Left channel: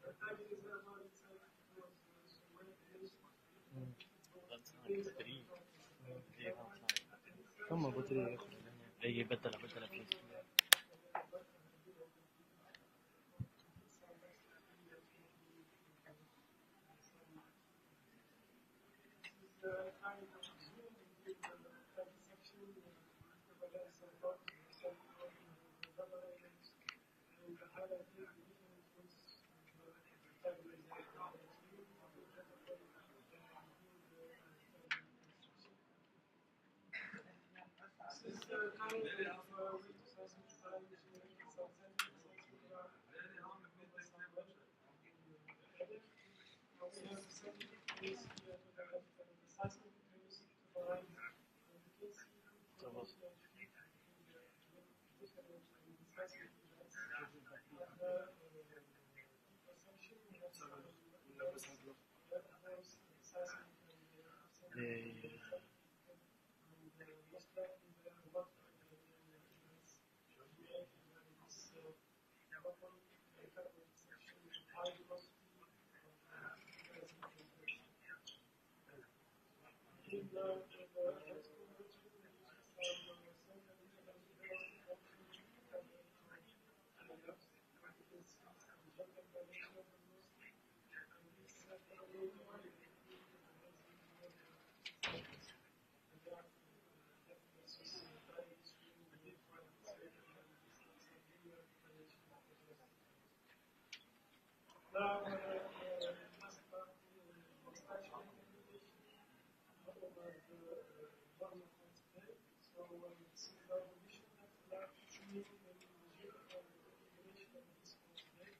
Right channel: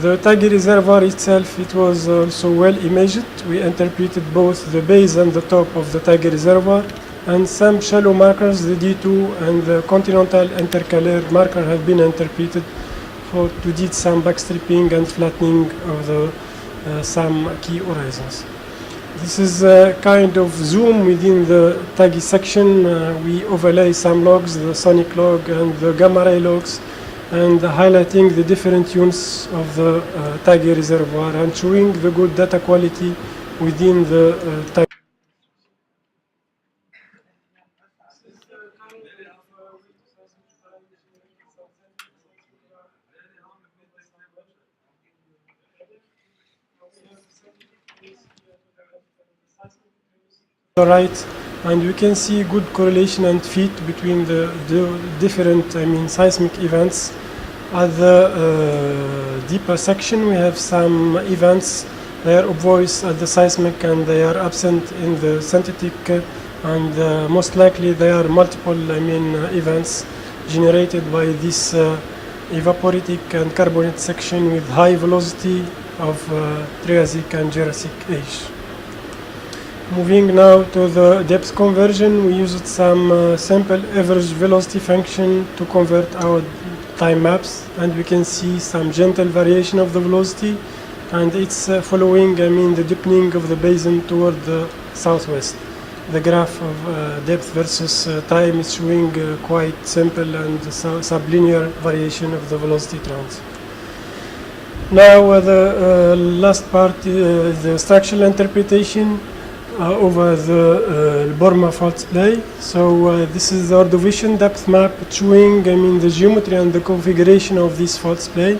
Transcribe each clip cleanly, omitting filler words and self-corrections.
The Tagi reservoir itself, it was also well imaged. We interpreted both the base and the top of the Tagi reservoir, and some shallow markers, the D2 and the continental intercalaire marker, have been interpreted to do some backstripping and flattening of the some key horizons. This is a kind of zoom within the Tagi section. We overlay some logs, the sonic log and the gamma ray logs, and highlighting the different units of the Tagi reservoir and showing the good data quality within the Tagi. Right, and you can see good correlation and fit between the different, seismic events. At the deeper section, we have some events. They are obvious at the seismic and they are absent in the synthetic, and most likely they are multiple, events generated by this evaporitic and carbonate section with high velocity of Triassic and Jurassic age. Moving now to the depth conversion, we used some simple average velocity function to convert our time maps, and we can see some gentle variation of the velocity, and it's following, the deepening of the basin toward the southwest. The graph of depth versus time is showing quite simple and sublinear variation of the velocity trends. Now the last part is the structural interpretation over the Borma fault splay. So this is the Ordovician depth map showing the geometry and the configuration of this fault splay.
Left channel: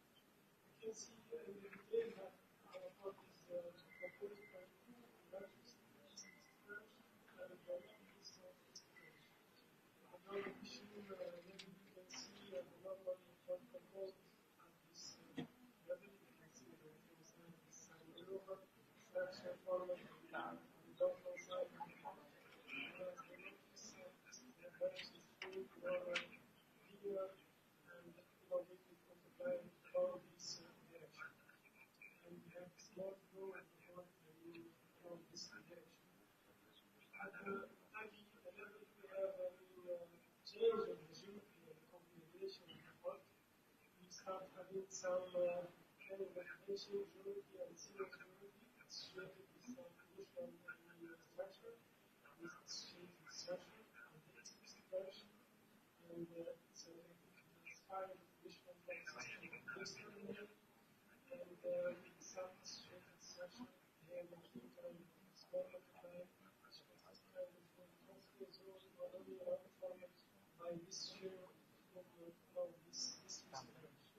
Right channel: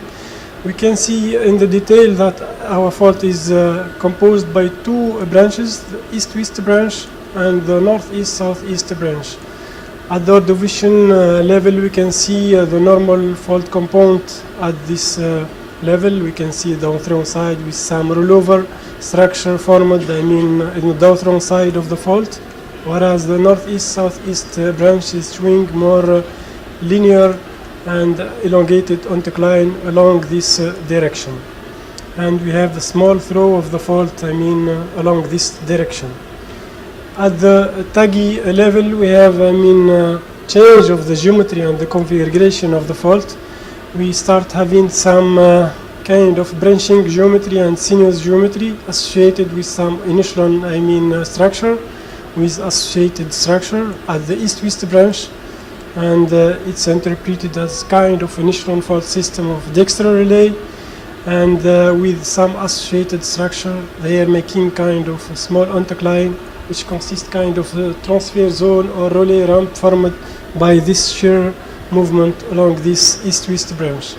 We can see in the detail that our fault is composed by two branches, the east-west branch and the northeast-southeast branch. At the Ordovician level, we can see the normal fault component at this level. We can see the downthrown side with some rollover structure formed, in the downthrown side of the fault, whereas the northeast-southeast branch is showing more linear and elongated anticline along this direction. And we have a small throw of the fault, along this direction. At the Tagi level, we have, change of the geometry and the configuration of the fault. We start having some kind of branching geometry and sinuous geometry associated with some initial, structure, with associated structure at the east-west branch, and it's interpreted as kind of initial fault system of dextral relay, and with some associated structure, they are making kind of a small anticline, which consists kind of a transfer zone or relay ramp formed by this shear movement along this east-west branch.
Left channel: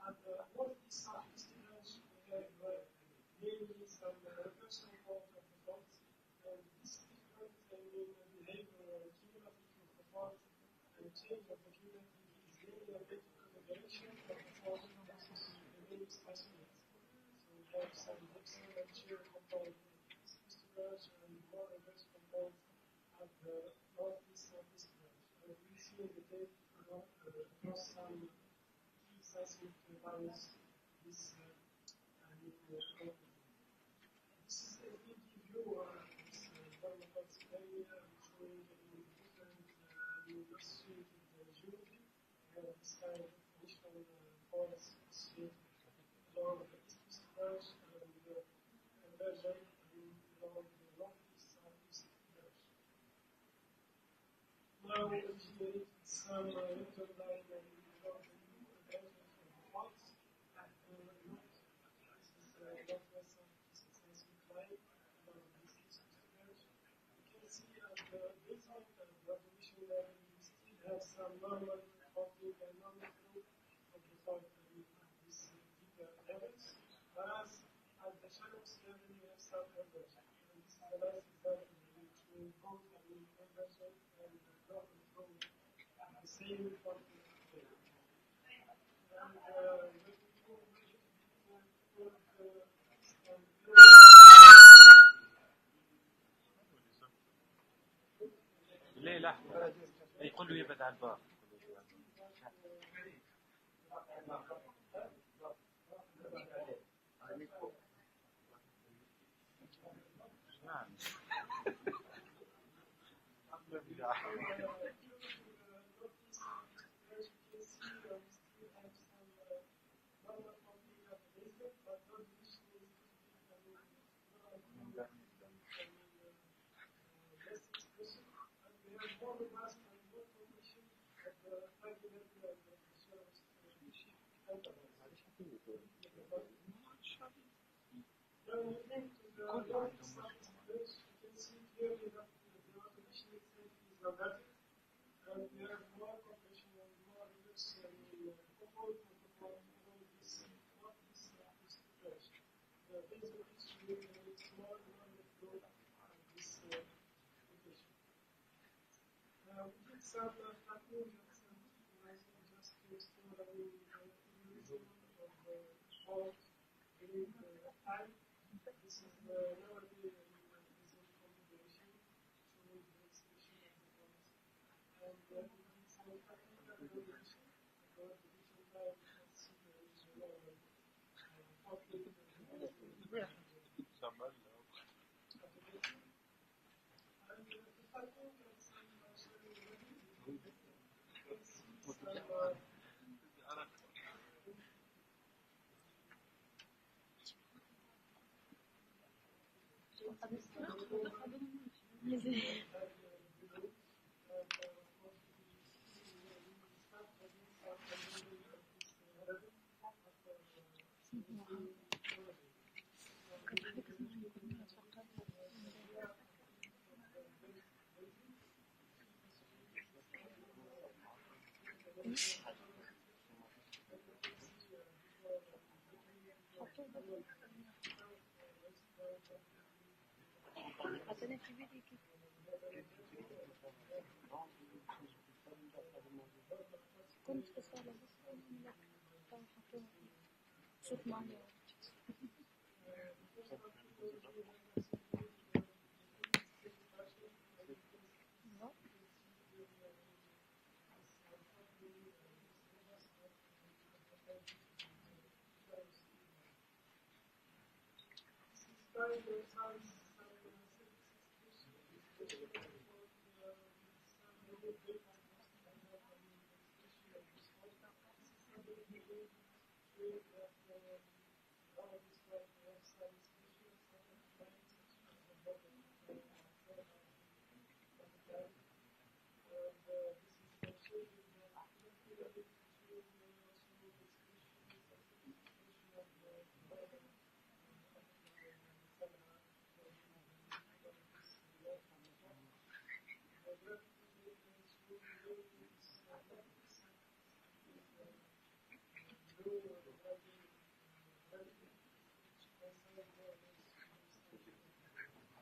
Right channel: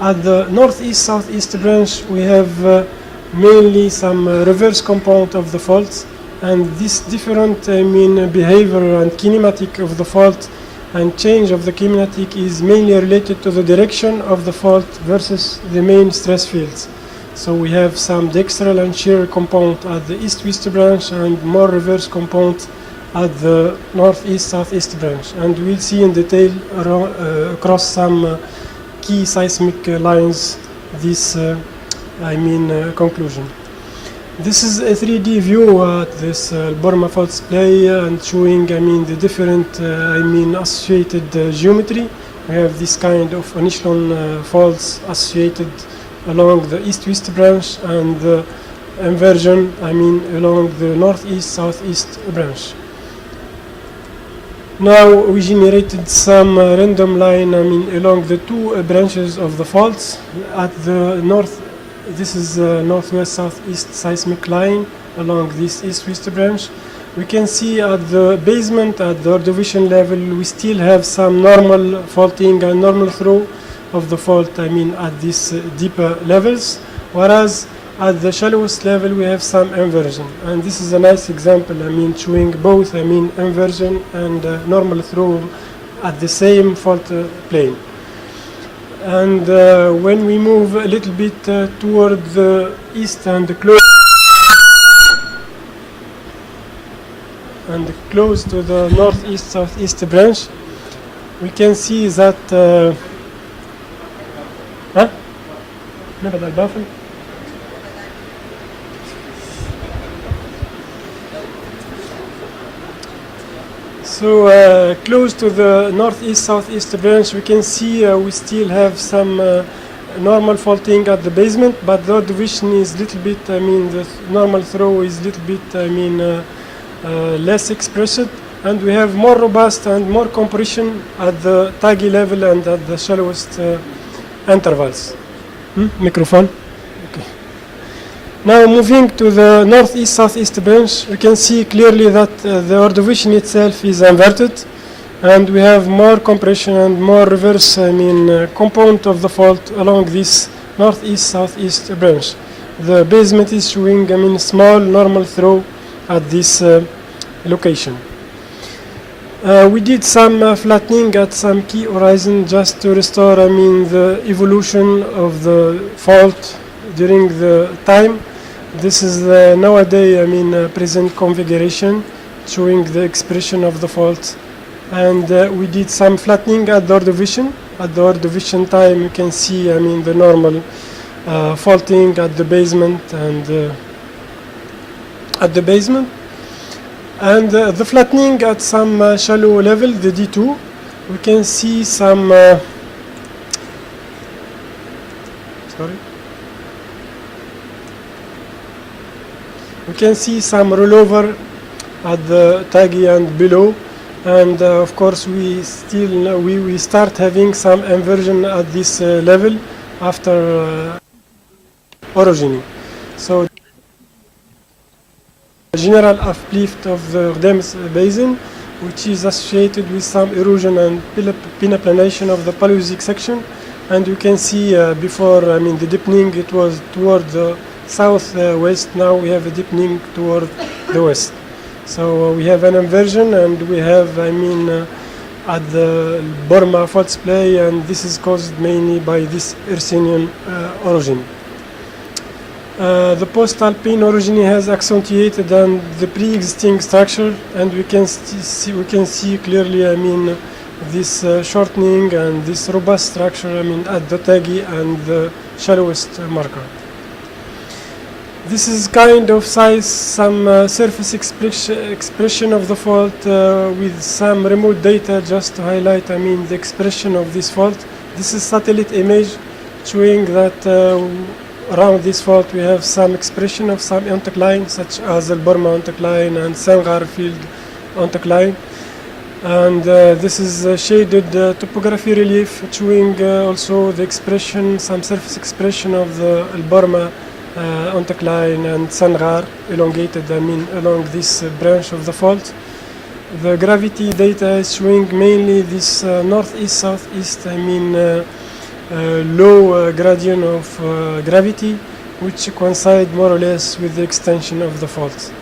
At the northeast-southeast branch, we have mainly some reverse component of the fault, and this different behavior and kinematic of the fault and change of the kinematic is mainly related to the direction of the fault versus the main stress fields. So we have some dextral and shear component at the east-west branch and more reverse component at the northeast-southeast branch, and we'll see in detail across some key seismic lines this conclusion. This is a 3D view at this Borma fault splay and showing the different associated geometry. We have this kind of initial faults associated along the east-west branch and the inversion along the northeast-southeast branch. Now we generated some random line along the two branches of the faults. At the north, this is northwest-southeast seismic line along this east-west branch. We can see at the basement, at the Ordovician level, we still have some normal faulting and normal throw of the fault at these deeper levels, whereas at the shallowest level we have some inversion, and this is a nice example showing both inversion and normal throw at the same fault plane. And when we move a little bit toward the east and close to the northeast-southeast branch, we can see that نبعد البافل. So close to the northeast-southeast branch, we can see we still have some normal faulting at the basement, but the division is little bit, I mean, the normal throw is little bit, I mean, less expressed, and we have more robust and more compression at the taggy level and at the shallowest intervals. Microphone. Okay. Now moving to the northeast-southeast branch, we can see clearly that the Ordovician itself is inverted, and we have more compression and more reverse, I mean, component of the fault along this northeast-southeast branch. The basement is showing, I mean, small normal throw at this location. We did some flattening at some key horizon just to restore, I mean, the evolution of the fault during the time. This is the nowadays, I mean, present configuration showing the expression of the fault. And we did some flattening at the Ordovician. At the Ordovician time, you can see, I mean, the normal faulting at the basement and at the basement. And the flattening at some shallow level, the D2, we can see some, we can see some rollover at the taggy and below. And of course, we still we start having some inversion at this level after orogeny. So general uplift of the Ardemus basin, which is associated with some erosion and penaplanation of the Paleozoic section. And you can see before, I mean, the deepening, it was toward the southwest. Now we have a deepening toward the west. So we have an inversion, and we have, I mean, at the Burma fault splay, and this is caused mainly by this Ersenian orogeny. The post-alpine orogeny has accentuated on the pre-existing structure, and we can see clearly, I mean, this shortening and this robust structure, I mean, at the taggy and the shallowest marker. This is kind of size, some surface expression of the fault with some remote data just to highlight, I mean, the expression of this fault. This is satellite image showing that around this fault we have some expression of some anticline, such as the Burma anticline and Sangar field anticline. And this is shaded topography relief showing also the expression, some surface expression of the Burma anticline and Sangar elongated, I mean, along this branch of the fault. The gravity data is showing mainly this northeast-southeast, I mean, low gradient of gravity, which coincide more or less with the extension of the fault.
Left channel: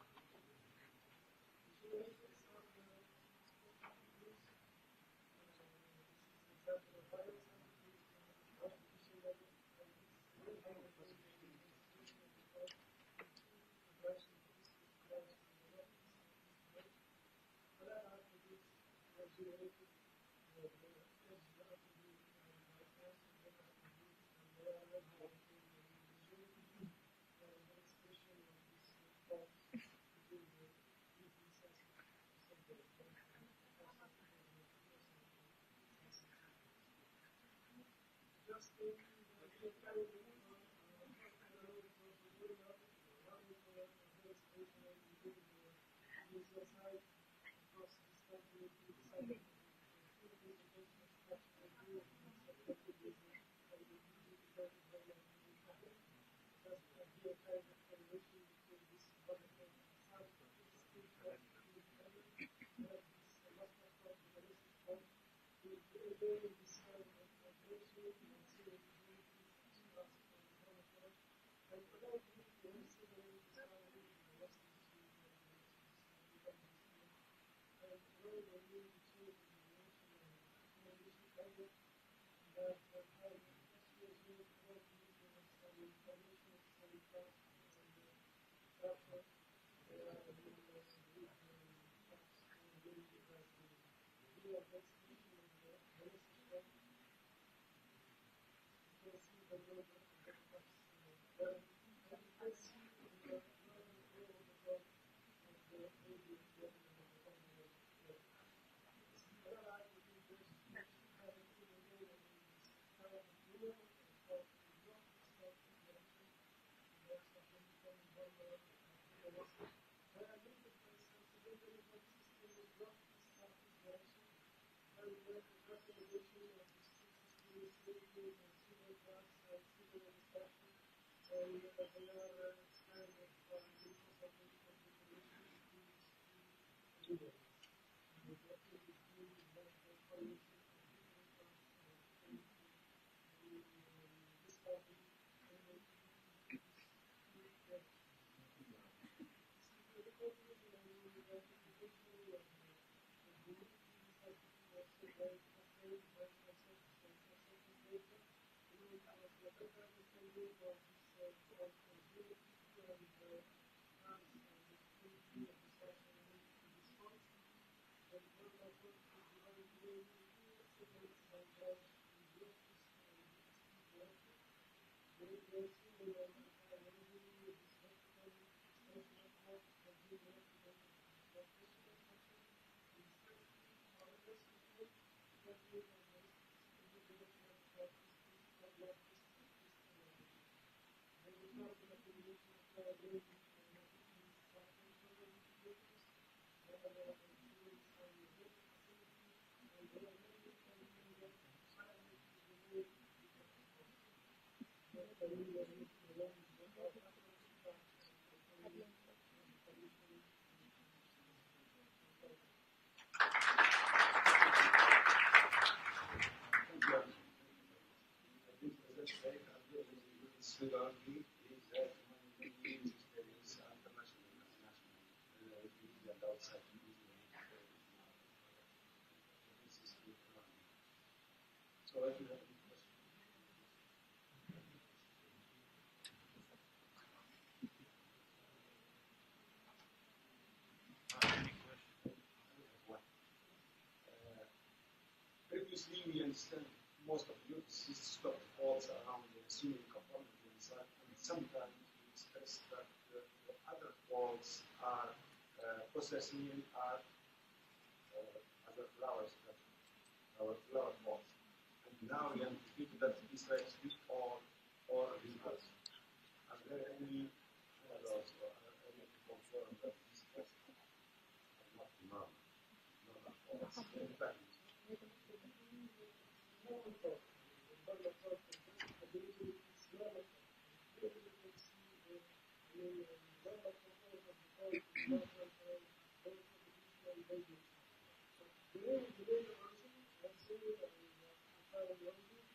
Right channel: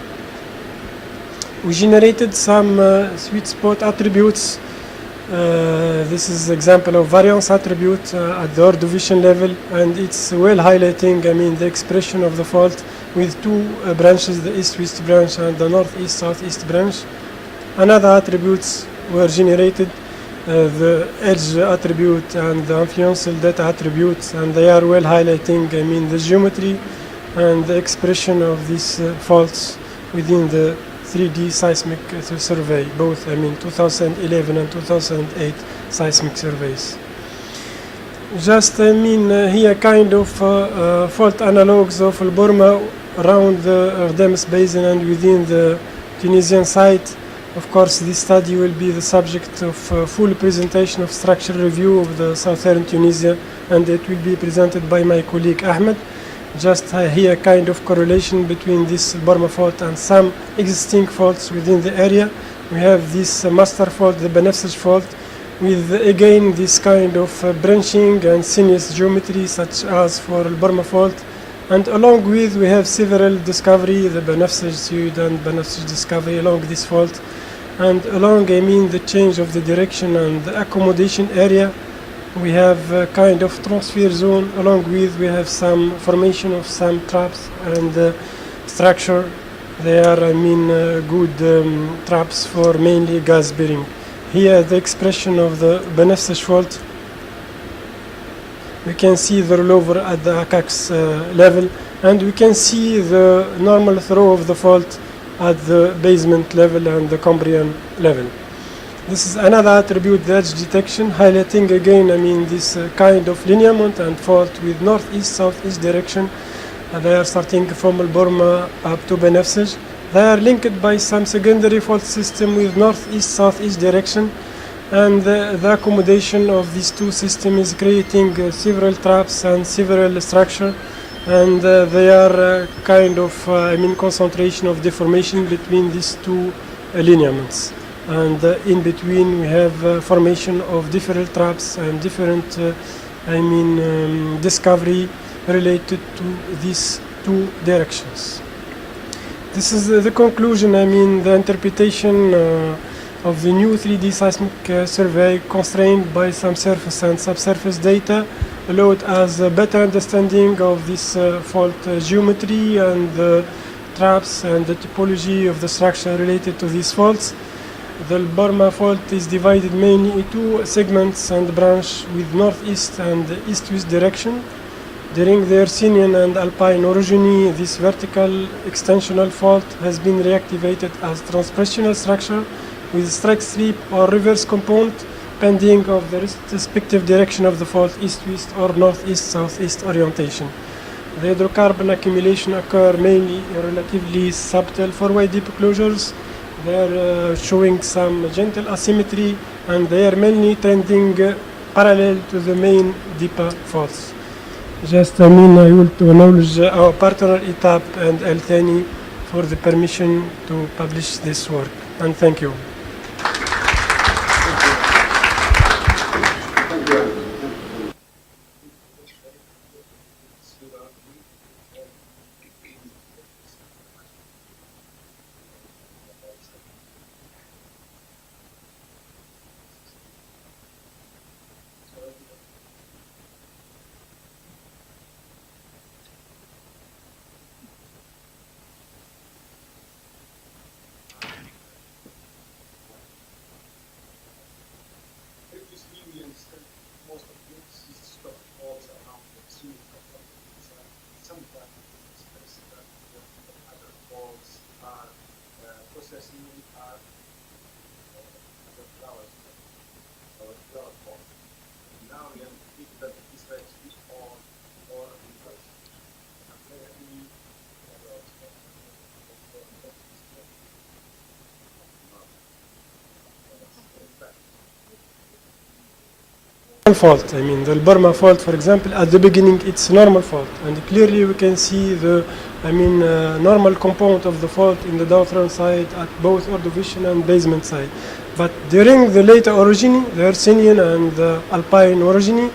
We generated some sweet spot attributes. This is example of variance attribute at the Ordovician level, and it's well highlighting, I mean, the expression of the fault with two branches, the east-west branch and the northeast-southeast branch. Another attributes were generated, the edge attribute and the influential data attributes, and they are well highlighting, I mean, the geometry and the expression of these faults within the 3D seismic survey, both, I mean, 2011 and 2008 seismic surveys. Just, I mean, here kind of fault analogs of Burma around the Ardemus basin and within the Tunisian site. Of course, this study will be the subject of full presentation of structural review of the southern Tunisia, and it will be presented by my colleague Ahmed. Just here kind of correlation between this Burma fault and some existing faults within the area. We have this master fault, the Benefsej fault, with again this kind of branching and sinuous geometry such as for Burma fault. And along with we have several discovery, the Benefsej Sud and Benefsej discovery along this fault. And along, I mean, the change of the direction and the accommodation area, we have a kind of transfer zone. Along with we have some formation of some traps and structure. They are, I mean, good traps for mainly gas bearing. Here the expression of the Benefsej fault We can see the rollover at the ACAX level, and we can see the normal throw of the fault at the basement level and the Cambrian level. This is another attribute, the edge detection, highlighting again, this kind of lineament and fault with northeast-southeast direction. They are starting from Al-Burma up to Benefsij. They are linked by some secondary fault system with northeast-southeast direction, and the accommodation of these two systems is creating several traps and several structure, and they are kind of concentration of deformation between these two lineaments. And in between we have formation of different traps and different discovery related to these two directions. This is the conclusion, the interpretation of the new 3D seismic survey, constrained by some surface and subsurface data, allowed us a better understanding of this fault geometry and the traps and the topology of the structure related to these faults. The Burma fault is divided mainly into segments and branch with northeast and east-west direction. During the Hercynian and Alpine orogeny, this vertical extensional fault has been reactivated as transpressional structure with strike slip or reverse component, depending of the respective direction of the fault, east-west or northeast-southeast orientation. The hydrocarbon accumulation occur mainly in relatively subtle four-way deep closures. They are showing some gentle asymmetry, and they are mainly trending parallel to the main deeper faults. Just, I will to acknowledge our partner ETAP and El Thani for the permission to publish this work, and thank you. Most of the stuff falls around the ceiling component inside. Sometimes it's expressed that the other faults are processing are other flowers, our flower faults. And now we have to think that this like is all or reverse. Are there any fault. The Burma fault, for example, at the beginning it's normal fault, and clearly we can see the normal component of the fault in the downthrown side at both Ordovician and basement side. But during the later orogeny, the Hercynian and the Alpine orogeny,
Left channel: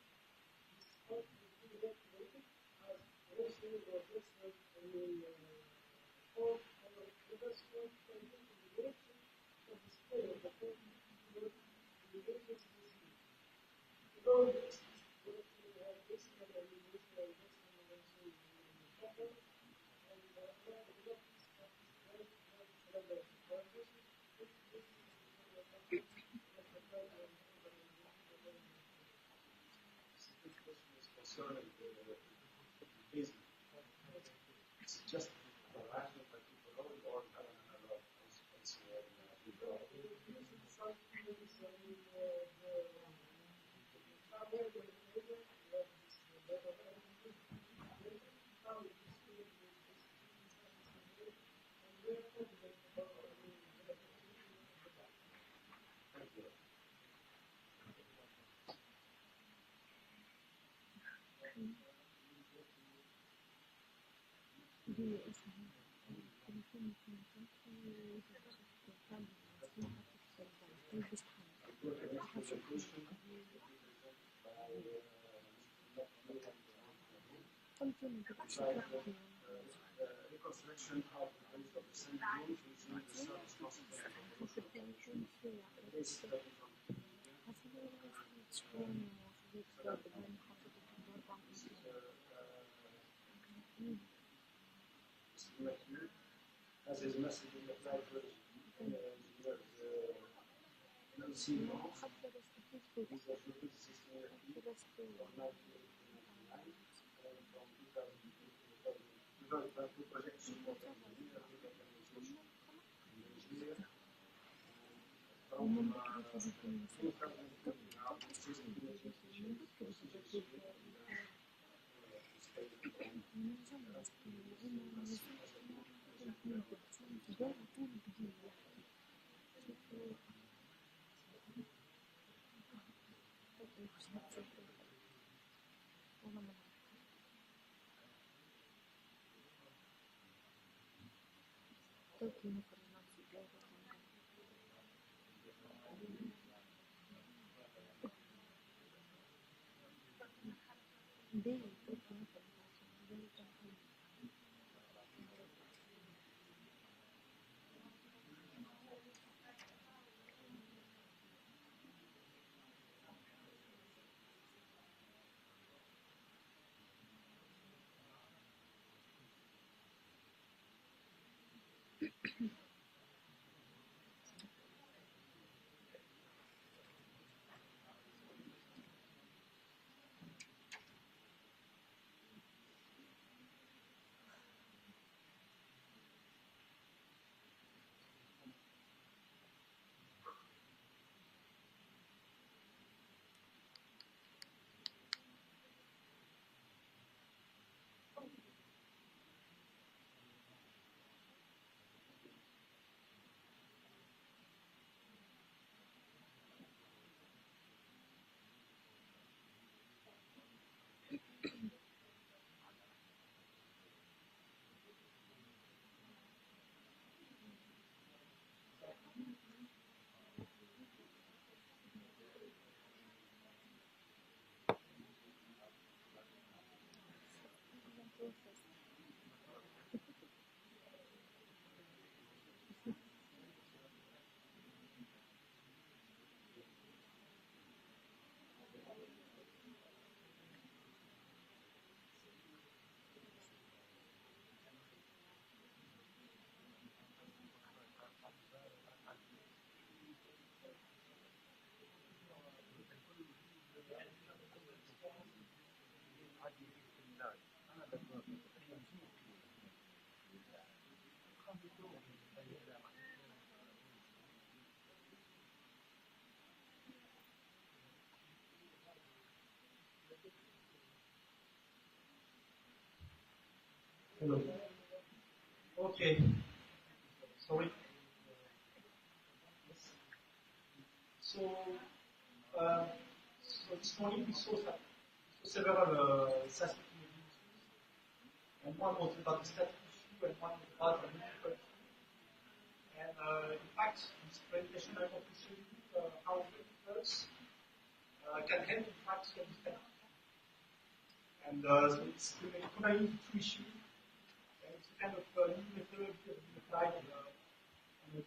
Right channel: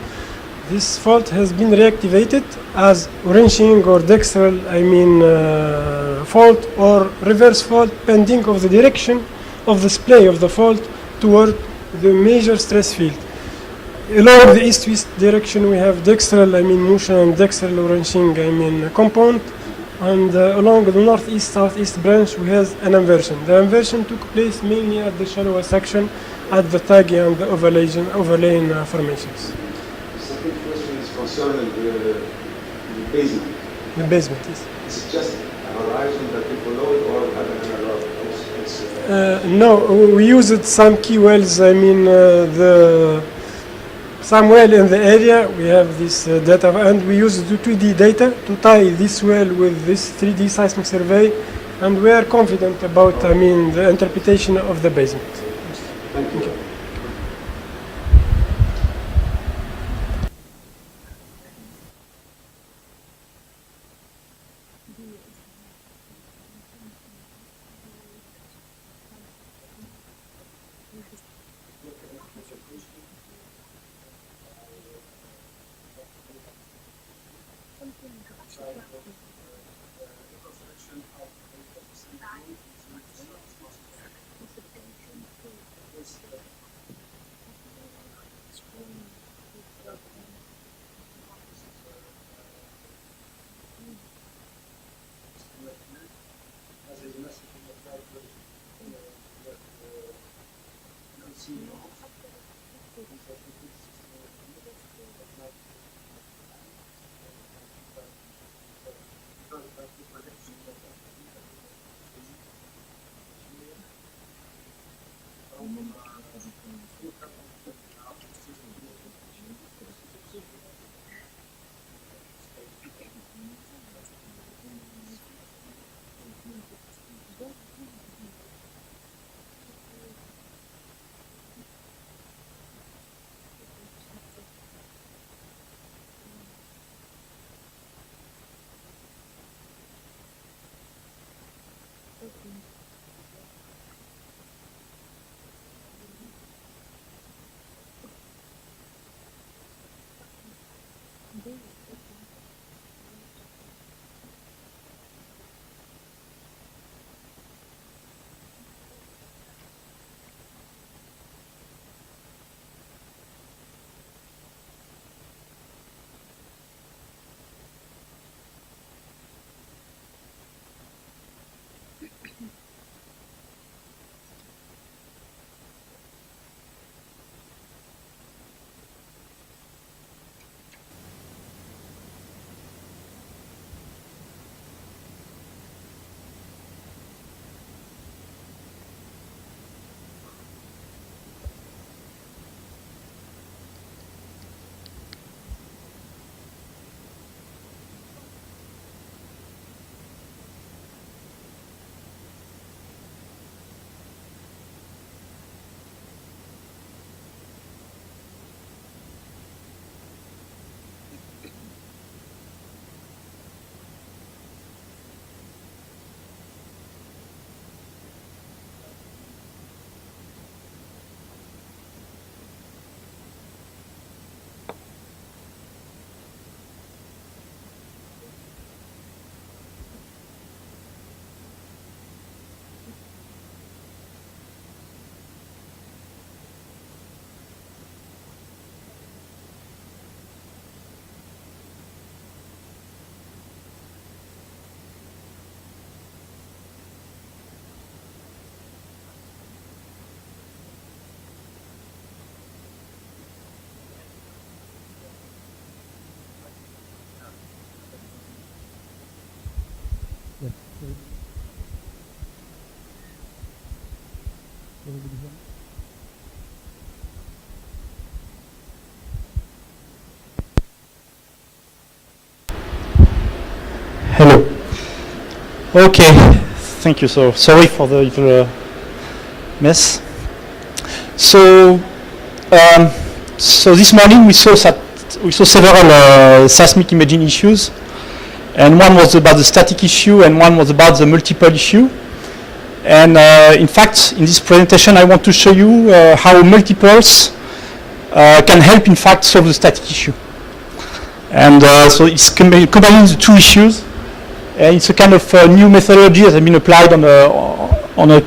this fault has been reactivated as wrenching or dextral fault or reverse fault, depending of the direction of the splay of the fault toward the major stress field. Along the east-west direction, we have dextral, motion and dextral wrenching, component, and along the northeast-southeast branch, we have an inversion. The inversion took place mainly at the shallower section, at the taggy and the overlaying formations. The second question is concerning the basement. The basement, yes. Is it just a horizon that people know it, or another? No, we used some key wells. Some well in the area, we have this data, and we use the 2D data to tie this well with this 3D seismic survey, and we are confident about, the interpretation of the basement. Thank you. reconstruction of the same group as his message in the flight was Hello. Okay, thank you. So sorry for the little mess. So this morning we saw several seismic imaging issues, and one was about the static issue, and one was about the multiple issue. And in fact, in this presentation, I want to show you how multiples can help, in fact, solve the static issue. And so it's combining the two issues. And it's a kind of new methodology that has been applied on a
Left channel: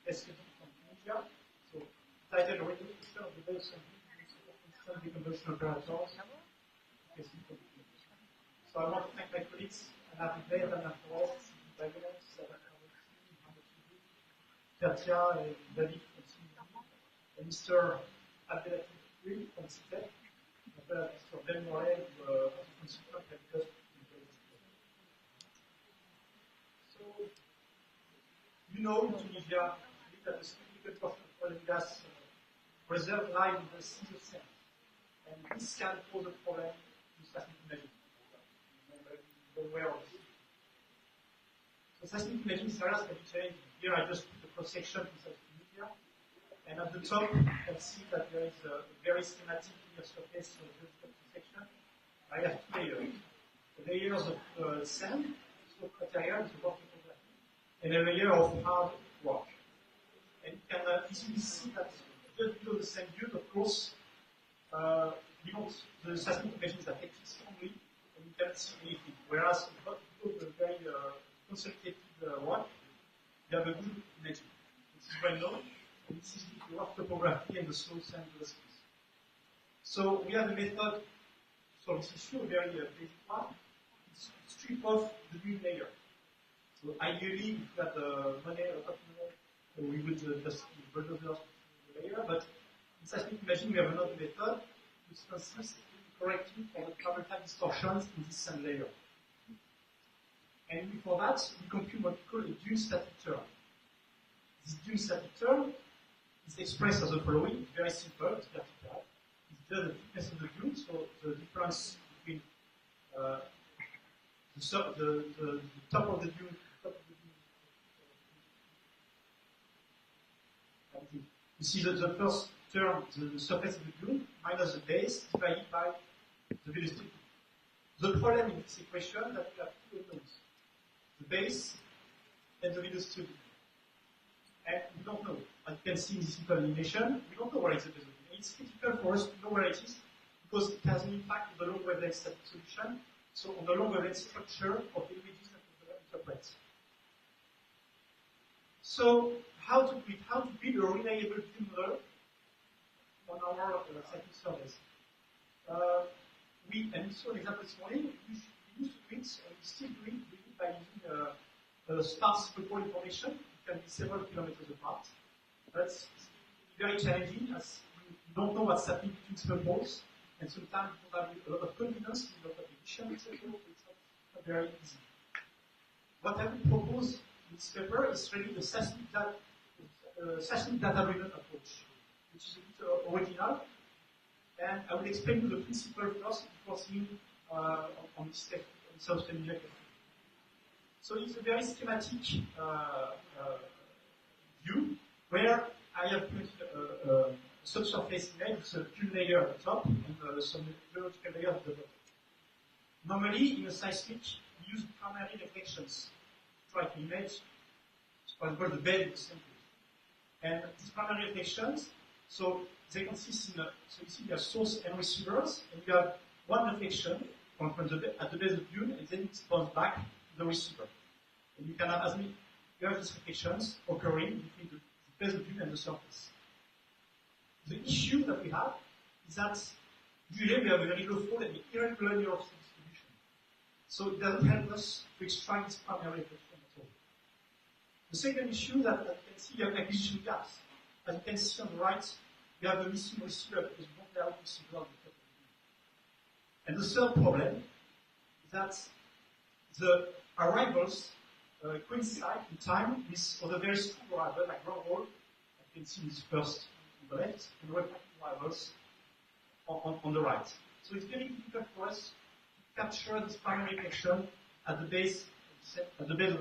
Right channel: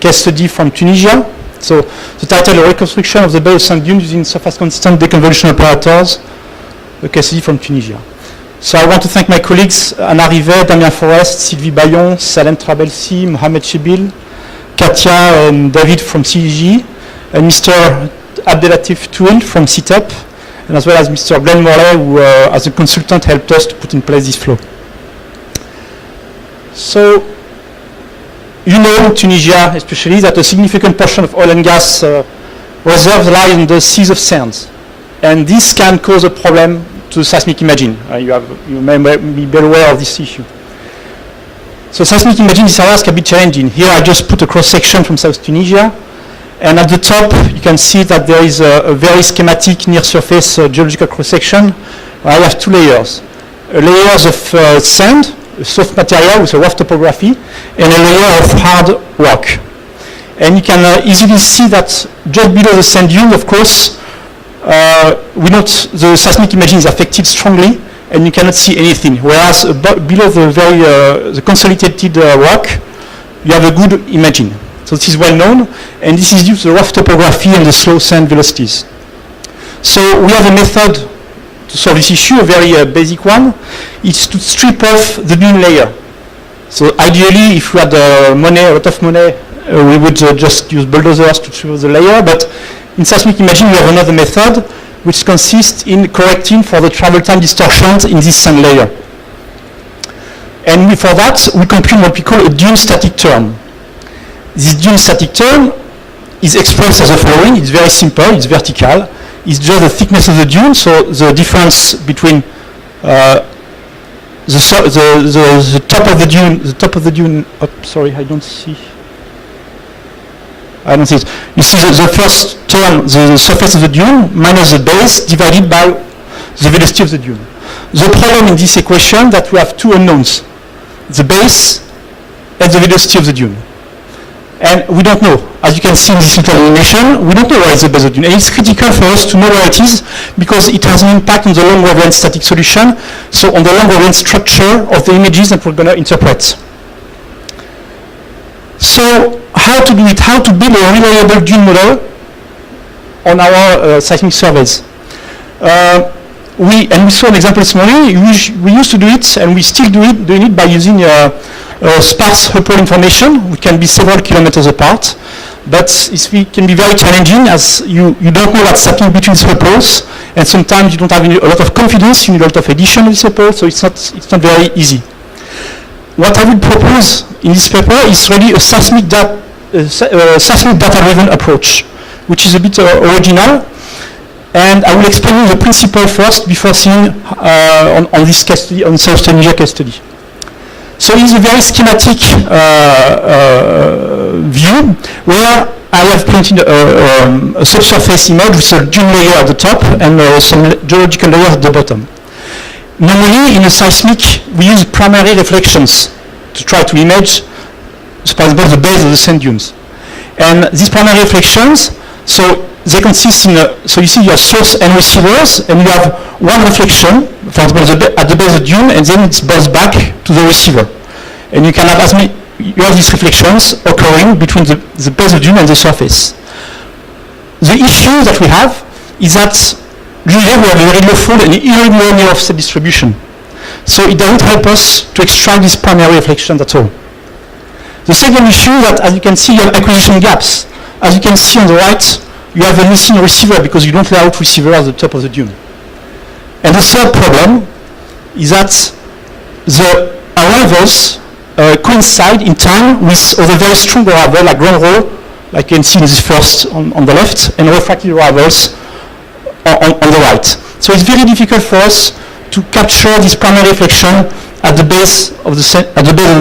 case study from Tunisia. So the title, Reconstruction of the Bay of Sand Dunes using Surface Consistent Deconvolution Operators, a case study from Tunisia. So I want to thank my colleagues, Anna Rivet, Damien Forest, Sylvie Bayon, Salem Trabelsi, Mohamed Chebil, Katia and David from CEG, and Mr. Abdelatif Touil from ETAP, and as well as Mr. Glenn Morley, who as a consultant helped us to put in place this flow. So, you know in Tunisia especially that a significant portion of oil and gas reserves lie in the seas of sands. And this can cause a problem to seismic imaging. You may be aware of this issue. So seismic imaging, these areas can be challenging. Here I just put a cross-section from South Tunisia. And at the top, you can see that there is a very schematic near-surface geological cross-section. I have two layers. Layers of sand, a soft material with a rough topography, and a layer of hard rock. And you can easily see that just below the sand dune, of course, we note the seismic imaging is affected strongly, and you cannot see anything. Whereas below the consolidated rock, you have a good imaging. So this is well known, and this is due to the rough topography and the slow sand velocities. So we have a method to solve this issue, a very basic one. It's to strip off the dune layer. So ideally, if we had a lot of money, we would just use bulldozers to strip off the layer. But in seismic imaging, we have another method, which consists in correcting for the travel time distortions in this sand layer. And for that, we compute what we call a dune static term. This dune static term is expressed as the following. It's very simple, it's vertical. It's just the thickness of the dune, so the difference between the top of the dune, sorry, I don't see it. You see the first term, the surface of the dune, minus the base, divided by the velocity of the dune. The problem in this equation that we have two unknowns, the base and the velocity of the dune. And we don't know. As you can see in this little animation, we don't know where is the base of the dune. And it's critical for us to know where it is because it has an impact on the long wavelength static solution, so on the long wavelength structure of the images that we're going to interpret. So how to do it? How to build a reliable dune model on our seismic surveys? We saw an example this morning. We used to do it, and we still doing it by using sparse Hubble information, which can be several kilometers apart. But it can be very challenging as you don't know what's happening between the Hubbles, and sometimes you don't have a lot of confidence, you need a lot of addition of this Hubble, so it's not very easy. What I will propose in this paper is really a seismic data-driven approach, which is a bit original. And I will explain you the principle first before seeing on this case study, on South Tunisia case study. So it's a very schematic view where I have printed a subsurface image with a dune layer at the top and some geological layers at the bottom. Normally, in a seismic, we use primary reflections to try to image, for example, the base of the sand dunes. And these primary reflections, so they consist in so you see your source and receivers, and you have one reflection, for example, at the base of the dune, and then it's bounced back to the receiver. And you can have you have these reflections occurring between the base of the dune and the surface. The issue that we have is that usually we have a very low fold and irregular offset distribution. So it doesn't help us to extract these primary reflections at all. The second issue is that, as you can see, you have acquisition gaps. As you can see on the right, you have a missing receiver because you don't lay out receiver at the top of the dune. And the third problem is that the arrivals coincide in time with other very strong arrivals like ground roll, like you can see in this first on the left, and refracted arrivals on the right. So it's very difficult for us to capture this primary reflection at the base of the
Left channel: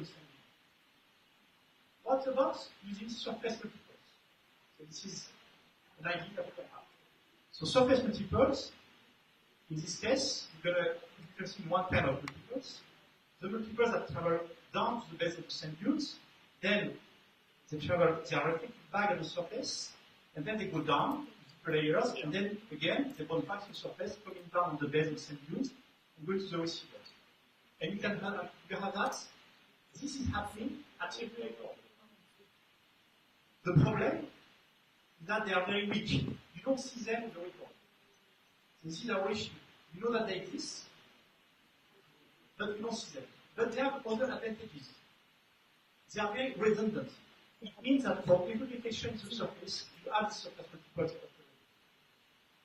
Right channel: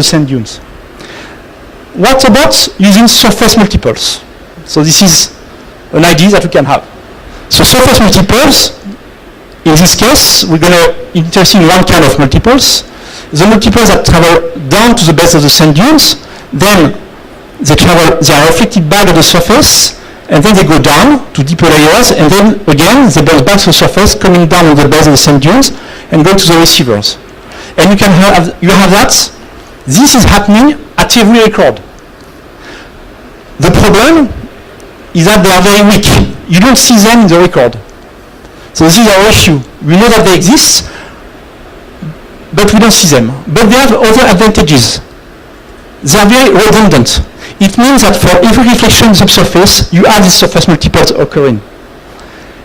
sand dunes. What about using surface multiples? So this is an idea that we can have. So surface multiples, in this case, we're going to interested in one kind of multiples. The multiples that travel down to the base of the sand dunes, then they are reflected back at the surface, and then they go down to deeper layers, and then again they bounce back to the surface, coming down on the base of the sand dunes, and go to the receivers. And you have that. This is happening at every record. The problem is that they are very weak. You don't see them in the record. So this is our issue. We know that they exist, but we don't see them. But they have other advantages. They are very redundant. It means that for every reflection in the subsurface, you have these surface multiples occurring.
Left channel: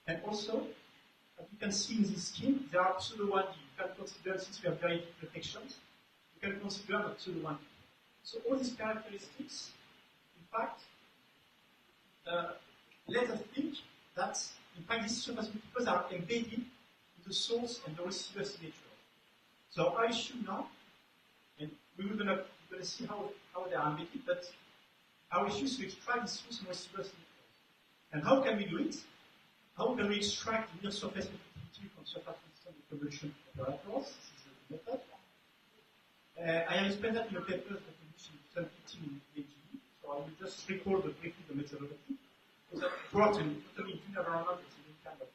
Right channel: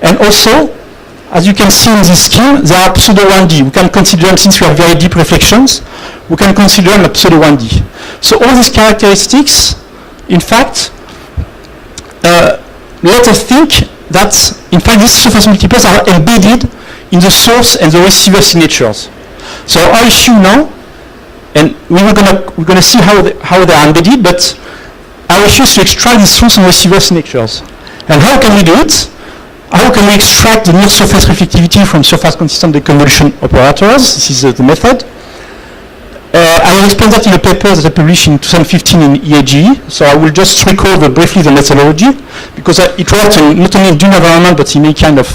And also, as you can see in this scheme, they are pseudo 1D. We can consider them, since we have very deep reflections, we can consider them a pseudo 1D. So all these characteristics, in fact, let us think that, in fact, these surface multiples are embedded in the source and the receiver signatures. So our issue now, and we're going to see how they are embedded, but our issue is to extract the source and receiver signatures. And how can we do it? How can we extract the near surface reflectivity from surface consistent deconvolution operators? This is the method. I will explain that in a paper that I published in 2015 in EAGE. So I will just recall briefly the methodology, because it works not only in dune environment, but in any kind of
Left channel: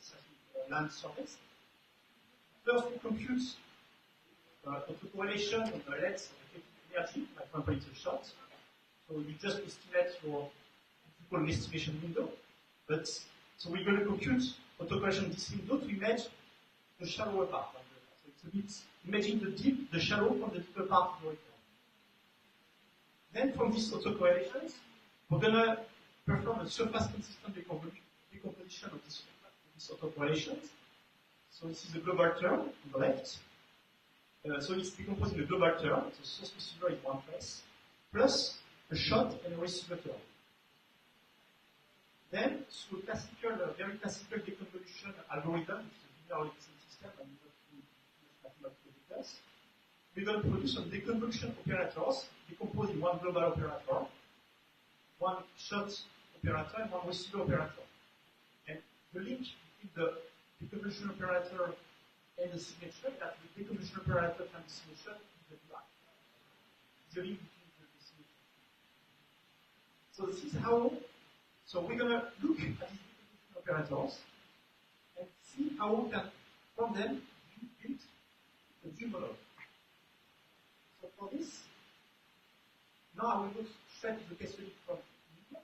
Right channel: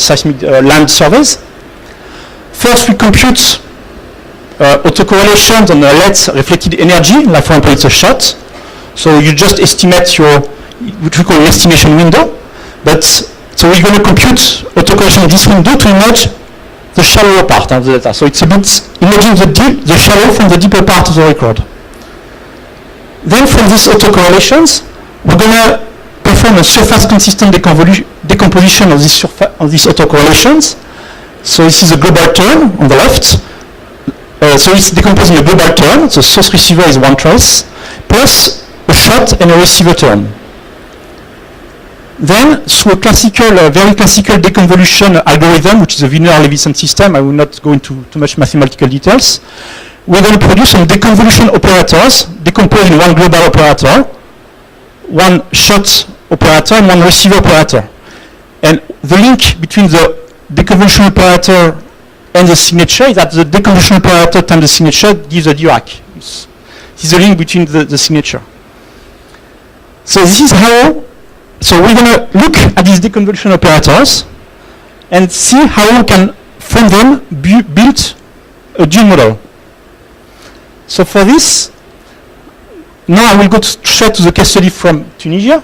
seismic land surveys. First, we compute autocorrelations on the LED reflected energy, like for example it's a shot. So you just estimate what we call an estimation window. So we're going to compute autocorrelation of this window to image the shallower part of the data. So it's a bit imaging the shallow from the deeper part of the record. Then from these autocorrelations, we're going to perform a surface consistent decomposition of these autocorrelations. So this is a global term on the left. So it's decomposing a global term. The source receiver is one trace, plus a shot and a receiver term. Then, through a very classical deconvolution algorithm, which is a Wiener-Levison system, I will not go into too much mathematical details, we're going to produce some deconvolution operators, decomposed in one global operator, one shot operator, and one receiver operator. And the link between the deconvolution operator and the signature is that the deconvolution operator times the signature gives a Dirac. This is the link between the signature. So this is how, so we're going to look at these deconvolution operators and see how we can, from them, build a dune model. So for this, now I will go straight to the case study from Tunisia.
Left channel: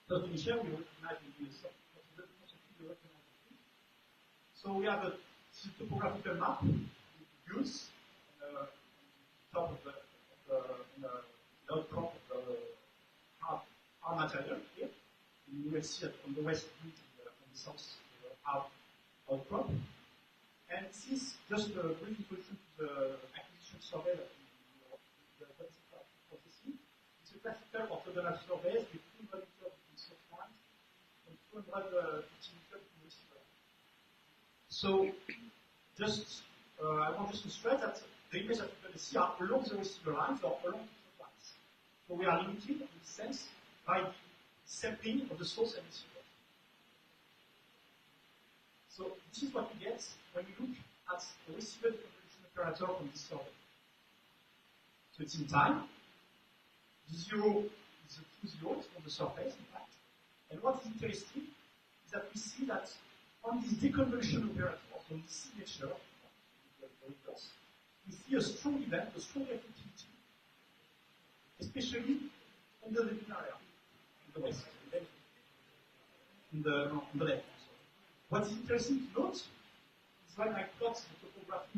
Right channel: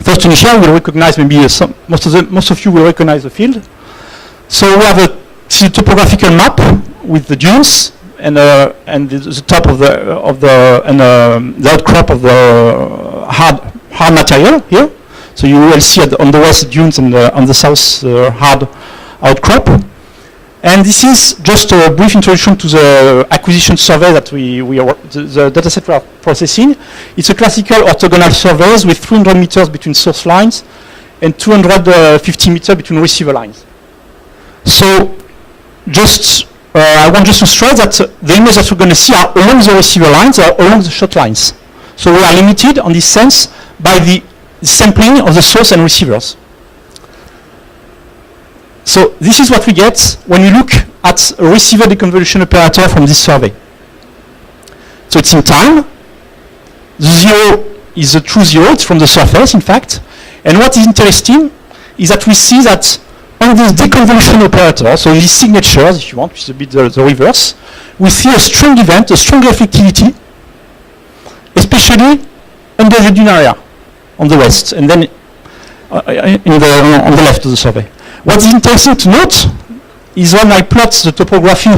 First, Tunisia, we'll recognize maybe most of you will recognize the field. So we have a topographical map with the dunes and the top of the outcrop of the hard material here. So you will see on the west dunes and on the south hard outcrop. And this is just a brief introduction to the acquisition survey that the dataset we are processing. It's a classical orthogonal surveys with 300 meters between source lines and 250 meters between receiver lines. So I want just to stress that the images that we're going to see are along the receiver lines or along the shot lines. So we are limited on this sense by the sampling of the source and receivers. So this is what we get when you look at a receiver deconvolution operator from this survey. So it's in time. The zero is a true zero. It's from the surface, in fact. And what is interesting is that we see that on this deconvolution operator, so these signatures, if you want, which is a bit the reverse, we see a strong event, a strong reflectivity, especially under the dune area on the west, and then on the left of the survey. What is interesting to note is when I plot the topography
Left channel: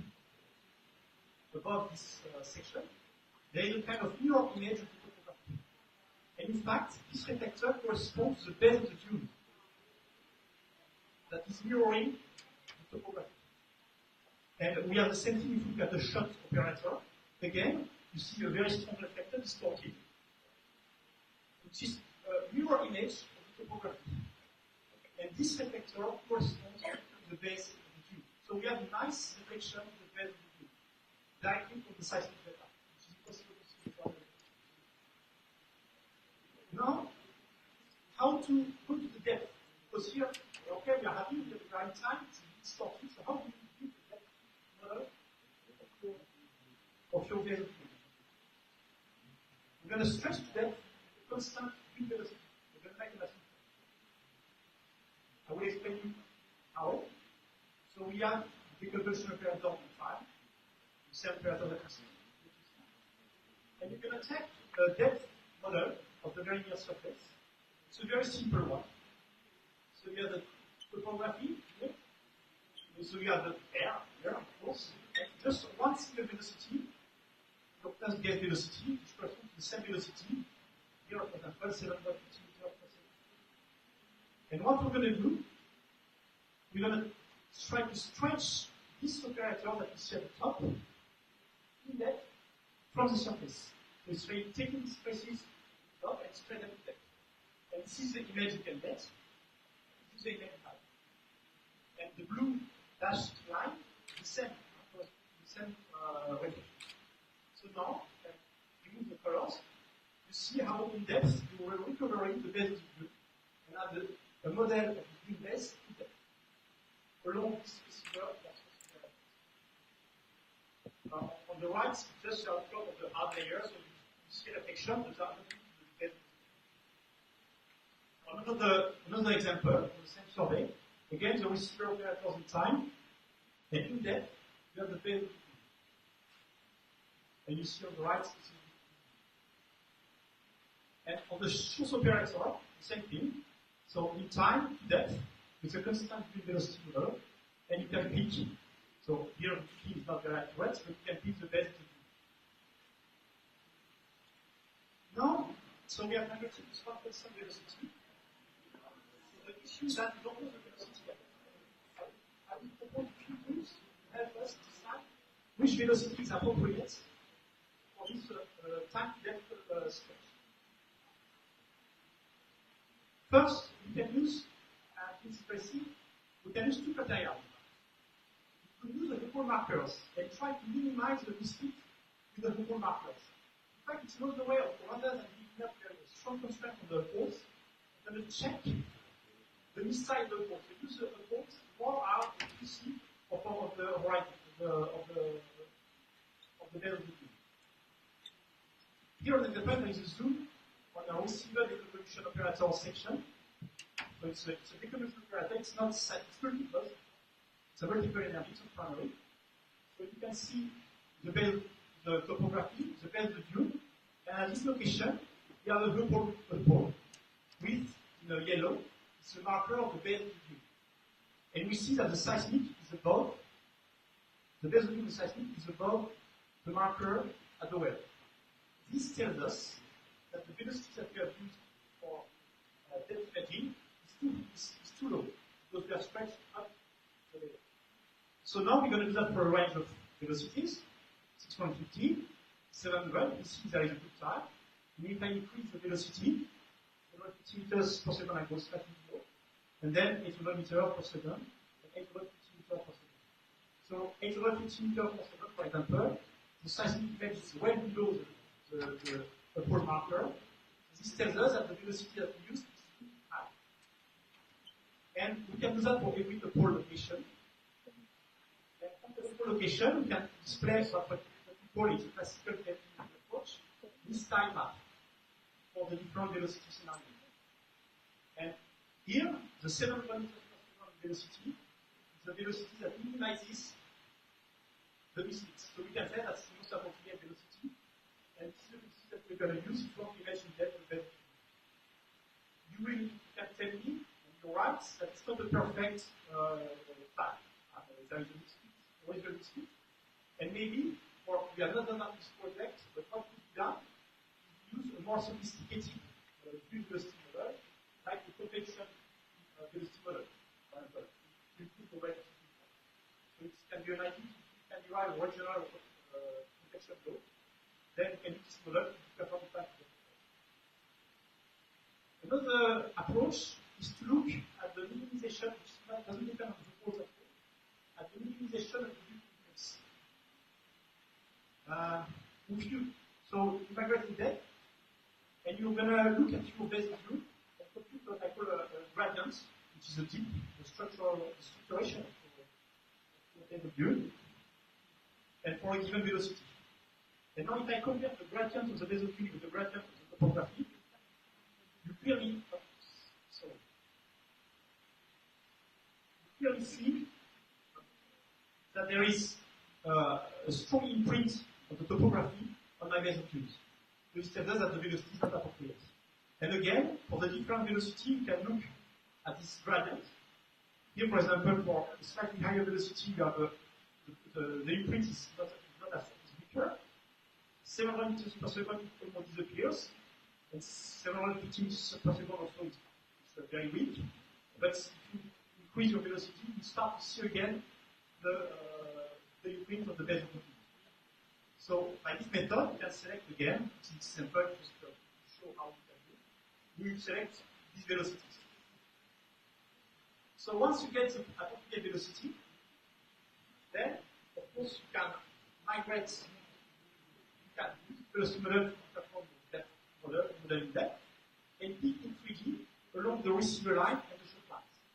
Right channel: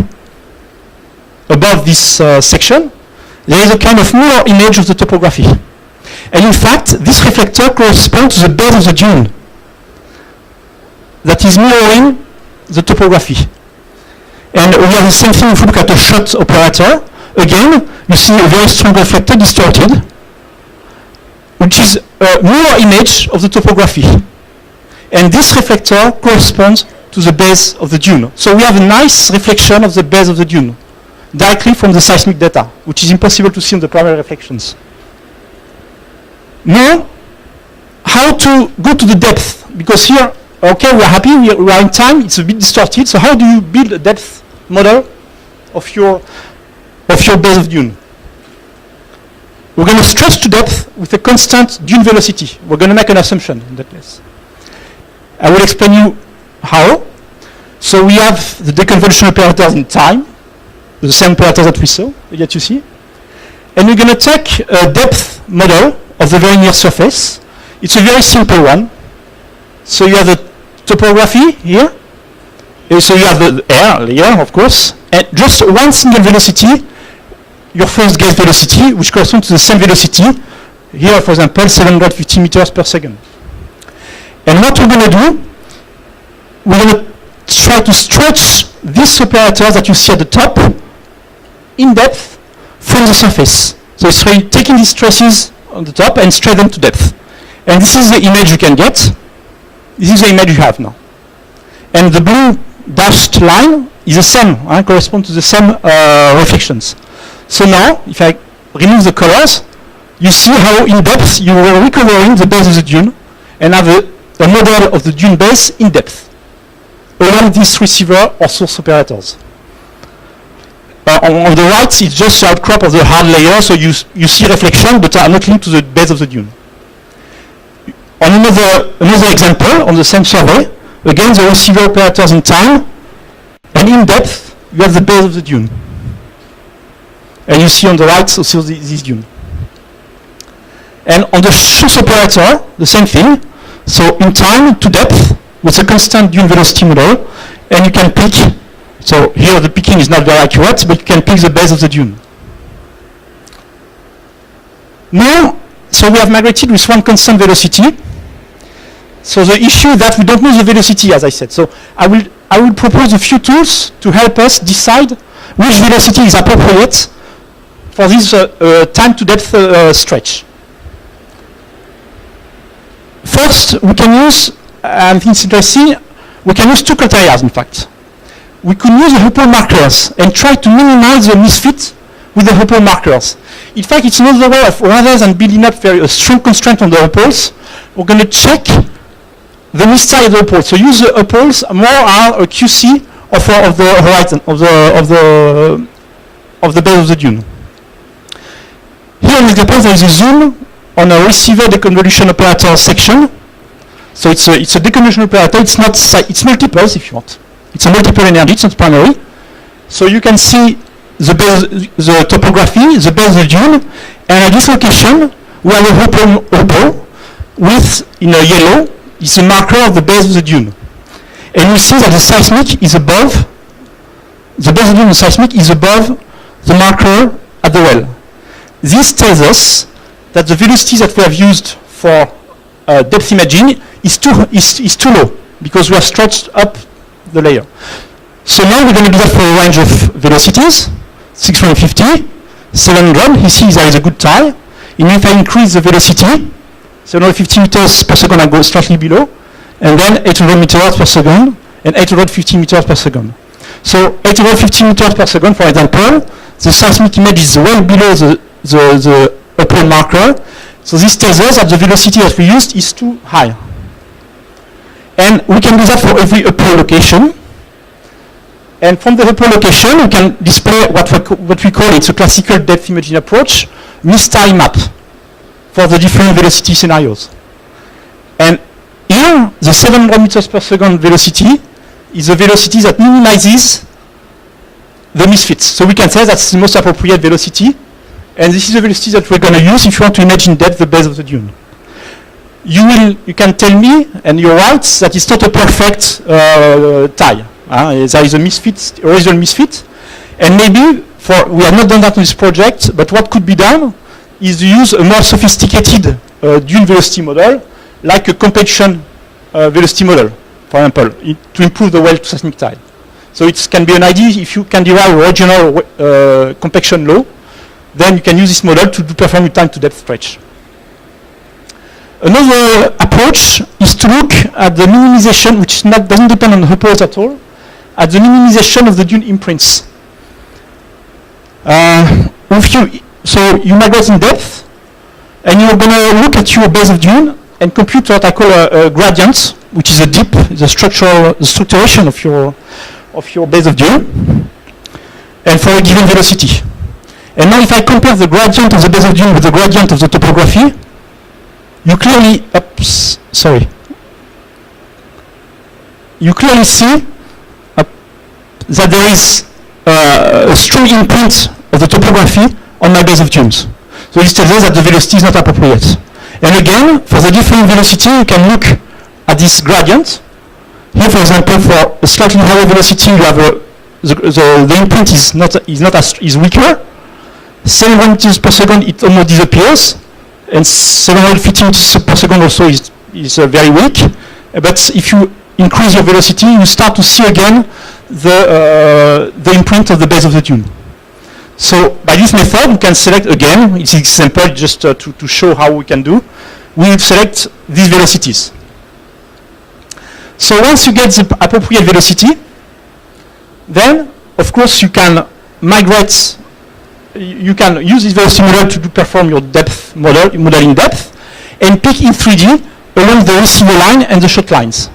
above this section, there is a kind of mirror image of the topography. And in fact, this reflector corresponds to the base of the dune that is mirroring the topography. And we have the same thing if we look at a shot operator. Again, you see a very strong reflector distorted, which is a mirror image of the topography. And this reflector corresponds to the base of the dune. So we have a nice reflection of the base of the dune, directly from the seismic data, which is impossible to see in the primary reflections. Now, how to go to the depth? Because here, okay, we are happy, we are in time, it's a bit distorted, so how do you build a depth model of your base of dune? We're going to stretch to depth with a constant dune velocity. We're going to make an assumption in that case. I will explain you how. So we have the deconvolution operators in time, the same operators that we saw, that you see. And we're going to take a depth model of the very near surface. It's a very simple one. So you have the topography here. And so you have the air layer, of course. And just one single velocity, your first gauge velocity, which corresponds to the same velocity. Here, for example, 750 meters per second. And what we're going to do, we're going to try to stretch these operators that you see at the top in depth from the surface. So it's really taking these traces on the top and stretch them to depth. And this is the image you can get. This is the image you have now. And the blue dashed line is the same, corresponds to the same reflections. So now, if I remove the colors, you see how in depth you are recovering the base of the dune and have a model of the dune base in depth along these receiver or source operators. On the right, it's just the outcrop of the hard layer, so you see reflection, but are not linked to the base of the dune. On another example, on the same survey, again, the receiver operators in time, and in depth, you have the base of the dune. And you see on the right also this dune. And on the source operator, the same thing. So in time to depth with a constant dune velocity model, and you can pick. So here the picking is not very accurate, but you can pick the base of the dune. Now, so we have migrated with one constant velocity. So the issue is that we don't know the velocity, as I said. So I will propose a few tools to help us decide which velocity is appropriate for this time to depth stretch. First, we can use, I think it's interesting, we can use two criteria, in fact. We could use the Hubble markers and try to minimize the misfit with the Hubble markers. In fact, it's another way of, rather than building up a strong constraint on the Hubbles, we're going to check the missile of the Hubble. So use the Hubbles more are a QC of the horizon, of the base of the dune. Here in this example, there is a zoom on a receiver deconvolution operator section. So it's a deconvolution operator. It's multiples if you want. It's a multiple energy. It's not primary. So you can see the topography, the base of the dune, and at this location we have a hopper with, in a yellow, is a marker of the base of the dune. And you see that the seismic is above, the base of the dune seismic is above the marker at the well. This tells us that the velocity that we have used for depth imaging is too low, because we have stretched up the layer. So now we're going to do that for a range of velocities, 650, 700. You see there is a good tie. And if I increase the velocity, 750 meters per second, I go slightly below, and then 800 meters per second, and 850 meters per second. So 850 meters per second, for example, the seismic image is well below the upper marker. So this tells us that the velocity that we used is too high. And we can do that for every upper location. And from the upper location, we can display what we call, it's a classical depth imaging approach, mistime map for the different velocity scenarios. And here, the 700 meters per second velocity is a velocity that minimizes the misfits. So we can say that's the most appropriate velocity. And this is the velocity that we're going to use if you want to image in depth the base of the dune. You can tell me, and you're right, that it's not a perfect tie. There is a misfit, original misfit. And maybe, we have not done that in this project, but what could be done is to use a more sophisticated dune velocity model, like a compaction velocity model, for example, to improve the well to seismic tide. So it can be an idea if you can derive a regional compaction law, then you can use this model to perform your time to depth stretch. Another approach is to look at the minimization, which doesn't depend on the hoppers at all, at the minimization of the dune imprints. So you migrate in depth, and you're going to look at your base of dune and compute what I call a gradient, which is a dip, the structuration of your base of dune, and for a given velocity. And now if I compare the gradient of the base of dune with the gradient of the topography, you clearly, you clearly see that there is a strong imprint of the topography on my base of dunes. So this tells us that the velocity is not appropriate. And again, for the different velocity, you can look at this gradient. Here, for example, for a slightly higher velocity, you have the imprint is weaker. 700 meters per second, it almost disappears, and 750 meters per second also is very weak. But if you increase your velocity, you start to see again the imprint of the base of the dune. So by this method, we can select again, it's an example just to show how we can do. We select these velocities. So once you get the appropriate velocity, then of course you can migrate, you can use this velocity model to perform your depth model in depth, and pick in 3D along the receiver line and the shot lines.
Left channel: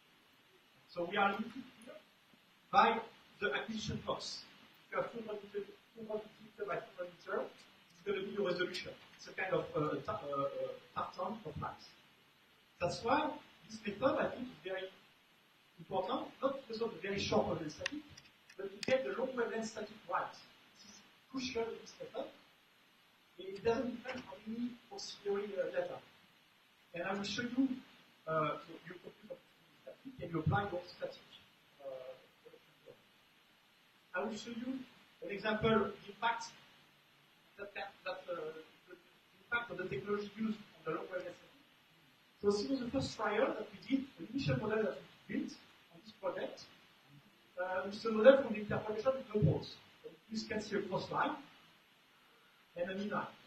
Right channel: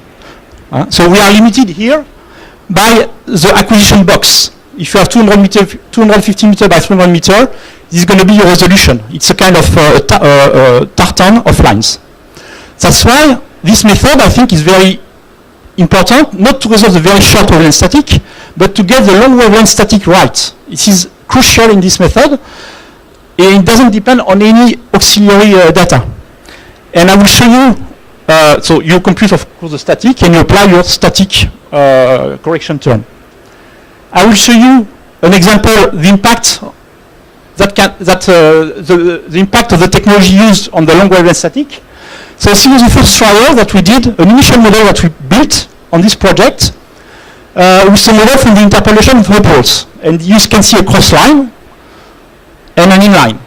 So we are limited here by the acquisition box. If you have 250 meter by 300 meter, this is going to be your resolution. It's a kind of tartan of lines. That's why this method, I think, is very important, not to resolve the very short wavelength static, but to get the long wavelength static right. It is crucial in this method, and it doesn't depend on any auxiliary data. And I will show you, so you compute, of course, the static, and you apply your static correction term. I will show you an example, the impact the impact of the technology used on the long wavelength static. So this was the first trial that we did, an initial model that we built on this project, with a model from the interpolation of hopeholes. And you can see a cross line and an inline.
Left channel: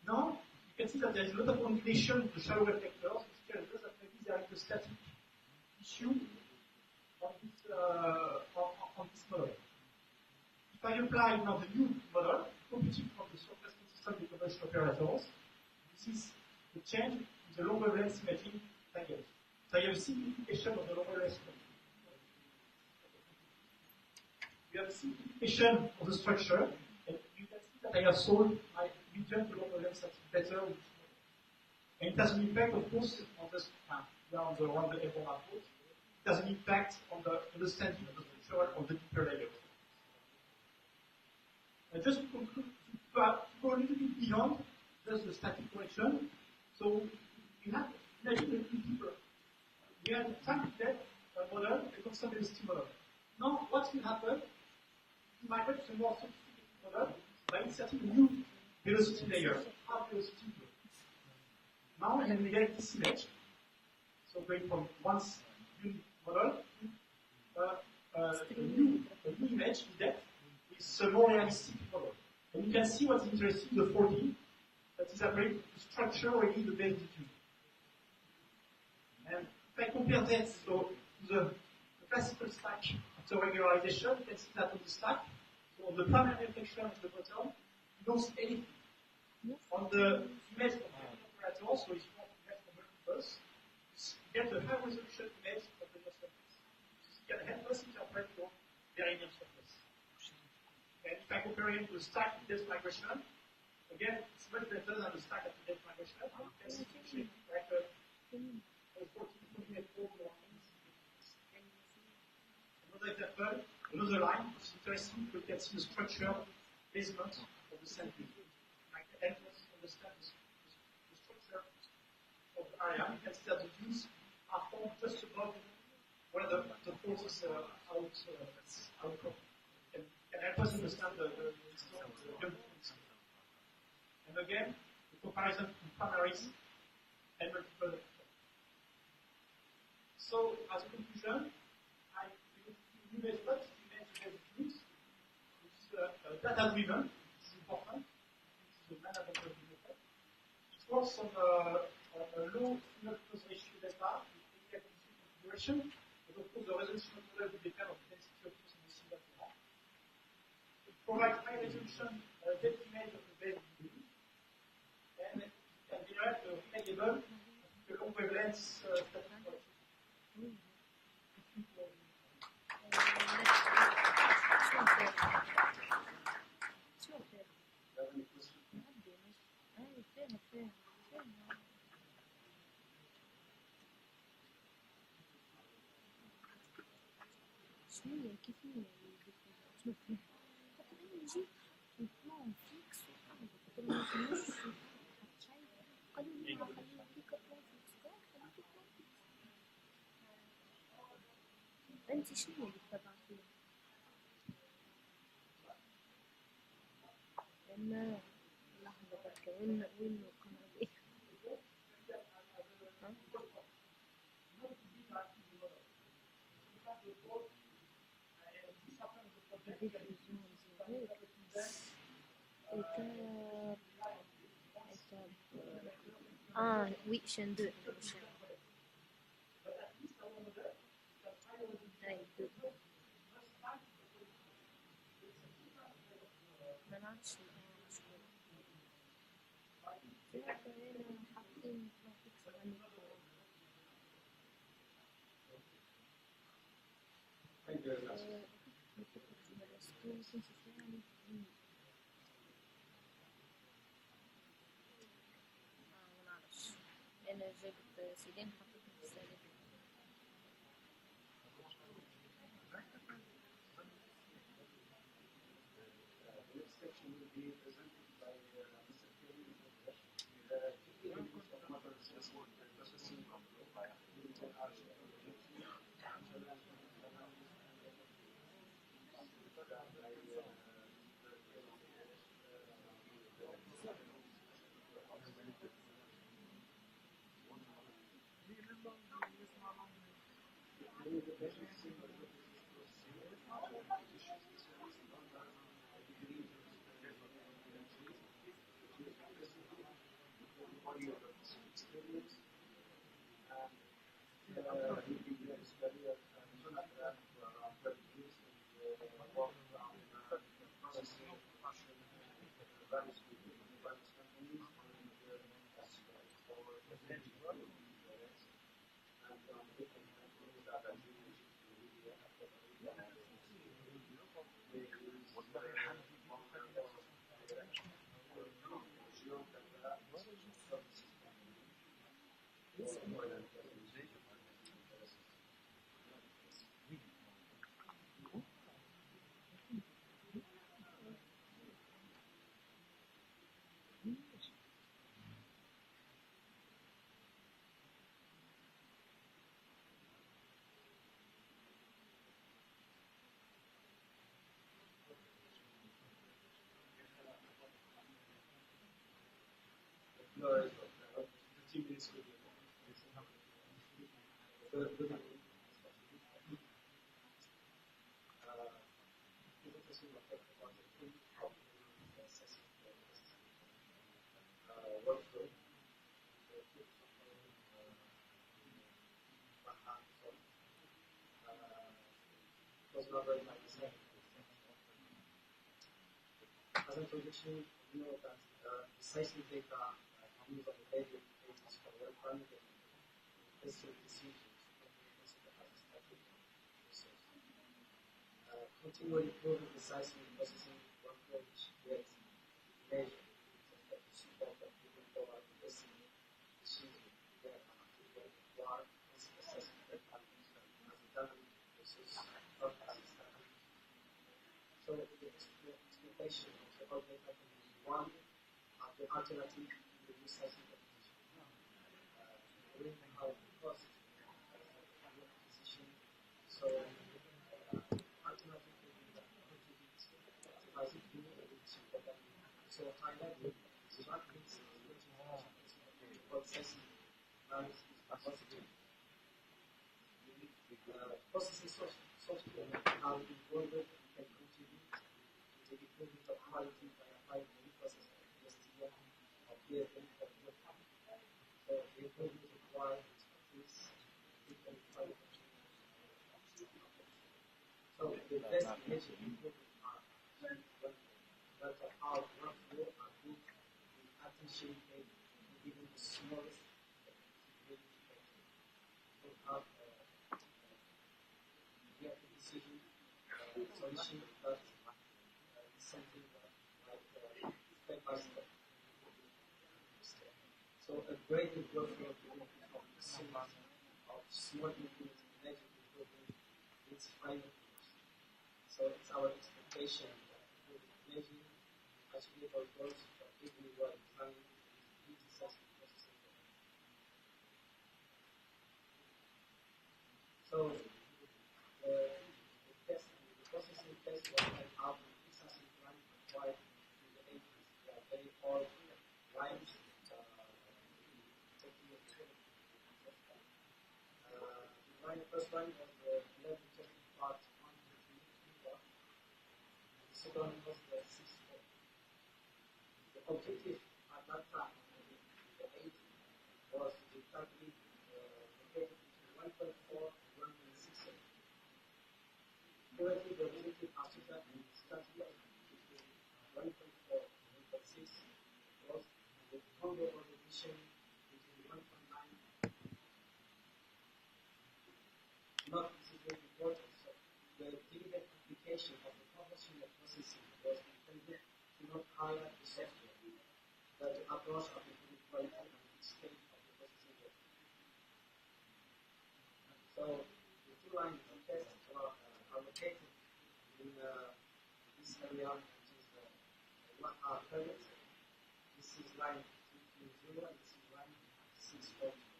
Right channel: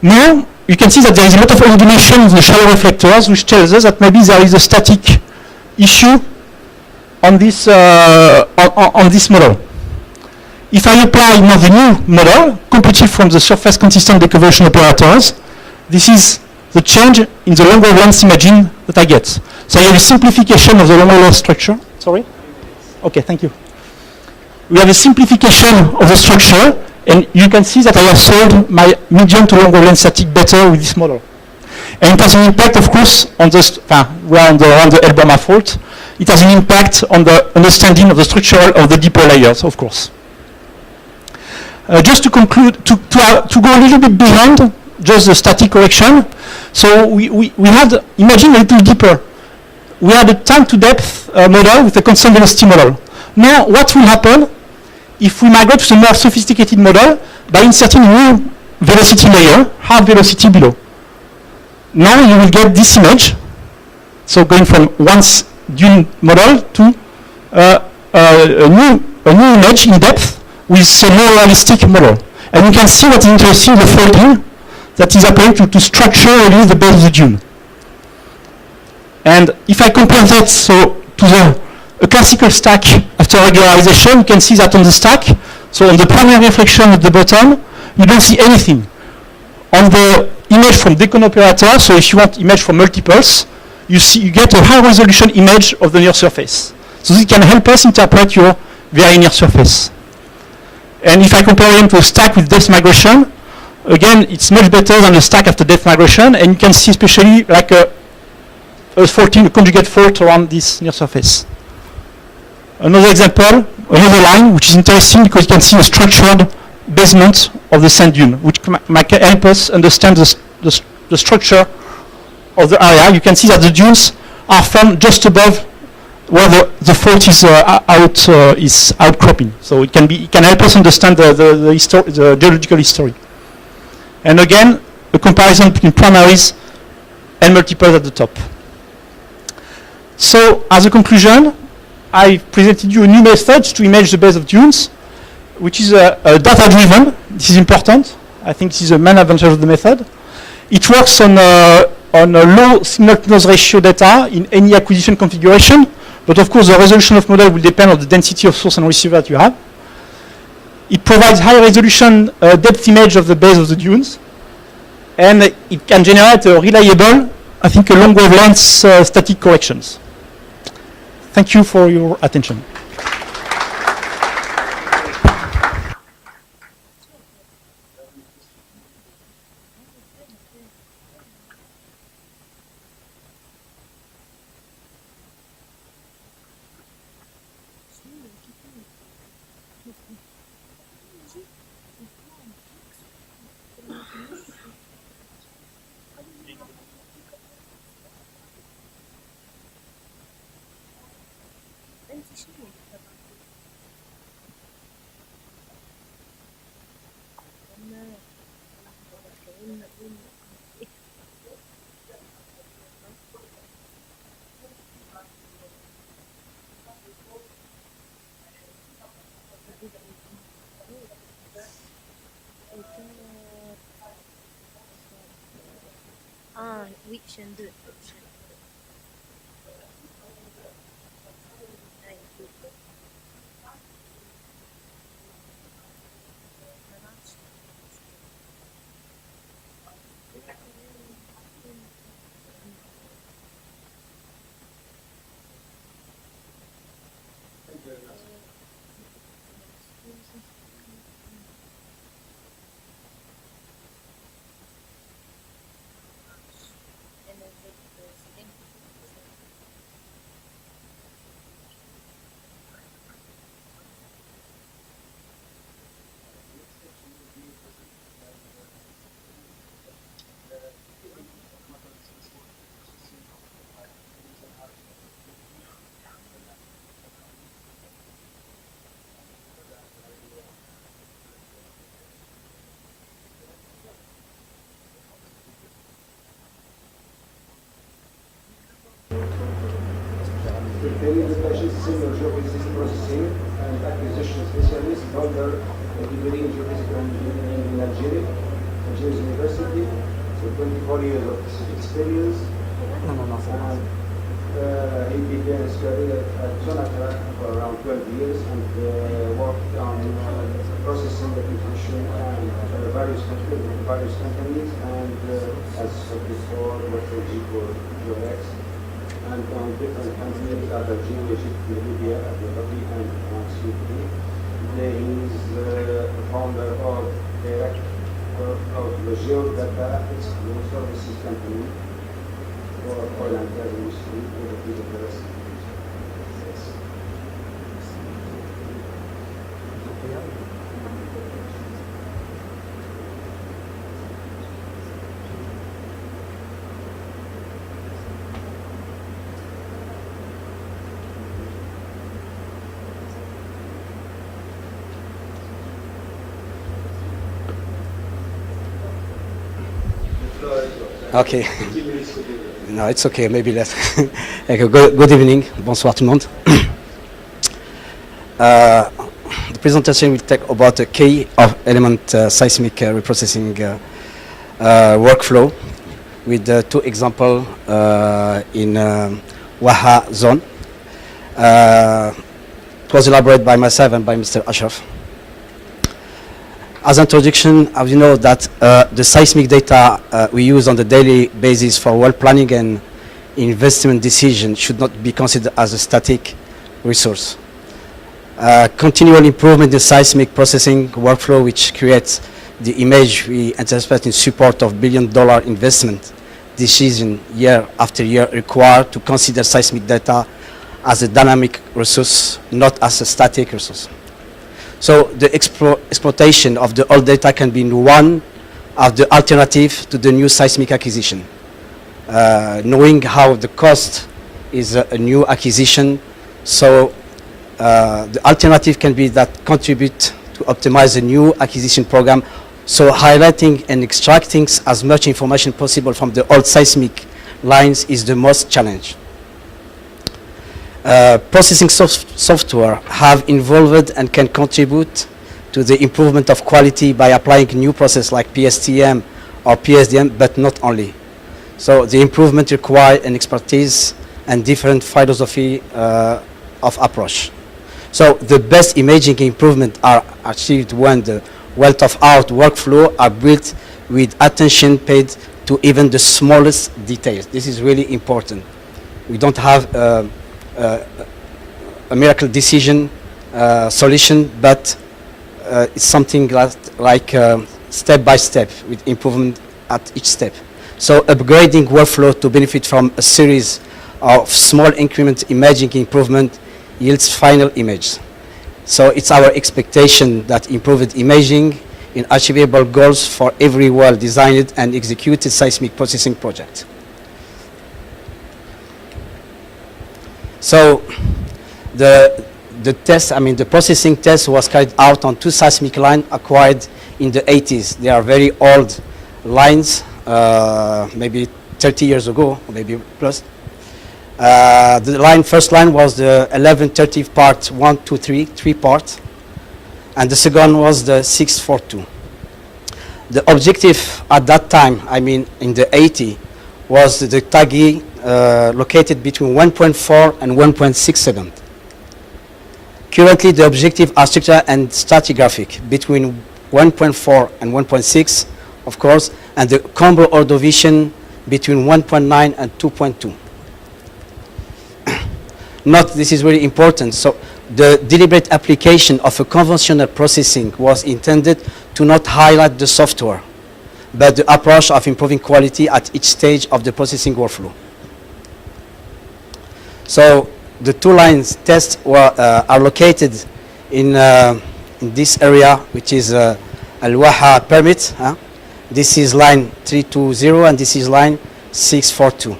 Now, you can see that there is a lot of illumination in the shallow reflectors, which tells us that maybe there is a static issue on this model. If I apply now the new model, computed from the surface consistent deconvolution operators, this is the change in the long wavelength imaging that I get. So I have a simplification of the long wavelength structure. Sorry? Okay, thank you. We have a simplification of the structure, And you can see that I have solved my medium to long wavelength static better with this model. And it has an impact, of course, on the, we are on the L-Bama fault. It has an impact on the understanding of the structure of the deeper layers, of course. Just to conclude, to go a little bit beyond just the static correction. So we had, imagine a little deeper. We had a time to depth model with a constant velocity model. Now, what will happen if we migrate to a more sophisticated model by inserting a new velocity layer, hard velocity below? Now you will get this image. So going from one dune model to a new image in depth with a more realistic model. And you can see what is interesting, the folding that is happening to structure really the base of the dune. And if I compare that to a classical stack after regularization, you can see that on the stack, so on the primary reflection at the bottom, you don't see anything. On the image from Decon operator, so if you want image from multiples, you get a high resolution image of the near surface. So this can help us interpret your very near surface. And if I compare them to a stack with depth migration, again, it's much better than the stack after depth migration, and you can see especially like a conjugate fault around this near surface. Another example, another line, which is interesting because you can see a structured basement of the sand dune, which might help us understand the structure of the area. You can see that the dunes are formed just above where the fault is outcropping. So it can help us understand the geological history. And again, a comparison between primaries and multiples at the top. So as a conclusion, I presented you a new method to image the base of dunes, which is data-driven. This is important. I think this is the main advantage of the method. It works on a low signal-to-noise ratio data in any acquisition configuration, but of course the resolution of model will depend on the density of source and receiver that you have. It provides high resolution depth image of the base of the dunes, and it can generate a reliable, I think, a long wavelength static corrections. Thank you for your attention. Ah, oui, chaîne 2. Thank you very much. Preparing the patient senior geophysics processing and acquisition specialist, holder of degree in geophysical engineering in Algeria University, with 24 years of experience. He began his career at Sonata for around 12 years and worked on processing the diffusion and various companies and as before, let's say G4X. And on different companies at Algeria, Egypt, Libya, Abu Dhabi, and Sudan. He is the founder of services company or oil and gas industry or the rest. Okay. No, it's okay, maybe less. Okay, good evening, bonsoir tout le monde. The presentation will talk about the key of element seismic reprocessing workflow with two examples in Waha zone. It was elaborated by myself and by Mr. Ashraf. As introduction, as you know that the seismic data we use on the daily basis for well planning and investment decision should not be considered as a static resource. Continual improvement in seismic processing workflow, which creates the image we anticipate in support of billion-dollar investment decision year after year, required to consider seismic data as a dynamic resource, not as a static resource. So the exploitation of the old data can be one of the alternative to the new seismic acquisition. Knowing how the cost is a new acquisition, so the alternative can be that contribute to optimize the new acquisition program, so highlighting and extracting as much information possible from the old seismic lines is the most challenge. Processing software have involved and can contribute to the improvement of quality by applying new process like PSTM or PSDM, but not only. So the improvement require an expertise and different philosophy of approach. So the best imaging improvement are achieved when the wealth of art workflow are built with attention paid to even the smallest details. This is really important. We don't have a miracle decision solution, but it's something like step by step with improvement at each step. So upgrading workflow to benefit from a series of small increment imaging improvement yields final image. So it's our expectation that improved imaging in achievable goals for every well-designed and executed seismic processing project. So the test, the processing test was carried out on two seismic lines acquired in the 80s. They are very old lines, maybe 30 years ago, maybe plus. The first line was the 1130 part 123, 3 part, and the second was the 642. The objective at that time, in the 80, was the TAGI located between 1.4 and 1.67. Currently, the objective are structural and stratigraphic between 1.4 and 1.6, of course, and the combo ordovation between 1.9 and 2.2. This is very important. So the deliberate application of a conventional processing was intended to not highlight the software, but the approach of improving quality at each stage of the processing workflow. So the two lines tests are located in this area, which is Al-Waha permit. This is line 320 and this is line 642.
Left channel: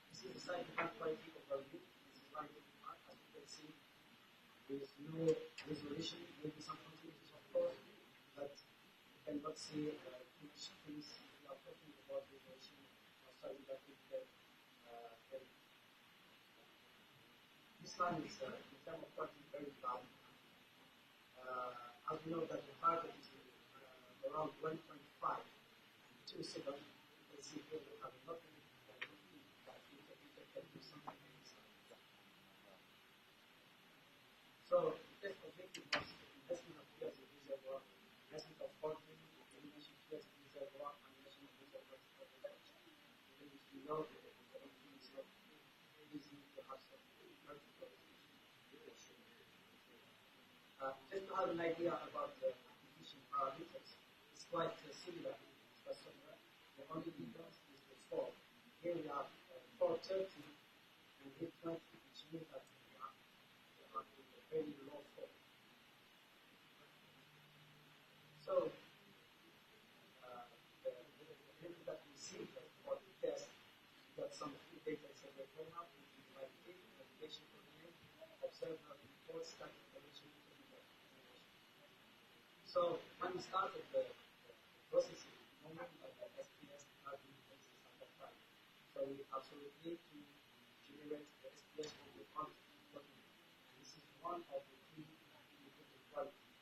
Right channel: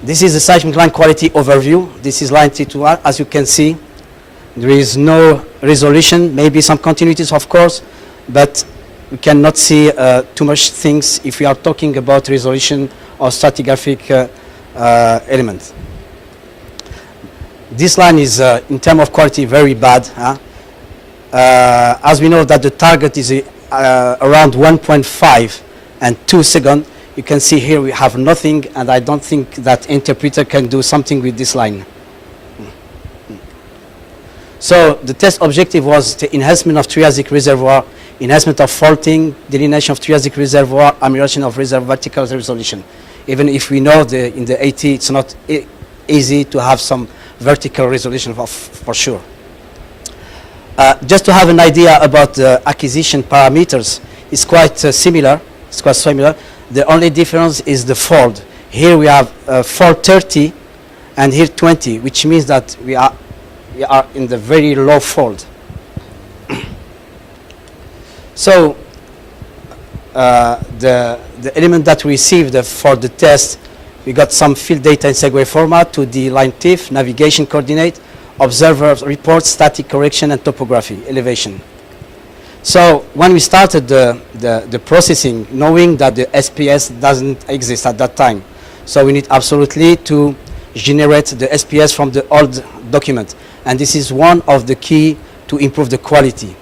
This is the seismic line quality overview. This is line 321. As you can see, there is no resolution, maybe some continuities, of course, but we cannot see too much things if we are talking about resolution or stratigraphic elements. This line is, in terms of quality, very bad. As we know that the target is around 1.5 and 2 seconds, you can see here we have nothing, and I don't think that interpreter can do something with this line. So the test objective was the enhancement of Triassic reservoir, enhancement of faulting, delineation of Triassic reservoir, amelioration of reservoir vertical resolution. Even if we know in the AT it's not easy to have some vertical resolution for sure. Just to have an idea about the acquisition parameters, it's quite similar. It's quite similar. The only difference is the fold. Here we have fold 30 and here 20, which means that we are in the very low fold. So the element that we received for the test, we got some field data in segue format, 2D line TIFF, navigation coordinate, observer report, static correction, and topography, elevation. So when we started the processing, knowing that the SPS doesn't exist at that time, so we need absolutely to generate the SPS from the old document. And this is one of the key to improve the quality.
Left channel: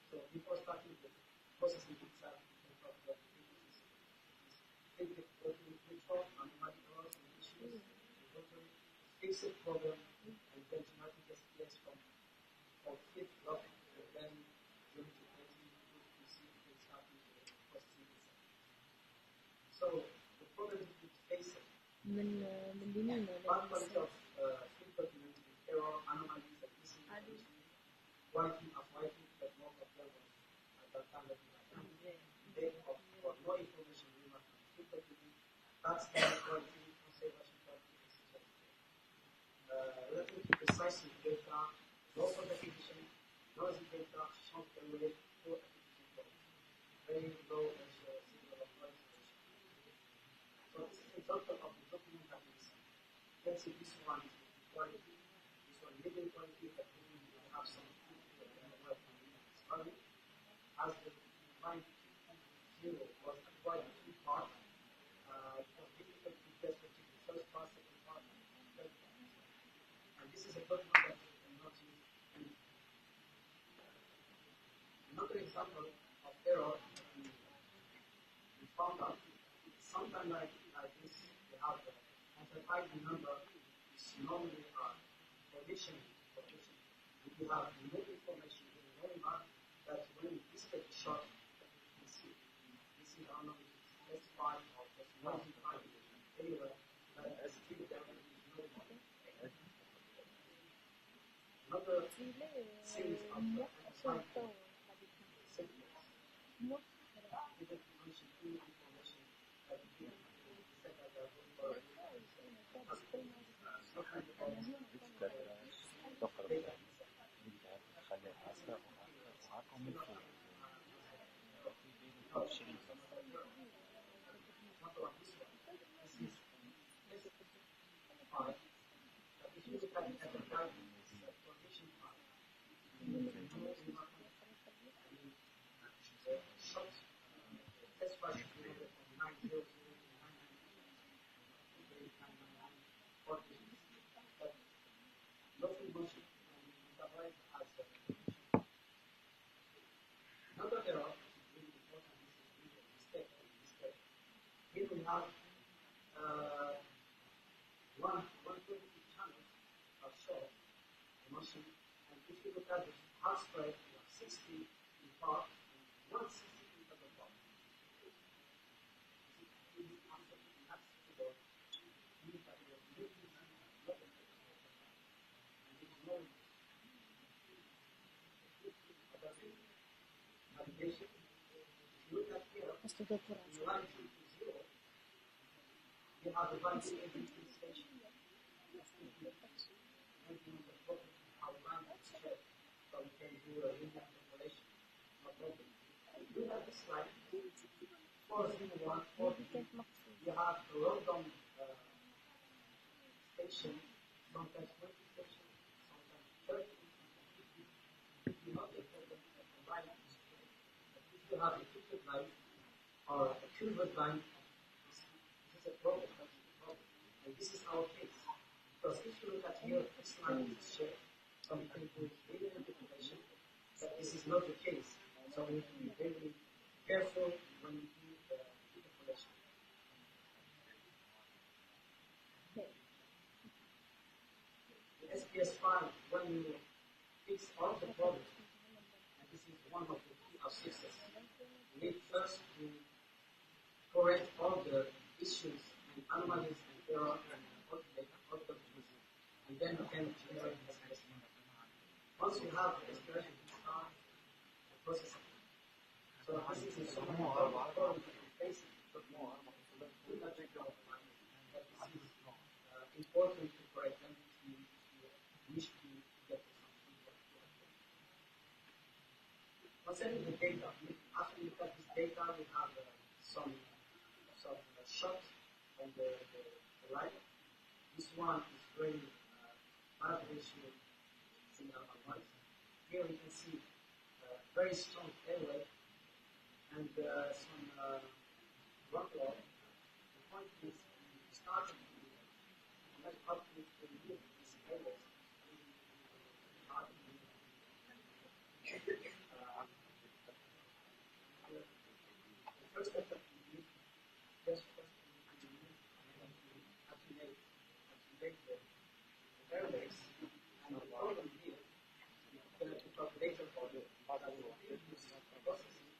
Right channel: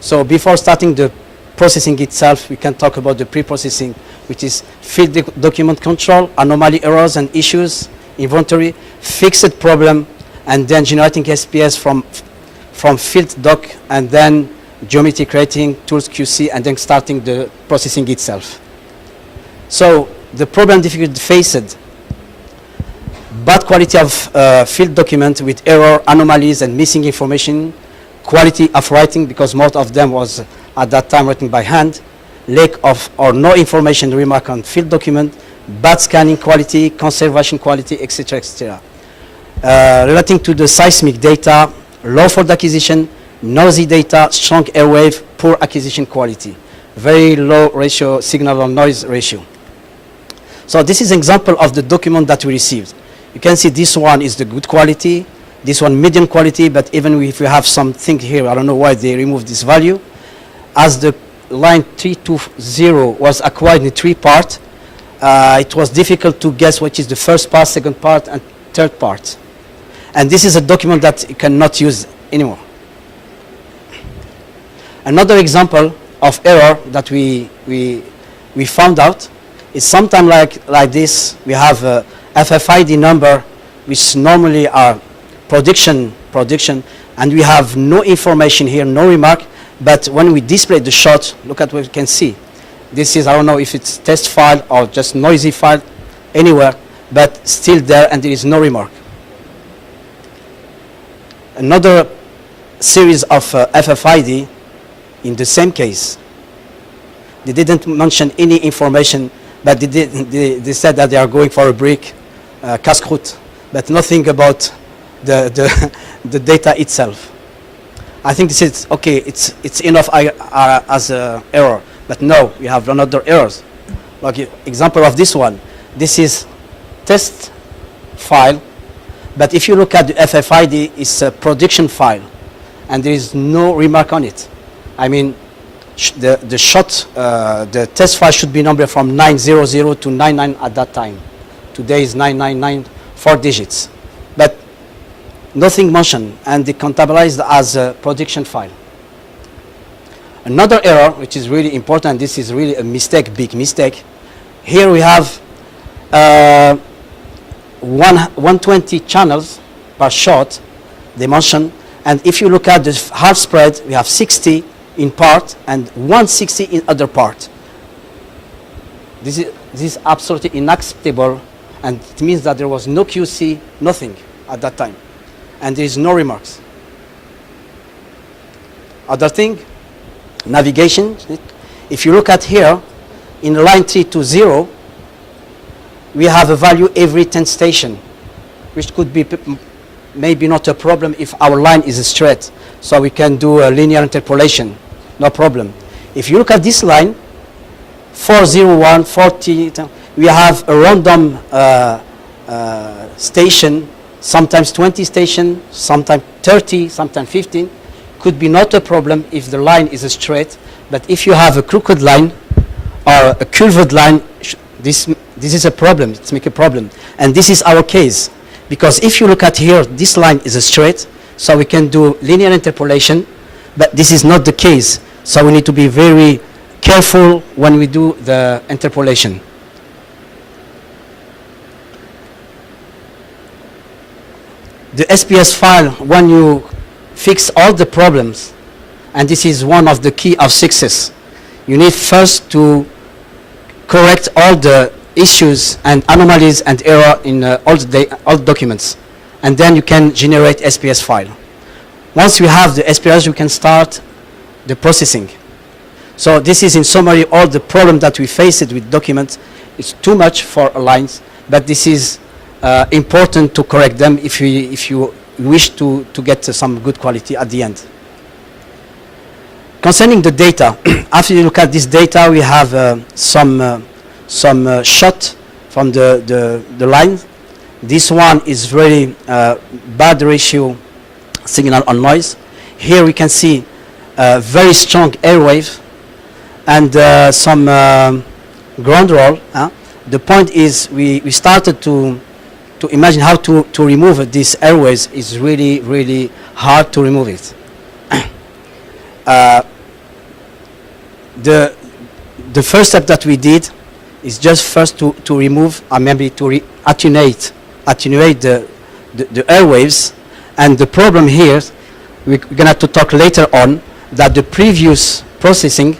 So before starting the processing itself, we can talk about the pre-processing, which is field document control, anomaly errors and issues, inventory, fixed problem, and then generating SPS from field doc, and then geometry creating, tools QC, and then starting the processing itself. So the problem difficulty faced, bad quality of field document with error, anomalies, and missing information, quality of writing, because most of them was at that time written by hand, lack of or no information remark on field document, bad scanning quality, conservation quality, etc., etc. Relating to the seismic data, low fold acquisition, noisy data, strong airwave, poor acquisition quality, very low ratio, signal on noise ratio. So this is an example of the document that we received. You can see this one is the good quality, this one medium quality, but even if we have something here, I don't know why they removed this value. As the line 320 was acquired in 3 parts, it was difficult to guess which is the first part, second part, and third part. And this is a document that you cannot use anymore. Another example of error that we found out is sometimes like this. We have a FFID number, which normally are production, and we have no information here, no remark. But when we display the shot, look at what we can see. This is, I don't know if it's test file or just noisy file anywhere, but still there, and there is no remark. Another series of FFID in the same case. They didn't mention any information, but they said that they are going for a break, casse-croûte, but nothing about the data itself. I think this is okay. It's enough as an error, but no, we have another errors. Like example of this one, this is test file, but if you look at the FFID, it's a production file, and there is no remark on it. I mean, the shot, the test file should be numbered from 900 to 99 at that time. Today is 999, 4 digits, but nothing mentioned, and they contabilized as a production file. Another error, which is really important, this is really a mistake, big mistake. Here we have 120 channels per shot, they mention, and if you look at the half spread, we have 60 in part and 160 in other part. This is absolutely unacceptable, and it means that there was no QC, nothing at that time, and there is no remarks. Other thing, navigation. If you look at here, in line 320, we have a value every 10 station, which could be maybe not a problem if our line is straight, so we can do a linear interpolation, no problem. If you look at this line, 401, 40, we have a random station, sometimes 20 station, sometimes 30, sometimes 15. Could be not a problem if the line is straight, but if you have a crooked line or a curved line, this is a problem, it's make a problem. And this is our case, because if you look at here, this line is straight, so we can do linear interpolation, but this is not the case, so we need to be very careful when we do the interpolation. The SPS file, when you fix all the problems, and this is one of the key of success, you need first to correct all the issues and anomalies and error in all documents, and then you can generate SPS file. Once we have the SPS, we can start the processing. So this is in summary all the problem that we faced with documents. It's too much for lines, but this is important to correct them if you wish to get some good quality at the end. Concerning the data, after you look at this data, we have some shot from the line. This one is very bad ratio signal on noise. Here we can see very strong airwave and some ground roll. The point is we started to imagine how to remove these airwaves. Is really hard to remove it. The first step that we did is just first to remove, maybe to attenuate the airwaves. And the problem here, we're going to have to talk later on, that the previous processing,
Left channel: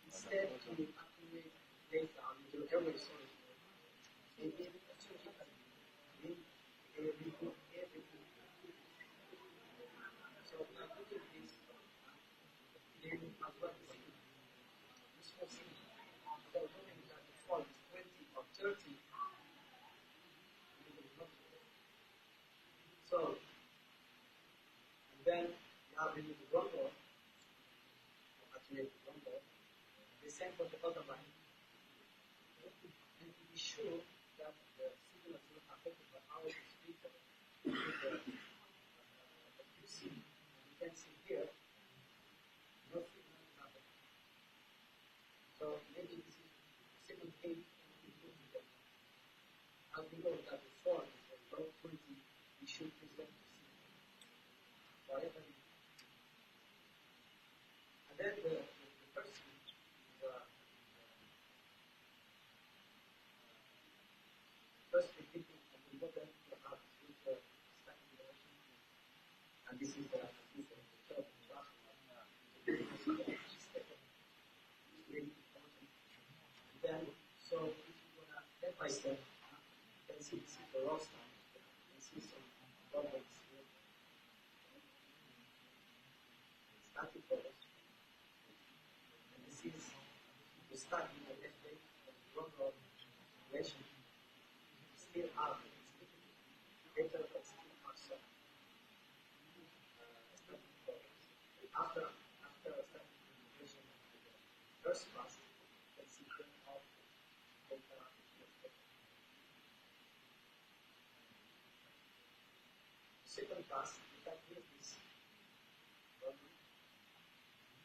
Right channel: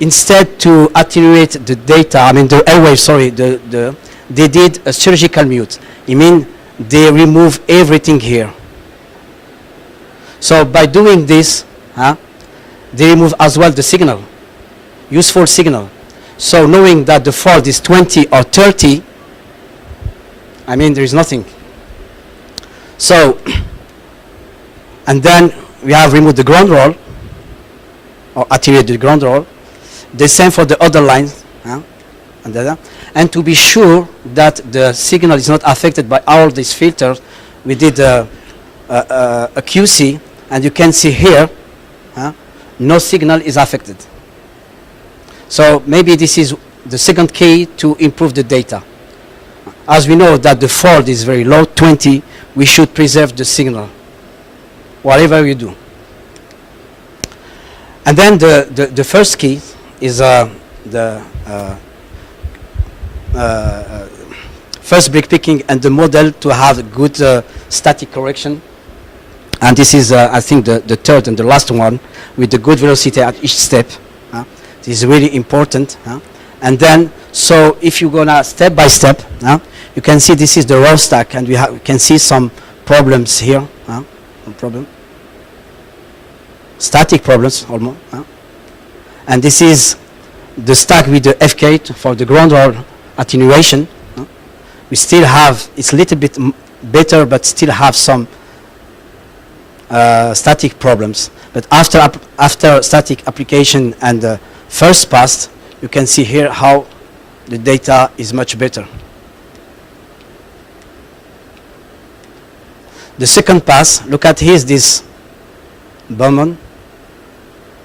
instead to attenuate the data, the airwaves, sorry, they did a surgical mute. I mean, they remove everything here. So by doing this, they remove as well the signal, useful signal. So knowing that the fault is 20 or 30, there is nothing. So, and then we have removed the ground roll, or attenuated the ground roll. The same for the other lines. And to be sure that the signal is not affected by all these filters, we did a QC, and you can see here, no signal is affected. So maybe this is the second key to improve the data. As we know that the fault is very low, 20, we should preserve the signal, whatever we do. And then the first key is the first break picking and the model to have good static correction. And this is, I think, the third and the last one, with the good velocity at each step. This is really important. And then, so if you go now step by step, you can see this is the raw stack, and we can see some problems here. Static problems almost. And this is the stack with the FK for the ground roll attenuation. We still have, it's a little bit better, but still have some static problems. But after static application and the first pass, you can see here how the data is much better. The second pass, look at here, this Bowman,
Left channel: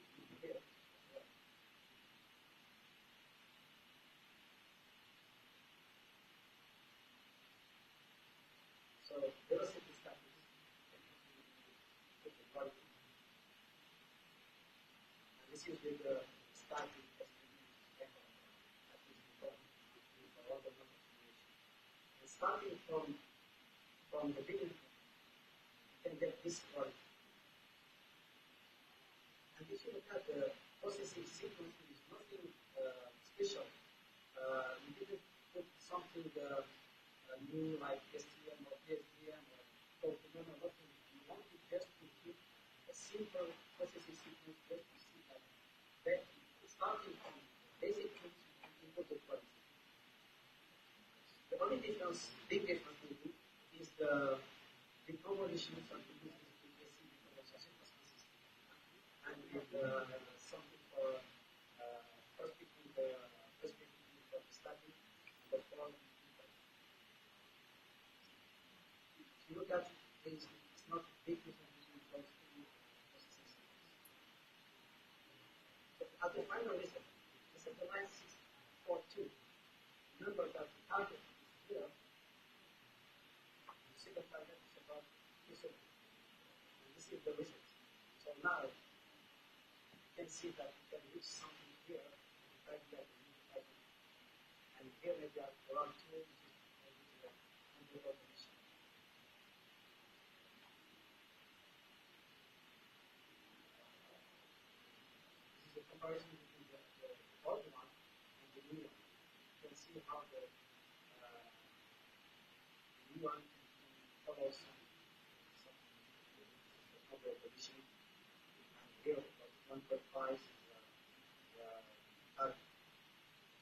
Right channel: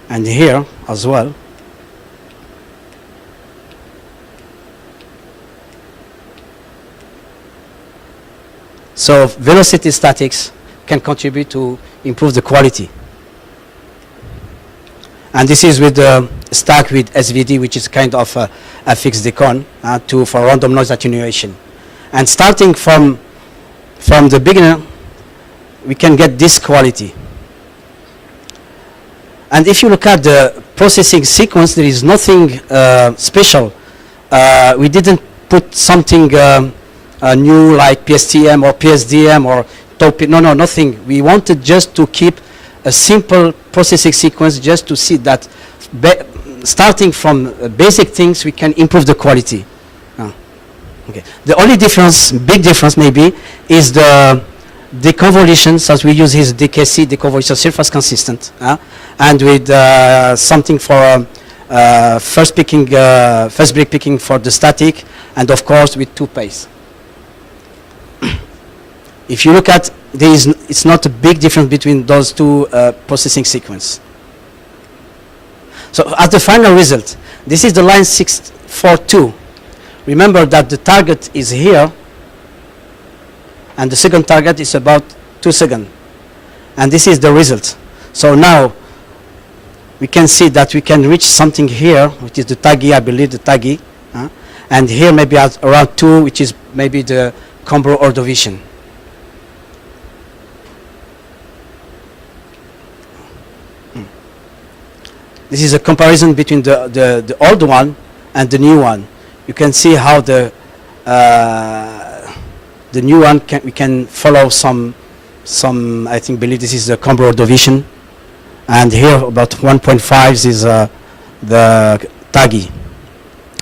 and here as well. So velocity statics can contribute to improve the quality. And this is with the stack with SVD, which is kind of a fixed decon for random noise attenuation. And starting from the beginner, we can get this quality. And if you look at the processing sequence, there is nothing special. We didn't put something new like PSTM or PSDM or top. No, nothing. We wanted just to keep a simple processing sequence, just to see that starting from basic things, we can improve the quality. Okay. The only difference, big difference maybe, is the deconvolutions, as we use his DKC, deconvolution surface consistent, and with something for first break picking for the static, and of course with two pace. If you look at, it's not a big difference between those two processing sequence. So as the final result, this is the line 642. Remember that the target is here, and the second target is about 2 seconds. And this is the result. So now we can see that we can reach something here, which is the taggy, I believe, the taggy. And here maybe at around 2, which is maybe the Combro Ordovician. This is a comparison between the old one and the new one. You can see how the new one we can follow some I believe this is the Combro Ordovician, and here about 1.5 is the TAGI.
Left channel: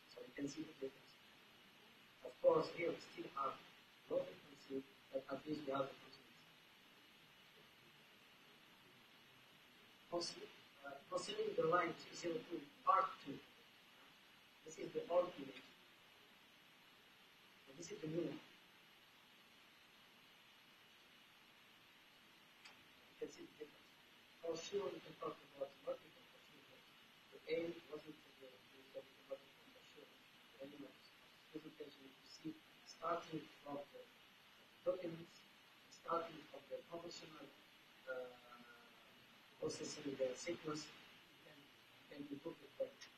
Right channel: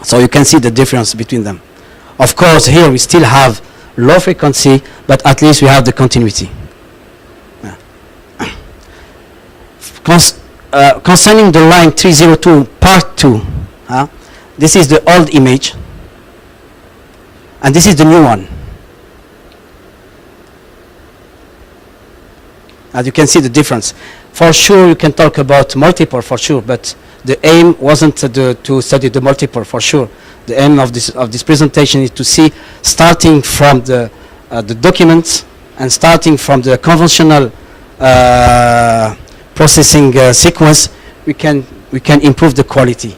So you can see the difference between them. Of course, here we still have low frequency, but at least we have the continuity. Concerning the line 302 part 2, this is the old image, and this is the new one. As you can see the difference. For sure, you can talk about multiple for sure, but the aim wasn't to study the multiple for sure. The aim of this presentation is to see, starting from the documents and starting from the conventional processing sequence, we can improve the quality.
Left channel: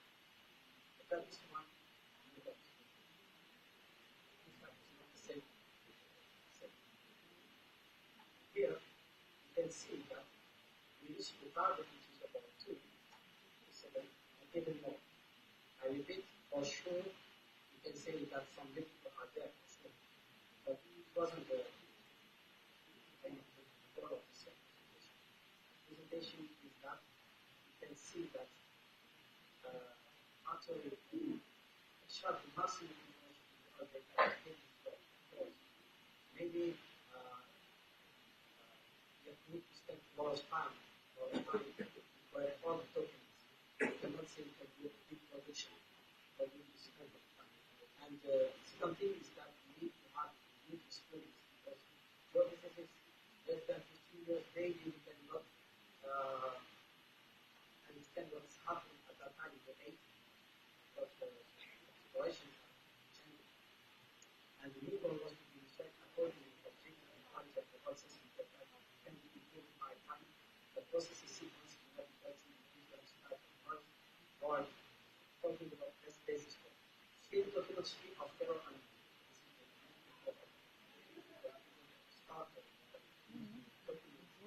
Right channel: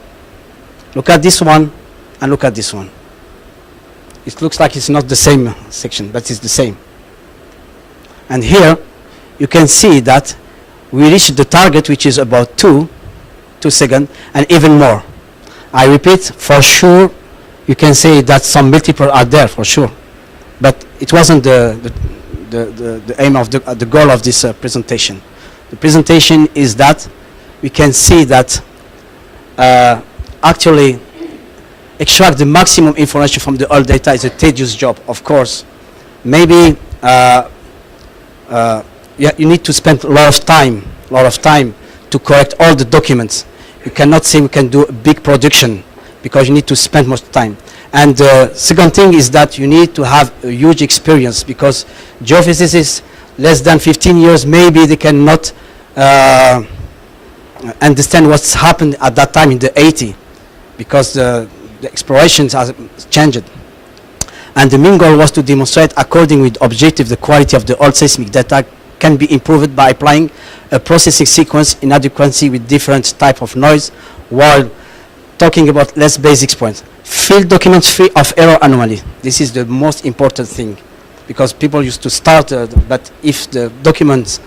Look at this one and look at this one. It looks like it's not the same section, but it's the same. And here you can see that we reached the target, which is about 2 seconds, and even more. I repeat, for sure, you can say that some multiple are there for sure, but it wasn't the aim of the goal of this presentation. The presentation is that we can see that actually extract the maximum information from the old data is a tedious job, of course. Maybe you need to spend a lot of time to correct all the documents. You cannot say we can do a big production because you need to spend much time. And the second thing is that you need to have a huge experience, because geophysicists less than 15 years, maybe they cannot understand what's happened at that time in the 80s, because the explorations have changed. And the main goal was to demonstrate, according with objective, the quality of the old seismic data can be improved by applying a processing sequence in adequacy with different type of noise, while talking about less basic points. Field documents free of error anomaly. This is the most important thing, because people used to start, but if the documents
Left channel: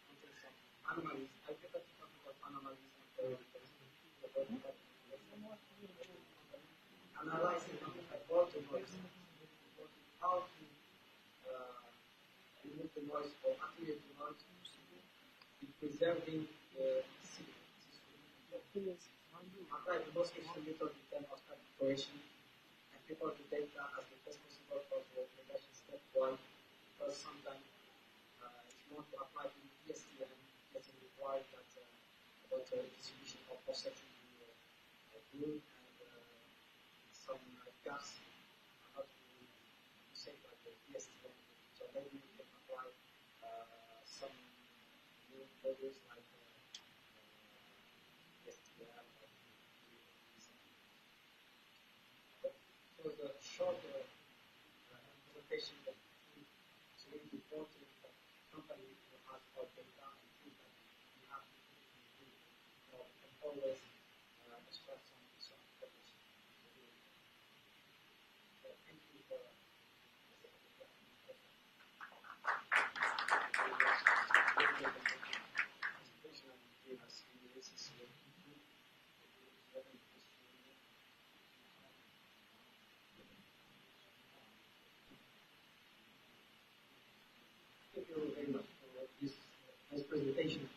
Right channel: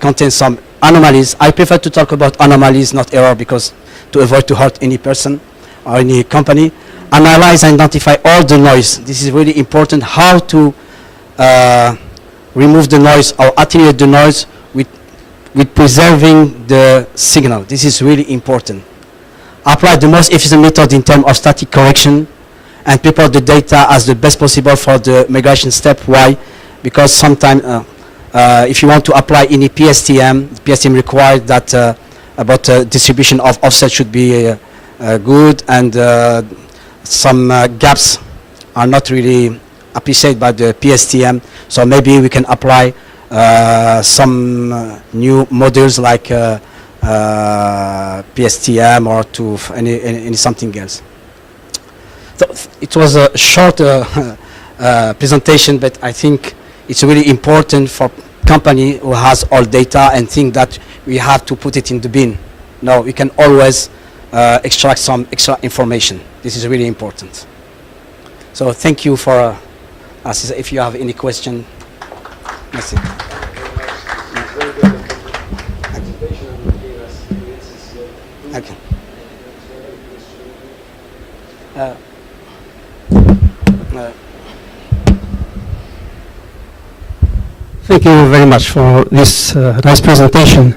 contain some anomalies, I prefer to talk about anomalies, not error, because to avoid to hurt any person or any company. Analyze and identify all the noise. This is really important, how to remove the noise or attenuate the noise with preserving the signal. This is really important. Apply the most efficient method in terms of static correction and prepare the data as the best possible for the migration step. Why? Because sometimes if you want to apply any PSTM, PSTM requires that about distribution of offset should be good, and some gaps are not really appreciated by the PSTM. So maybe we can apply some new models like PSTM or to any something else. So it was a short presentation, but I think it's really important for company who has all data and think that we have to put it in the bin. No, we can always extract some extra information. This is really important. So thank you for us. If you have any question, that's it. Okay. Thank you very much for this nice presentation.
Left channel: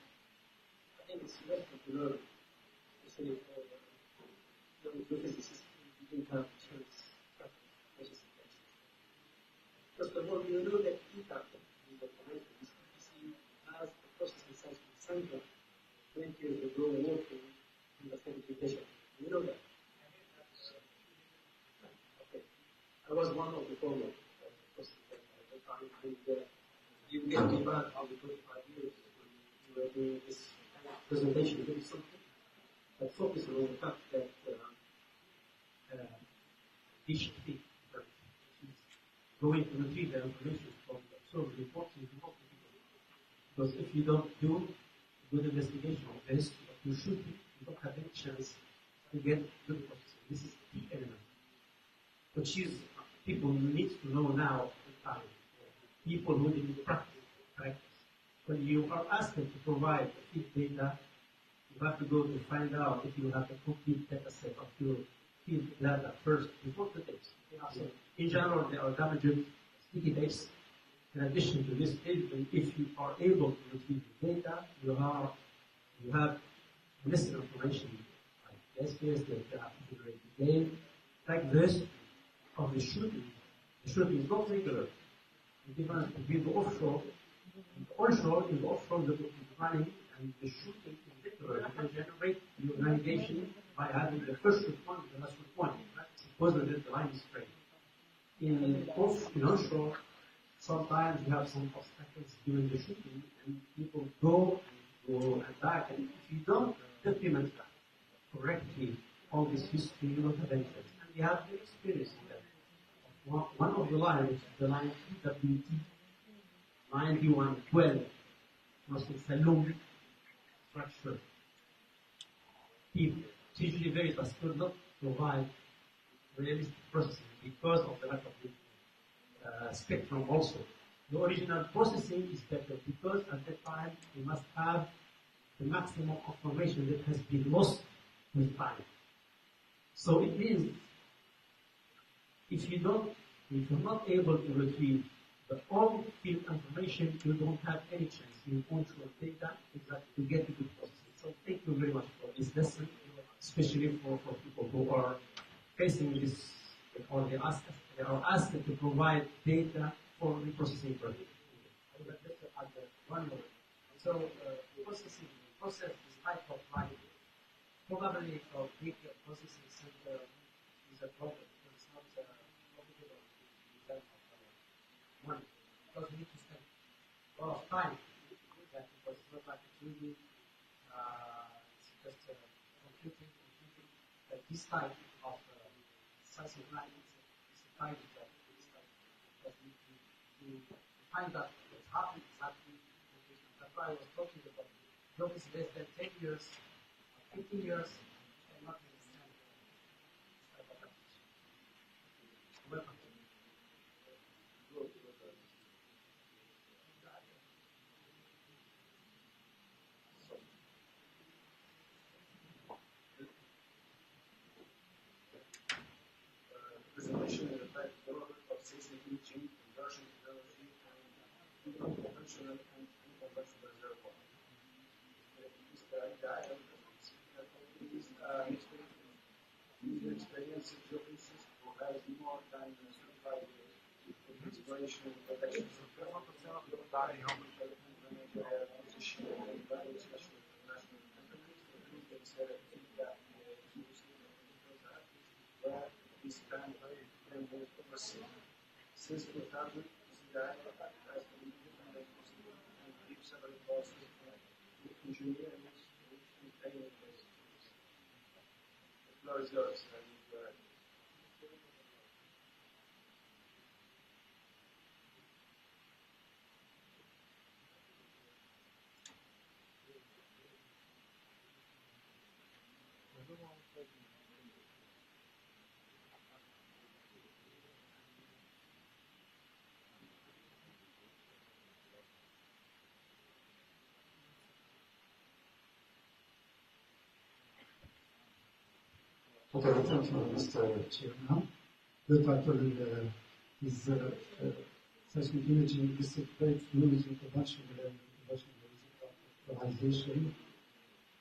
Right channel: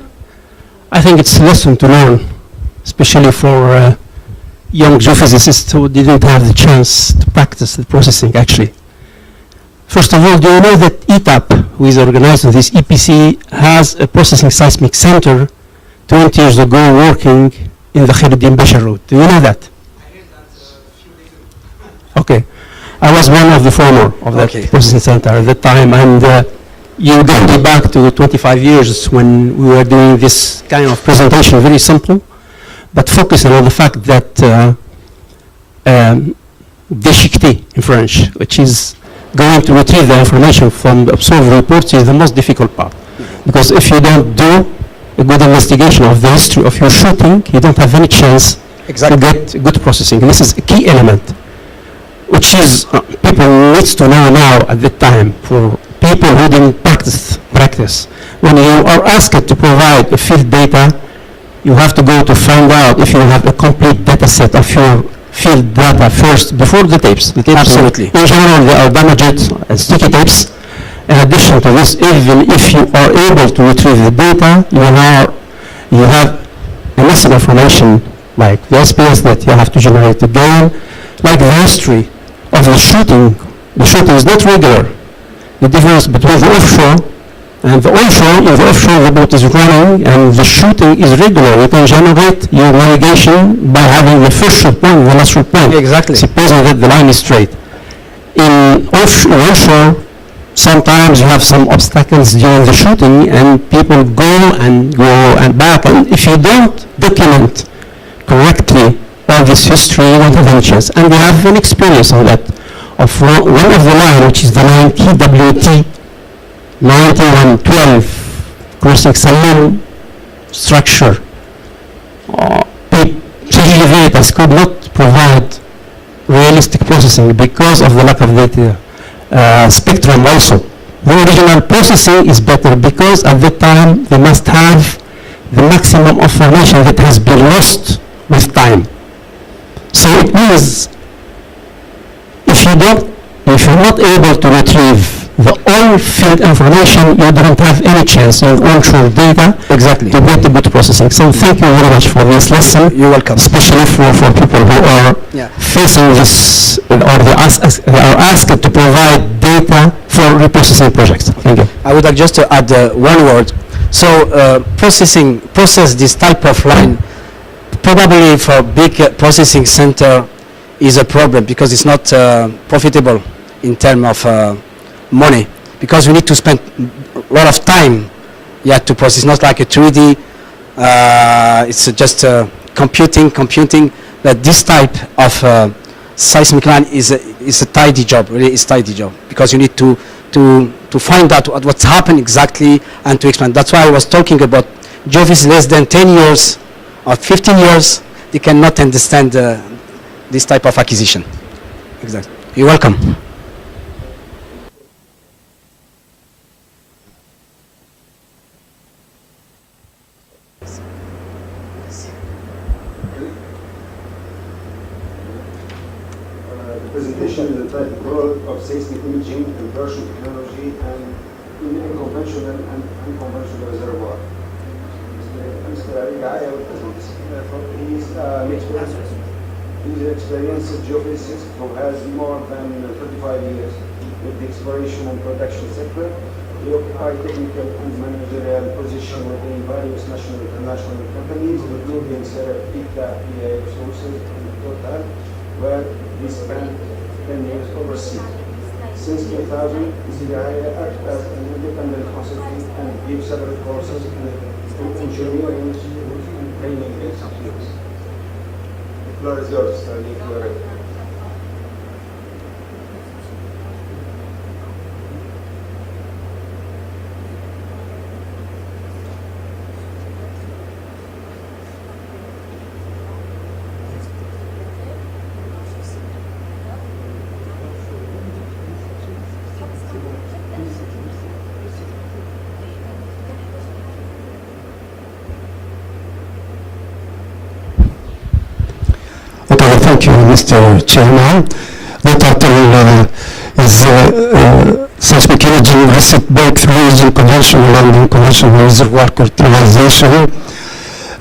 I think it's a lesson to learn, especially for young geophysicists who didn't have the chance to practice the processing actually. First of all, do you know that ETAP, who is organizing this EPC, has a processing seismic center 20 years ago working in the Khairuddin Bashar Road? Do you know that? I heard that a few days ago. Okay. I was one of the former of that processing center at that time, and you go back to 25 years when we were doing this kind of presentation, very simple, but focusing on the fact that déchiqueter in French, which is going to retrieve the information from the observed reports, is the most difficult part. Because if you don't do a good investigation of the history of your shooting, you don't have any chance to get good processing. And this is a key element, which is people needs to know now at the time, for people who didn't practice. When you are asked to provide a field data, you have to go to find out if you have a complete data set of your field data first, before the tapes. The tapes Absolutely. In general, they are damaged and sticky tapes. In addition to this, even if you are able to retrieve the data, you have a massive information like the SPS that you have to generate again, like the history of the shooting. The shooting is not regular. The difference between the offshore and the onshore, in the offshore the boat is running and the shooting is regular. You can generate your navigation by having the first shoot point and the last shoot point. Exactly. Supposing that the line is straight. In onshore, sometimes you have some obstacles during the shooting and people go and back, and if you don't document correctly all this history, you don't have any chance. And we have an experience on that of one of the line, which is the line TWT 9112 crossing Salem structure. CGVs could not provide realistic processing because of the lack of data spectrum also. The original processing is better because at that time they must have the maximum information that has been lost with time. So it means if you're not able to retrieve the all field information, you don't have any chance on onshore data Exactly. to get the good processing. So thank you very much for this lesson. You're welcome. Especially for people who are Yeah. facing this, or they are asked to provide data for reprocessing projects. Thank you. I would like just to add one word. So process this type of line, probably for big processing center is a problem because it's not profitable in terms of money, because we need to spend a lot of time to process. Not like a 3D, it's just computing, but this type of seismic line is a tidy job, really is tidy job, because you need to find out what's happened exactly and to explain. That's why I was talking about geophysics less than 10 years or 15 years, they cannot understand this type of acquisition. Exactly. You're welcome. The presentation is entitled Role of Seismic Imaging and Version Technology and in Unconventional and Unconventional Reservoir. Mr. Ali Gai, I will present this. He's an experienced geophysicist who has more than 35 years with the exploration and production sector. He occupied technical and managerial positions within various national and international companies, including ETAP, Resources, and Total, where he spent 10 years overseas. Since 2000, CII acted as an independent consultant and gave several courses in engineering and training institutes. The floor is yours, Ali. Okay, thank you, Mr. Chairman. The title is Seismic Imaging Recent Breakthroughs in Conventional and Unconventional Reservoir Characterization.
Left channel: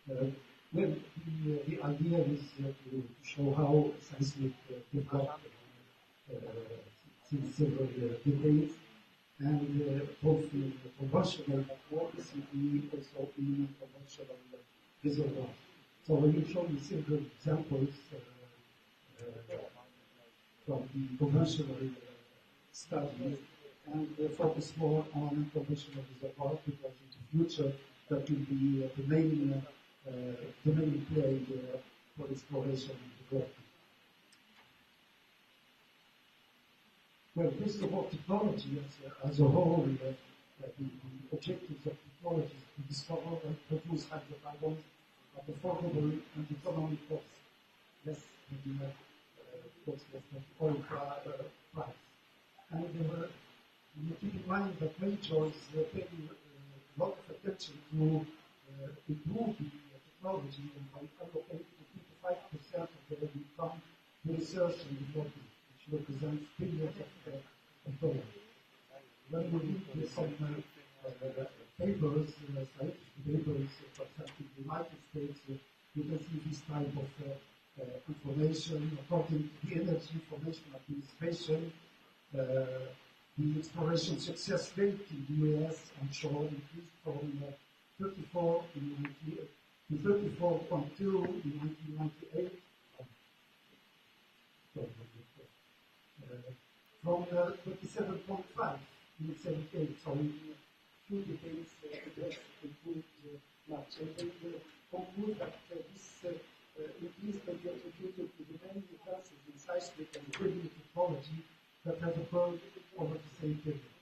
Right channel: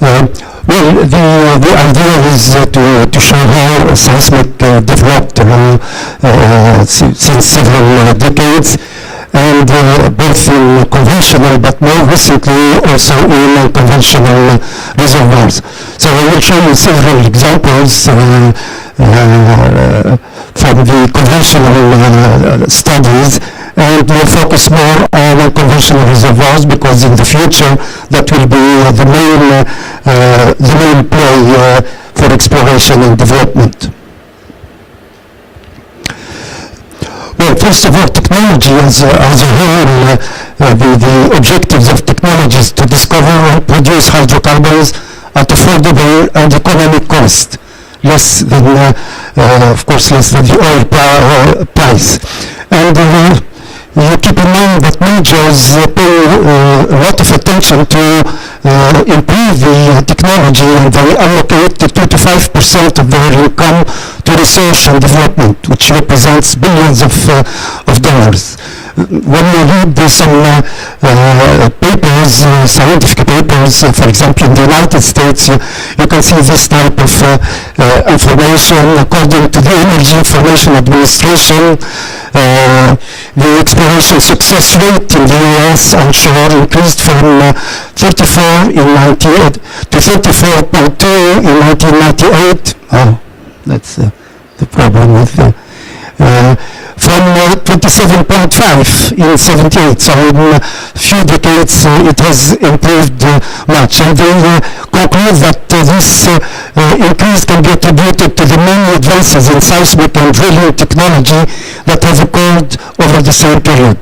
Well, the idea is to show how seismic developed since several decades, and both in conventional but more recently also in unconventional reservoirs. So I will show you several examples from the conventional studies, and we'll focus more on unconventional reservoirs because in the future that will be the main play for exploration and development. Well, first of all, technology as a whole, the objectives of technology is to discover and produce hydrocarbons at affordable and economic cost, less than, of course, less than the oil price. And you keep in mind that majors pay a lot of attention to improve the technology, and they allocate 2 to 5% of their income to research and development, which represents billions of dollars. when you read some papers, scientific papers, for example, in the United States, you can see this type of information. According to the Energy Information Administration, the exploration success rate in the U.S. onshore increased from 34 in 98 to 34.2 in 1998. Oh, that's the problem with the from 27.5 in 78. So in a few decades it has improved much. And they conclude that this increase can be attributed to the many advances in seismic and drilling technology that have occurred over the same period.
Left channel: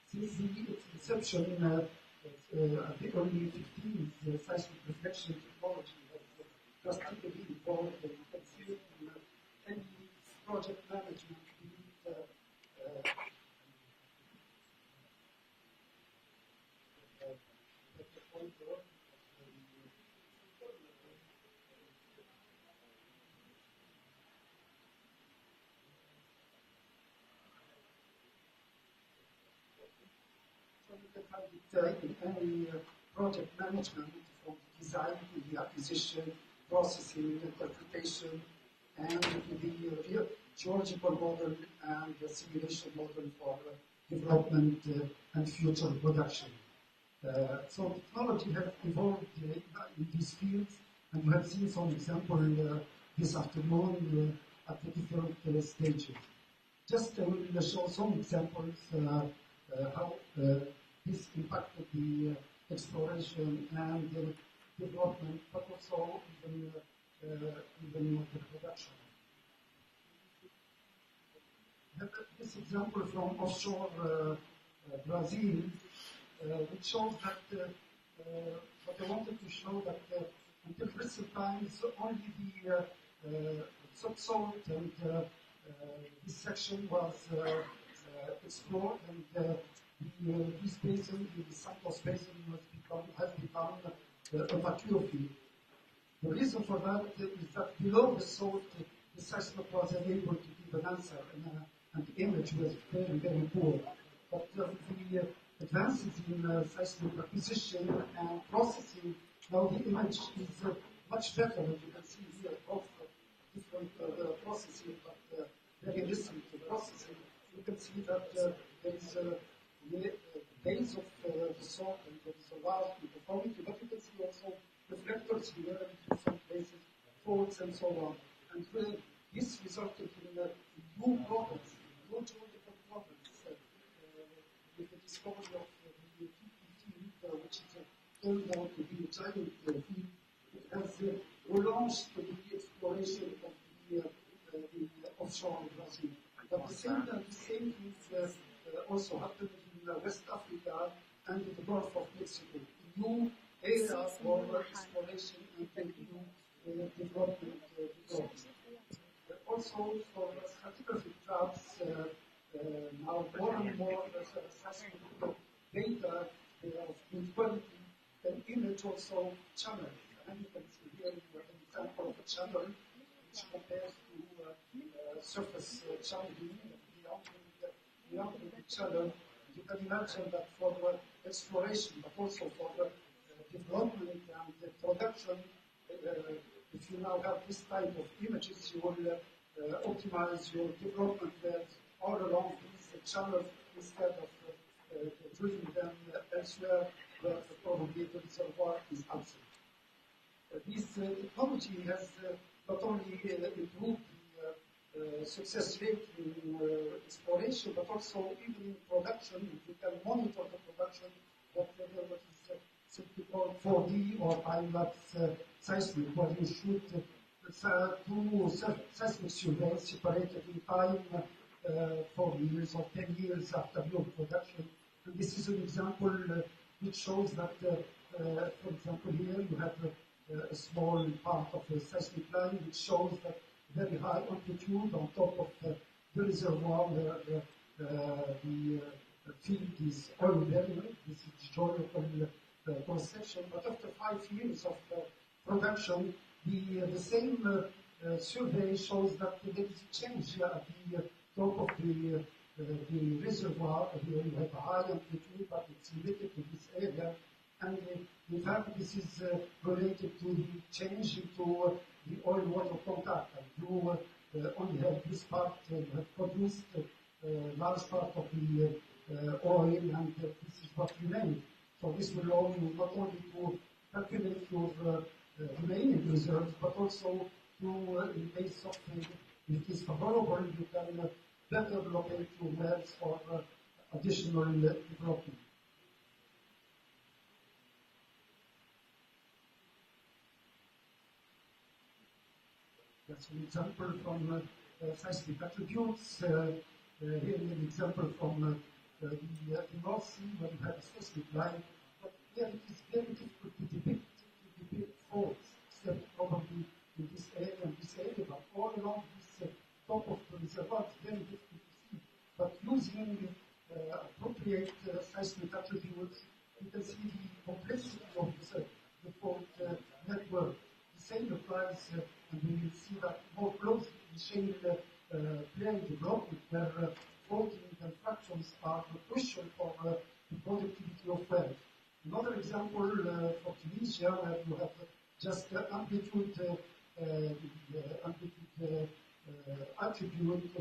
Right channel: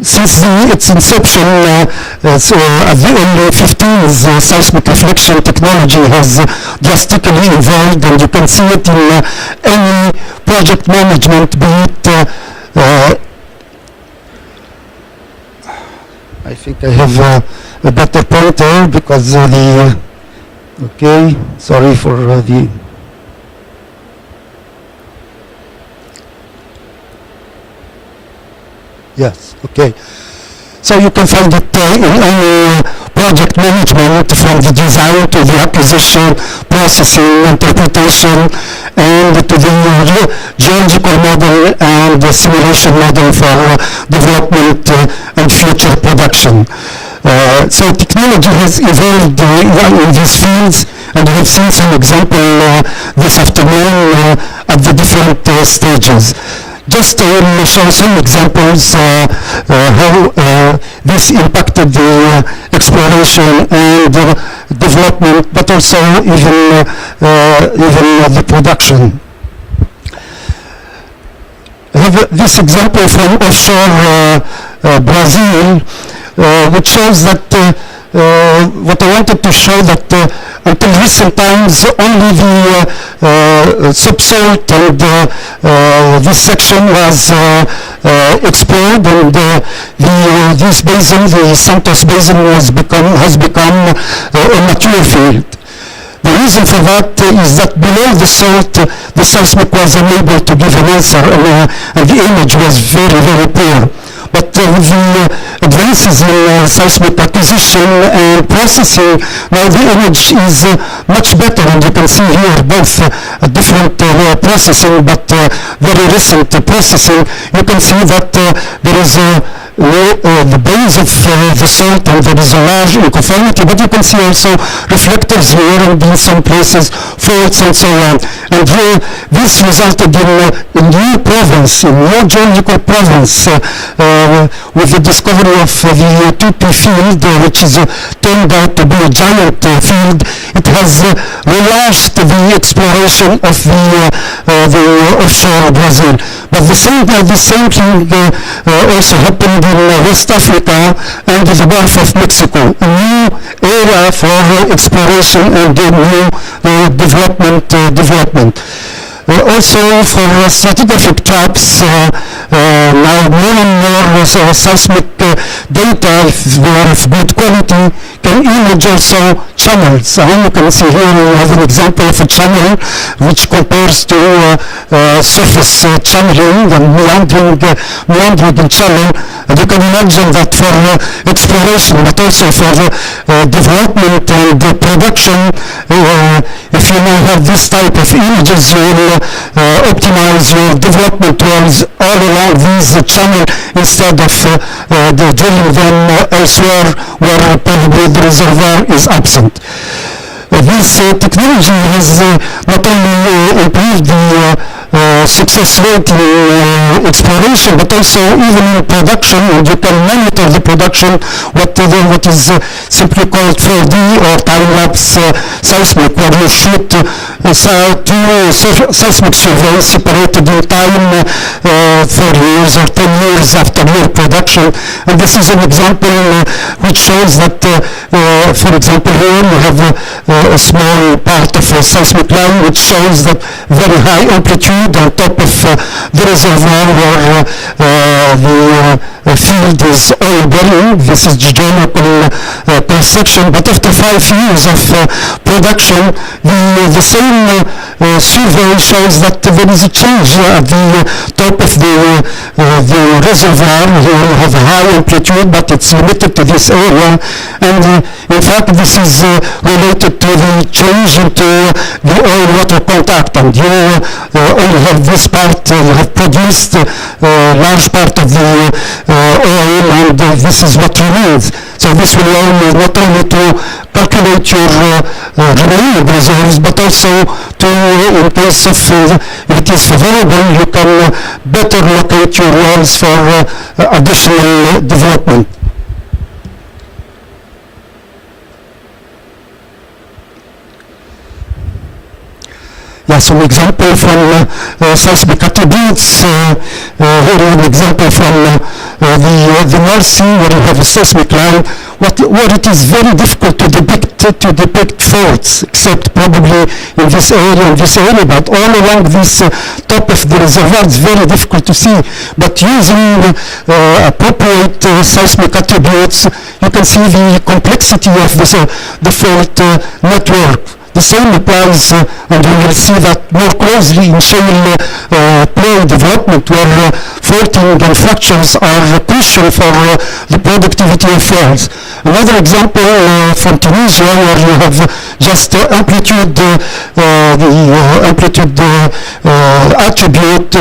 Since its inception at the early 50s, seismic reflection technology has drastically evolved, and you can see it in any project management, be it I think I have a better pointer because the okay, sorry for the yes, okay. So you can find it in any project management, from the design to the acquisition, processing, interpretation, and to the geological model and the simulation model for development and future production. So technology has evolved in these fields, and we have seen some example this afternoon at the different stages. Just to show some examples how this impacted the exploration and development, but also even the production. I have this example from offshore Brazil, which shows that what I wanted to show that until recent times only the subsalt and this section was explored, and this basin, the Santos Basin, has become a mature field. The reason for that is that below the salt, the seismic was unable to give an answer, and the image was very, very poor. But with the advances in seismic acquisition and processing, now the image is much better, and you can see here both different processing, but very recent processing. You can see that there is the base of the salt, and there is a large uniformity, but you can see also reflectors here, and in some places faults and so on. And this resulted in a new province, a new geological province, with the discovery of the 2P field, which is turned out to be a giant field. It has relaunched the exploration of the offshore Brazil. But the same thing also happened in West Africa and the Gulf of Mexico, a new area for exploration and new development. Also for stratigraphic traps, now more and more seismic data, if they are of good quality, can image also channels. You can see here we have an example of a channel which compares to surface channeling and meandering channel. And you can imagine that for exploration, but also for development and production, if you now have this type of images, you will optimize your development wells all along these channel instead of drilling them elsewhere where probably the reservoir is absent. This technology has not only improved the success rate in exploration, but also even in production, and you can monitor the production, what is simply called 4D or time-lapse seismic, where you shoot two seismic surveys separated in time 4 years or 10 years after your production. And this is an example which shows that, for example, here you have a small part of a seismic line which shows that very high amplitude and on top of the reservoir where the field is oil bearing. This is geological cross-section, but after 5 years of production, the same survey shows that there is a change at the top of the reservoir. Here we have a high amplitude, but it's limited to this area, and in fact this is related to the change into the oil-water contact, and you only have this part, you have produced a large part of the oil, and this is what remains. So this will allow you not only to calculate your remaining reserves, but also to, in case of if it is favorable, you can better locate your wells for additional development. Yeah, some example from seismic attributes. Here an example from the North Sea, where you have a seismic line, where it is very difficult to depict faults, except probably in this area, but all along this top of the reservoir it's very difficult to see. But using appropriate seismic attributes, you can see the complexity of the fault network. The same applies, and we will see that more closely in shale play development, where faulting and fractures are crucial for the productivity of wells. Another example from Tunisia, where you have just amplitude, the amplitude attribute,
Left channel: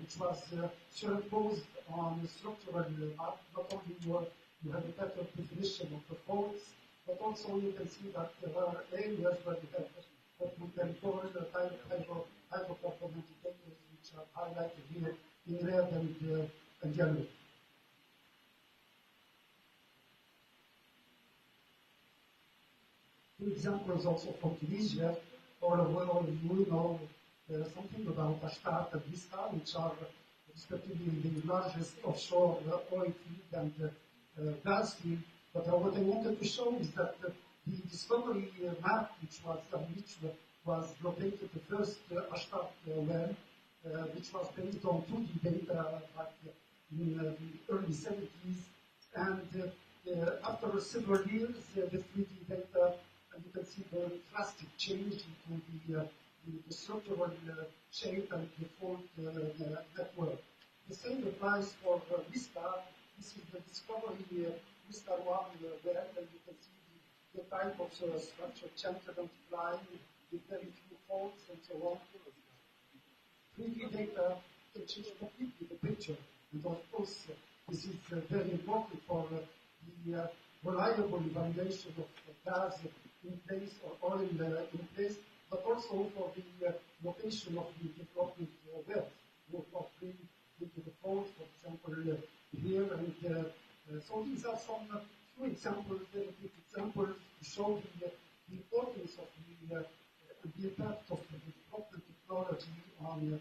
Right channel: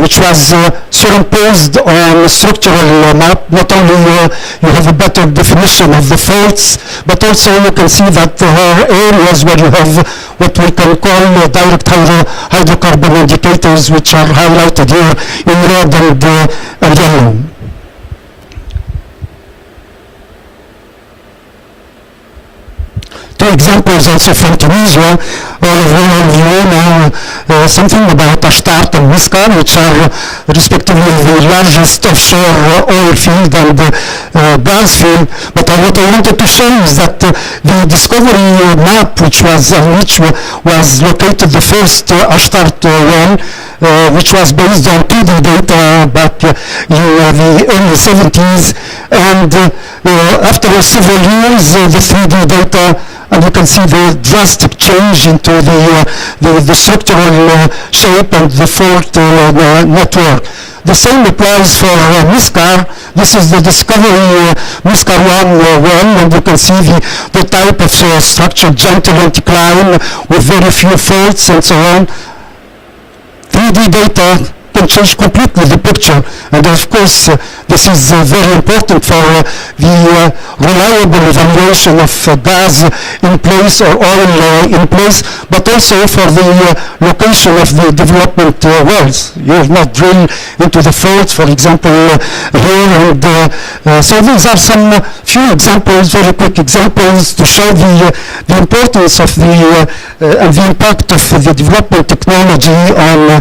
which was superimposed on structural map. Not only you have a better definition of the faults, but also you can see that there are areas where you have what we can call direct hydrocarbon indicators, which are highlighted here in red and yellow. Two examples also from Tunisia. All of you know something about Ashtart and Miskar, which are respectively the largest offshore oil field and gas field. But what I wanted to show is that the discovery map, which was located the first Ashtart well, which was based on 2D data back in the early 70s, and after several years, the 3D data, and you can see the drastic change into the structural shape and the fault network. The same applies for Miskar. This is the discovery Miskar 1 well, and you can see the type of structure, gentle incline with very few faults and so on. 3D data can change completely the picture, and of course this is very important for the reliable evaluation of gas in place or oil in place, but also for the location of the development wells. You will not drill into the faults, for example, here, and so these are some few examples, very quick examples, to show the importance of and the impact of the development technology on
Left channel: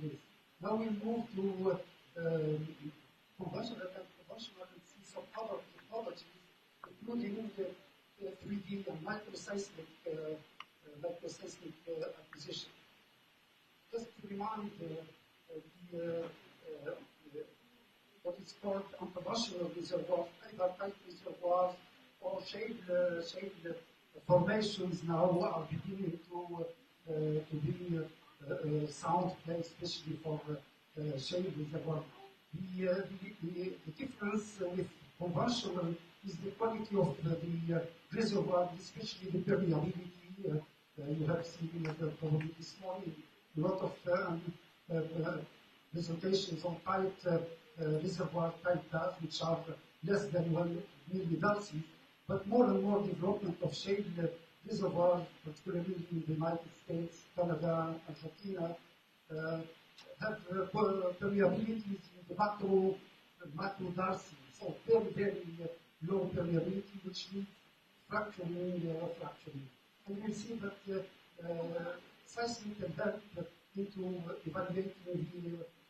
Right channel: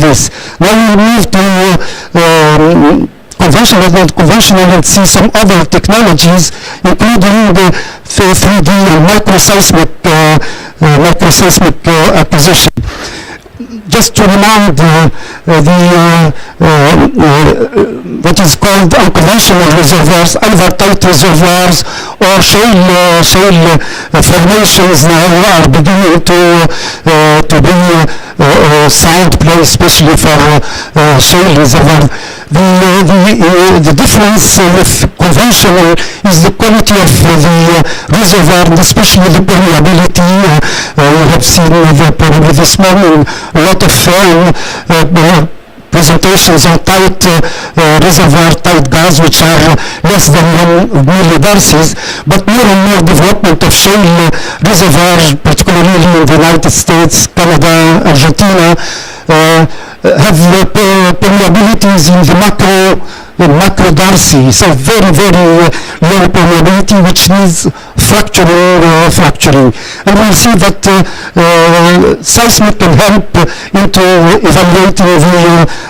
this. Now we move to conventional and non-conventional and see some other technologies, including the 3D and microseismic acquisition. Just to remind what is called unconventional reservoirs, inverted reservoirs, or shale formations now are beginning to be sound play, especially for shale reservoirs. The difference with conventional is the quality of the reservoir, and especially the permeability. We have seen probably this morning a lot of presentations on tight reservoir, tight gas, which are less than 1 millidarcies, but more and more development of shale reservoirs, particularly in the United States, Canada, Argentina, have permeabilities in the macrodarcy, so very, very low permeability, which needs fracturing. And we'll see that seismic can help into evaluating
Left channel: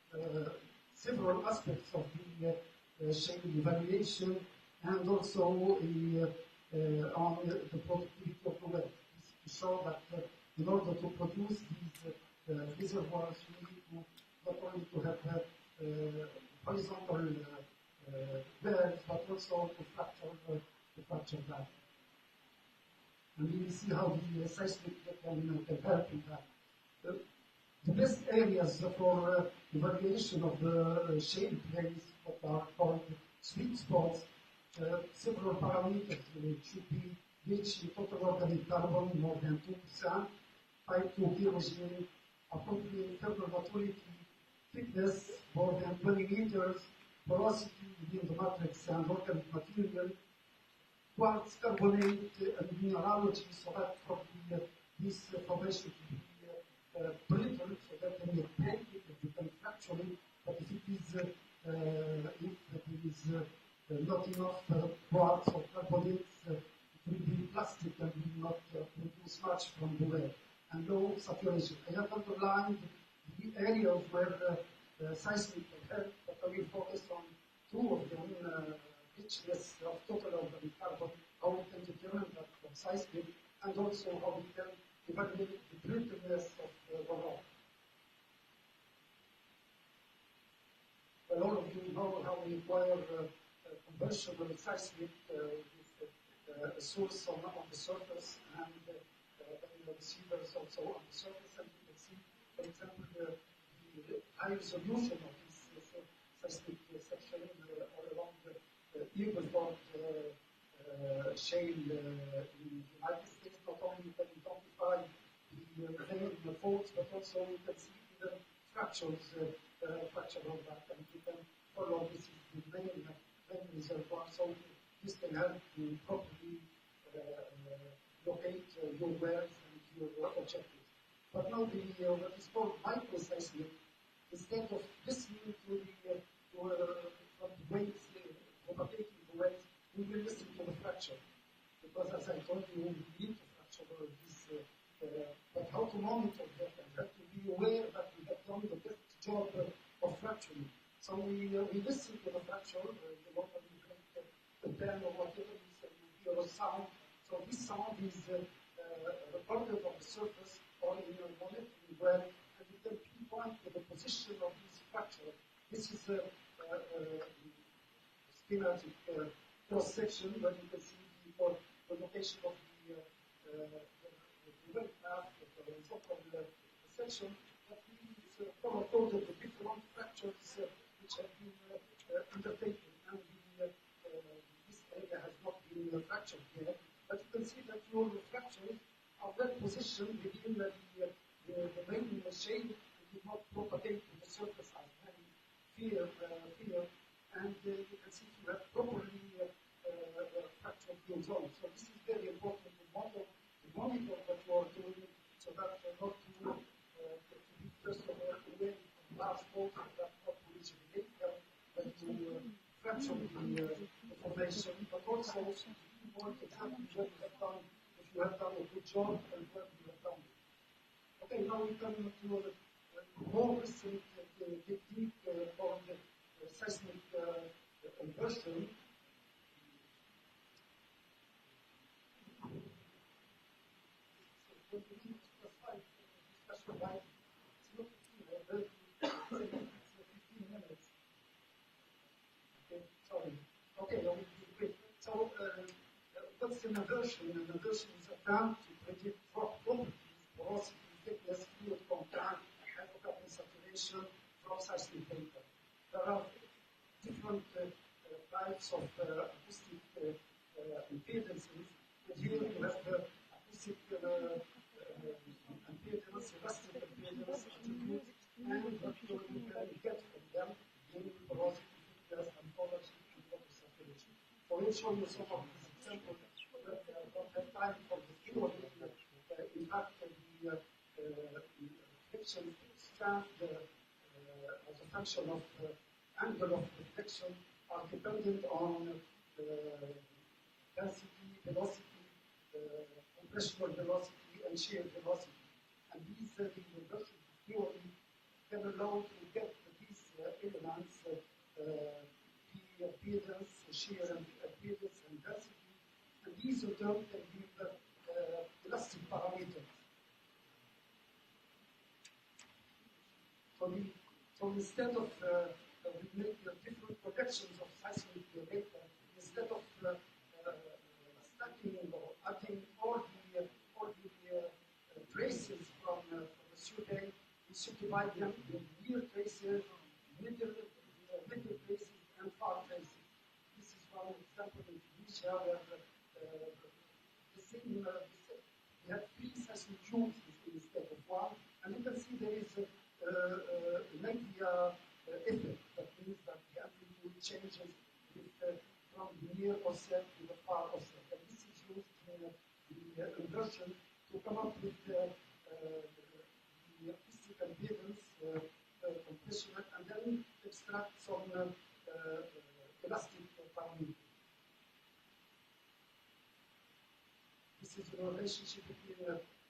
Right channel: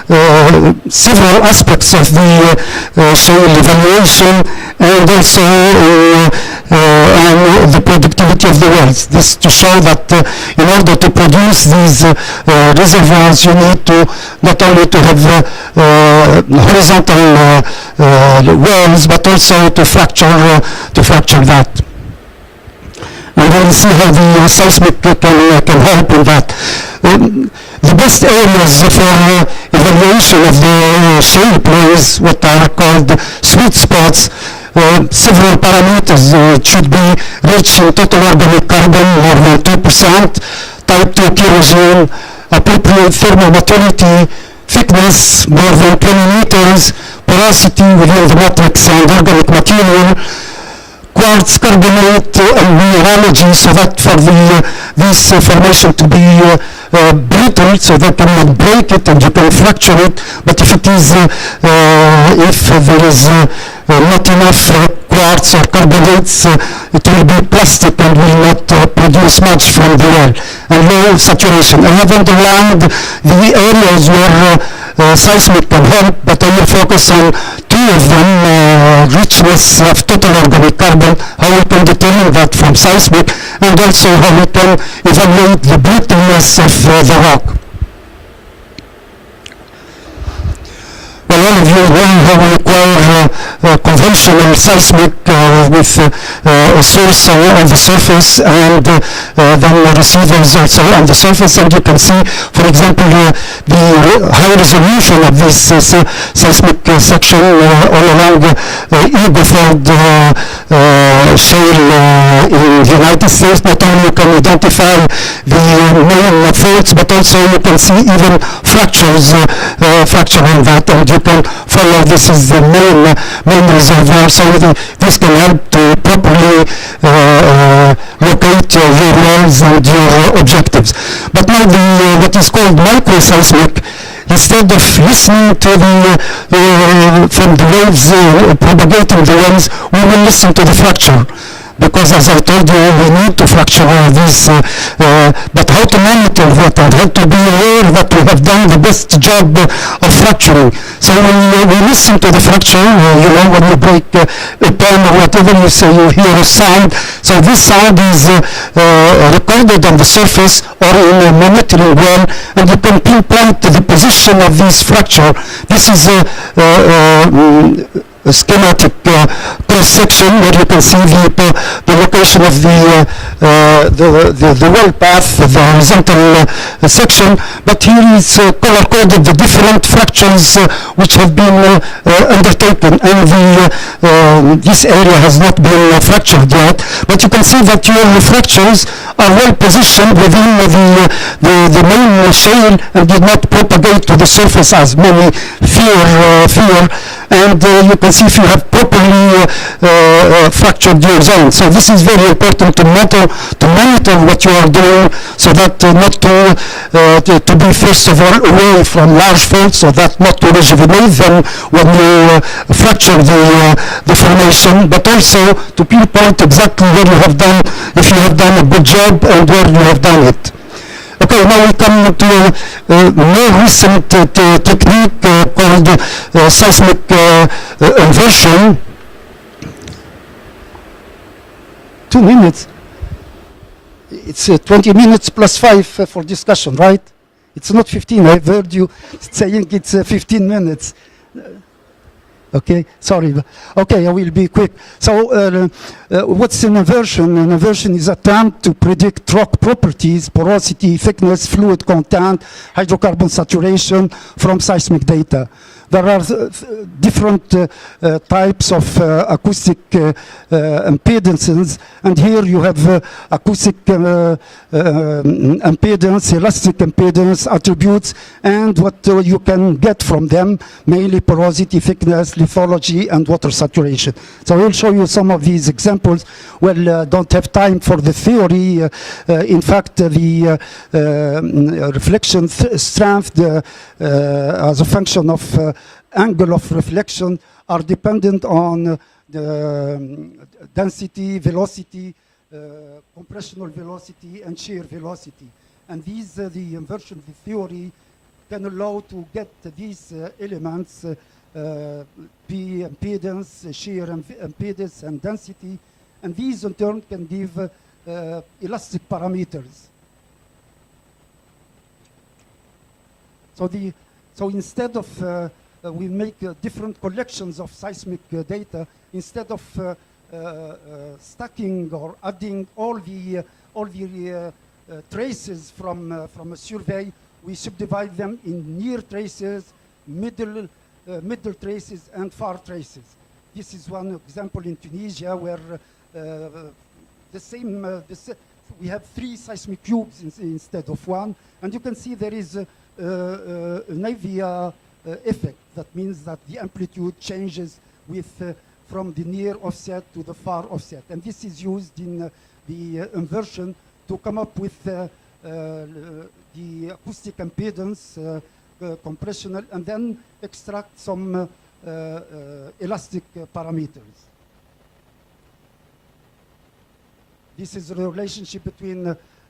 the several aspects of the shale evaluation, and also the productivity of the wells. This to show that in order to produce these reservoirs, you need to not only to have horizontal wells, but also to fracture that. And we'll see how the seismic can help in that. The best areas for evaluation of the shale plays, what are called sweet spots, several parameters should be reaching total organic carbon more than 2%, type 2 kerosene, appropriate thermal maturity, thickness more than 20 meters, porosity within the matrix and organic material, quartz carbonate and mineralogy, so that for this formation to be brittle, so they cannot break it and you can fracture it. But if it is, if there is not enough quartz or carbonates, it will be plastic and will not produce much from the well. And low saturation. I have underlined the areas where seismic can help, but I will focus on two of them, richness of total organic carbon, how we can determine that from seismic, and also how we can evaluate the brittleness of the rock. Well, all of you know how we require conventional seismic with a source on the surface and then receivers also on the surface. And you can see, for example, the high resolution of this seismic section all along Eagle Ford shale in the United States. Not only you can identify the main faults, but also you can see even fractures fracturing that, and you can follow this is the main reservoir, so this can help to properly locate your wells and your objectives. But now what is called microseismic, instead of listening to from the waves propagating the winds, we will listen to the fracture. Because as I told you, we need to fracture this, but how to monitor that and how to be aware that we have done the best job of fracturing. So when we listen to the fracture, you know, when you break a pen or whatever, you say you hear a sound. So this sound is recorded on the surface or in a monitoring well, and you can pinpoint the position of this fracture. This is a schematic cross-section where you can see the location of the well path, the horizontal section, but here is color-coded the different fractures which have been undertaken, and this area has not been fractured yet, but you can see that your fractures are well positioned within the main shale and did not propagate to the surface as many fear, and you can see if you have properly fractured your zone. So this is very important to monitor what you are doing, so that not to be first of all away from large faults, so that not to rejuvenate them when you fracture the formation, but also to pinpoint exactly where you have done, if you have done a good job and where you have done it. Okay, now we come to a more recent technique called seismic inversion. 2 minutes. It's 20 minutes plus 5 for discussion, right? It's not 15. I've heard you saying it's 15 minutes. Okay, sorry. Okay, I will be quick. So what's an inversion? An inversion is an attempt to predict rock properties, porosity, thickness, fluid content, hydrocarbon saturation from seismic data. There are different types of acoustic impedances, and here you have acoustic impedance, elastic impedance attributes, and what you can get from them, mainly porosity, thickness, lithology, and water saturation. So I will show you some of these examples. Well, don't have time for the theory. In fact, the reflection strength as a function of angle of reflection are dependent on the density, velocity, compressional velocity, and shear velocity. And these, the inversion theory can allow to get these elements, P impedance, shear impedance, and density, And these in turn can give elastic parameters. So instead of we make different collections of seismic data, instead of stacking or adding all the traces from a survey, we subdivide them in near traces, middle traces, and far traces. This is one example in Tunisia where we have 3 seismic cubes instead of 1, and you can see there is an avia effect. That means that the amplitude changes from the near offset to the far offset, and this is used in the inversion to come up with the acoustic impedance compressional, and then extract some elastic parameters. This is the relationship between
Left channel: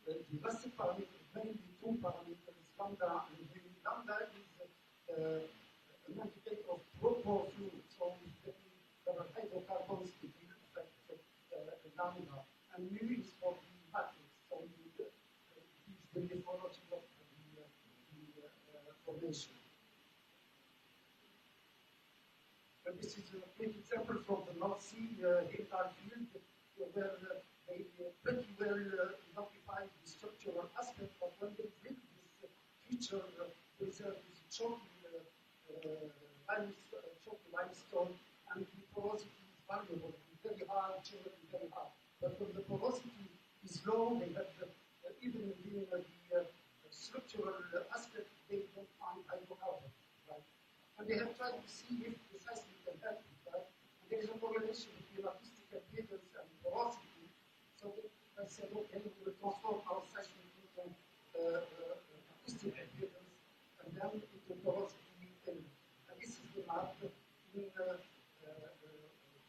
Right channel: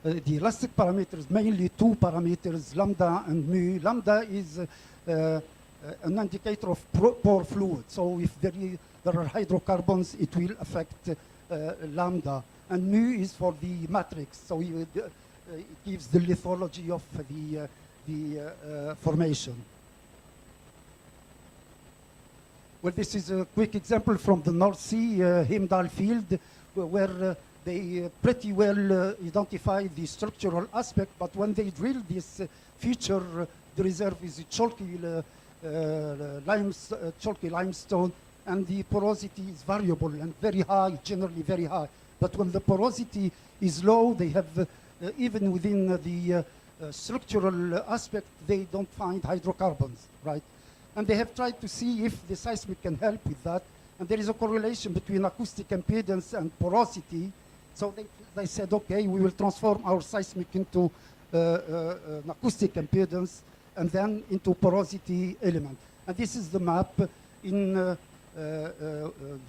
the elastic parameters, mainly 2 parameters, lambda and mu. Lambda is an indicator of pore fluid. So if there are hydrocarbons, it will affect lambda. And mu is for the matrix. So it gives the lithology of the formation. Well, this is a quick example from the North Sea, Heimdall field, where they pretty well identify the structural aspect, but when they drill this feature, the reserve is chalky limestone, and the porosity is variable and very high, generally very high. But when the porosity is low, they have, even within the structural aspect, they don't find hydrocarbons, right? And they have tried to see if the seismic can help with that. And there is a correlation between acoustic impedance and porosity. So they said, okay, we will transform our seismic into an acoustic impedance and then into porosity element. And this is the map. In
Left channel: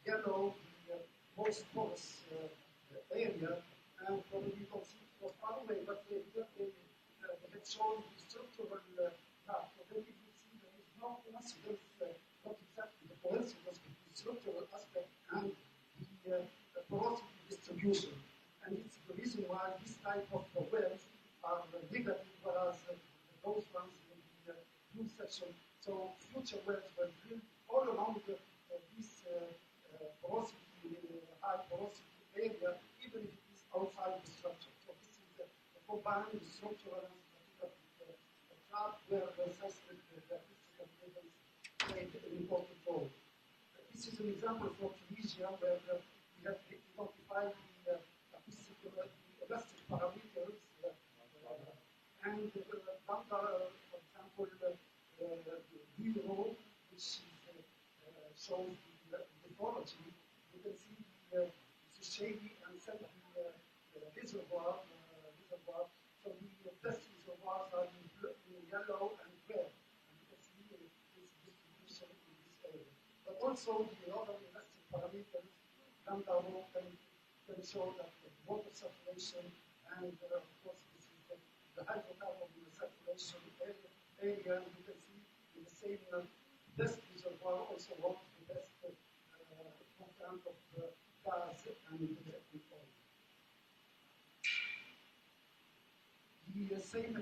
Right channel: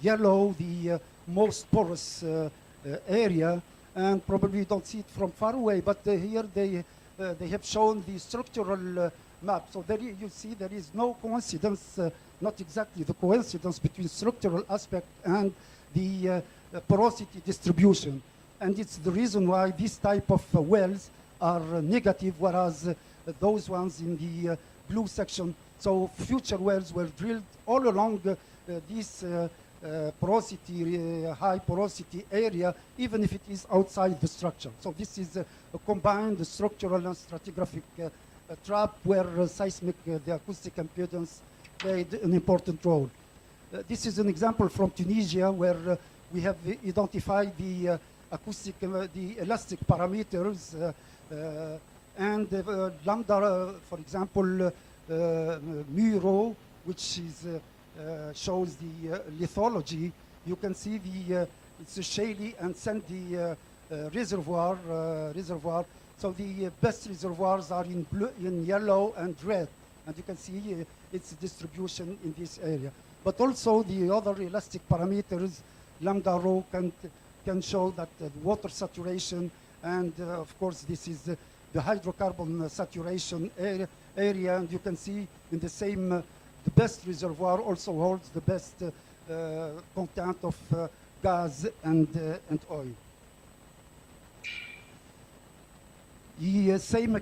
yellow, the most porous area, and probably you don't see it from far away, but here they have shown the structural map. So there you see there is no coincidence, not exactly the coincidence between structural aspect and the porosity distribution. And it's the reason why this type of wells are negative, whereas those ones in the blue section, so future wells were drilled all along this porosity, high porosity area, even if it is outside the structure. So this is a combined structural and stratigraphic trap where seismic, the acoustic impedance played an important role. This is an example from Tunisia where we have identified the acoustic, the elastic parameters, and lambda, for example, mu rho, which is shows the lithology. You can see it's a shaly and sandy reservoir. So the best reservoirs are in blue, in yellow, and red, and you can see its distribution in this area. But also the other elastic parameters, lambda rho, can show that the water saturation, and of course this is the hydrocarbon saturation area, and you can see in the same, the best reservoir also holds the best content of gas and oil. The same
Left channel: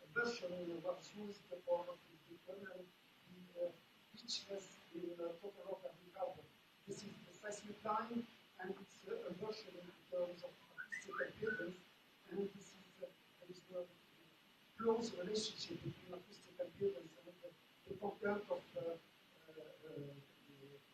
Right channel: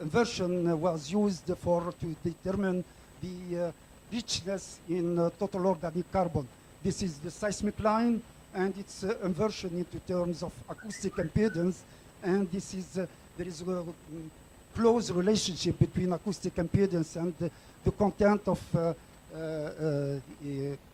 inversion was used to determine the richness in total organic carbon. This is the seismic line, and its inversion into terms of acoustic impedance, and this is there is a close relationship between acoustic impedance and the content of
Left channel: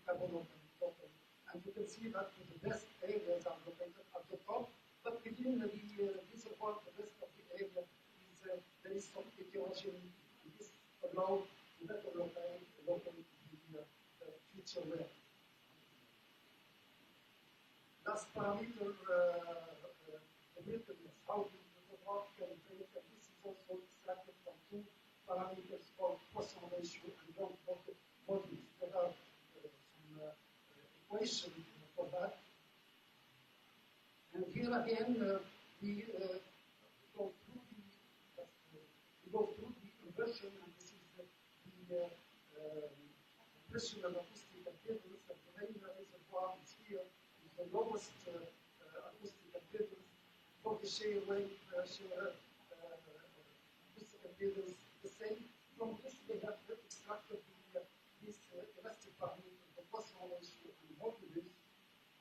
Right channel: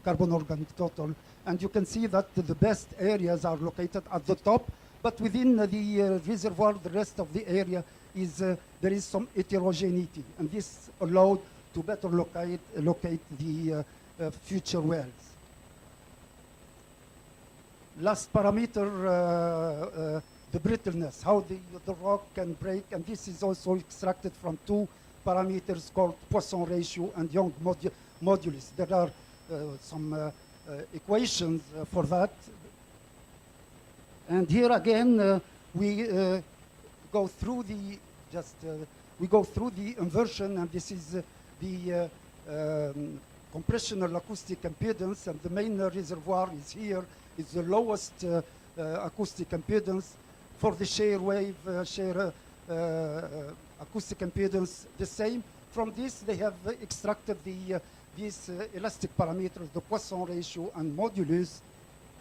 carbon organic total. And you can see that the best areas are located at the top, but within the reservoir, the rest of the area is there is some heterogeneity, and this allowed to better locate the future wells. Last parameter, the brittleness, how the rock can break, and this is also extracted from 2 parameters called Poisson ratio and Young modulus. There are some equations for that. And here again, we go through the inversion, and this is the compressional acoustic impedance, and the main reservoir is here. It's the lowest acoustic impedance. For the shear wave, acoustic impedance, the same. From this, they have extracted these elastic parameters, the Poisson ratio and modulus,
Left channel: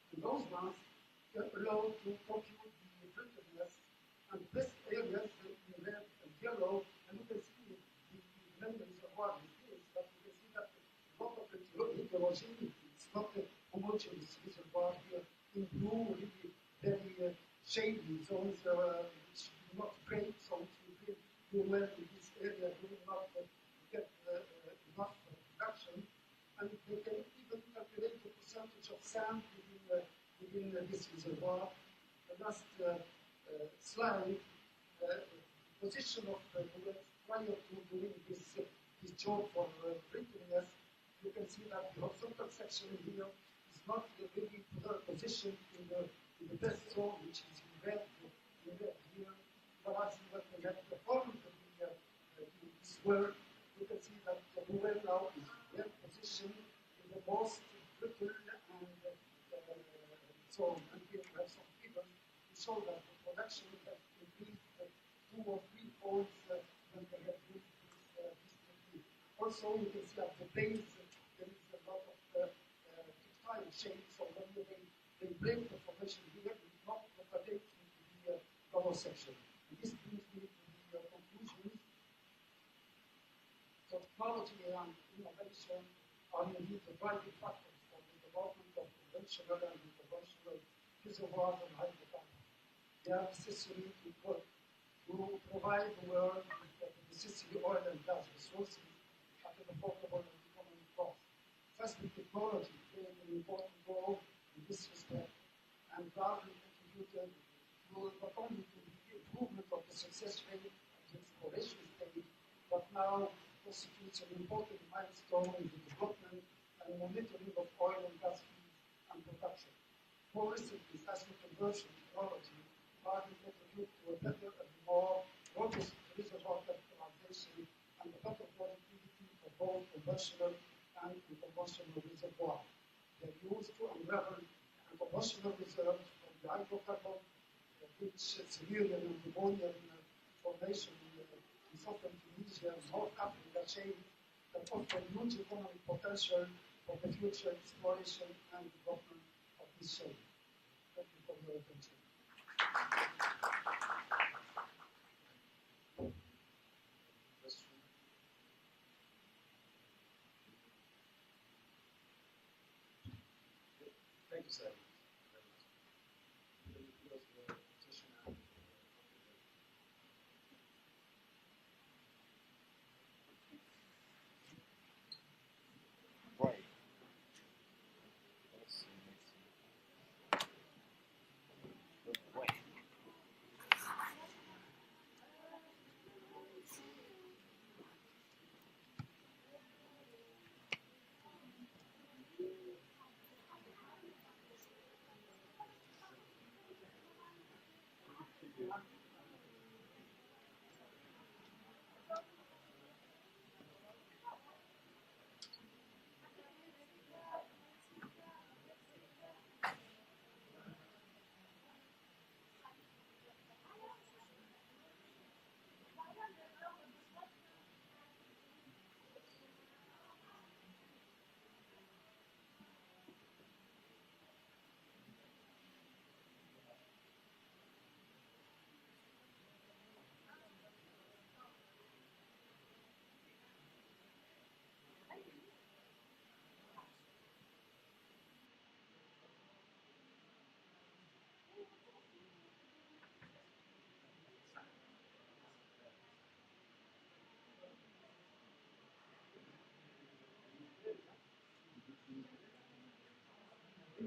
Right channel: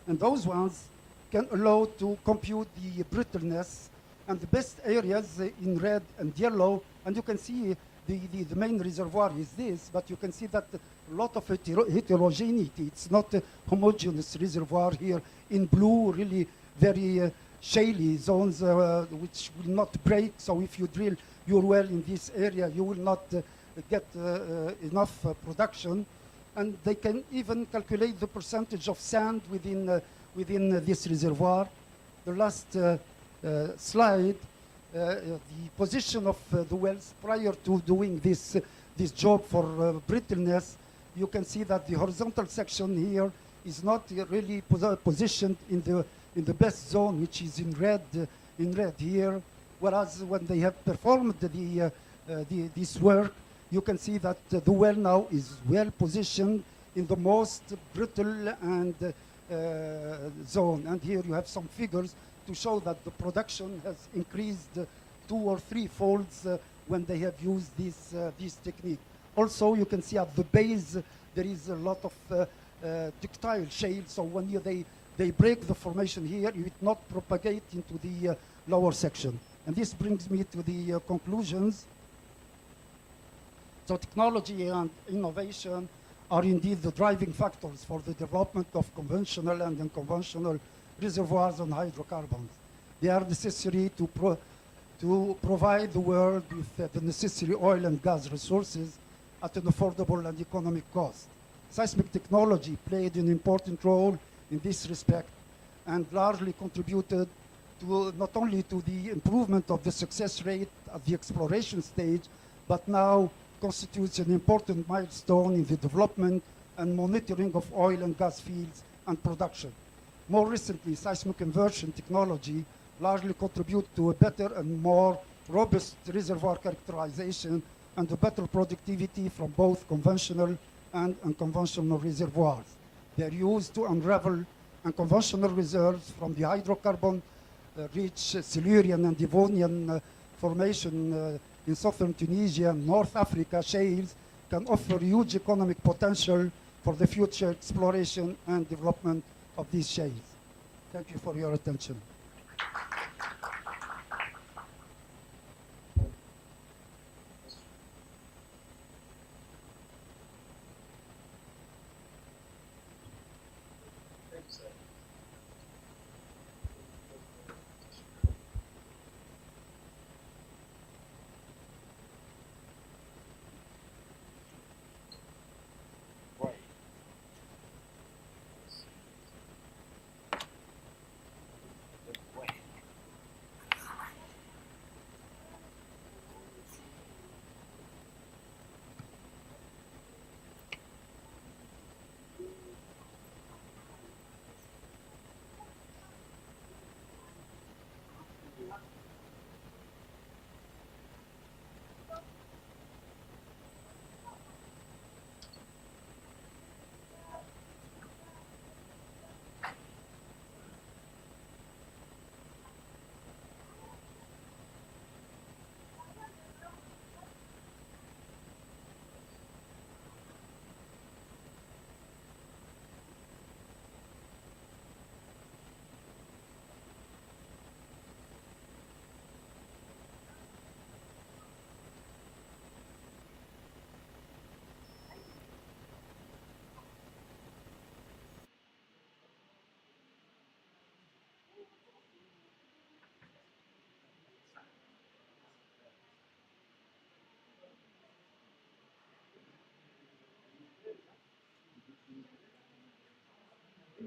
and those ones can allow to compute the brittleness and the best areas in red and yellow. And you can see the main reservoir is this, but you can see that a lot of heterogeneity. It's not a homogeneous reservoir here. In blue, really very shaly zones which will not break. So if you drill your well in this area, you will not get enough production. And they can even calculate the percentage of sand within this reservoir. The last slide, the position of the wells prior to doing this job for brittleness, you can see that the horizontal section here is not really positioned in the best zone, which is in red here. Whereas when they have performed this work, you can see that the well now is well positioned in the most brittle and zone. And here you have some figures to show that the production has increased 2 or 3 folds when they have used this technique. Also, you can see at the base there is a lot of ductile shale. So when they break the formation here, it will not propagate into the lower section. And this brings me to the conclusions. So technology and innovation are indeed the driving factors for the development of conventional and unconventional reservoirs and hydrocarbons. They are necessary to provide the world with the necessary oil and gas resources at an affordable and economic cost. Seismic technology played an important role in this respect and largely contributed to not only to the improvement of the success rate at the exploration stage, but now constitutes an important milestone in the development and monitoring of oil and gas fields and production. More recently, seismic inversion technology largely contribute to a better and more robust reservoir characterization and a better productivity from both conventional and unconventional reservoirs. They are used to unravel unconventional reserves from the hydrocarbon rich Silurian and Devonian formation in southern Tunisia and North Africa shales can offer huge economic potential for the future exploration and development of these shales. Thank you for your attention. Thank you, sir. Right. Let's see.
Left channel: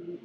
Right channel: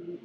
Wait.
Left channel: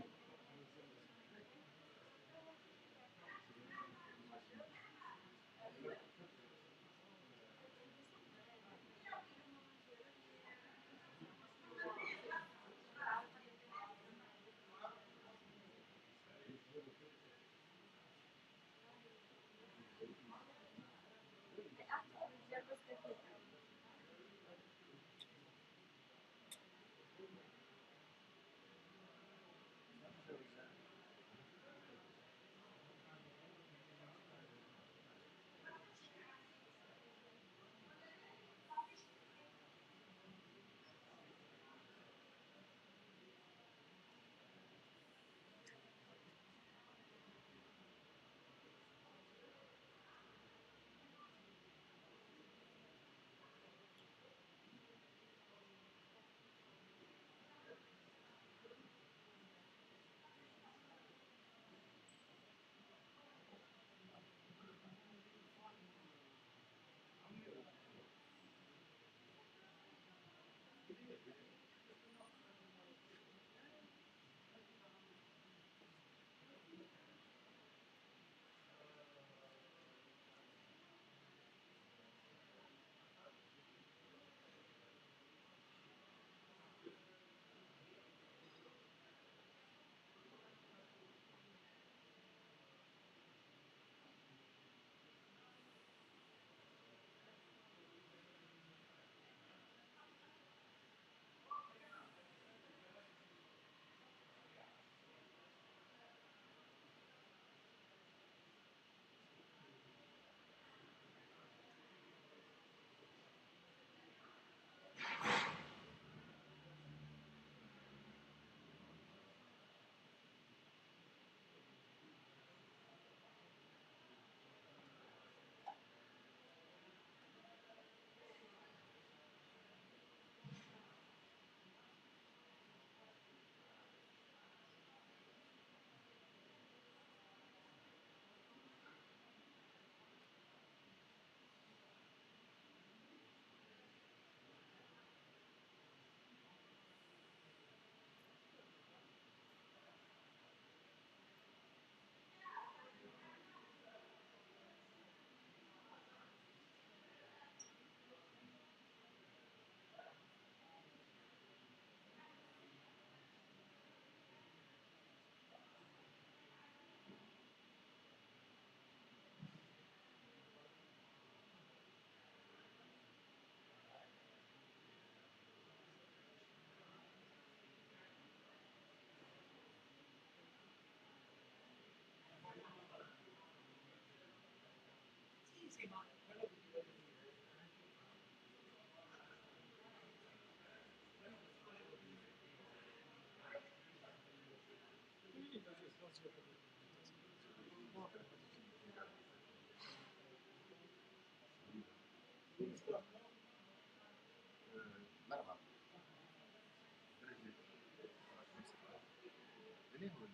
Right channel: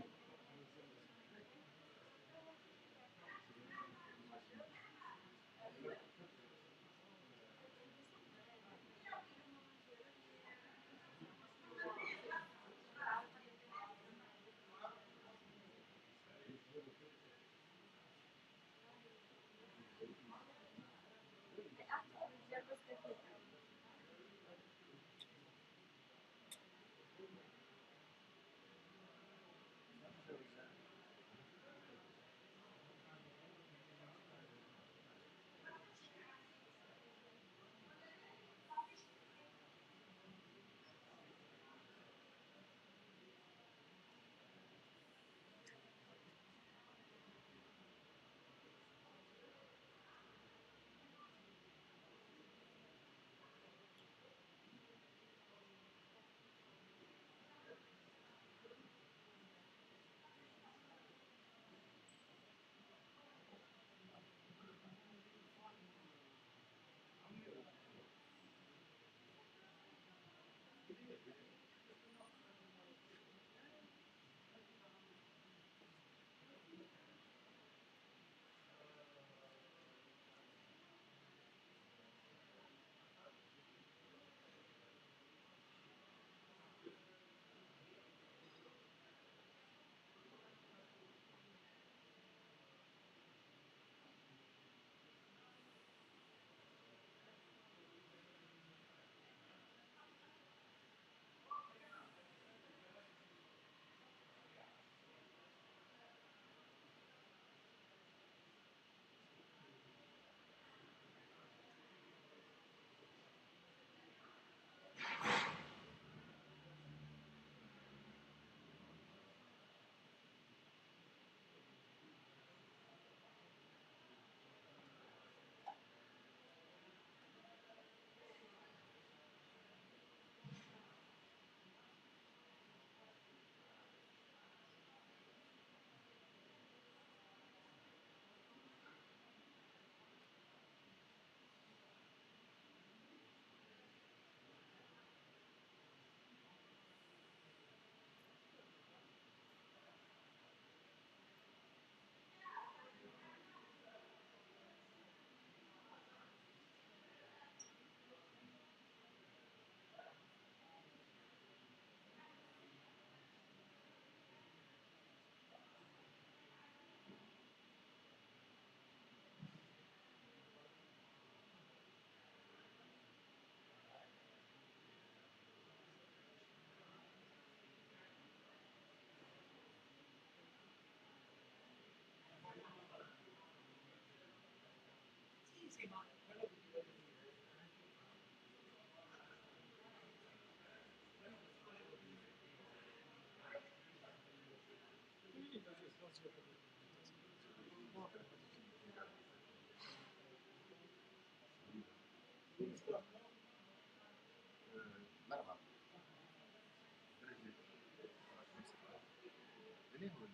مرحبا. ليه هو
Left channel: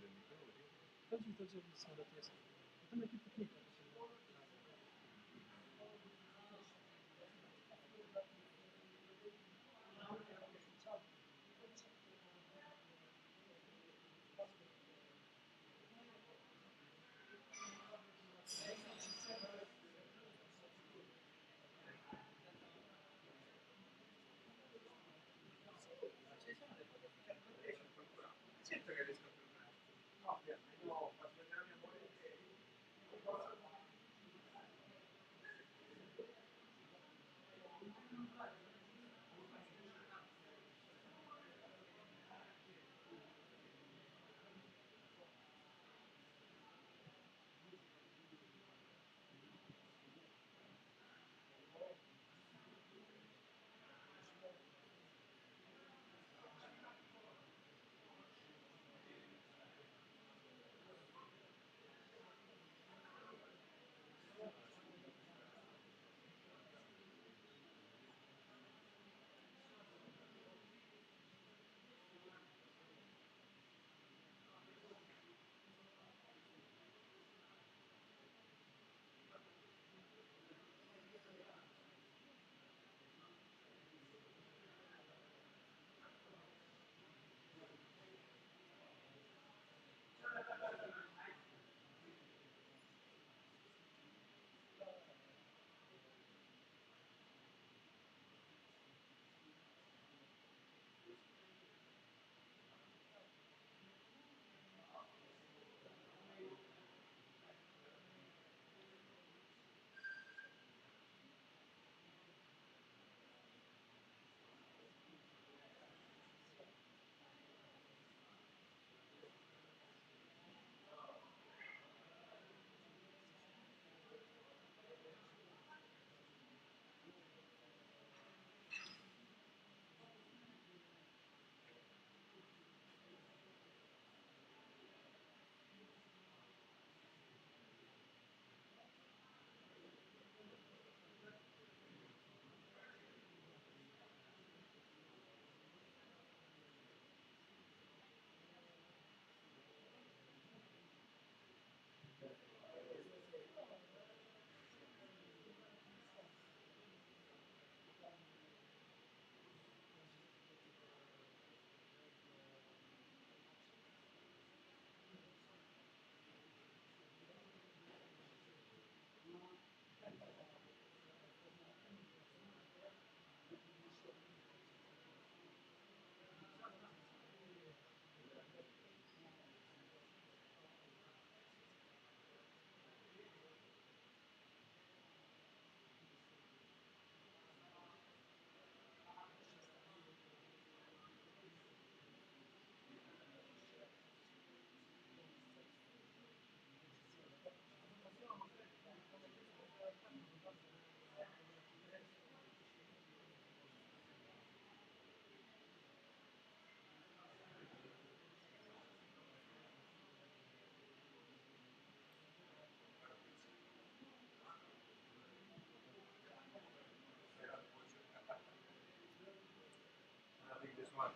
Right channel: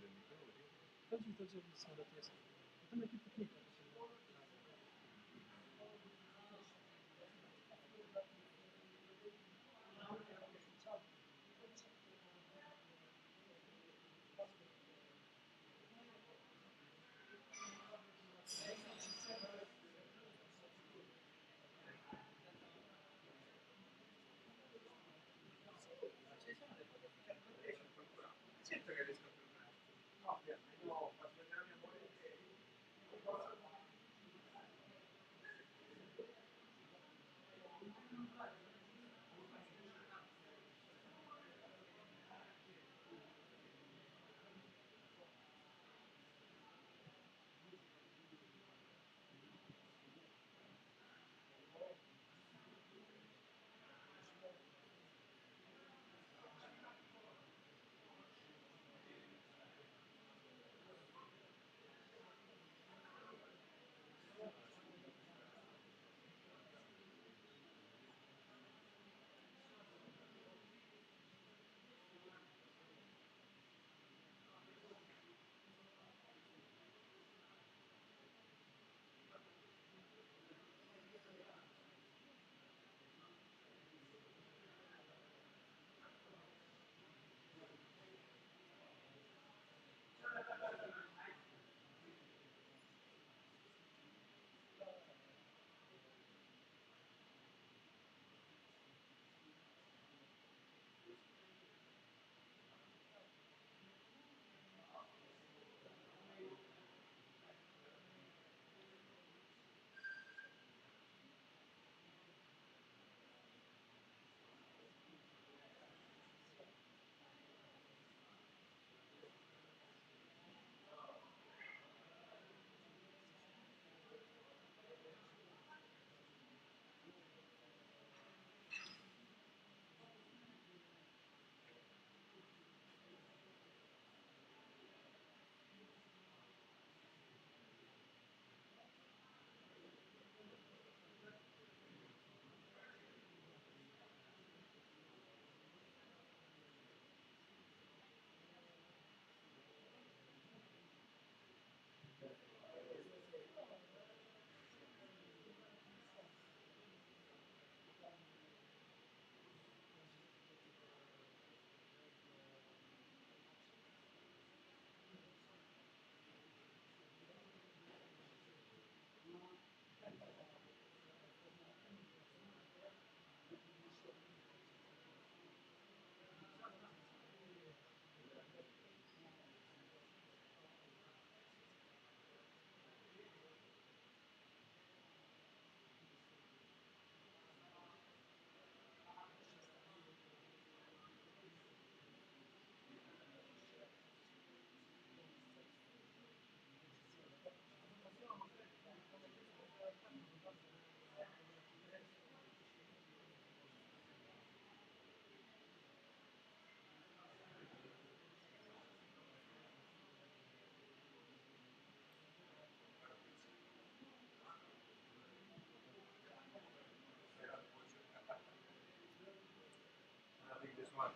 I think this one.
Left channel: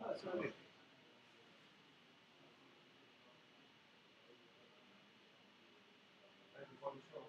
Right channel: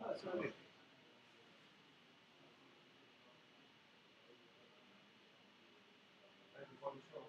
That's only. Thank you for the show.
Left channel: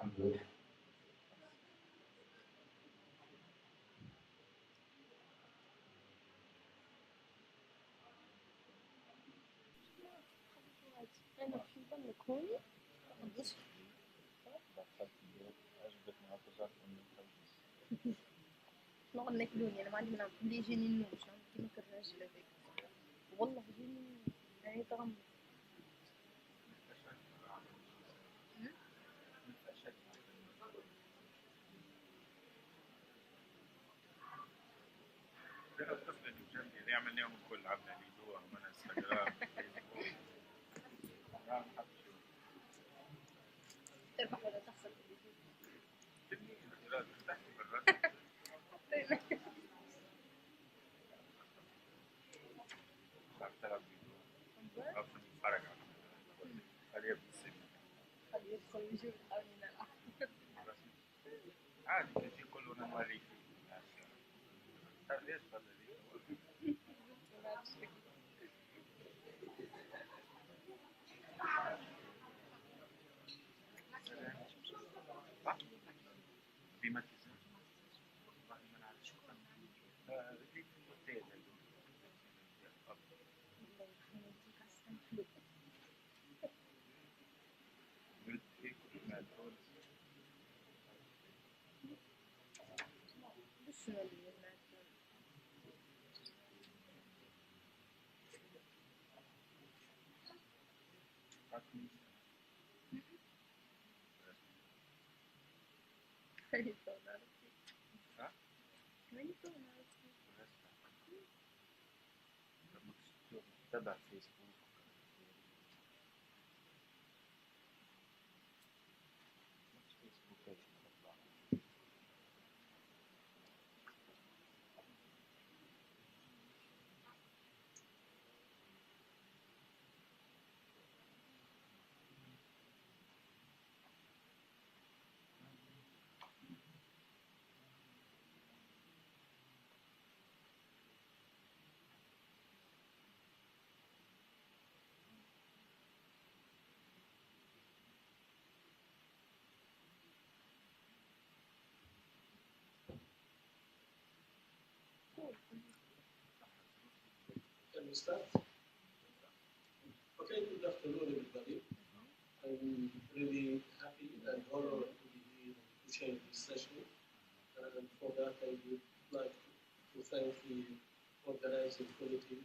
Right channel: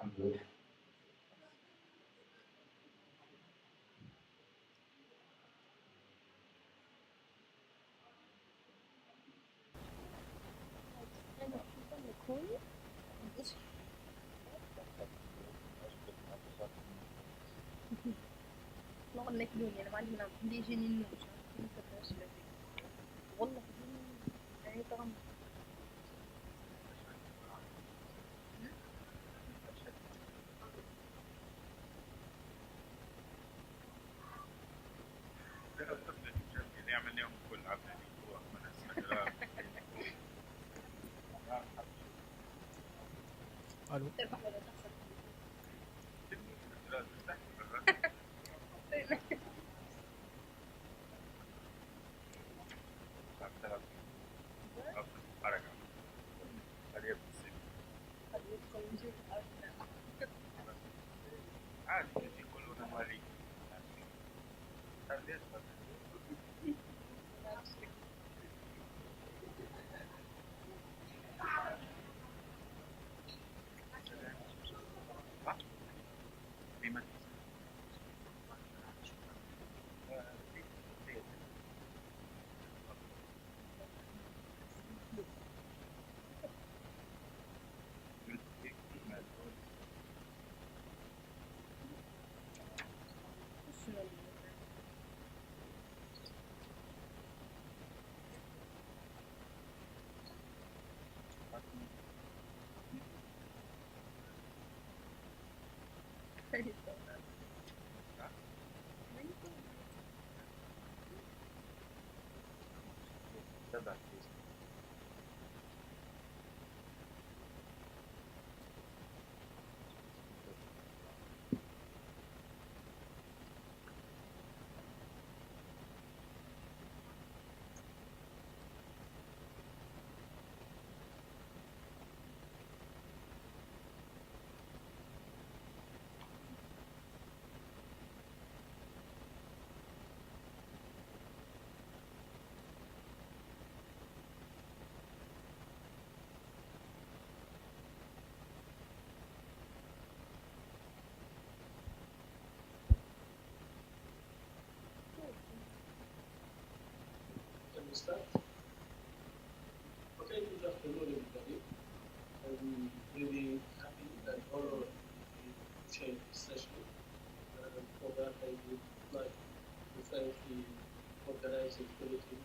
I'm good. والله انك دوني انا ما عندي منام اللي يجيني النوم شلون كنت كرهش لذيذ والله دوني يعني تغمض يعمل يوم كل عبنا هو من انستغرام تربح ولا تخسر قد يدخل وجود او لا عادي يجي كلنا مريض ليش بما تبع فيسبوك Can we start? Okay, good afternoon, everybody. I'm really happy and honored to chair this session. And for that, I would like to thank the organizing committee,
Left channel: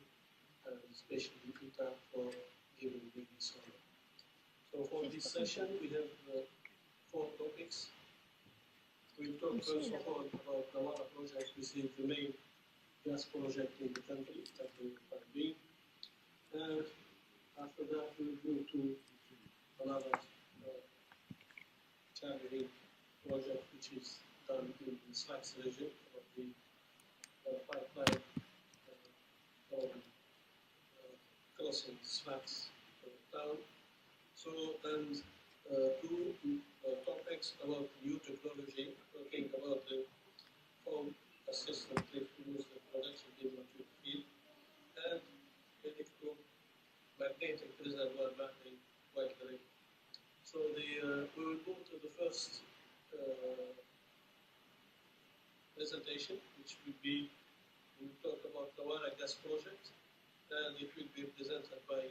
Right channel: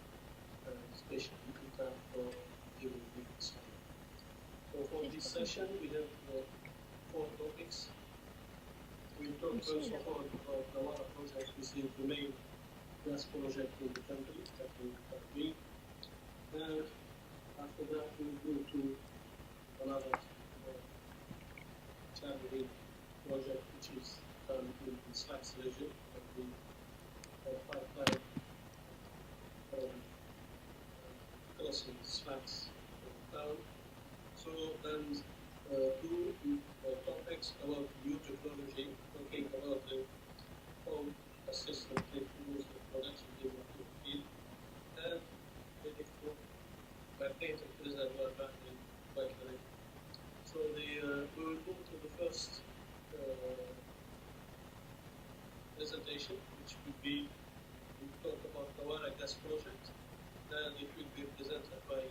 especially ETAP, for giving me this honor. So for this session, we have 4 topics. We'll talk first of all about the water project, which is the main gas project in the country that we are doing. And after that, we'll go to another challenging project, which is done in the Sfax region of the pipeline crossing Sfax town. So, and 2 topics about new technology, talking about the home assistant technologies the production in the field, and magnetic reservoir battery battery. So we will go to the first presentation, which will be, we will talk about the Wara gas project, and it will be presented by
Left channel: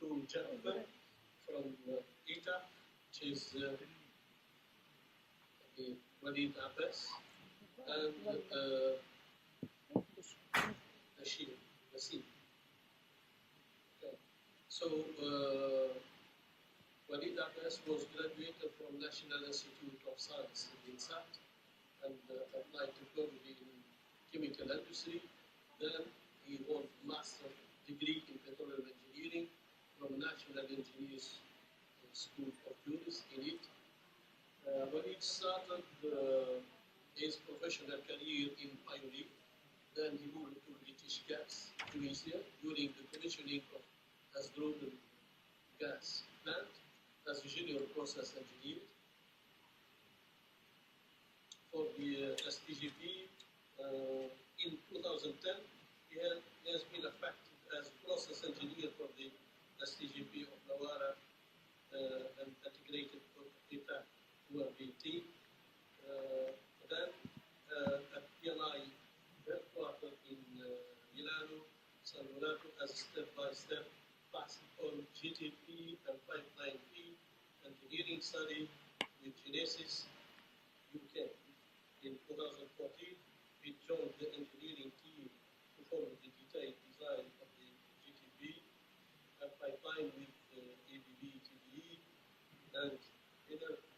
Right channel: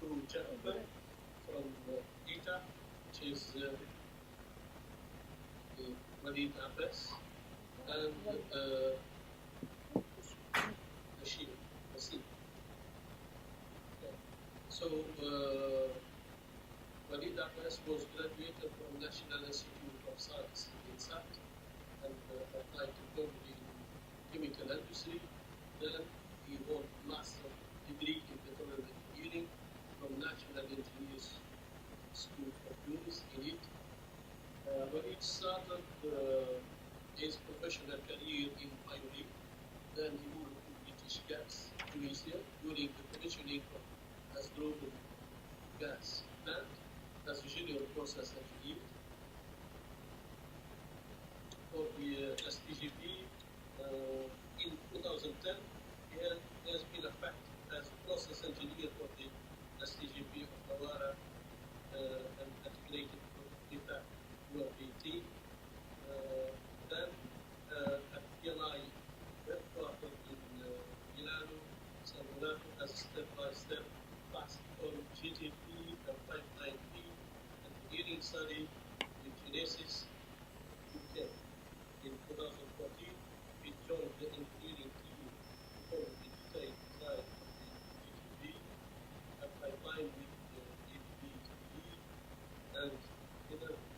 2 gentlemen from ETAP, which is Walid Abbas and Nassim. Okay. So Walid Abbas was graduated from National Institute of Science in SAT and applied technology in chemical industry. Then he won master degree in petroleum engineering from National Engineers School of Tunis in it. Walid started his professional career in IOD. Then he moved to British Gas, Tunisia, during the commissioning of Asdrubal gas plant as a junior process engineer. For the STGP, in 2010, he has been affected as process engineer for the STGP of Nawara and integrated the engineering team performed the detailed design of the GTP, a pipeline with the ABB TBE, and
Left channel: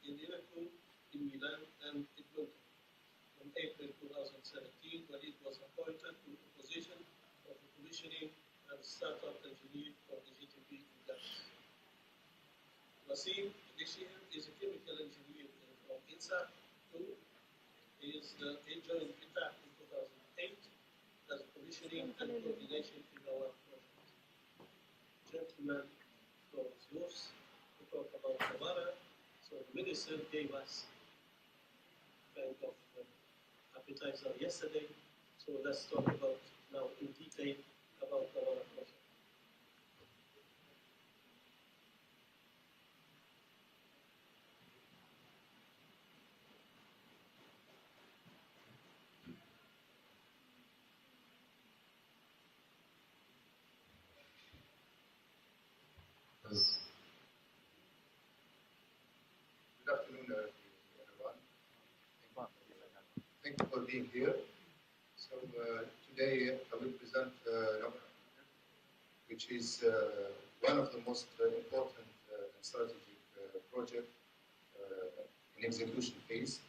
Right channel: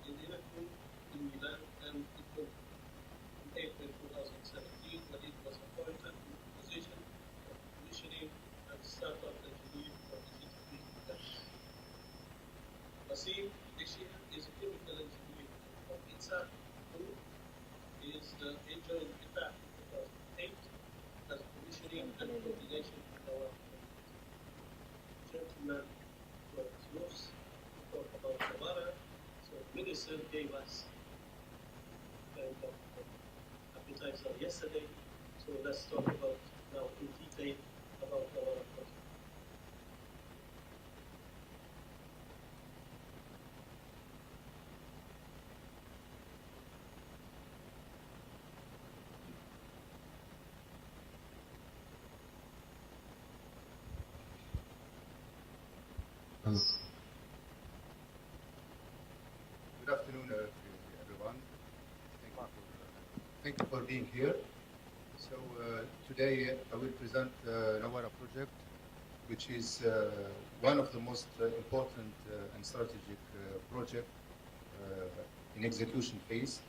Inelaku in Milan, and it went in April 2017 when it was appointed to the position of commissioning and startup engineer for the GTP project. Wasim Deshir is a chemical engineer from ETAP. He joined ETAP in 2008 as commissioning and coordination in our project. Gentlemen, floor is yours to talk about Nawara. So the minister gave us kind of appetizer yesterday. So let's talk about now in detail about Nawara project. Good afternoon, everyone. Thank you for being here. So today I will present the Nawara project, which is one of the most important and strategic project in execution phase.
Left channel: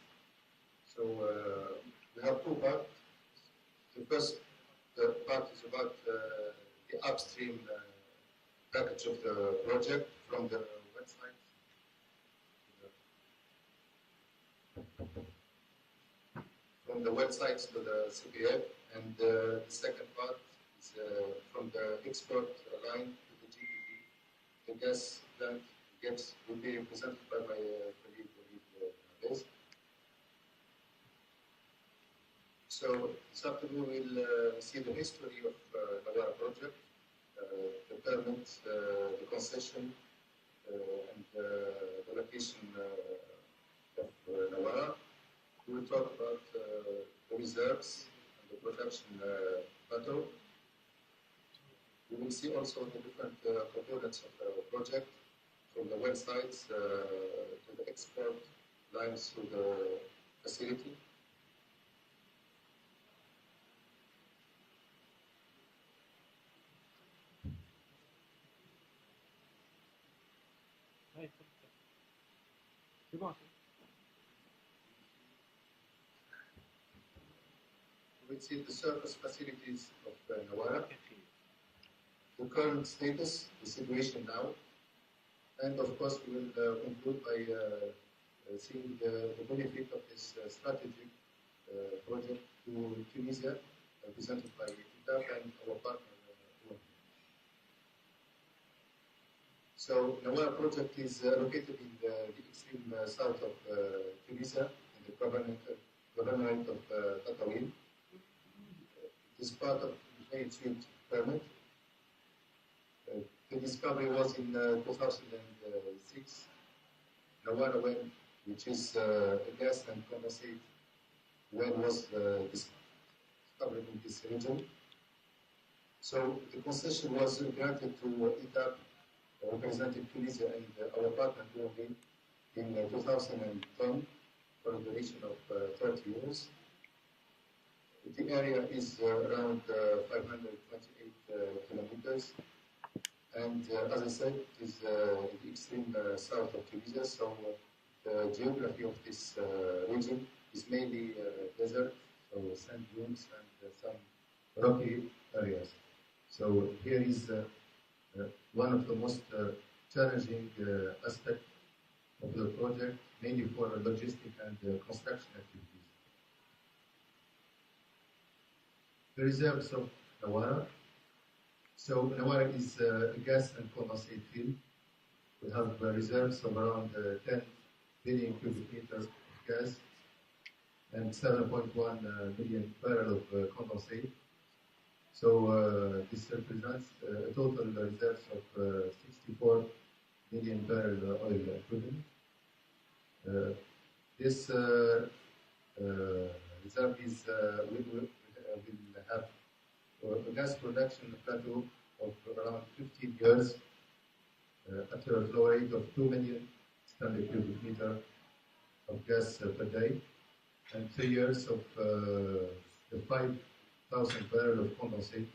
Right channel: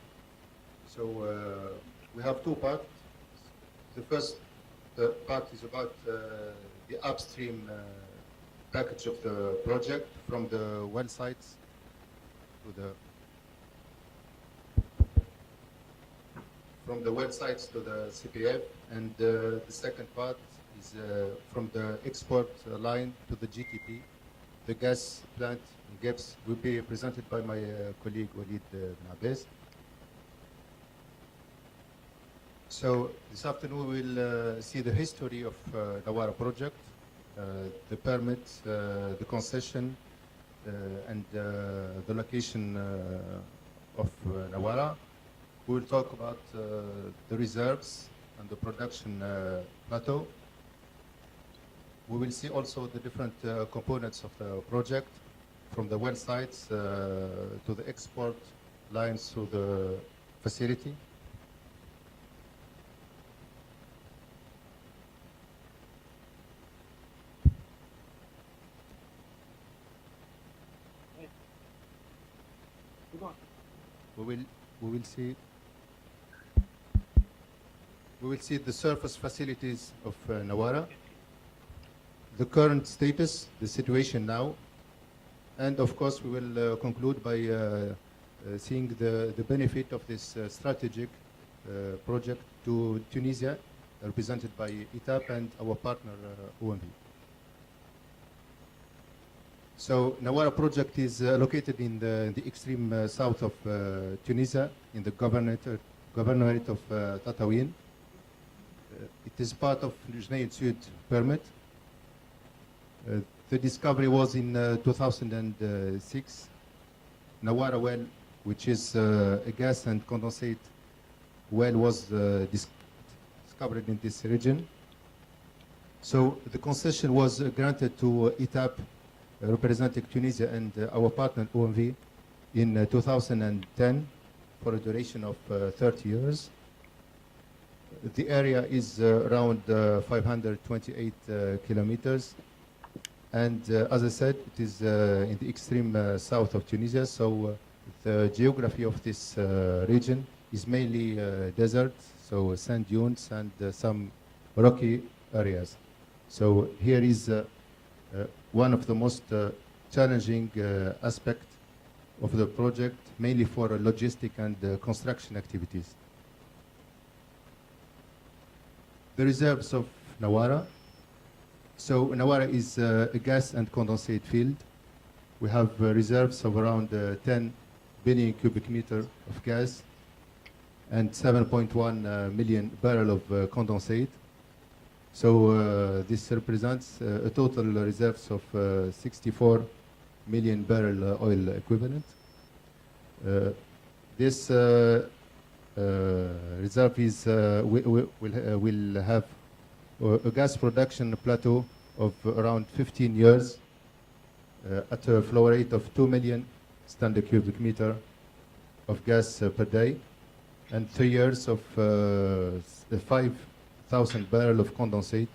So we have two parts. The first part is about the upstream package of the project from the well sites to the CPF, and the second part is from the export line to the GTP. The gas plant GEPS will be presented by my colleague Walid Nabez. So this afternoon we will see the history of Nawara project, the permits, the concession, and the location of Nawara. We will talk about the reserves and the production plateau. We will see also the different components of the project, from the well sites to the export lines to the facility. We will see the surface facilities of Nawara, the current status, the situation now, and of course we will conclude by seeing the benefit of this strategic project to Tunisia, represented by ETAP and our partner OMV. So Nawara project is located in the extreme south of Tunisia, in the governorate of Tataouine. It is part of Jnaid Sud permit. The discovery was in 2006. Nawara well, which is a gas and condensate well, was discovered in this region. So the concession was granted to ETAP, representing Tunisia and our partner OMV in 2010 for a duration of 30 years. The area is around 528 kilometers, and as I said, it is in the extreme south of Tunisia, so the geography of this region is mainly desert, so sand dunes and some rocky areas. So here is one of the most challenging aspects of the project, mainly for logistic and construction activities. The reserves of Nawara. So Nawara is a gas and condensate field. We have reserves of around 10 billion cubic meters of gas and 7.1 million barrels of condensate. So this represents a total reserves of 64 million barrel oil equivalent. This reserve is will have a gas production plateau of around 15 years at a flow rate of 2 million standard cubic meter of gas per day, and 3 years of the 5,000 barrel of condensate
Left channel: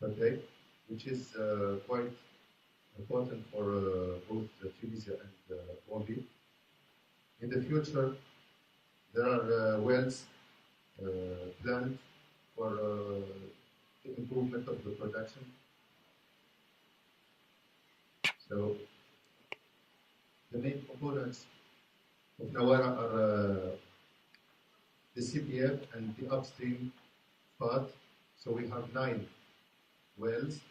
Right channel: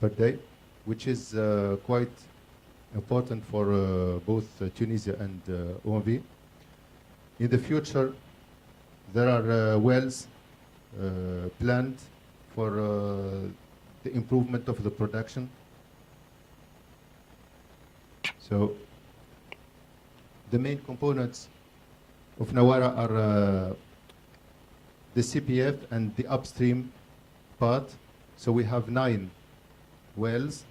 per day, which is quite important for both Tunisia and OMV. In the future, there are wells planned for the improvement of the production. So the main components of Nawara are the CPF and the upstream part. So we have 9 wells.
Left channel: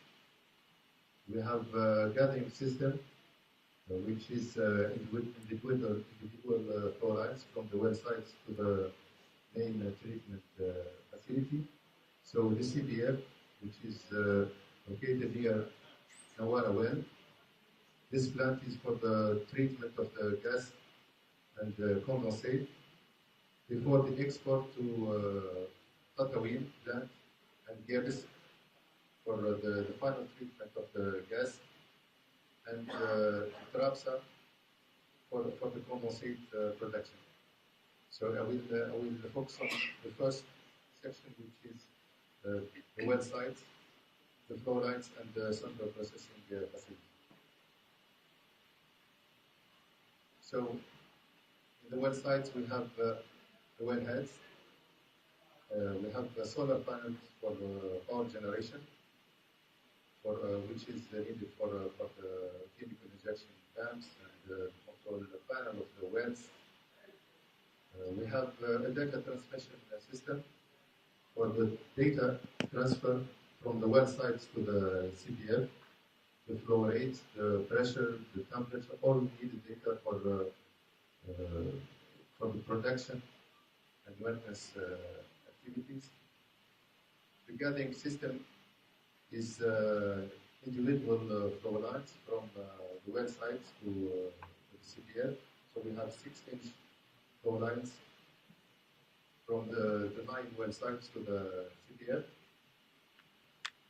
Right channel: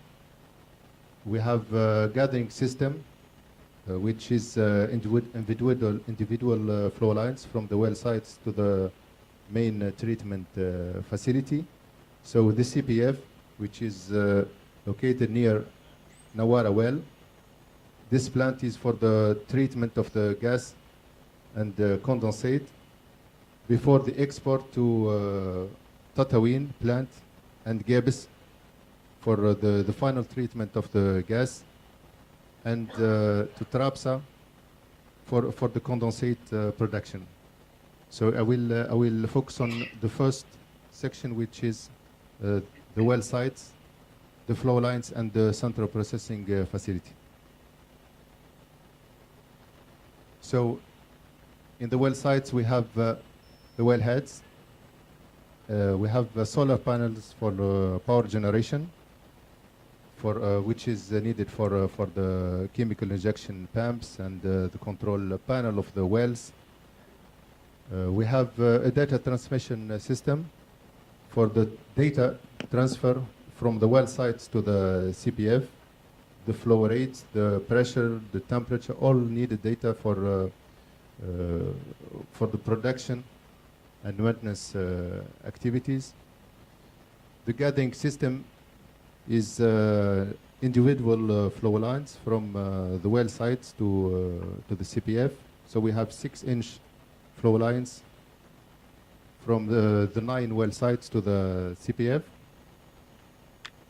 We have a gathering system, which is individual flow lines from the well sites to the main treatment facility. So the CPF, which is located near Nawara well, this plant is for the treatment of the gas and condensate before the export to Tatawin plant and Gebis for the final treatment of the gas, and to Trabza for the condensate production. So I will focus on the first section, which is the well sites, the flow lines, and the central processing facility. So in the well sites, we have the well heads. We have solar panels for power generation, for which is needed for the chemical injection pumps and the control panel of the wells. We have a data transmission system for the data transfer from the well sites to the CPF, the flow rates, the pressure, the temperature, all needed data for the production and maintenance activities. The gathering system is individual flow lines from the well sites to the CPF. So we have 6-inch flow lines from the 9 well sites to the CPF.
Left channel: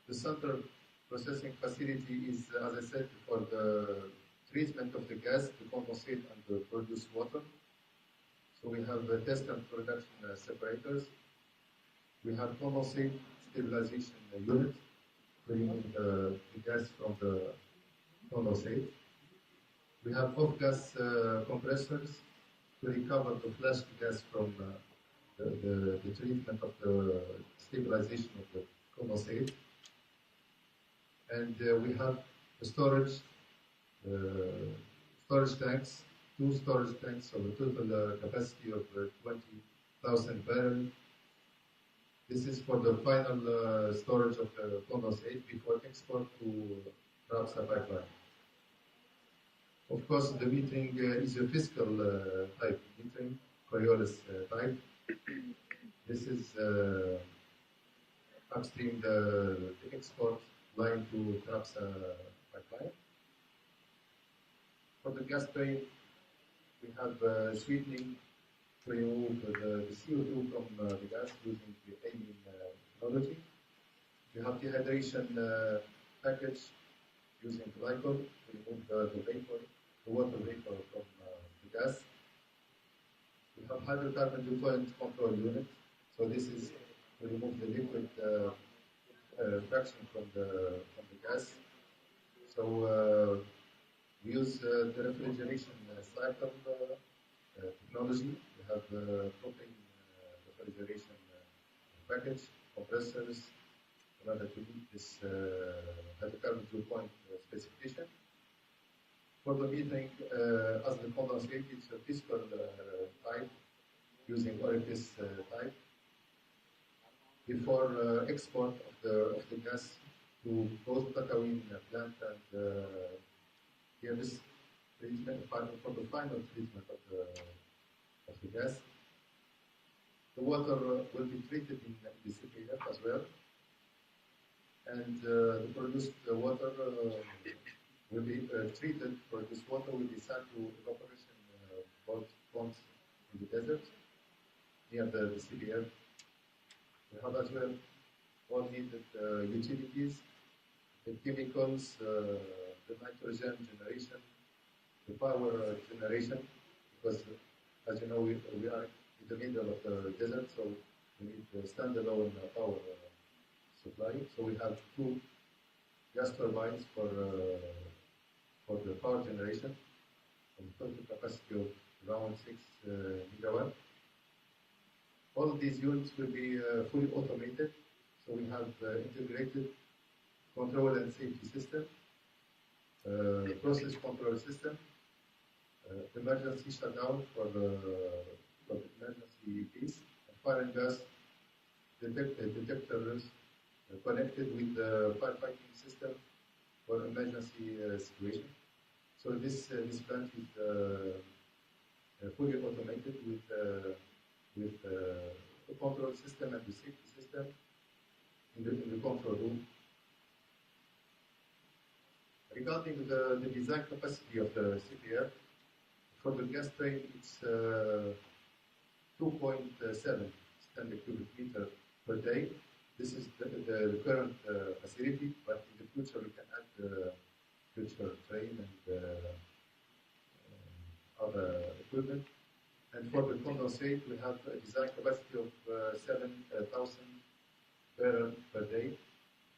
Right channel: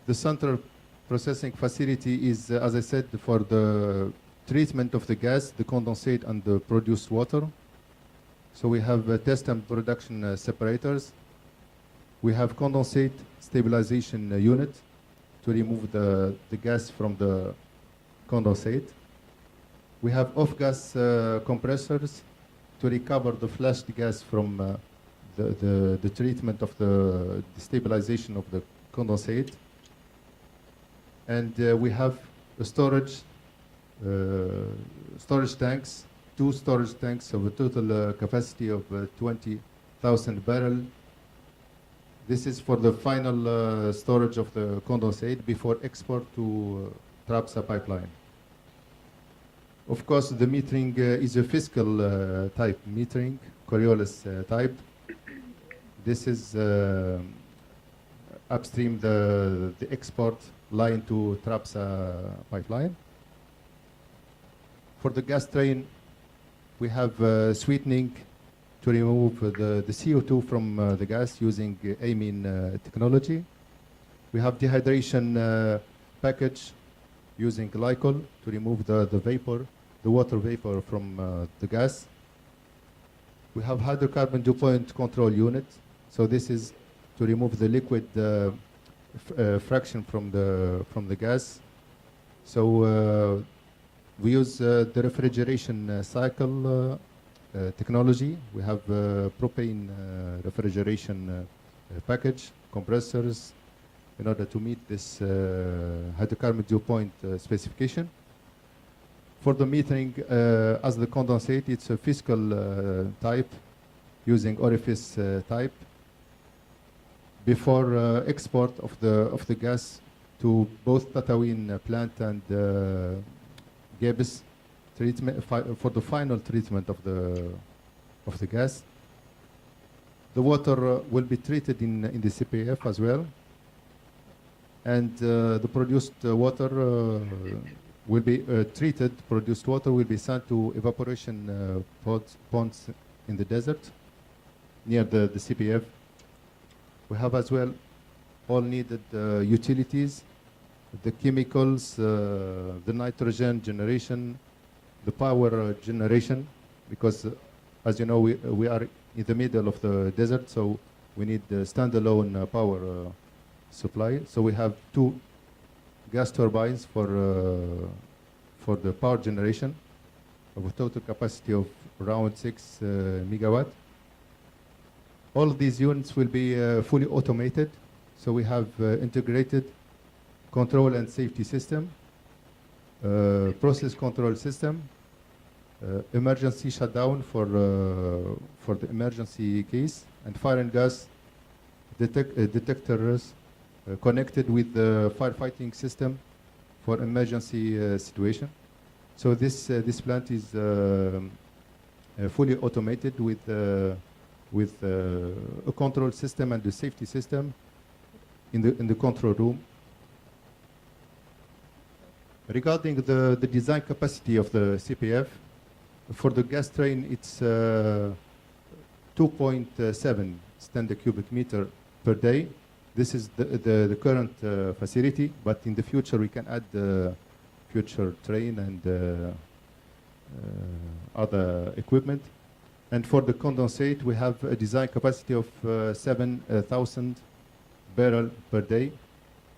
The central processing facility is, as I said, for the treatment of the gas, the condensate, and the produced water. So we have test and production separators. We have condensate stabilization unit to remove the gas from the condensate. We have off-gas compressors to recover the flashed gas from the treatment of the stabilization of the condensate. And we have a storage tanks, 2 storage tanks of a total capacity of 20,000 barrels. This is for the final storage of the condensate before export to Trabza pipeline. Of course, the metering is a fiscal type metering, Coriolis type. This is upstream the export line to Trabza pipeline. For the gas train, we have sweetening to remove the CO2 from the gas using amine technology. We have dehydration package using glycol to remove the vapor, the water vapor from the gas. We have hydrocarbon dew point control unit. So this is to remove the liquid fraction from the gas. So we use the refrigeration cycle technology. We have propane refrigeration package, compressors, in order to meet this hydrocarbon dew point specification. For the metering, as the condensate, it's a fiscal type using orifice type. Before export of the gas to both Tatawin plant and Gebis treatment for the final treatment of the gas. The water will be treated in the CPF as well, and the produced water will be treated. Produced water will be sent to evaporation ponds in the desert near the CPF. We have as well all needed utilities, the chemicals, the nitrogen generation, the power generation, because as you know, we are in the middle of the desert, so we need standalone power supply. So we have 2 gas turbines for the power generation of a total capacity of around 6 megawatt. All of these units will be fully automated. So we have integrated control and safety system, process control system, emergency shutdown for the emergency case, and fire and gas detectors connected with the firefighting system for emergency situation. So this plant is fully automated with a control system and a safety system in the control room. Regarding the design capacity of the CPF, for the gas train, it's 2.7 standard cubic meter per day. This is the current facility, but in the future we can add the future train and other equipment. And for the condensate, we have a design capacity of 7,000 barrel per day,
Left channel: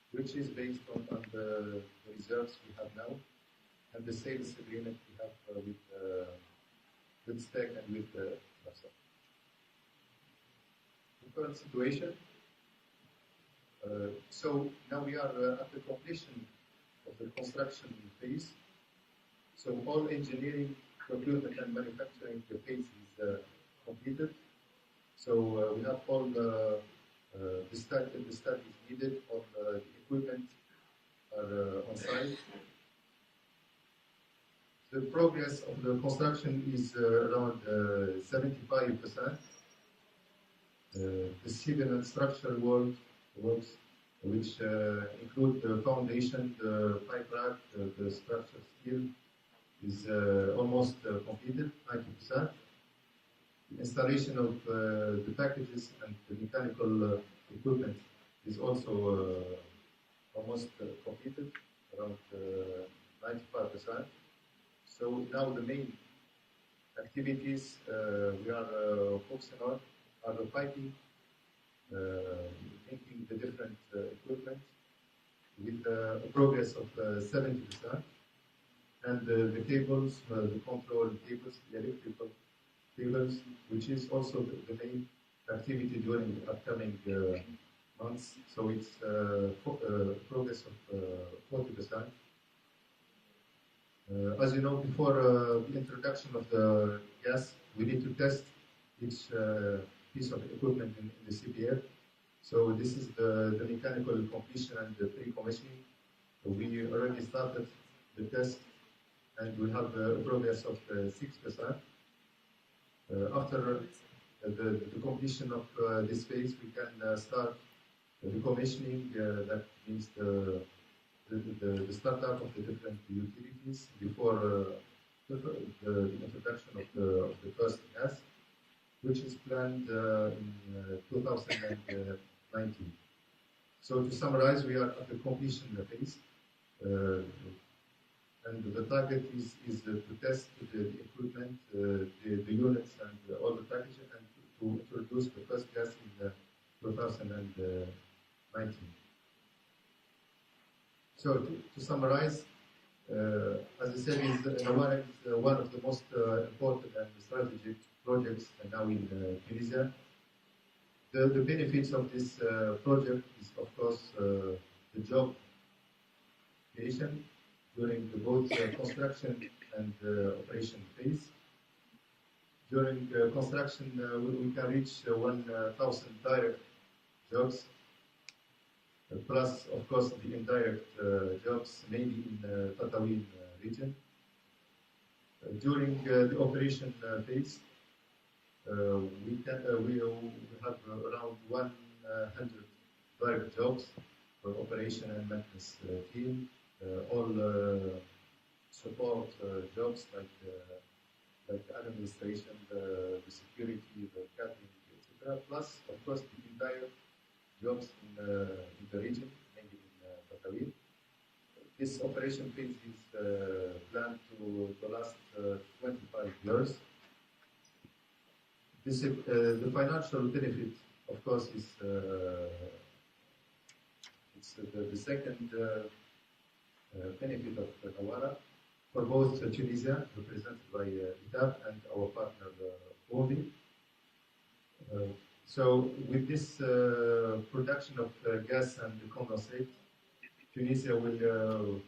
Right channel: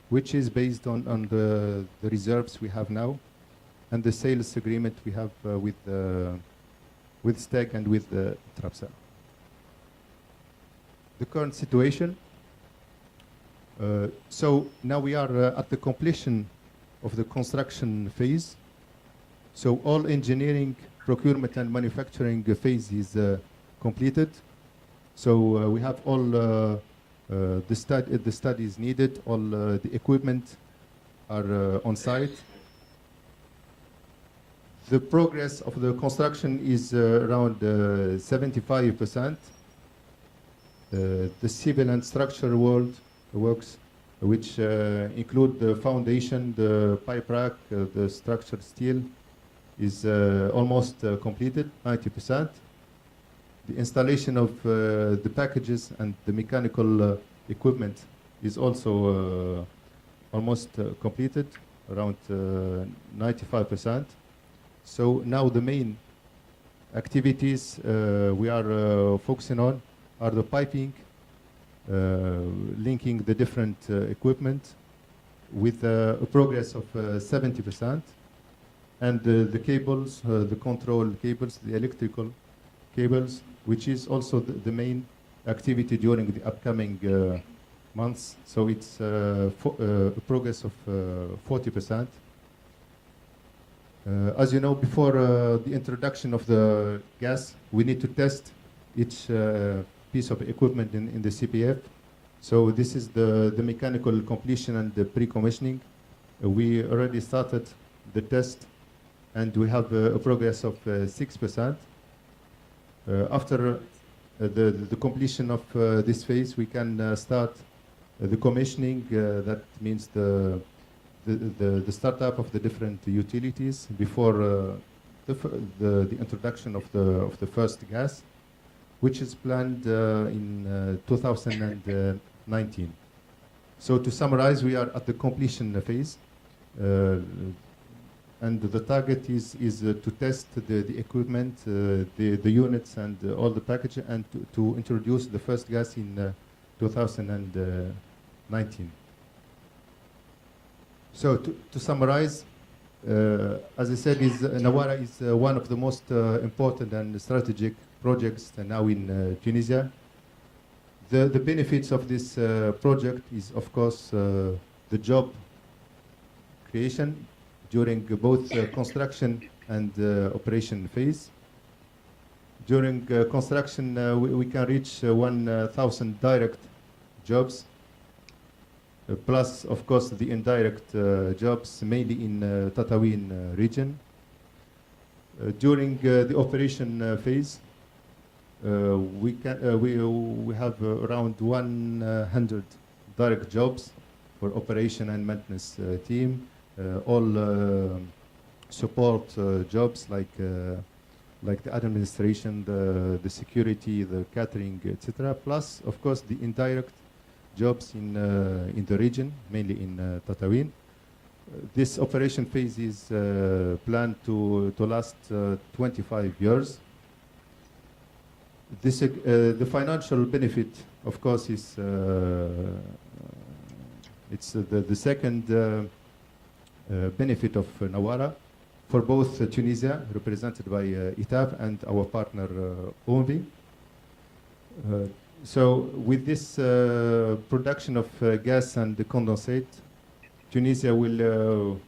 which is based on the reserves we have now and the sales agreement we have with STEC and with Trapsa. The current situation. So now we are at the completion of the construction phase. So all engineering, procurement and manufacturing phase is completed. So we have all the studies needed, all the equipment are on site. The progress of the construction is around 75%. The civil and structural works, which include the foundation, the pipe rack, the structured steel, is almost completed, 90%. The installation of the packages and the mechanical equipment is also almost completed, around 95%. So now the main activities we are focusing on are the piping, linking the different equipment with a progress of 70%, and the cables, the control cables, the electrical cables, which is also the main activity during the upcoming months. So it's a progress of 40%. As you know, before the introduction of the gas, we need to test each piece of equipment in the CPF. So this is the mechanical completion and the pre-commissioning. We already started the test, and we have a progress of 6%. After the completion of this phase, we can start the commissioning. That means the startup of the different utilities before the introduction of the first gas, which is planned in 2019. So to summarize, we are at the completion phase, and the target is to test the equipment, the units, and all the package, and to introduce the first gas in 2019. So to summarize, as I said, Nawara is one of the most important and strategic projects now in Tunisia. The benefits of this project is, of course, the job creation during both construction and operation phase. During construction, we can reach 1,000 direct jobs, plus, of course, the indirect jobs, mainly in Tatooine region. During the operation phase, we have around 100 direct jobs for operation and maintenance team, all support jobs like the administration, the security, the catering, etc. Plus, of course, the indirect jobs in the region, mainly in Tatooine. This operation phase is planned to last 25 years. The financial benefit of course, is it's the second benefit of Nawara for both Tunisia, represented by ETAP, and our partner OMV. So with this production of gas and condensate, Tunisia will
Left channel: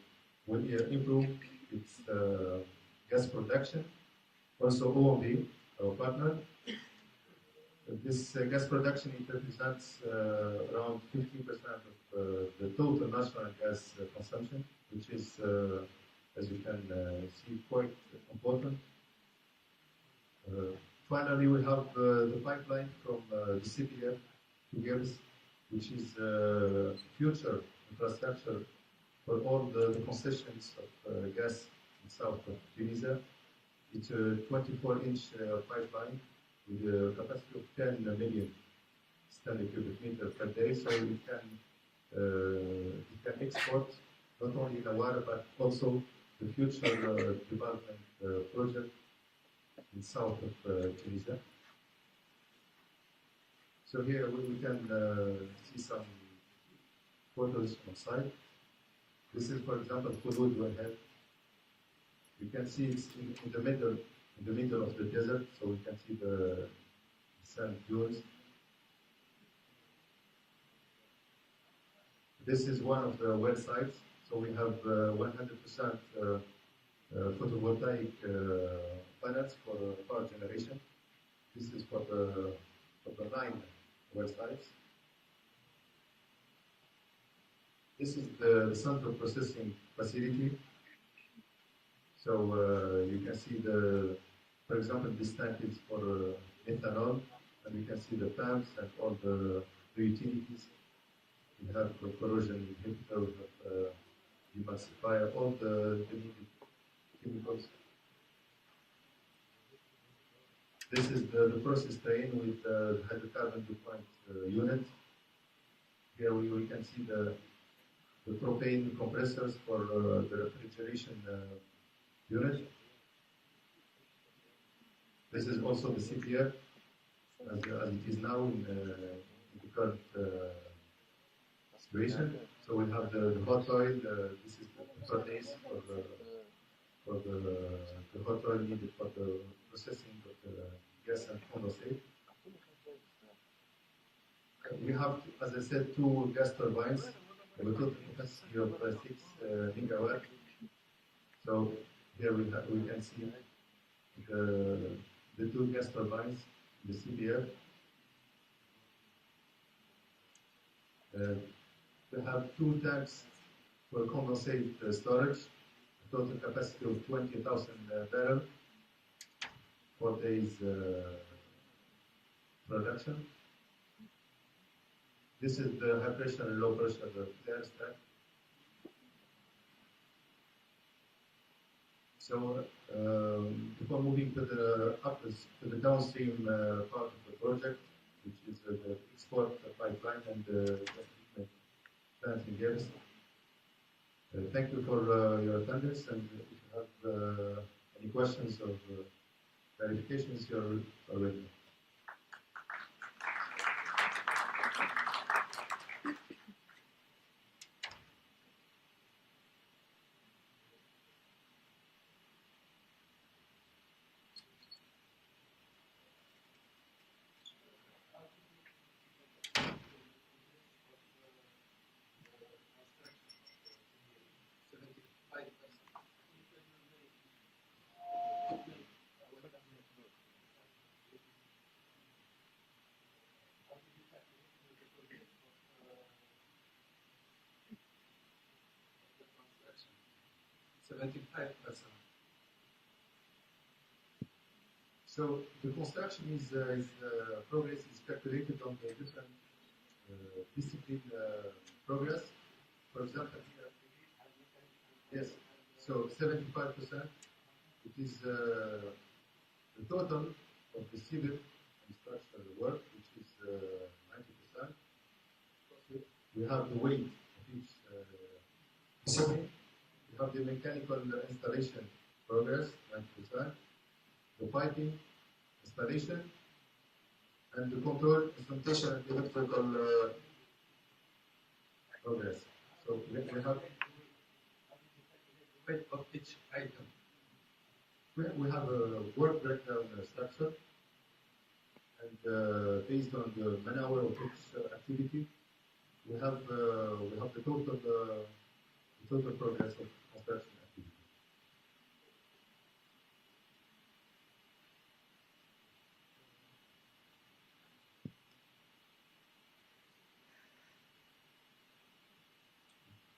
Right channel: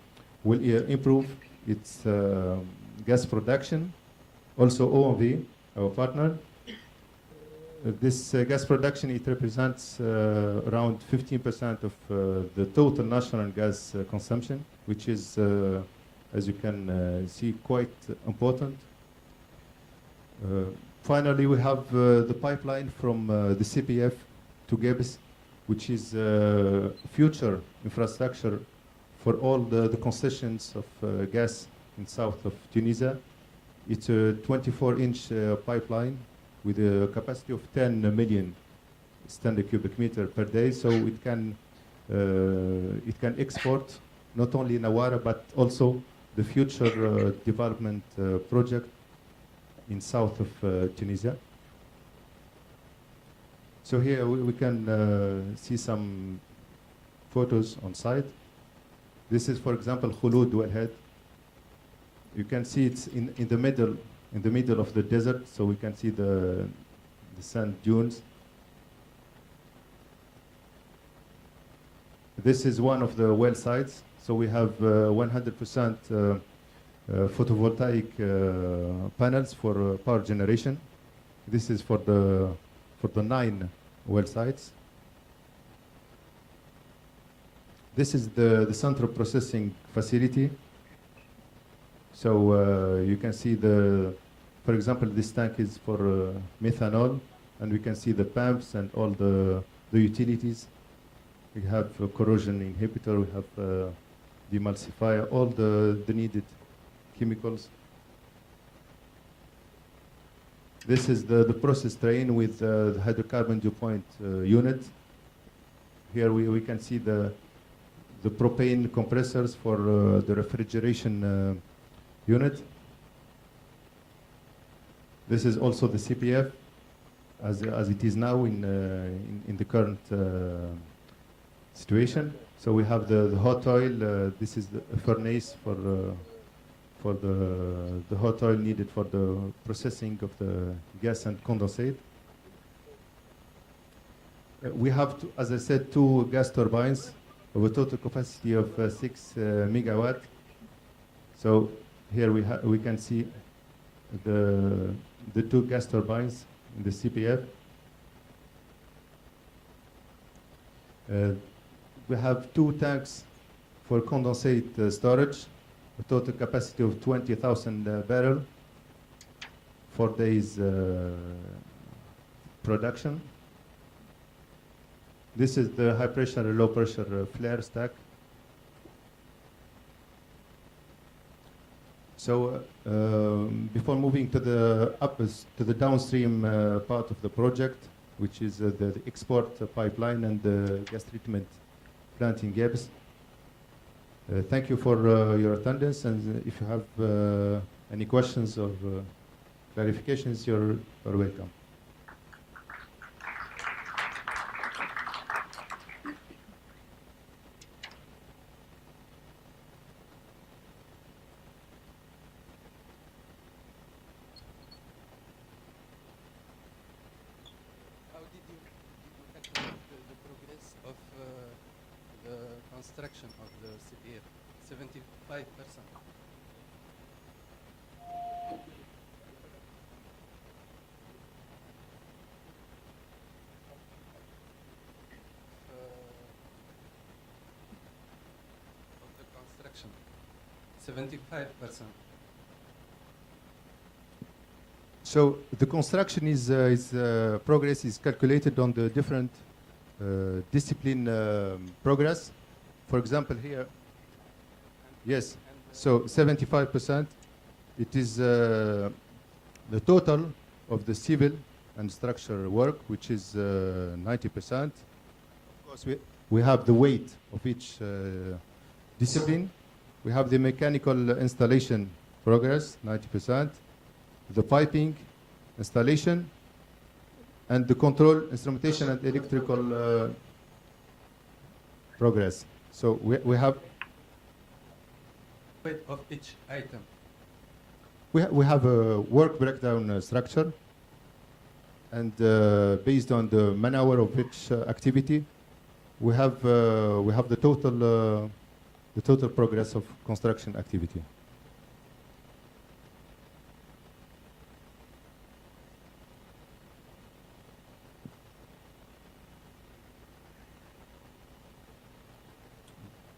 improve its gas production. Also OMV, our partner. This gas production, it represents around 15% of the total national gas consumption, which is, as you can see, quite important. Finally, we have the pipeline from the CPF to Gibbs, which is future infrastructure for all the concessions of gas in south of Tunisia. It's a 24-inch pipeline with a capacity of 10 million standard cubic meter per day, so it can export not only Nawara but also the future development project in south of Tunisia. So here we can see some photos on site. This is, for example, Khulud wellhead. You can see it's in the middle of the desert, so we can see the sand dunes. This is one of the well sites. So we have 100% photovoltaic panels for power generation. This is for the 9 well sites. This is the central processing facility. So you can see for example, this tank is for methanol, and we can see the pumps and all the utilities. We have a corrosion inhibitor, we have demulsifier, all the needed chemicals. This is the process train with the hydrocarbon dew point unit. Here we can see the propane compressors for the refrigeration unit. This is also the CPF as it is now in the current situation. So we have the hot oil. This is the furnace for the hot oil needed for the processing of the gas and condensate. We have, as I said, 2 gas turbines of a total capacity of 6 megawatt. So here we can see the 2 gas turbines in the CPF. We have 2 tanks for condensate storage, a total capacity of 20,000 barrels, 4 days production. This is the high pressure and low pressure flare stack. So before moving to the downstream part of the project, which is the export pipeline and the gas treatment plant in Gibbs, thank you for your attendance, and if you have any questions or clarifications, you're welcome. Construction of the CPF, 75%. Of the construction, 75%. So the construction progress is calculated on the different discipline progress. For example, here, yes, so 75%, it is the total of the civil and structural work, which is 90%. Of course, we have the weight of each discipline. We have the mechanical installation progress, 90%, the piping installation, and the control, instrumentation, and electrical progress. So we have Weight of each item. we have a work breakdown structure, and based on the man hour of each activity, we have the total progress of construction activity.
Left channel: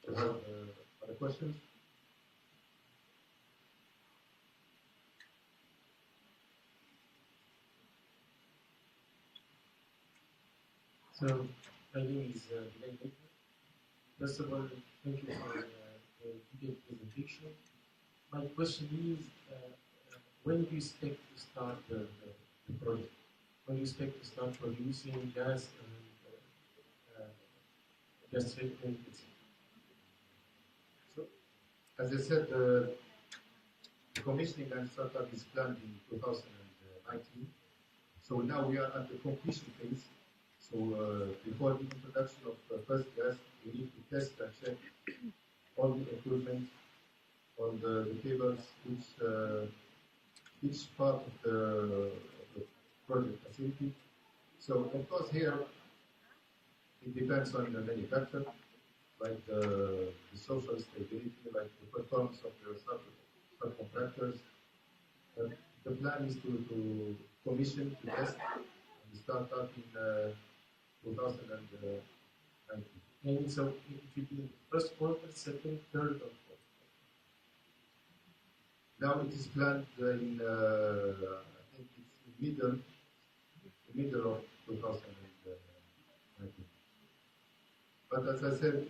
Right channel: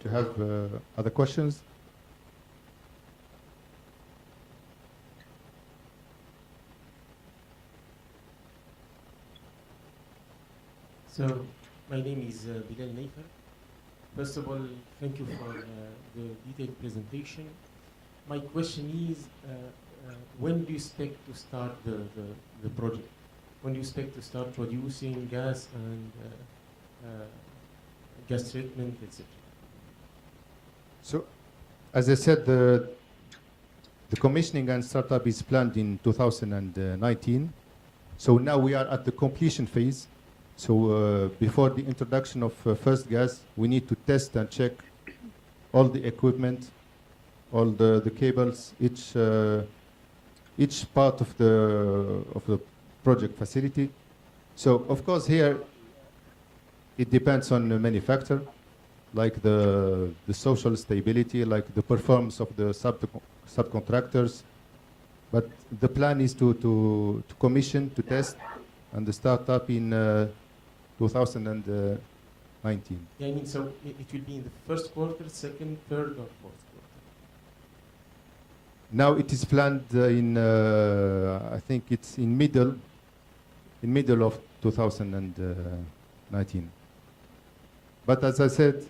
Do you have other questions? So, my name is Bilal Naifa. First of all, thank you for the detailed presentation. My question is, when do you expect to start the project? When do you expect to start producing gas and gas treatment, etc.? So, as I said, the commissioning and startup is planned in 2019. So now we are at the completion phase. So before the introduction of first gas, we need to test and check all the equipment, all the cables, each part of the project facility. So of course here, it depends on many factors, like the social stability, like the performance of the subcontractors. But the plan is to commission, to test, and the startup in 2019. Yeah, I mean, so it will be in the first quarter, second, third, or fourth quarter? Now it is planned in, I think it's in middle of 2019. But as I said,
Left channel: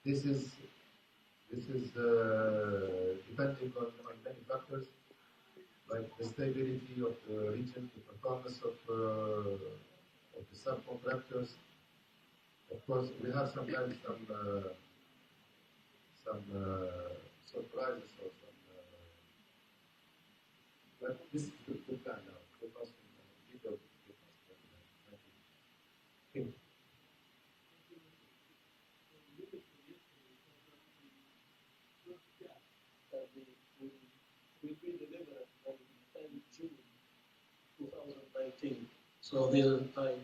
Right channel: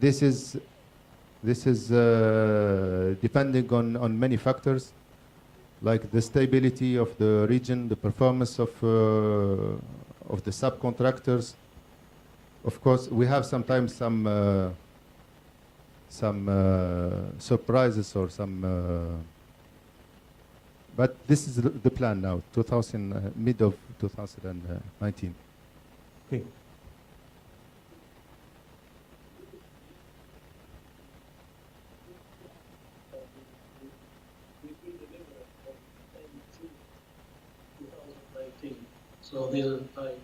this is depending on many factors, like the stability of the region, the performance of the subcontractors. Of course, we have sometimes some surprises or some, but this is the plan now, mid of 2019. Okay. So this time,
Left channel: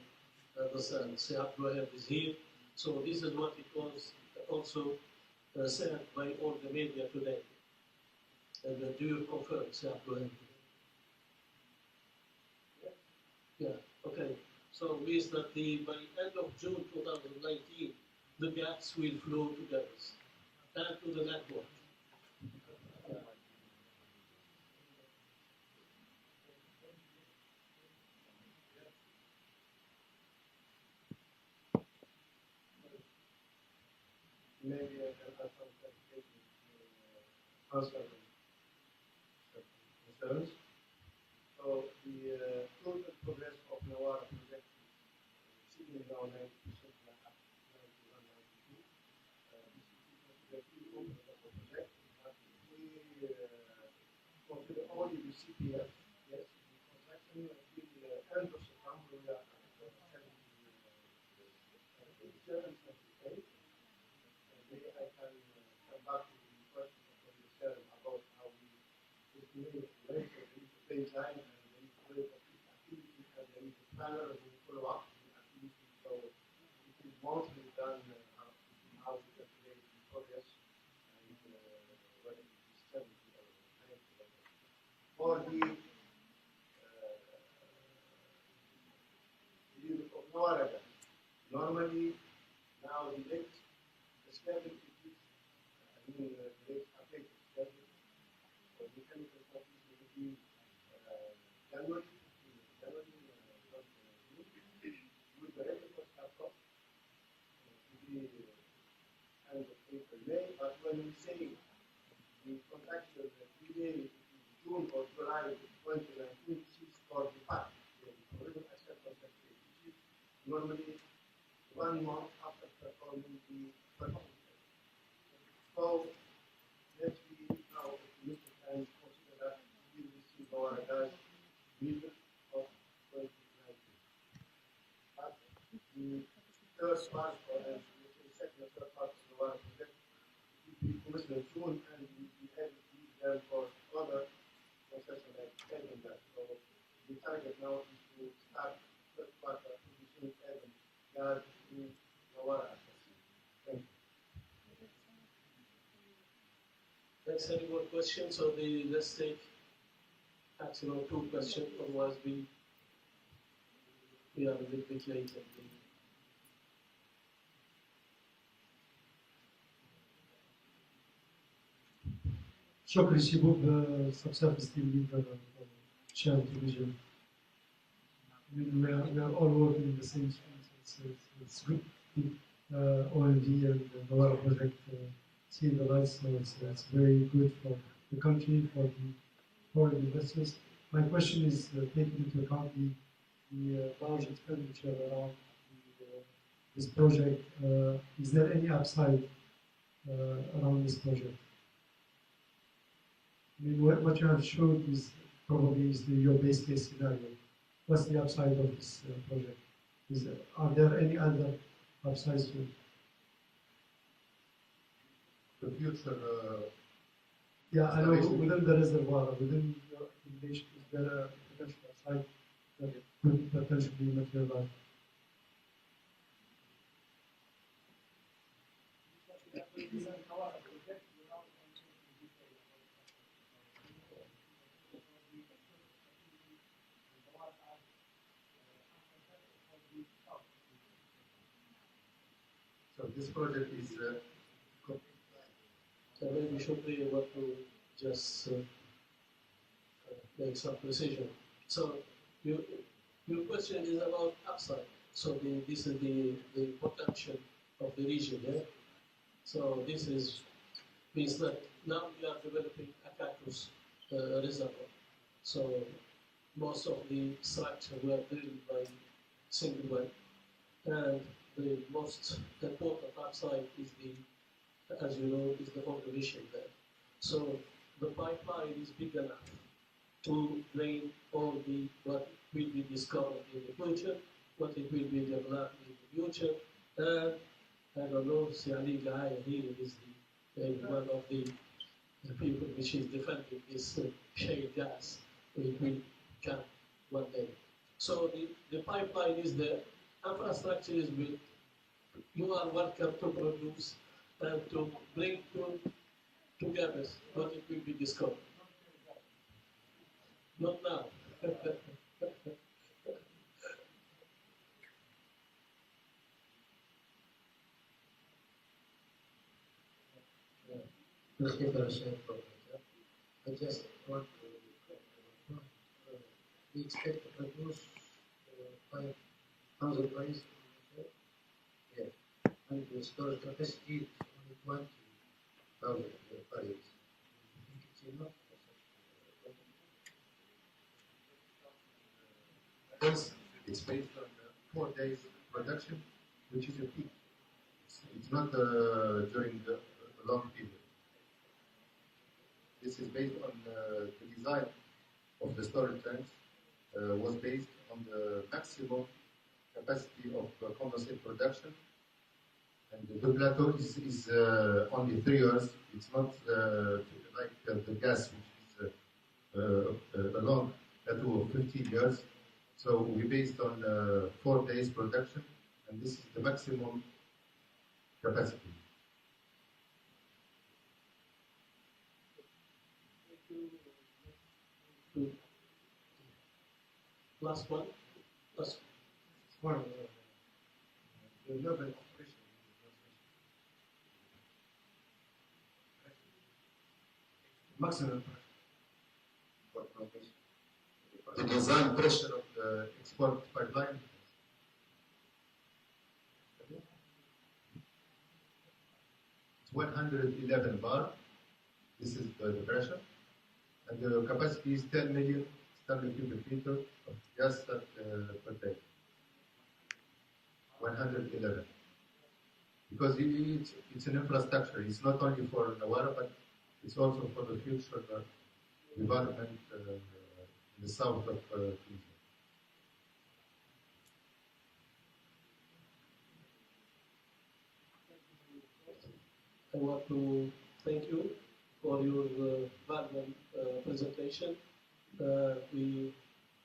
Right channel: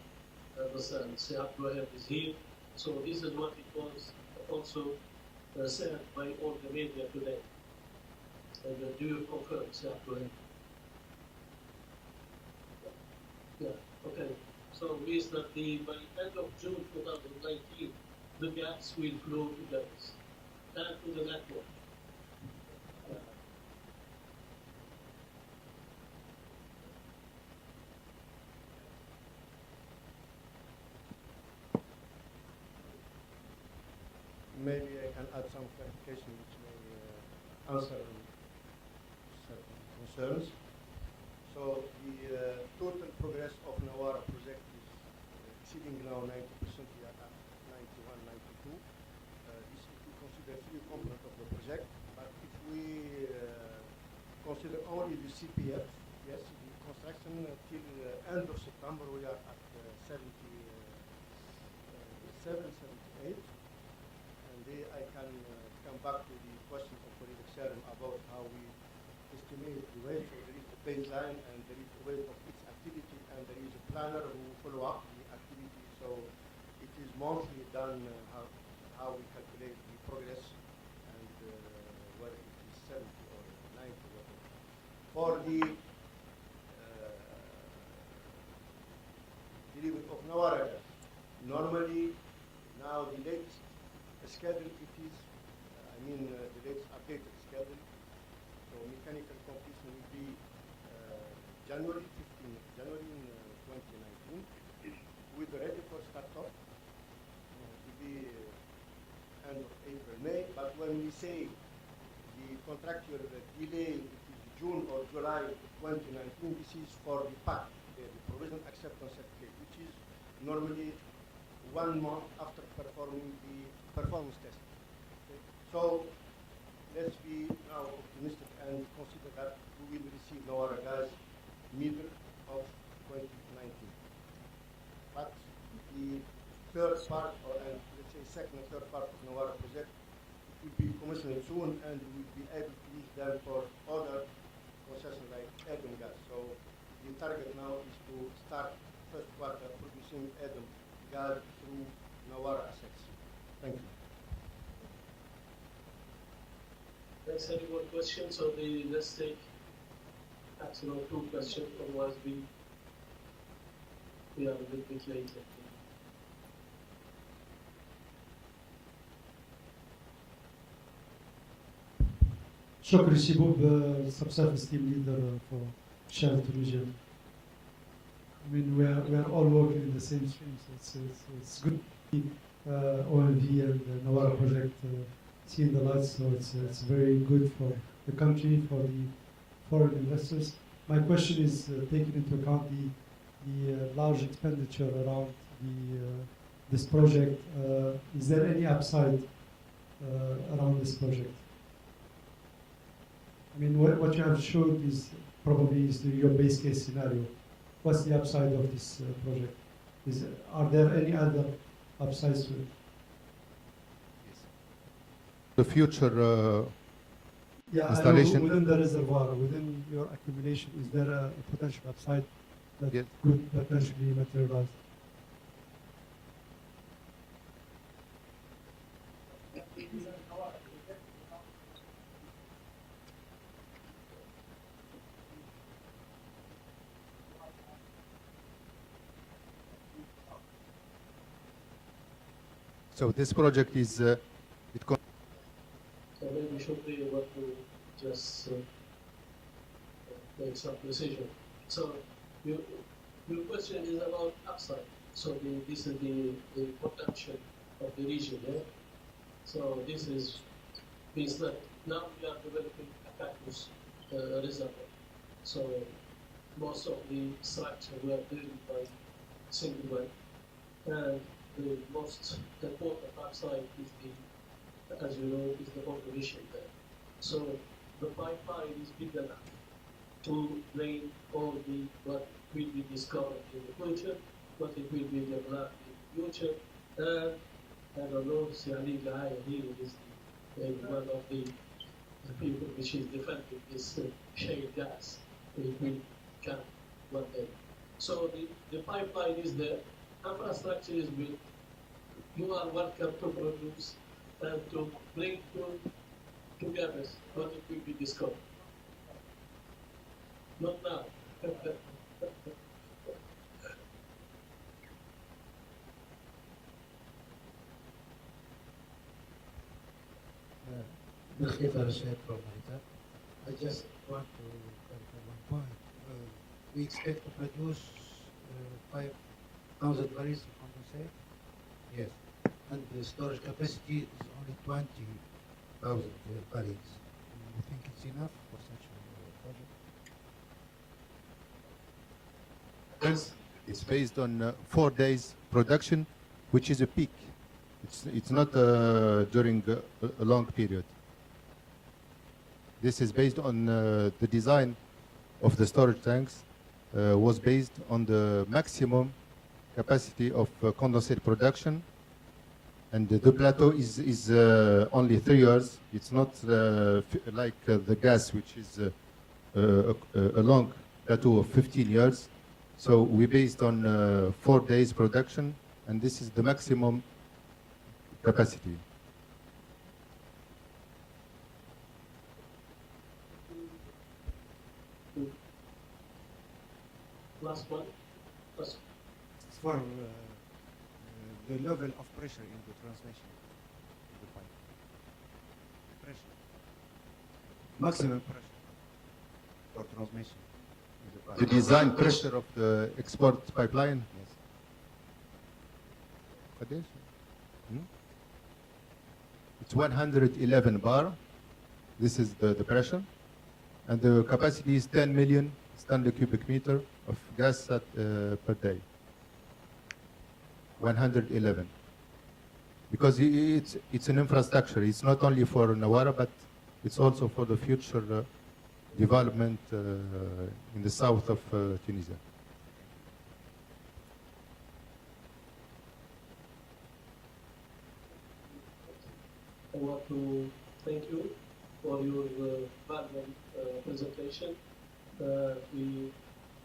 understand, salle2 is here. So this is what it was also said by all the media today. And do you confirm salle2? Yeah, okay. So means that by end of June 2019, the gas will flow to gas and to the network. Maybe I can add some clarification which may answer certain concerns. So the total progress of Nawara project is exceeding now 90%. We are at 91, 92. This if we consider three components of the project. But if we consider only the CPF, yes, the construction till end of September we are at 77, 78. I can come back to the question of colleague Sharon about how we estimate the rate. So there is the baseline and there is the rate of each activity and there is a planner who follow up the activity. So it is monthly done how we calculate the progress and whether it is 70 or 90 or whatever. For the delivery of Nawara, normally now the latest schedule it is, the latest updated schedule. So mechanical completion will be January 15th, January 2019, with the ready for start-up. It will be end of April, May. But when we say the contractor delay it is June or July 2019, this is for the PAC, the provisional acceptance certificate, which is normally 1 month after performing the performance test. Okay. So let's be now optimistic and consider that we will receive our gas middle of third part, or let's say second and third part of Nawara project, it will be commissioned soon, and we will be able to use them for other processes like adding gas. So the target now is to start first quarter producing adding gas through Nawara assets. Thank you. Thanks. Any more questions? So let's take maximum 2 questions, otherwise we are a little bit late. شكرا شبوب subsurface team leader for sharing Diffusion. I mean, we are all working in the same space. It's good to see OMV and the Nawara project seeing the lights, so it's very good for the country, for the foreign investors. My question is taking into account the large expenditure around this project. Is there any upside around this project? I mean, what you have showed is probably your base case scenario. What's the upside of this project? Are there any other upsides to it? The future Yeah, I know installation. within the reservoir, within your accumulation, is there a potential upside that could potentially materialize? So this project is So maybe we should be able to just make some precision. So your question is about upside. So this is the potential of the region, yeah? So this means that now we are developing a cactus reservoir. So most of the structure were drilled by single well, and the most important upside is as you know, is the population there. So the pipeline is big enough to drain all what will be discovered in the future, what it will be developed in the future, and I don't know, Siali Guy here is one of the people which is defending this shale gas. It will come one day. So the pipeline is there, infrastructure is built, you are welcome to produce and to bring together what it will be discovered. Not now. I just want to clarify one point. We expect to produce 5,000 barrels of condensate. Yes. And the storage capacity is only 20,000 barrels. You think it's enough for such a project? It's based on 4 days production, which is a peak. It's not during a long period. This is based on the design of the storage tanks was based on the maximum capacity of condensate production, and the plateau is only 3 years. It's not like the gas, which is a long plateau of 15 years. So we based on 4 days production, and this is the maximum capacity. Last one. As for the level of pressure in the transmission of the pipe. Pressure. Maximum pressure for transmission in the pipe. The design pressure of the export pipeline. Yes. It's 111 bar. This is the pressure. And the capacity is 10 million standard cubic meter of gas per day. 111. Because it's an infrastructure. It's not only for Nawara, but it's also for the future development in the south of Tunisia. I want to thank you for your valuable presentation. We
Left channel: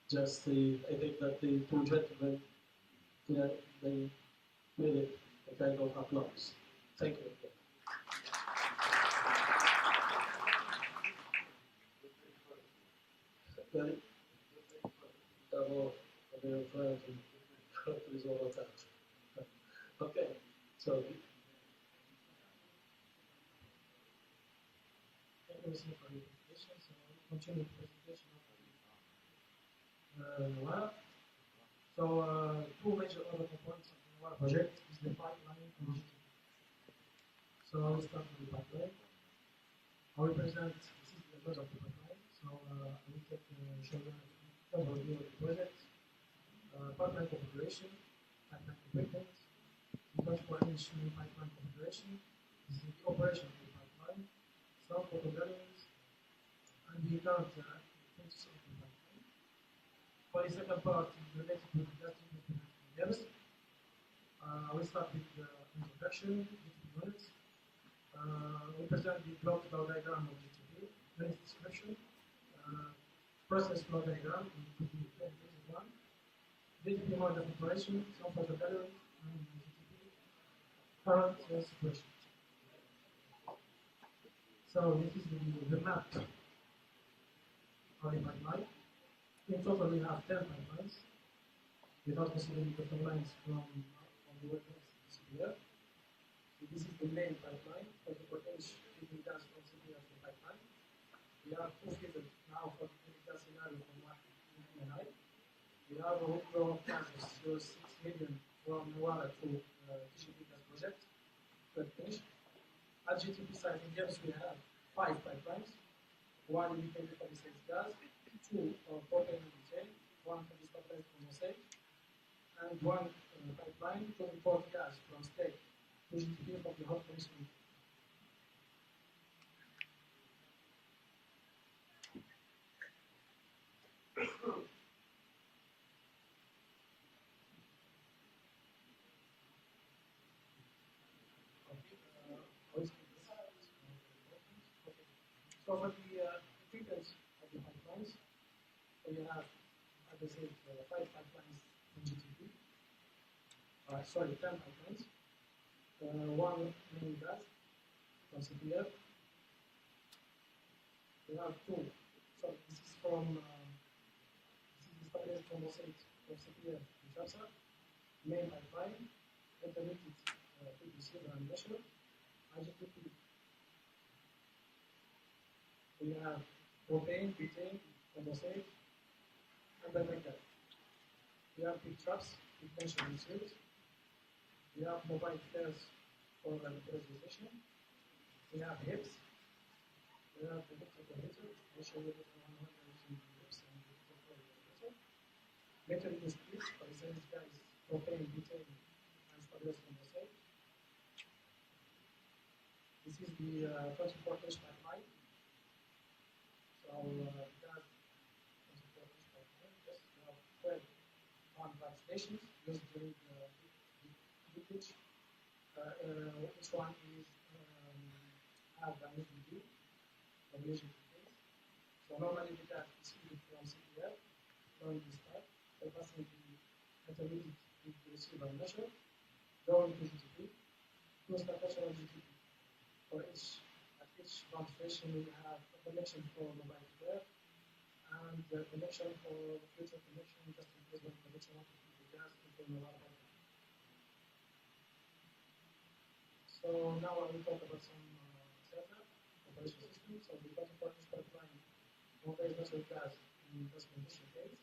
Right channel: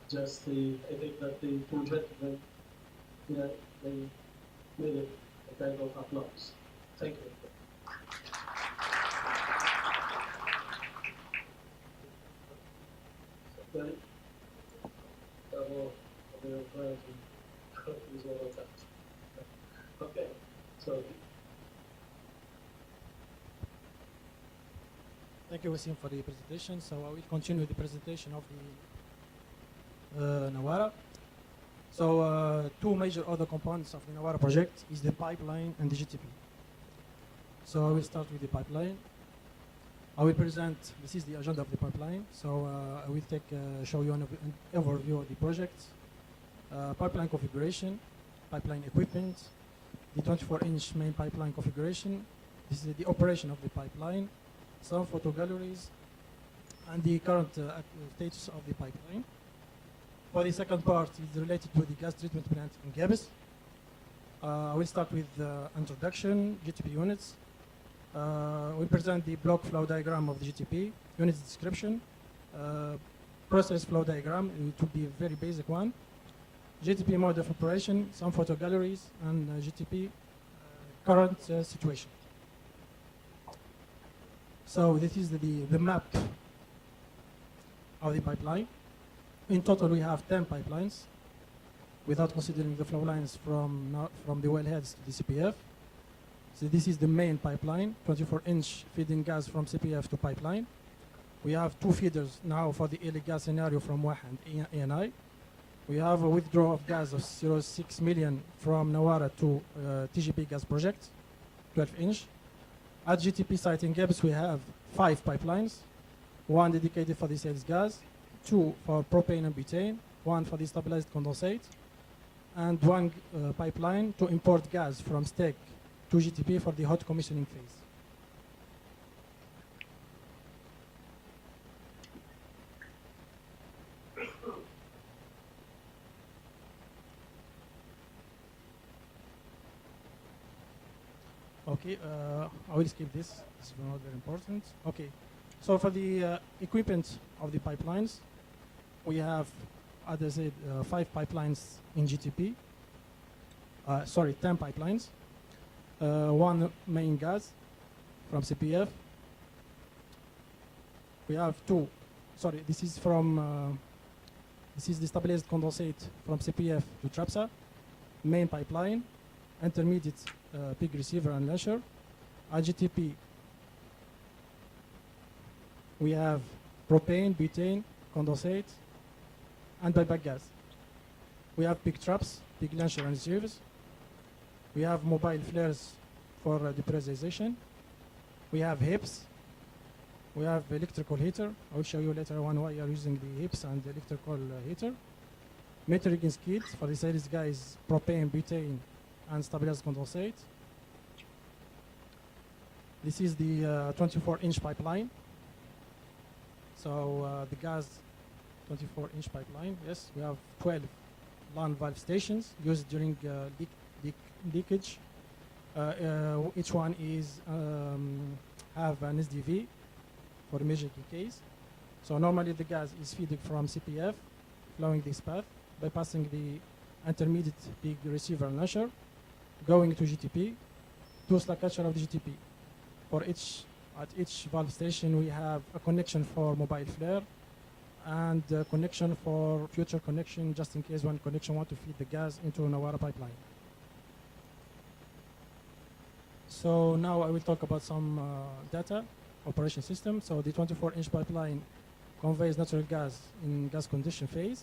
just, I think that the two gentlemen, yeah, they made it a kind of applause. Thank you. Well, okay, so thank you, Wasim, for the presentation. So I will continue the presentation of the Nawara. So two major other components of the Nawara project is the pipeline and the GTP. So I will start with the pipeline. I will present, this is the agenda of the pipeline. So I will show you an overview of the project, pipeline configuration, pipeline equipment, the 24-inch main pipeline configuration. This is the operation of the pipeline, some photo galleries, and the current status of the pipeline. For the second part is related to the gas treatment plant in Gabis. I will start with introduction, GTP units. We present the block flow diagram of the GTP, units description, process flow diagram, it will be a very basic one, GTP mode of operation, some photo galleries, and GTP current situation. So this is the map of the pipeline. In total, we have 10 pipelines, without considering the flow lines from the wellheads to the CPF. So this is the main pipeline, 24-inch feeding gas from CPF to pipeline. We have two feeders now for the Eli gas scenario from WAH and ANI. We have a withdrawal of gas of 0.6 million from Nawara to TGP gas project, 12-inch. At GTP site in Gabs, we have 5 pipelines, one dedicated for the sales gas, 2 for propane and butane, 1 for the stabilized condensate, and 1 pipeline to import gas from STEC to GTP for the hot commissioning phase. Okay, I will skip this. This is not very important. Okay, so for the equipment of the pipelines, we have, as I said, 5 pipelines in GTP. 10 pipelines. 1 main gas from CPF. We have 2. Sorry, this is from. This is the stabilized condensate from CPF to TRAPSA, main pipeline, intermediate pig receiver and lasher. At GTP, we have propane, butane, condensate, and buyback gas. We have pig traps, pig lasher and receivers. We have mobile flares for depressurization. We have hips. We have electrical heater. I will show you later on why you are using the hips and the electrical heater. Metering skid for the sales guys, propane, butane, and stabilized condensate. This is the 24-inch pipeline. So the gas 24-inch pipeline, yes, we have 12 LAN valve stations used during leakage. Each one is have an SDV for major decays. So normally the gas is fed from CPF, flowing this path, bypassing the intermediate pig receiver and lasher, going to GTP, to slack catcher of the GTP. At each valve station we have a connection for mobile flare and a connection for future connection just in case one connection want to feed the gas into Nawara pipeline. So now I will talk about some data operation system. So the 24-inch pipeline conveys natural gas in gas condition phase.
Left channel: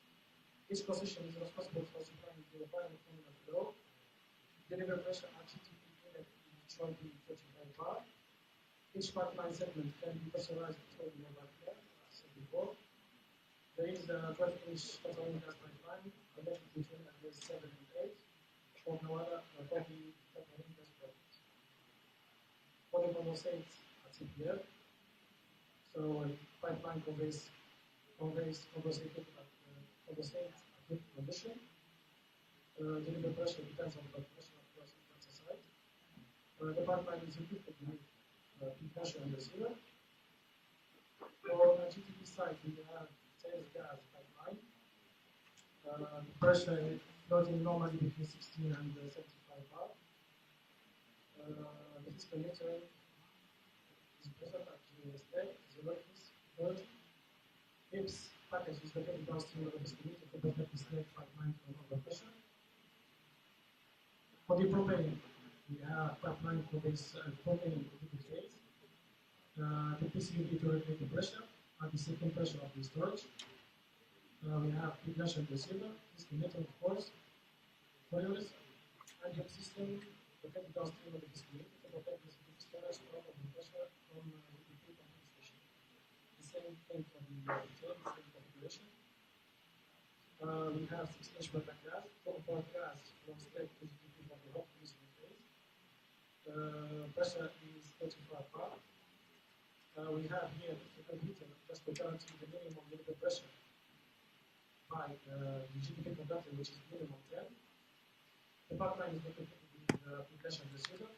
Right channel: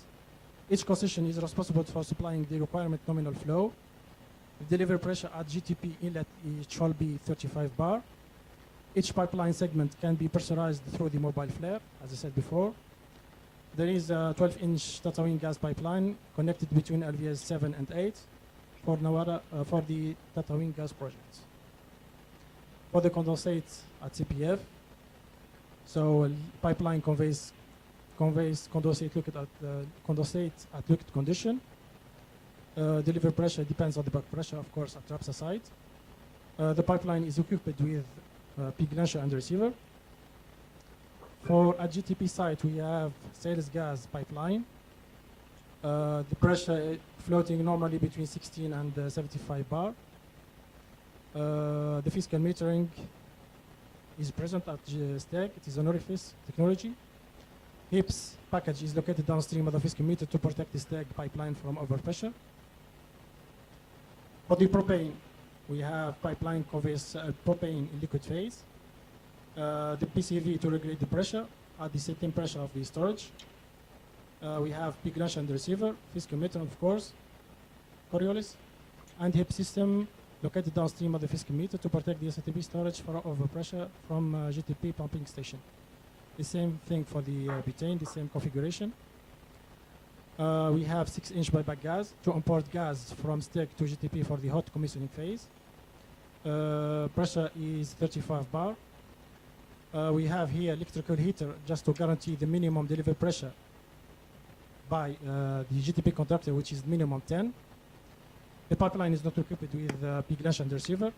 Each concession is responsible for supplying the requirement nominal flow. The delivery pressure at GTP inlet shall be 35 bar. Each pipeline segment can be pressurized through the mobile flare, as I said before. There is a 12-inch Tatawin gas pipeline connected between LVS 7 and 8 for Nawara, for the Tatawin gas project. For the condensate at CPF, so pipeline conveys condensate at liquid condition. Delivery pressure depends on the back pressure, of course, at TRAPSA site. The pipeline is equipped with peak launcher and receiver. For a GTP site, we have sales gas pipeline. The pressure is floating normally between 16 and 75 bar. The physical metering is present at stack. It is an orifice technology. HIPS package is located downstream of the physical meter to protect the stack pipeline from overpressure. For the propane, we have pipeline covers propane in liquid phase. The PCV to regulate the pressure at the setting pressure of the storage. We have peak launcher and receiver, physical meter of course, Coriolis, and HIP system located downstream of the physical meter to protect the SATB storage for overpressure from GTP pumping station. The same thing for the butane, the same configuration. We have 6-inch buyback gas to import gas from stack to GTP for the hot commissioning phase. Pressure is 35 bar. We have here electrical heater just to guarantee the minimum delivered pressure by the GTP conductor, which is minimum 10. The pipeline is not equipped with peak launcher and receiver.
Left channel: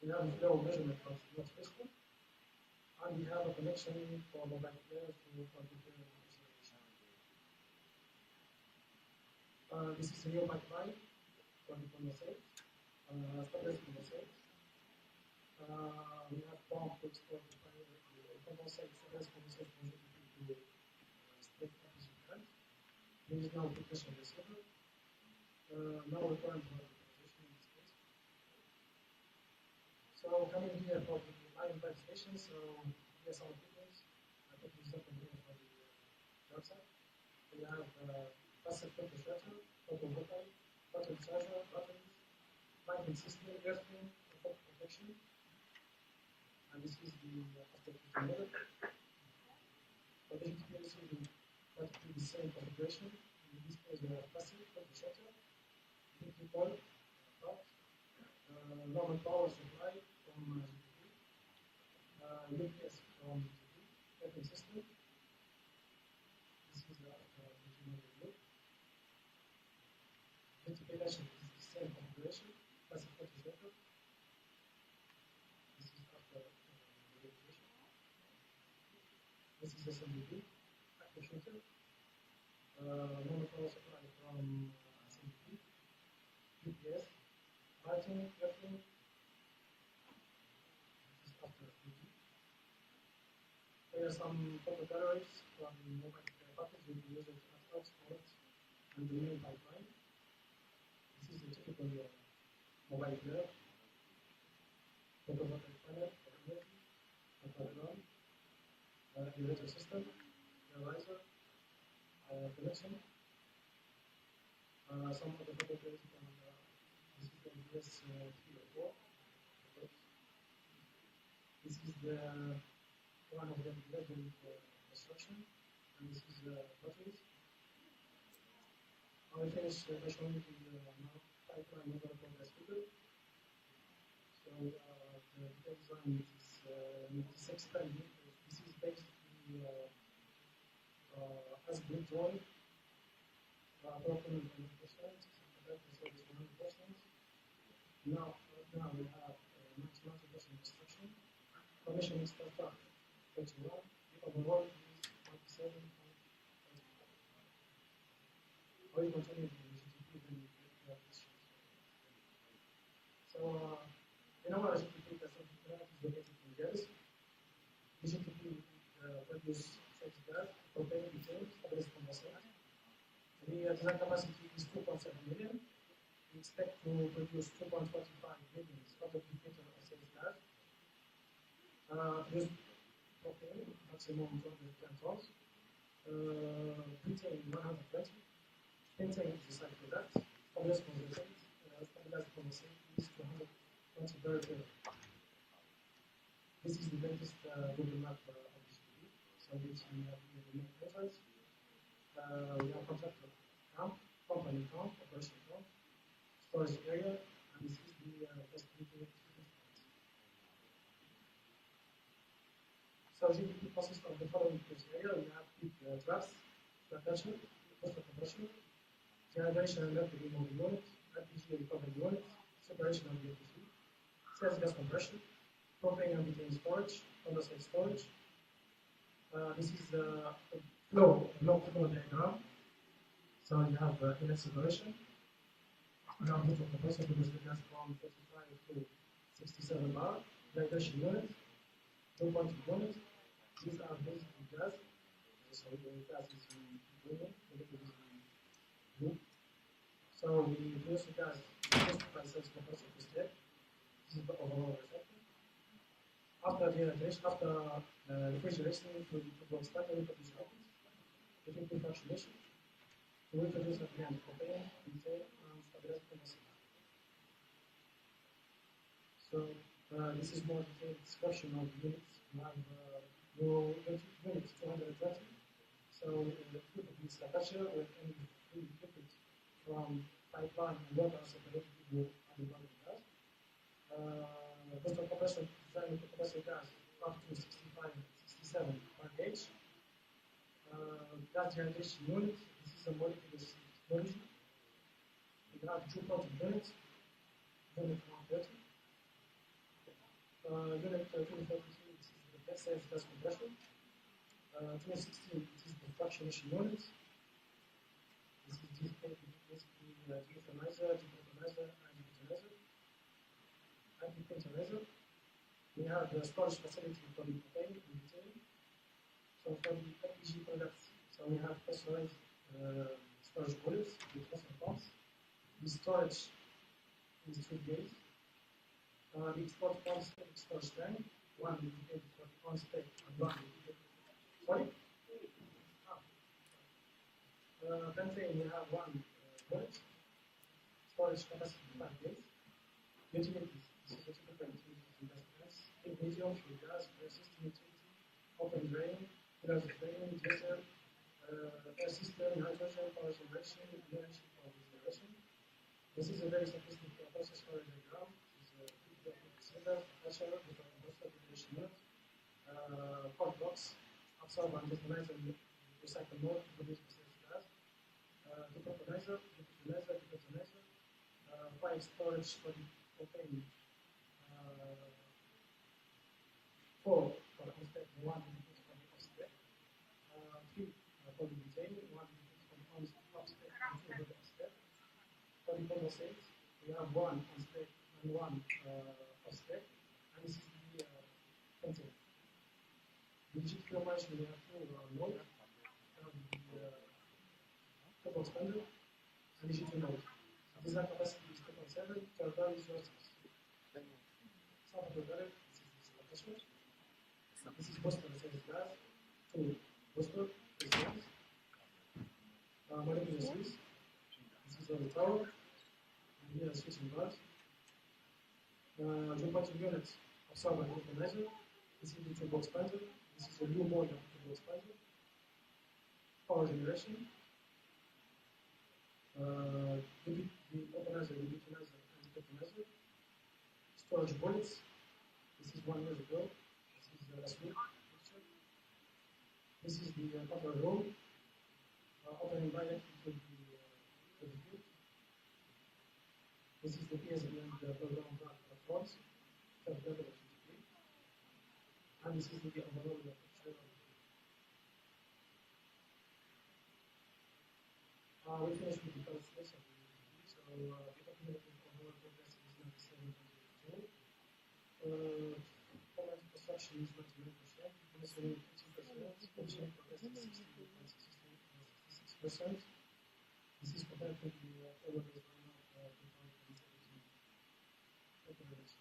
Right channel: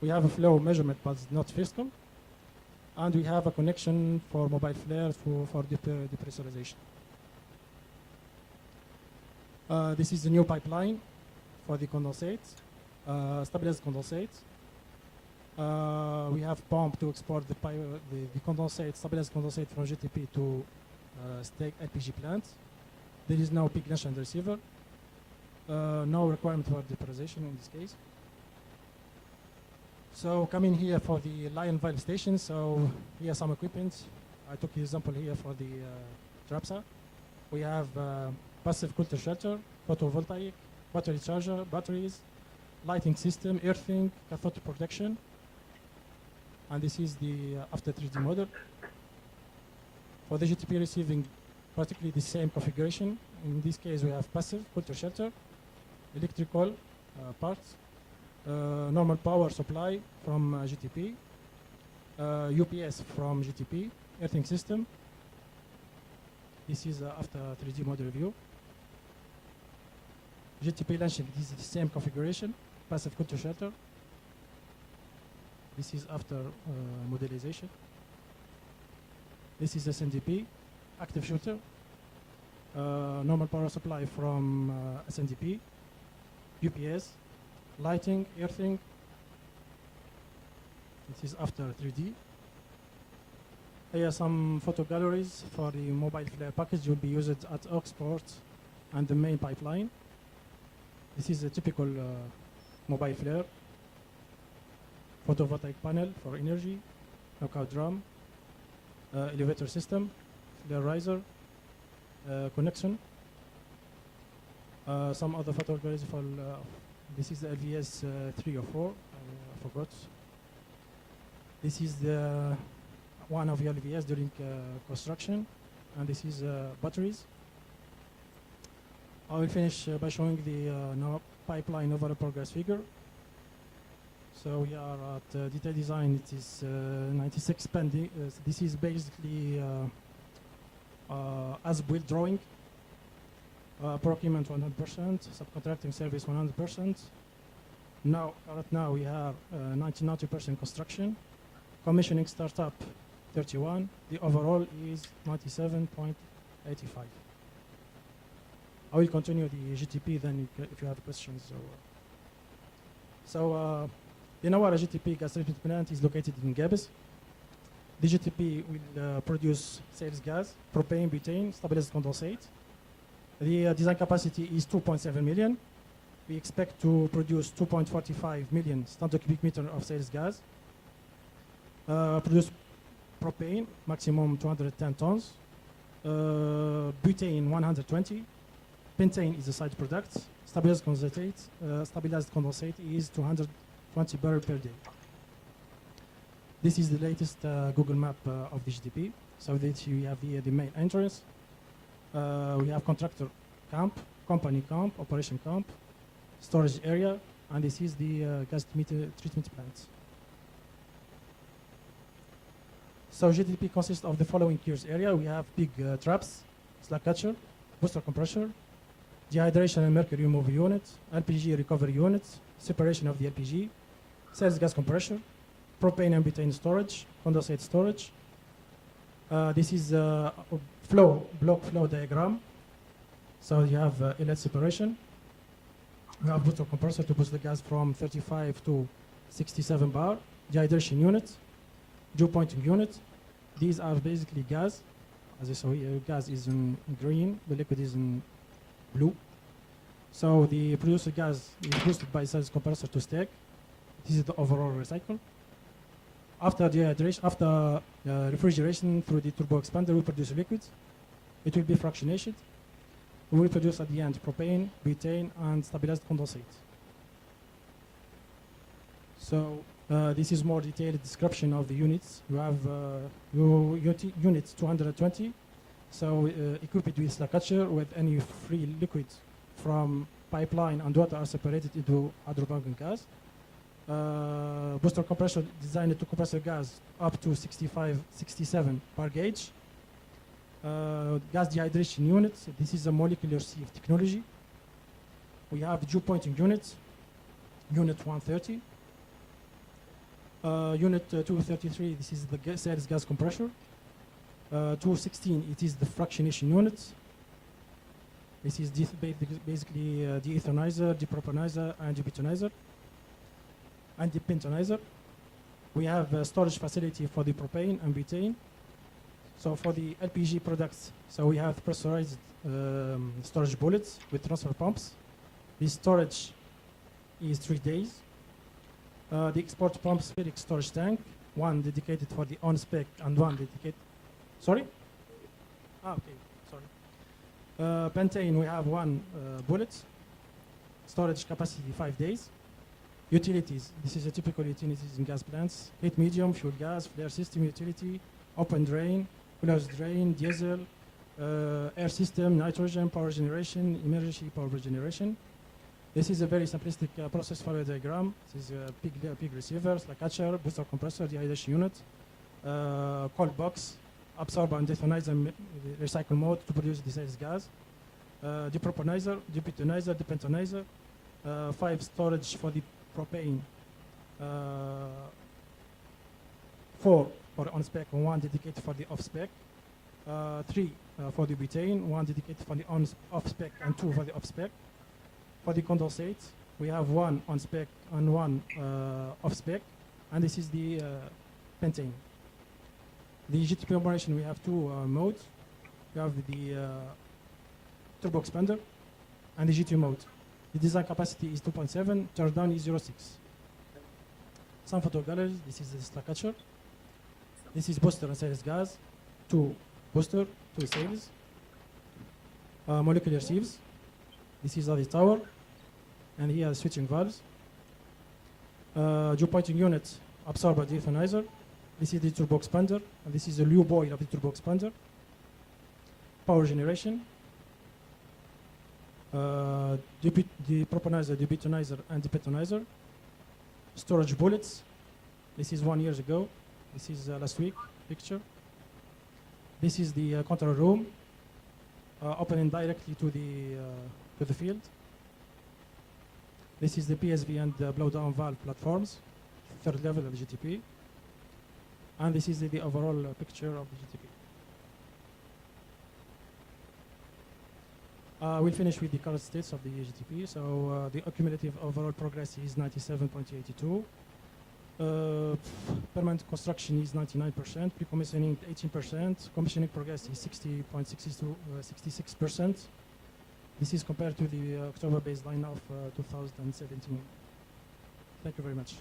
We have a flow measurement, but not fiscal. And we have a connection for mobile flare for depressurization. This is the new pipeline for the condensate, stabilized condensate. We have pump to export the condensate, stabilized condensate from GTP to stack LPG plant. There is no peak launcher and receiver. No requirement for depressurization in this case. So coming here for the line valve station. So here are some equipment. I took the example here for the Trapsa. We have passive coulter shelter, photovoltaic, battery charger, batteries, lighting system, earthing, cathode protection. And this is the after 3D model. For the GTP receiving, particularly the same configuration. In this case, we have passive coulter shelter, electrical parts, normal power supply from GTP, UPS from GTP, earthing system. This is after 3D model review. GTP launching, this is the same configuration, passive coulter shelter. This is after modelization. This is SNDP, active shooter. Normal power supply from SNDP, UPS, lighting, earthing. This is after 3D. Here are some photo galleries for the mobile flare package will be used at Oxport and the main pipeline. This is a typical mobile flare. Photovoltaic panel for energy, knockout drum, elevator system, flare riser, connection. Some other photo galleries for this is the LVS 3 or 4, I forgot. This is the one of the LVS during construction, and this is batteries. I will finish by showing the pipeline overall progress figure. So we are at detail design. It is 96 pending. This is basically as-built drawing. Procurement 100%, subcontracting service 100%. Right now we have 90% construction. Commissioning startup 31. The overall is 97.85. I will continue the GTP then if you have questions. So the Nawara GTP gas treatment plant is located in Gabes. The GTP will produce sales gas, propane, butane, stabilized condensate. The design capacity is 2.7 million. We expect to produce 2.45 million standard cubic meter of sales gas. Produce propane, maximum 210 tons. Butane, 120. Pentane is a side product. Stabilized condensate is 220 barrels per day. This is the latest Google map of the GTP. So that we have here the main entrance. We have contractor camp, company camp, operation camp, storage area, and this is the gas treatment plant. So GTP consists of the following cures area. We have big traps, slack catcher, booster compressor, dehydration and mercury removal unit, LPG recovery unit, separation of the LPG, sales gas compressor, propane and butane storage, condensate storage. This is a block flow diagram. So you have inlet separation. We have booster compressor to push the gas from 35 to 67 bar, dehydration unit, dew pointing unit. These are basically gas. As you saw here, gas is in green, the liquid is in blue. So the produced gas is boosted by sales compressor to stack. This is the overall recycle. After dehydration, after refrigeration through the turbo expander, we produce liquid. It will be fractionated. We will produce at the end propane, butane, and stabilized condensate. So this is more detailed description of the units. You have unit 220, so equipped with a catcher with any free liquid from pipeline and water are separated into hydrocarbon gas. Booster compressor designed to compress the gas up to 65, 67 bar gauge. Gas dehydration unit, this is a molecular sieve technology. We have dew pointing unit, unit 130. Unit 233, this is the sales gas compressor. 216, it is the fractionation unit. This is basically de-ethanizer, depropanizer, and debutanizer, and depentanizer. We have a storage facility for the propane and butane. So for the LPG products, so we have pressurized storage bullets with transfer pumps. The storage is 3 days. The export pump spheric storage tank, one dedicated for the on-spec and one dedicated, sorry? Okay, sorry. Pentane, we have one bullet. Storage capacity 5 days. Utilities, this is a typical utilities in gas plants. Heat medium, fuel gas, flare system utility, open drain, closed drain, diesel, air system, nitrogen, power generation, emergency power generation. This is a very simplistic process flow diagram. This is a pig receivers, a catcher, booster compressor, dehydration unit, cold box, absorber and dethanizer recycle mode to produce the sales gas, depropanizer, debutanizer, depentanizer, 5 storage for the propane, 4 for the on-spec and 1 dedicated for the off-spec, 3 for the butane, 1 dedicated for the off-spec and 2 for the off-spec. For the condensate, we have 1 on-spec and 1 off-spec, and this is the pentane. The GTP operation, we have 2 modes. We have the turbo expander and the GT mode. The design capacity is 2.7, turn down is 0.6. Some photo galleries, this is the stack catcher. This is booster and sales gas, 2 booster, 2 sales. Molecular sieves. This is the tower, and here switching valves. Dew pointing unit, absorber dethanizer. This is the turbo expander, and this is the lube oil of the turbo expander. Power generation. The propanizer, the butanizer, and the betonizer. Storage bullets. This is 1 year ago. This is last week picture. This is the control room, opening directly to the field. This is the PSV and the blowdown valve platforms, 3rd level of the GTP. And this is the overall picture of the GTP. We'll finish with the current states of the GTP. So the cumulative overall progress is 97.82. Permanent construction is 99%, pre-commissioning 18%, commissioning progress is 66%. This is compared to the October baseline of 2017. Thank you very much.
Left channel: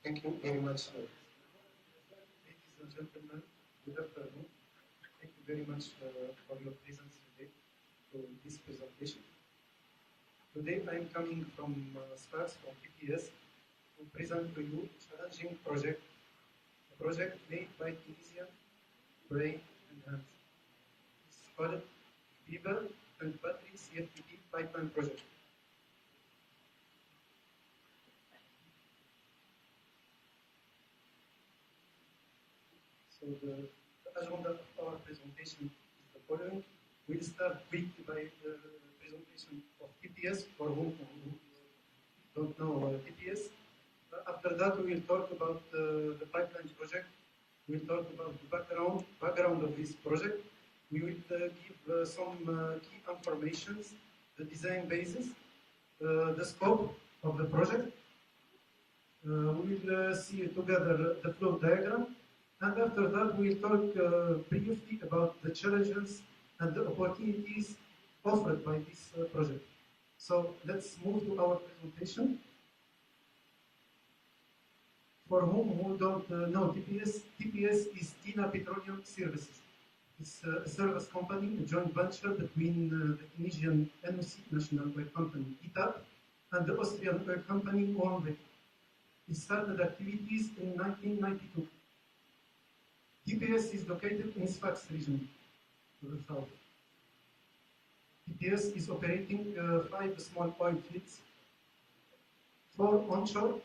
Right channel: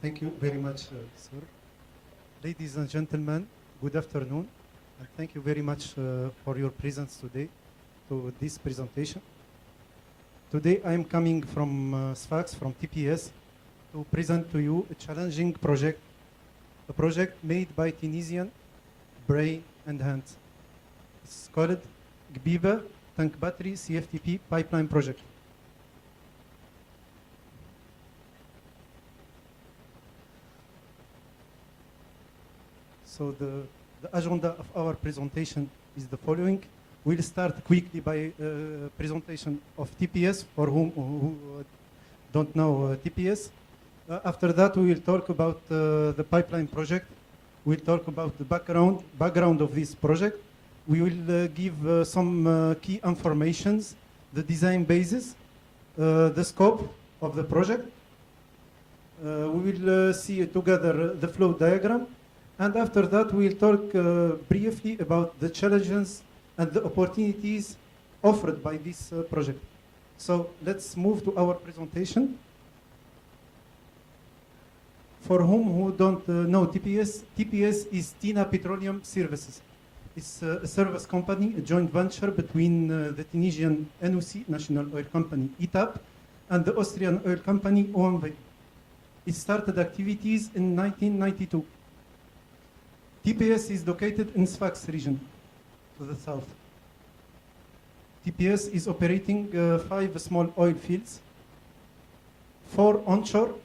Thank you very much, sir. Ladies and gentlemen, good afternoon, and thank you very much for your presence today to this presentation. Today I am coming from SFAX, from TPS, to present to you a challenging project, a project made by Tunisian brain and hands. It's called GBIBA Tank Battery CFTP Pipeline Project. So the agenda of our presentation is the following. We'll start quickly by presentation of TPS, for who don't know TPS. After that, we will talk about the pipeline project. We'll talk about the background of this project. We will give some key informations, the design basis, the scope of the project. We will see together the flow diagram. And after that, we'll talk briefly about the challenges and the opportunities offered by this project. So let's move to our presentation. For who don't know TPS, TPS is Tina Petroleum Services. It's a service company, a joint venture between the Tunisian NOC, National Oil Company, ETAP, and the Austrian oil company, OMV. It started activities in 1992. TPS is located in Sfax region, to the south. TPS is operating 5 small oil fields, 4 onshore,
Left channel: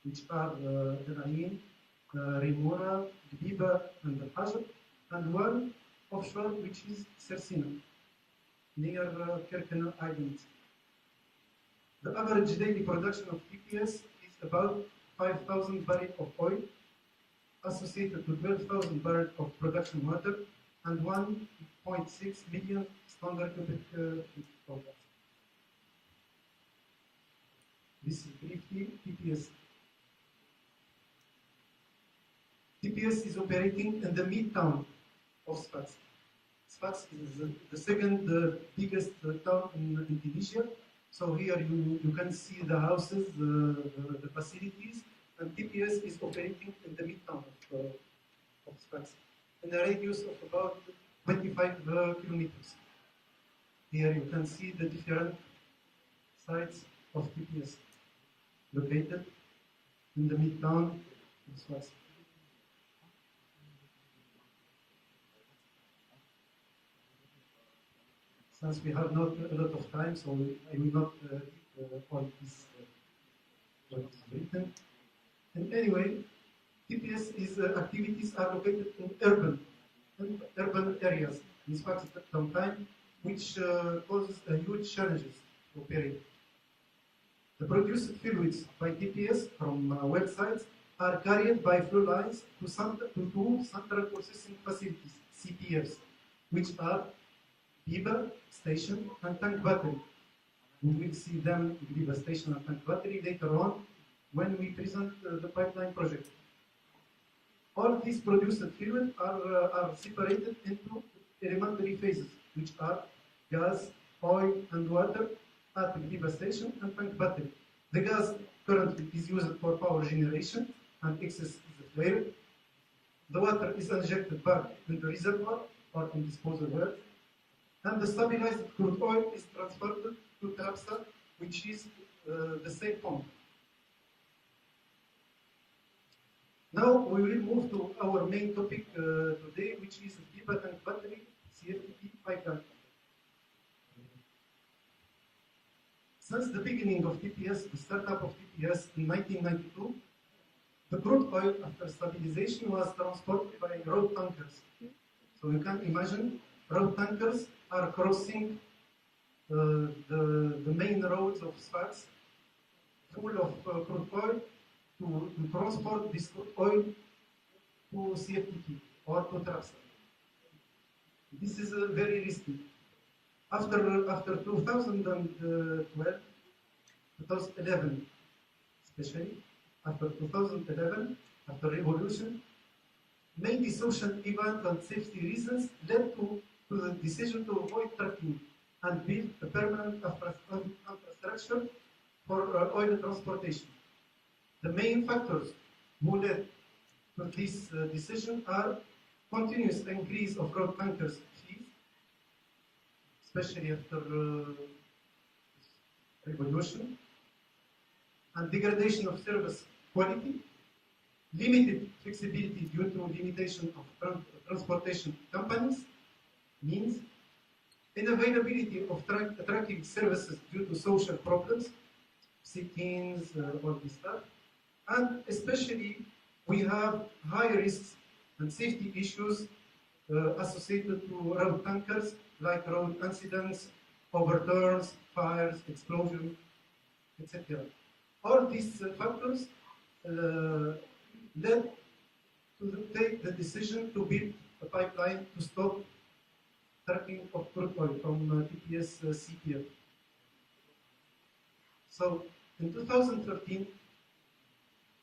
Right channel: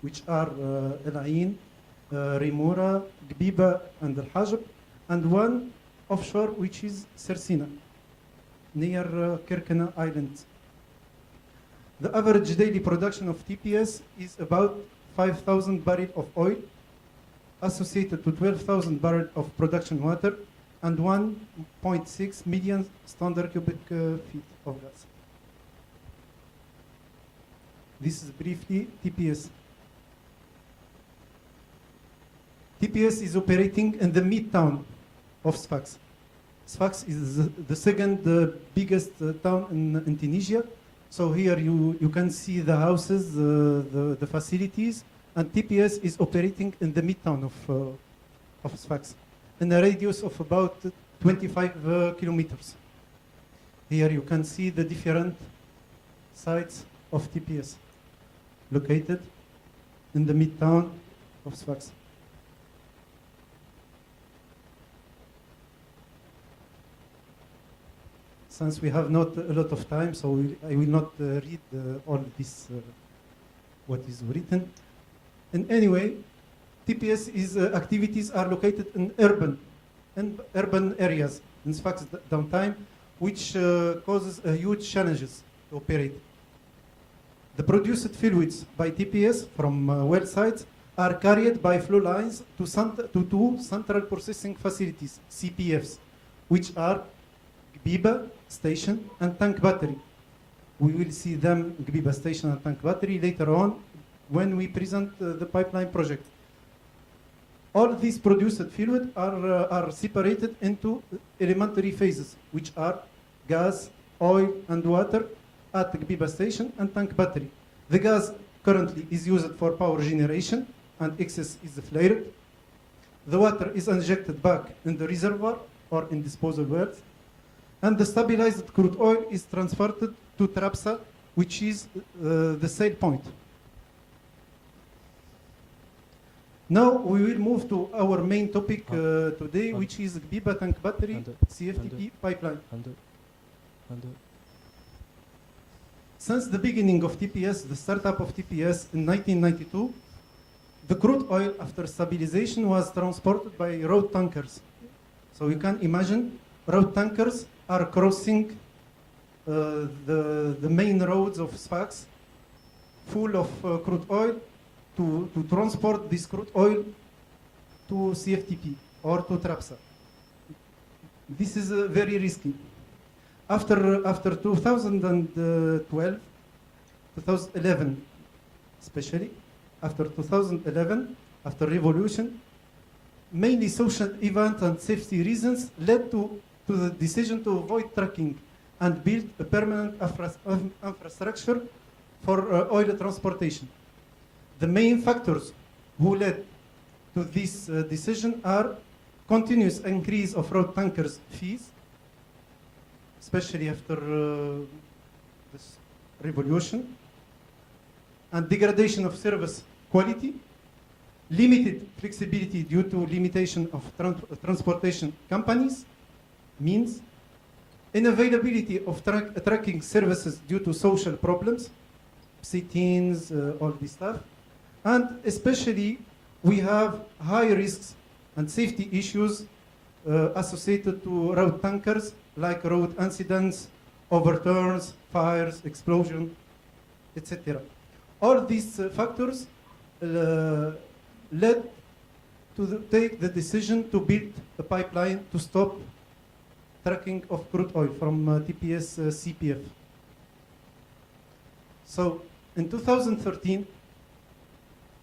which are El Ain, Rimura, Gbiba, and Al Hajr, and 1 offshore, which is Sersina, near Kirkena Island. The average daily production of TPS is about 5,000 barrels of oil, associated to 12,000 barrels of production water, and 1.6 million standard cubic feet of gas. This is briefly TPS. TPS is operating in the midtown of Sfax. Sfax is the second biggest town in Tunisia. So here you can see the houses, the facilities, and TPS is operating in the midtown of Sfax, in a radius of about 25 kilometers. Here you can see the different sites of TPS, located in the midtown of Sfax. Since we have not a lot of time, so I will not read all this, what is written. And anyway, TPS is activities are located in urban areas in Sfax downtime, which causes huge challenges to operate. The produced fluids by TPS from well sites are carried by flow lines to 2 central processing facilities, CPFs, which are Gbiba station and tank battery. We will see them, Gbiba station and tank battery, later on when we present the pipeline project. All these produced fluid are separated into elementary phases, which are gas, oil, and water at the Gbiba station and tank battery. The gas currently is used for power generation, and excess is flared. The water is injected back in the reservoir or in disposal wells, and the stabilized crude oil is transferred to Trapsa, which is the sale point. Now we will move to our main topic today, which is Gbiba tank battery CFTP pipeline. Since the beginning of TPS, the startup of TPS in 1992, the crude oil after stabilization was transported by road tankers. So you can imagine road tankers are crossing the main roads of Sfax full of crude oil to transport this crude oil to CFTP or to Trapsa. This is very risky. After 2012, 2011 especially, after 2011, after revolution, mainly social events and safety reasons led to the decision to avoid trucking and build a permanent infrastructure for oil transportation. The main factors who led to this decision are continuous increase of road tankers fees, especially after this revolution, and degradation of service quality, limited flexibility due to limitation of transportation companies, means unavailability of tracking services due to social problems, sit-ins, all this stuff, and especially we have high risks and safety issues associated to road tankers, like road incidents, overturns, fires, explosion, etc. All these factors led to take the decision to build a pipeline to stop trucking of crude oil from TPS CPF. So in 2013,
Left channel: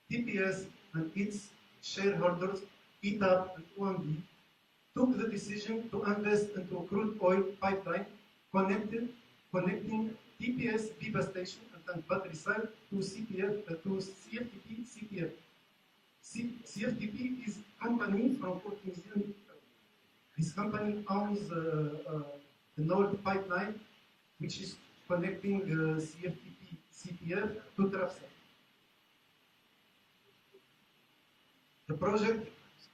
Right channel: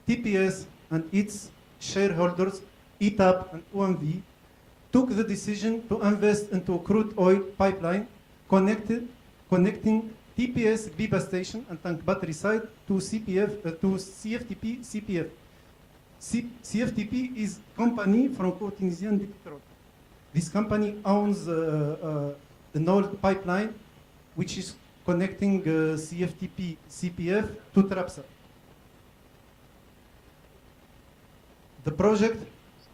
TPS and its shareholders, ETAP and OMV, took the decision to invest into a crude oil pipeline connecting TPS Biba station and tank battery site to CFTP CPF. CFTP is company from Port Tunisian Petrol. This company owns an old pipeline which is connecting CFTP CPF to Trapsa. The project,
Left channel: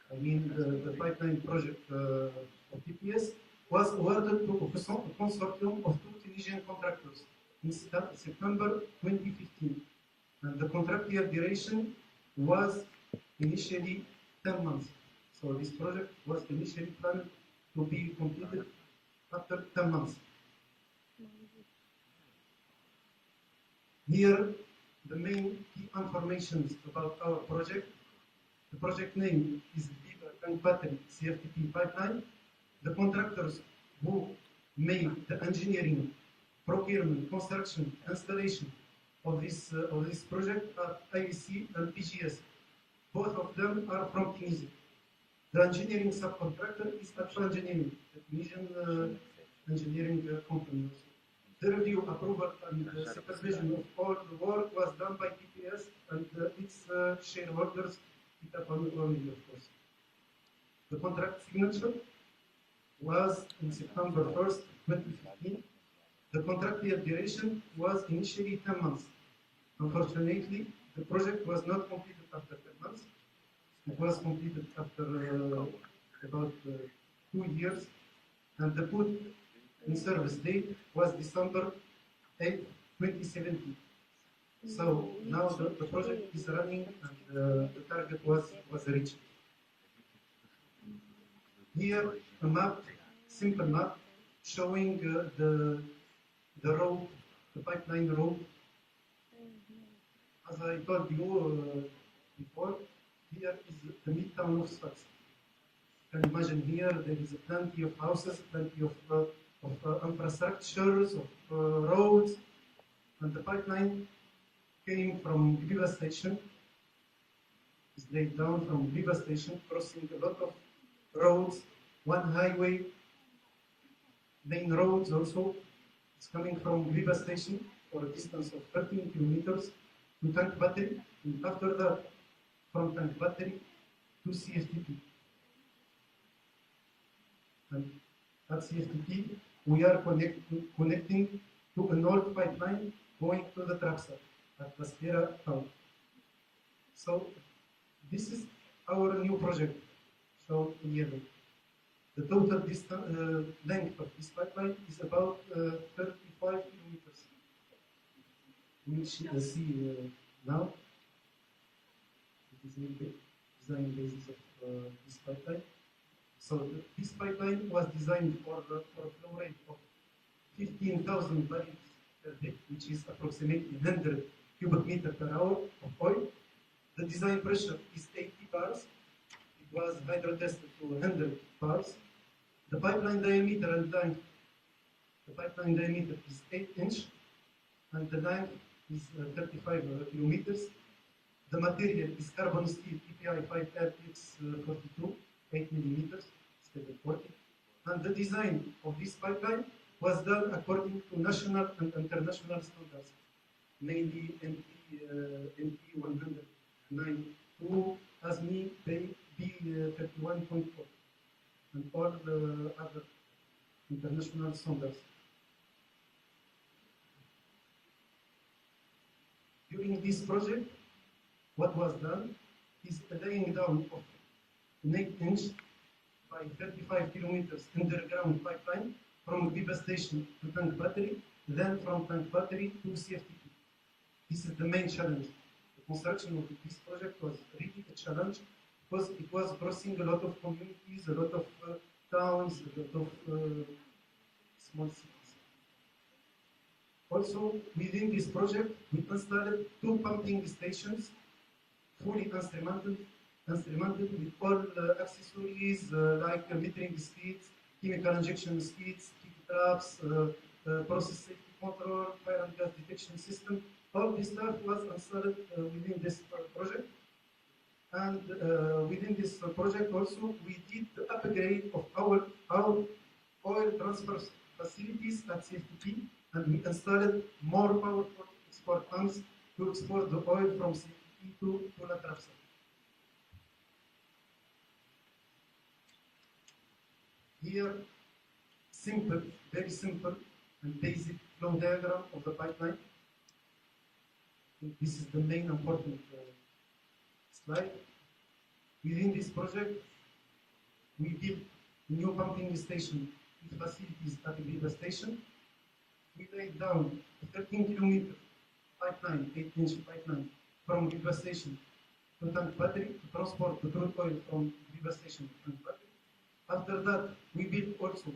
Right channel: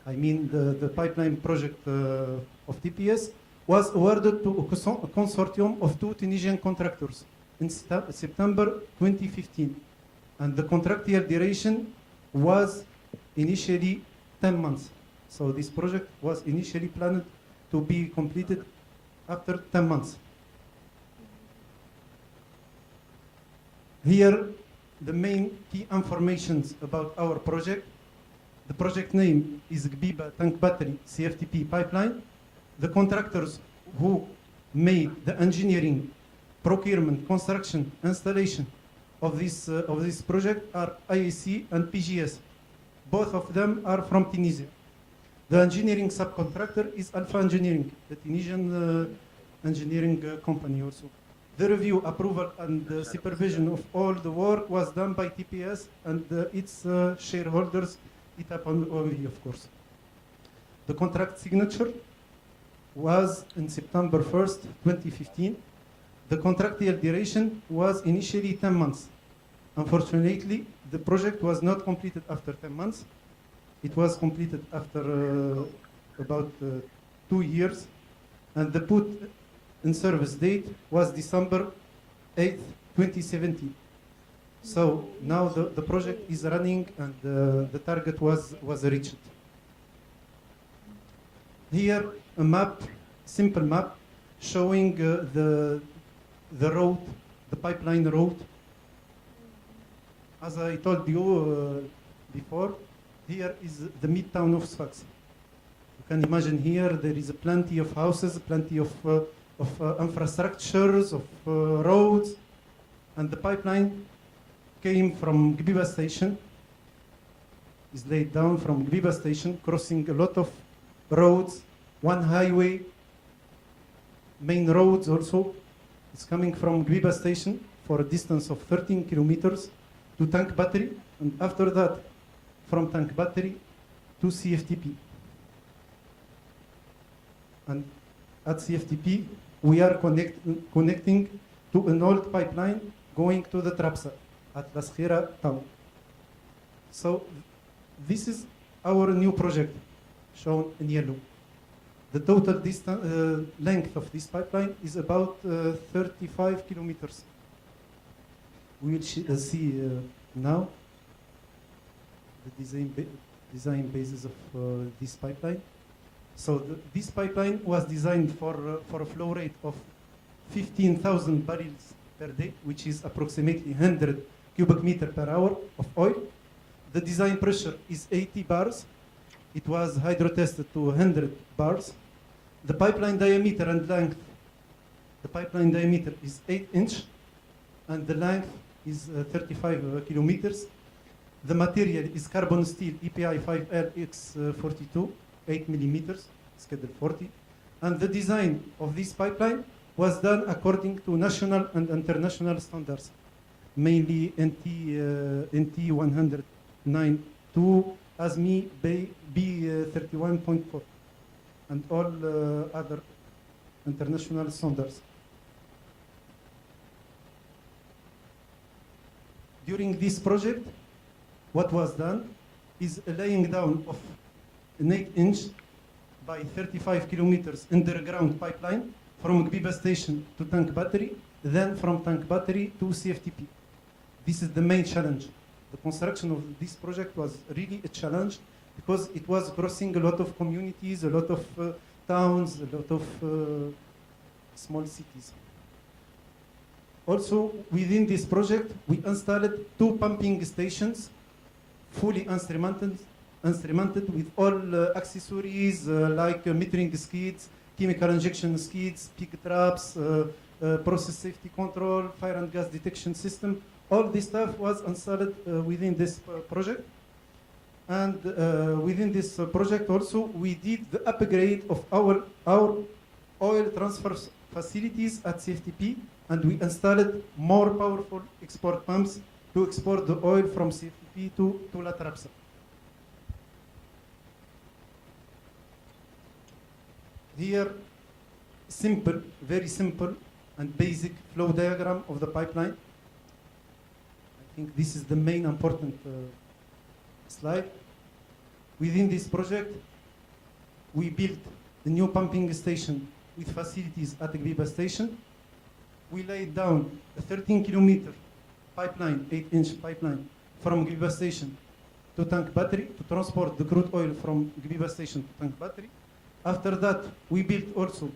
I mean the pipeline project of TPS, was awarded to a consortium of 2 Tunisian contractors in September 2015. And the contractual duration was initially 10 months. So this project was initially planned to be completed after 10 months. Here, the main key informations about our project. The project name is Gbiba Tank Battery CFTP Pipeline. The contractors who made the engineering, procurement, construction, installation of this project are IEC and PGS. Both of them are from Tunisia. The engineering subcontractor is Alpha Engineering, the Tunisian engineering company also. The review, approval, and supervision of all the work was done by TPS and its shareholders, ETAP and OMV, of course. The contract signature was in September 1st, 2015. The contractual duration was initially 10 months. Unfortunately, the project was not completed after 10 months. It was completed after about 2 years, and the put in service date was December 8th, 2017. So now the project is running and the target was reached. Here a map, simple map, showing the road, the pipeline road. As I told you before, here is the midtown of Sfax. You can imagine here there is plenty of houses, plenty of infrastructures, of roads, and the pipeline came from Gbiba station, is laid down from Gbiba station, crossing a lot of roads, one highway, main roads also. It's coming from Gbiba station for a distance of 13 kilometers to Tank Battery, and after that from Tank Battery to CFTP. And at CFTP we are connecting to an old pipeline going to the Trapsa at Las Khira town. So this is our new project shown in yellow. The total length of this pipeline is about 35 kilometers. We will see now the design basis of this pipeline. So this pipeline was designed for a flow rate of 15,000 barrels per day, which is approximately 100 cubic meter per hour of oil. The design pressure is 80 bars. It was hydro-tested to 100 bars. The pipeline diameter and length, the pipeline diameter is 8 inch, and the length is 35 kilometers. The material is carbon steel EPI 5RX42, 8 millimeters, schedule 40. And the design of this pipeline was done according to national and international standards, mainly NT 100 92 ASME B31.4 and all other international standards. During this project, what was done is a laying down of an 8-inch by 35 kilometers underground pipeline from Gbiba station to tank battery, then from tank battery to CFTP. This is the main challenge. The construction of this project was really a challenge because it was crossing a lot of communities, a lot of towns, a lot of small cities. Also, within this project, we installed 2 pumping stations, fully instrumented with all accessories like metering skids, chemical injection skids, peak traps, process safety control, fire and gas detection system. All this stuff was installed within this project. And within this project also, we did the upgrade of our oil transfer facilities at CFTP, and we installed more powerful export pumps to export the oil from CFTP to La Trapsa. Here, simple, very simple and basic flow diagram of the pipeline. I think this is the main important slide. Within this project, we built the new pumping station with facilities at the Gbiba station. We laid down a 13-kilometer pipeline, 8-inch pipeline from Gbiba station to tank battery to transport the crude oil from Gbiba station to tank battery. After that, we built also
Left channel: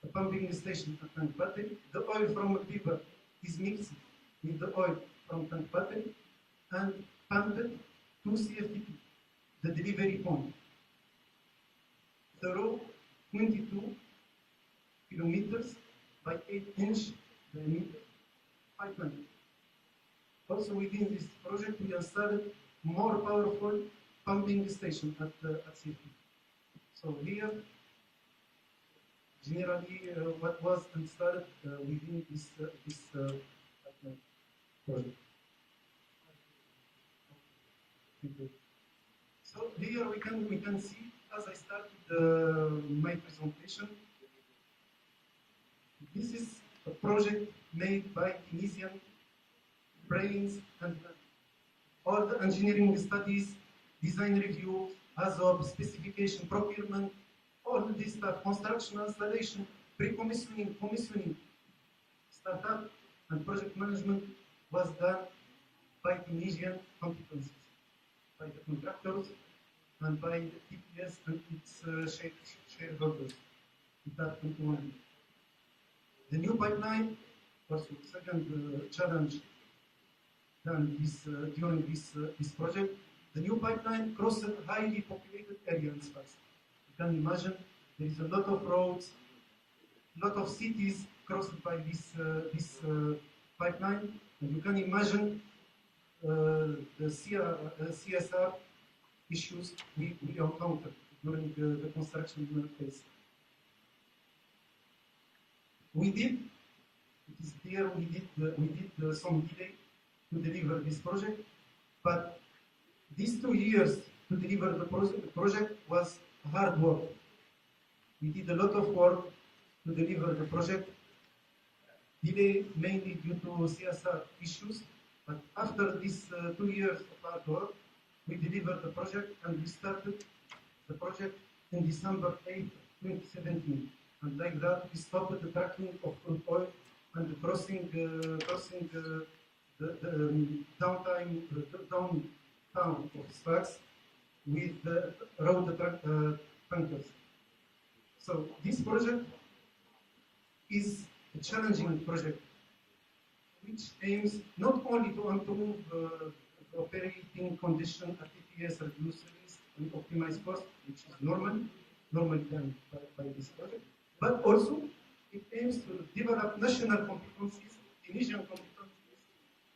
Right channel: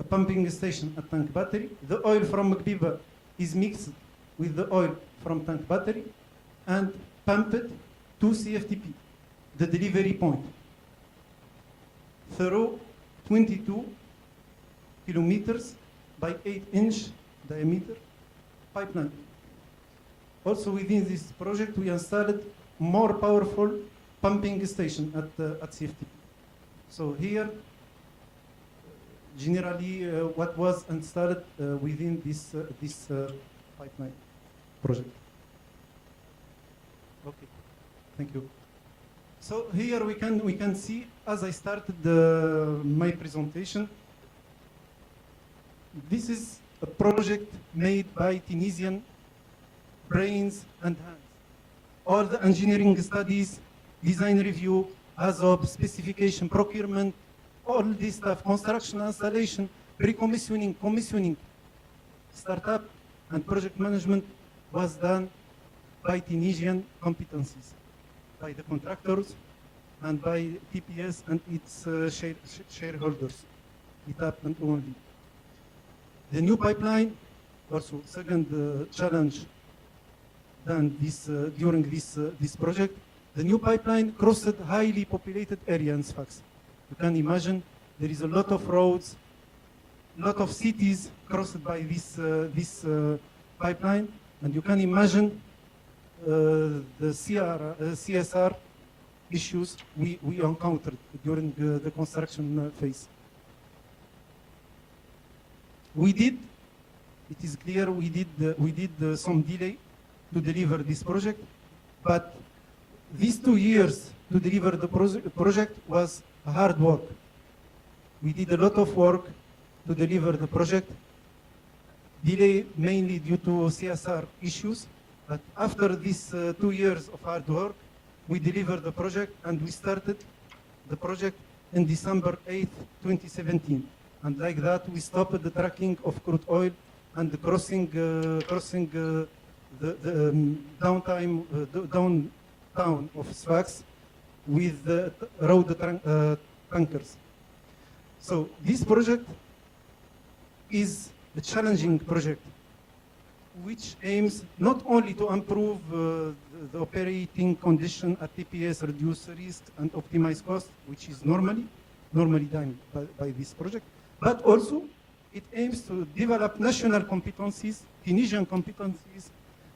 a pumping station at tank battery. The oil from Gbiba is mixed with the oil from tank battery and pumped to CFTP, the delivery point, through 22 kilometers by 8-inch diameter pipeline. Also within this project, we installed more powerful pumping station at CFTP. So here, generally, what was installed within this pipeline project. Okay, thank you. So here we can see, as I started my presentation, this is a project made by Tunisian brains and hands. All the engineering studies, design review, ASOP, specification, procurement, all this stuff, construction, installation, pre-commissioning, commissioning, startup, and project management was done by Tunisian competencies, by the contractors and by TPS and its shareholders, ETAP and OMB. The new pipeline, also second challenge done during this project, the new pipeline crossed highly populated area in Sfax. You can imagine there is a lot of roads, a lot of cities crossed by this pipeline, and you can imagine the CSR issues we encountered during the construction phase. It is clear we did some delay to deliver this project, but these 2 years to deliver the project was hard work. We did a lot of work to deliver the project, delay mainly due to CSR issues, but after these 2 years of hard work, we delivered the project and we started the project in December 8, 2017. And like that, we stopped the trucking of crude oil and the crossing the downtown of Sfax with the road tankers. So this project is a challenging project which aims not only to improve the operating condition at TPS, reduce risk and optimize cost, which is normally done by this project, but also it aims to develop national competencies, Tunisian competencies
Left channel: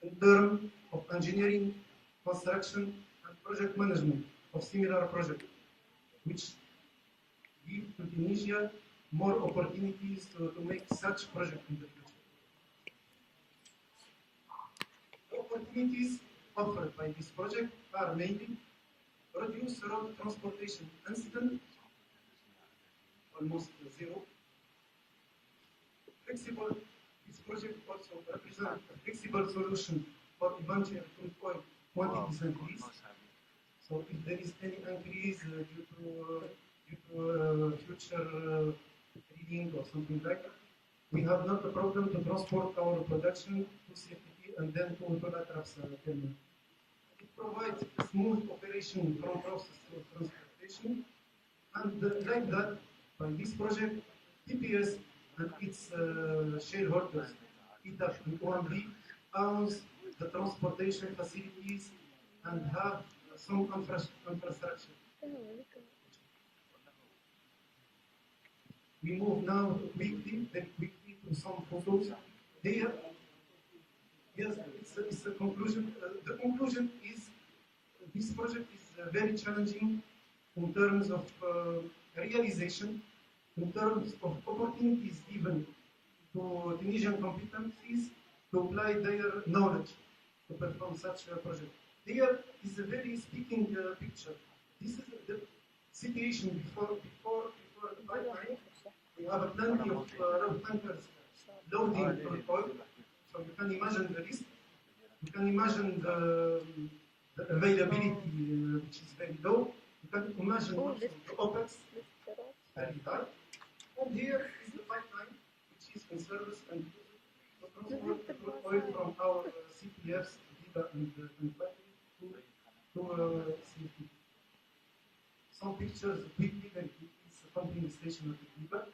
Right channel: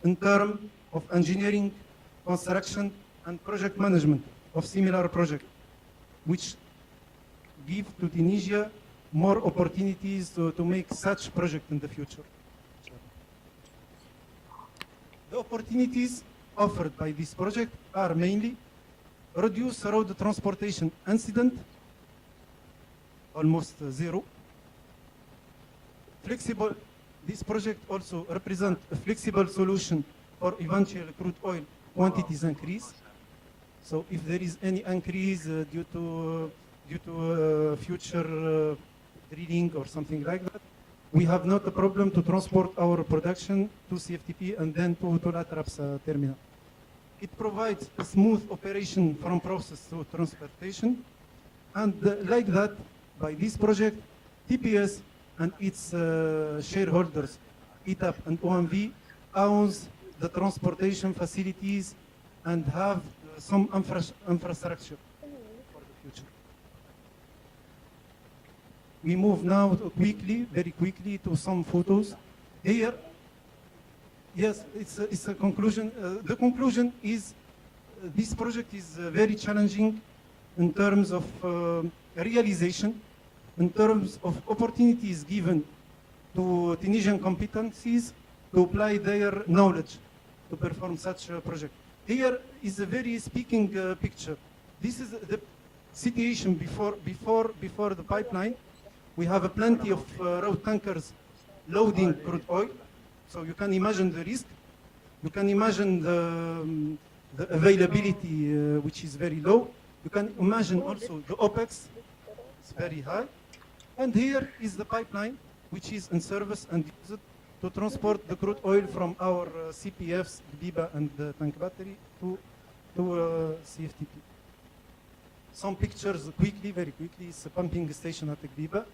in terms of engineering, construction and project management of similar projects, which give to Tunisia more opportunities to make such projects in the future. The opportunities offered by this project are mainly reduce road transportation incident, almost zero. Flexible, this project also represents a flexible solution for eventual crude oil quantities increase. So if there is any increase due to future drilling or something like that, we have not a problem to transport our production to CFTP and then to Atrap's terminal. It provides a smooth operation from process to transportation, and like that, by this project, TPS and its shareholders, ETAP and OMV, owns the transportation facilities and have some infrastructure for the future. We move now very quickly to some photos. Here, yes, it's a conclusion. The conclusion is this project is very challenging in terms of realization, in terms of opportunities given to Tunisian competencies to apply their knowledge to perform such a project. Here is a very speaking picture. This is the situation before the pipeline. We have plenty of road tankers loading crude oil, so you can imagine the risk. You can imagine the availability, which is very low. You can imagine also the OPEX, it's very high. And here is the pipeline, which is in service and used to transport the crude oil from our CPFs, Biba and tank battery, to CFTP. Some pictures quickly, very quickly. It's a pumping station at Biba.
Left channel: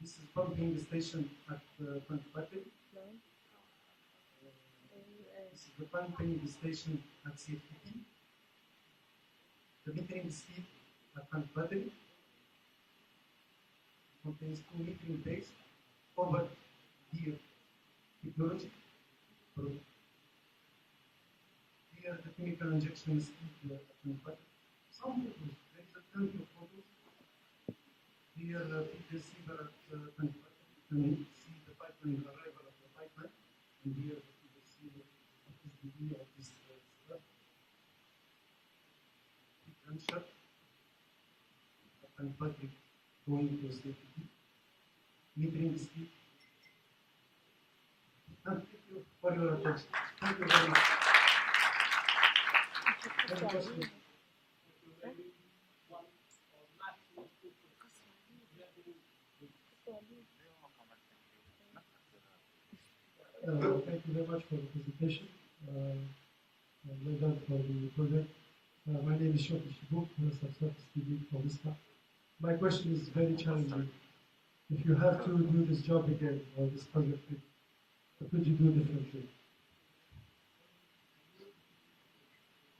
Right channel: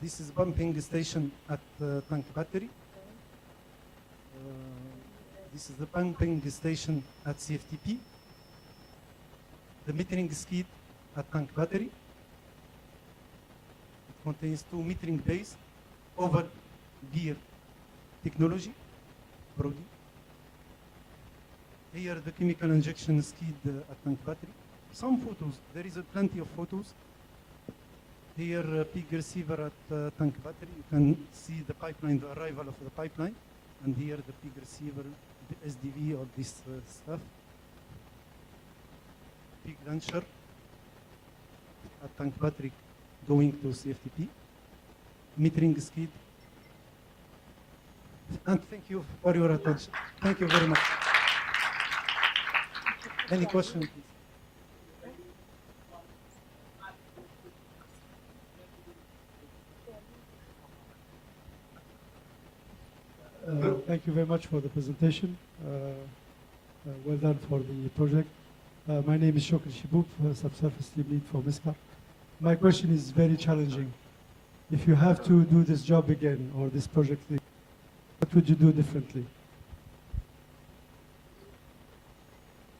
This is pumping station at tank battery. This is the pumping station at CFTP. The metering skid at tank battery. It contains 2 metering bays over gear technology. Here the chemical injection skid at tank battery. Some photos, there is plenty of photos. Here pig receiver at tank battery. You can see the pipeline, the arrival of the pipeline. And here the pig receiver, the SDV, all this stuff. Pig launcher at tank battery going to CFTP. Metering skid. And thank you for your attention. Thank you very much. Any questions? Thank you very much for the presentation. Well done for the project. My name is Shokri Shibouk, subsurface team lead for MISPA. My question is very challenging. If you have to do this job again, or this project again, what would you do differently?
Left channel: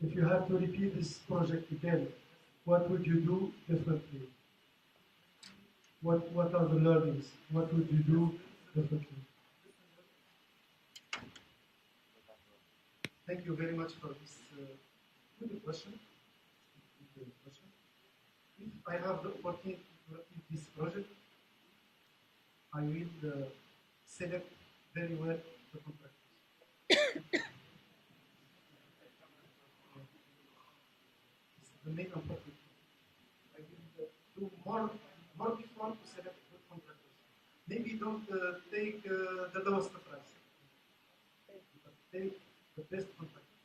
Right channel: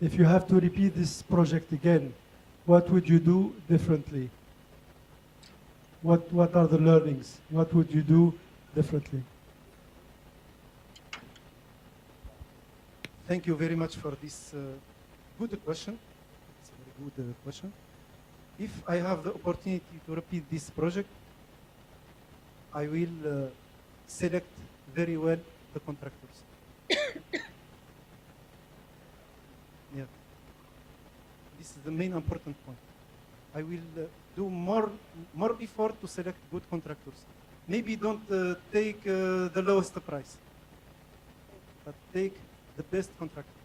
If you have to repeat this project again, what would you do differently? What are the learnings? What would you do differently? Thank you very much for this good question. It's a very good question. If I have the opportunity to repeat this project, I will select very well the contractors. Yeah. This is the main important point. I will do more before to select good contractors. Maybe don't take the lowest price, but take the best contractor.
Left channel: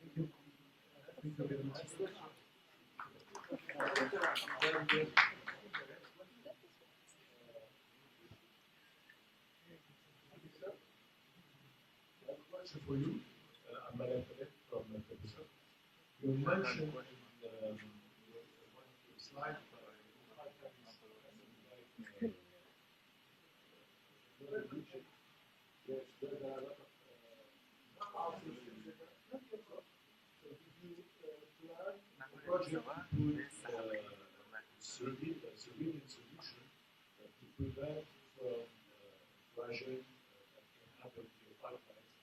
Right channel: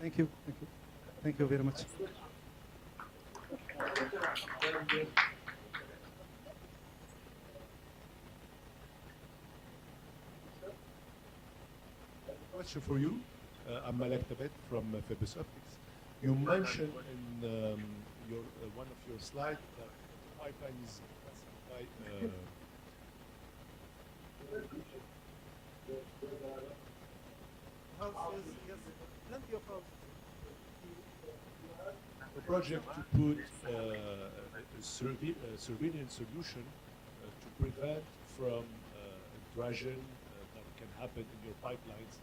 Thank you. Thank you. Thank you very much. Question for you. I'm Malek Tabet from Phoebus Optics. You mentioned in one of your slides, pipeline is project to put a surveillance solution to prevent from intrusion that can happen in your pipelines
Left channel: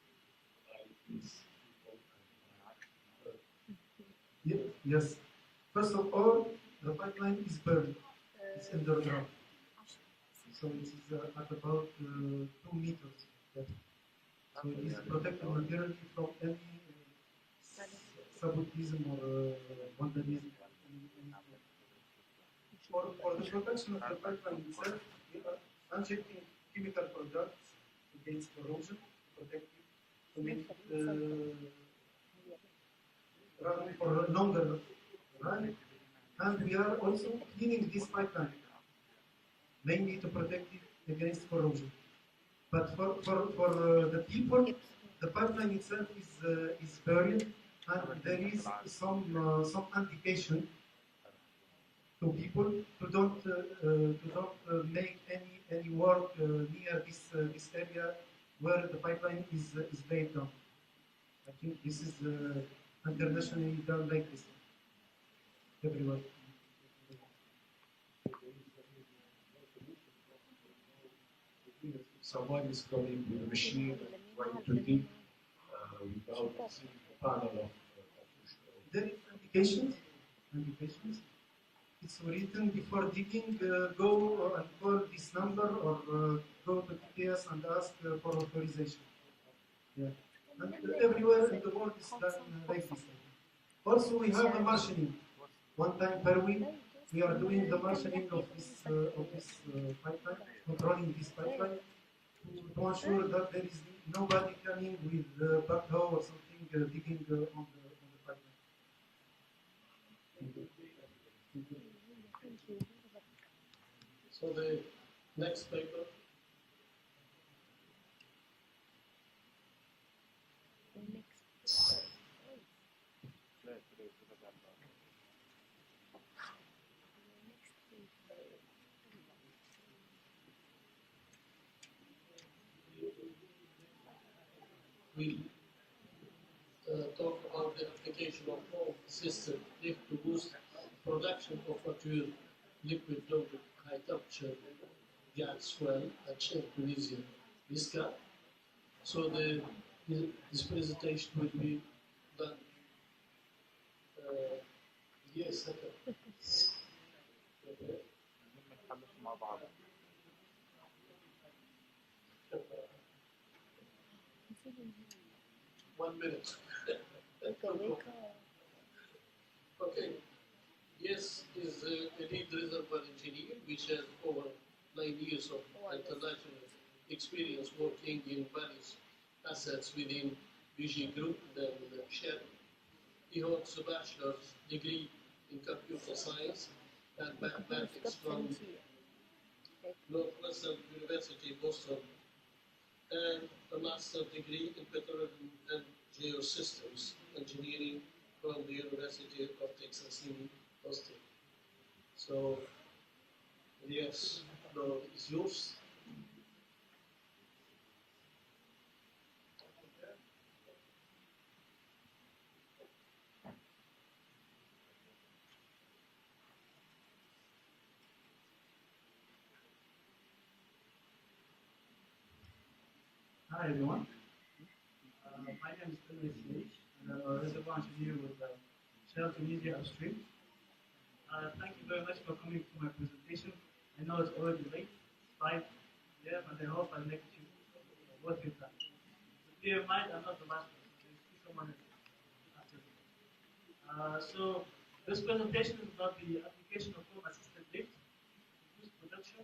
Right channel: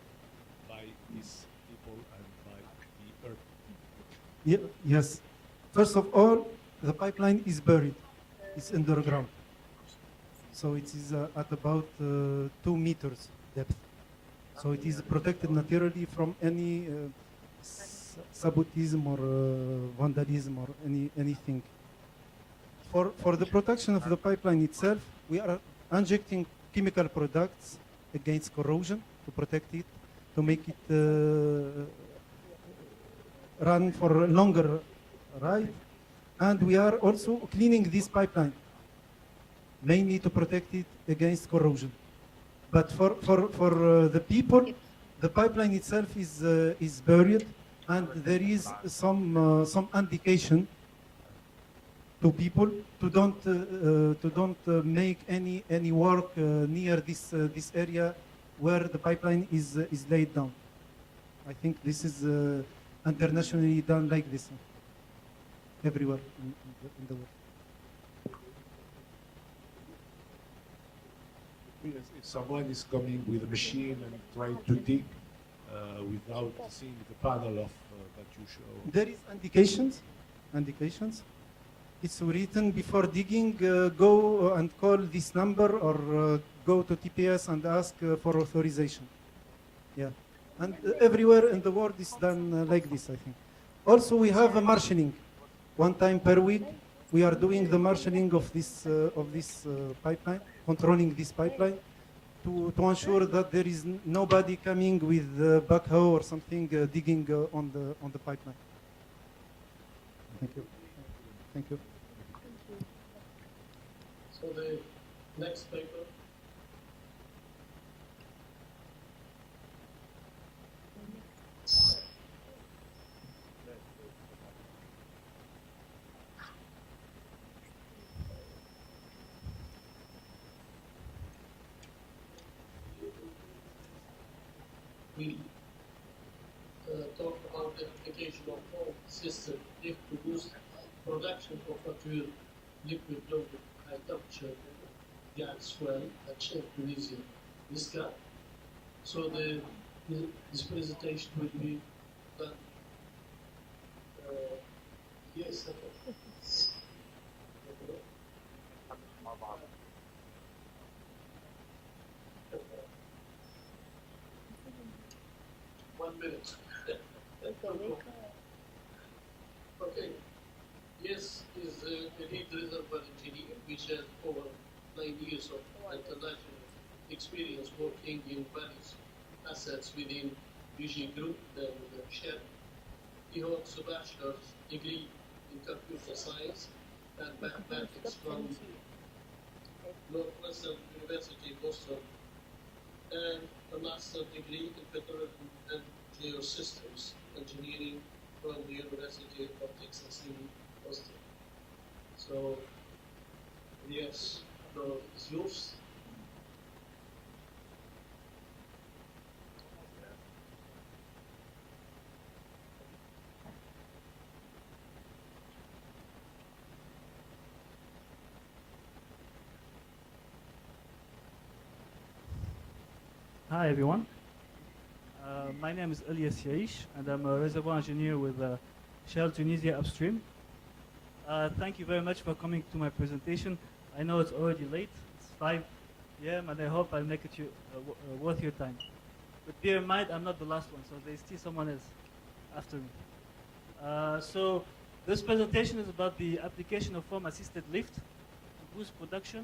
by these people and by the earth. Yes. First of all, the pipeline is buried. It's underground. So it is at about 2 meters depth. So it is protected naturally from any sabotism or vandalism or anything. For the protection of the pipeline itself, we are injecting chemical products against corrosion to protect it, to make it run for a longer ride. And we are also cleaning this pipeline, mainly to protect it against corrosion. But for the people, the pipeline itself is buried, and there is some indication to people to don't make any work near this area where the pipeline is laid down. I think this is internationally done like this everywhere in the world. If someone is coming with a machine and trying to dig without seeing the panel of that you show. There is indications. It's written before digging, go and call this number or go to TPS and ask for authorization. Yeah, and everywhere in the world is done like this, I think. Also, we have a marshalling. One time per week, we are doing the marshalling of this pipeline, controlling this pipeline, to ensure that there is nobody coming with a backhoe or something digging on the pipeline. Thank you. Thank you. So the next paper. We talk about the application of all system to boost production of mature liquid loaded high temperature gas fuel at Shell Tunisia Visca. So this presentation will be done. Yes, okay. 1 minute. Okay. Yes is a lead reservoir engineer which has over 9 years of international experience working in various assets within BG Group and Shell. He holds a bachelor's degree in computer science and mathematics from Northwestern University, Boston, and a master's degree in petroleum and geosystems engineering from the University of Texas in Austin. So, yes, the floor is yours. Hi everyone. My name is Elias Yaish and I'm a reservoir engineer with Shell Tunisia Upstream. Thank you very much for coming to my presentation. I know it's already late, it's 5 p.m. and I hope I'll make it worth your time. But bear in mind, I'm not the last one, so there's still someone else after me. So this presentation is about the application of foam-assisted lift to boost production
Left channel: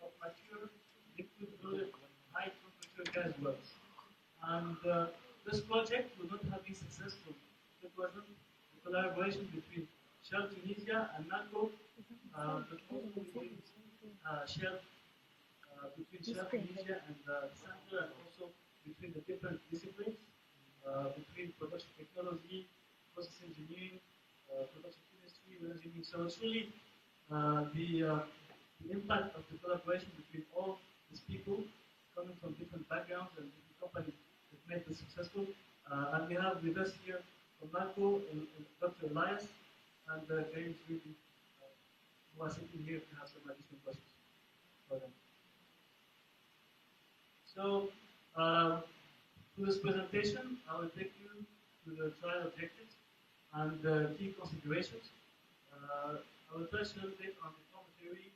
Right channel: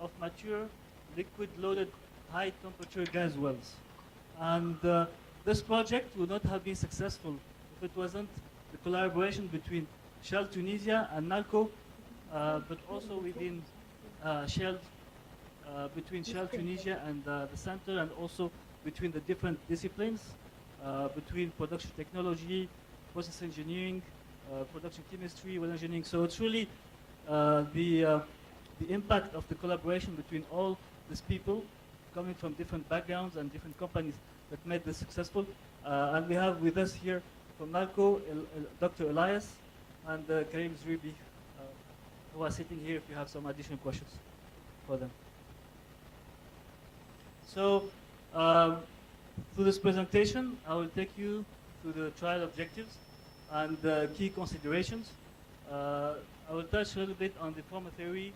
of mature liquid-loaded high-temperature gas wells. And this project would not have been successful if it wasn't the collaboration between Shell Tunisia and NALCO, but also within Shell, between Shell Tunisia and the center, and also between the different disciplines, between production technology, process engineering, production chemistry, well engineering. So it's really the impact of the collaboration between all these people coming from different backgrounds and different companies that made this successful. And we have with us here from NALCO, Dr. Elias and Karim Zrubi, who are sitting here if you have some additional questions for them. So, through this presentation, I will take you through the trial objectives and key considerations. I will touch a little bit on the formal theory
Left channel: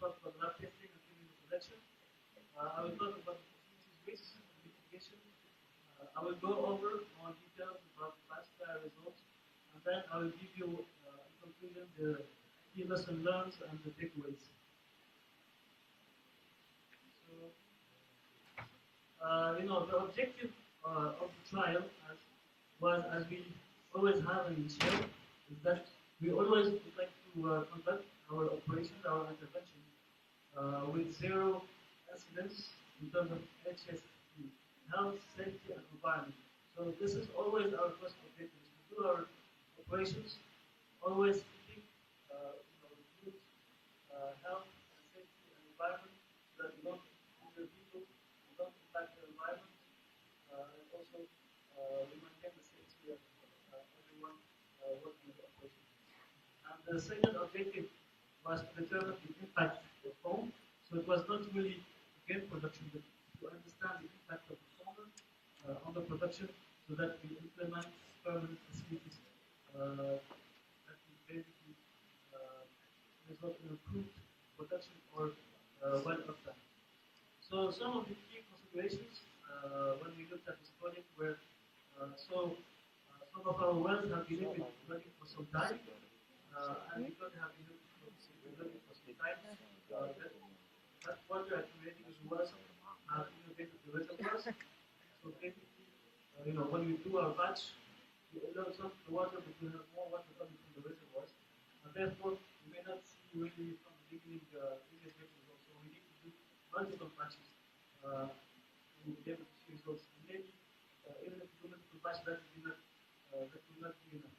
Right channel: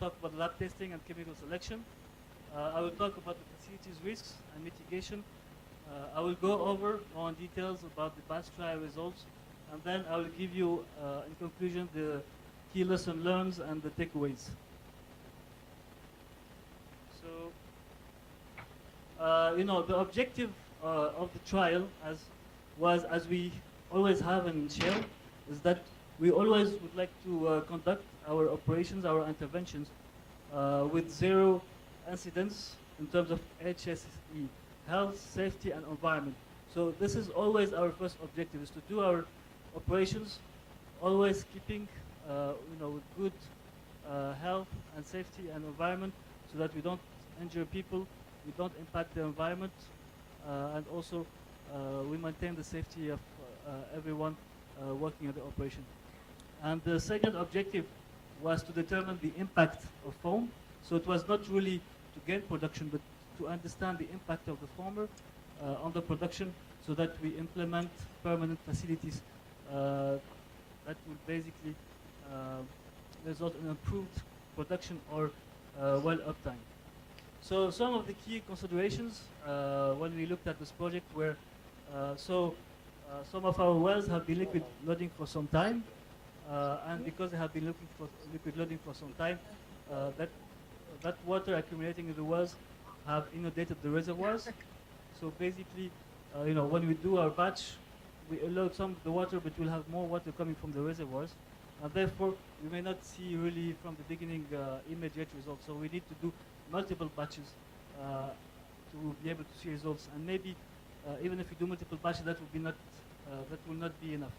talk about lab testing and chemical selection. I will talk about the facilities risks and mitigation. I will go over on details about the batch trial results, and then I will give you, in conclusion, the key lesson learned and the takeaways. So, the objective of the trial, as we always have in Shell, is that we always would like to conduct our operations, our interventions, with zero incidents in terms of HSE, health, safety, and environment. So this is always our first objective, is to do our operations, always keeping with good health and safety and environment, so that we don't injure people, we don't impact the environment, and also we maintain the safety of everyone working at the operation. And the second objective was to determine the impact of foam. So it was not really to get production, but to understand the impact of the former on the production, so that we implement permanent facilities that will basically result in improved production or well uptime. So some of the key considerations when we looked at this project were, some of our wells have been liquid loading for some time, and because they have been looking for liquid loading for some time, that water accumulating in the wells have inundated the reservoirs. So basically, when we do our batch, we allow some of the water, but we'll have more water coming from the reservoirs, and therefore we may not see really from the beginning immediate results. So we need to do multiple batches to be able to see results, and maybe even if we do multiple batches, that will not be enough.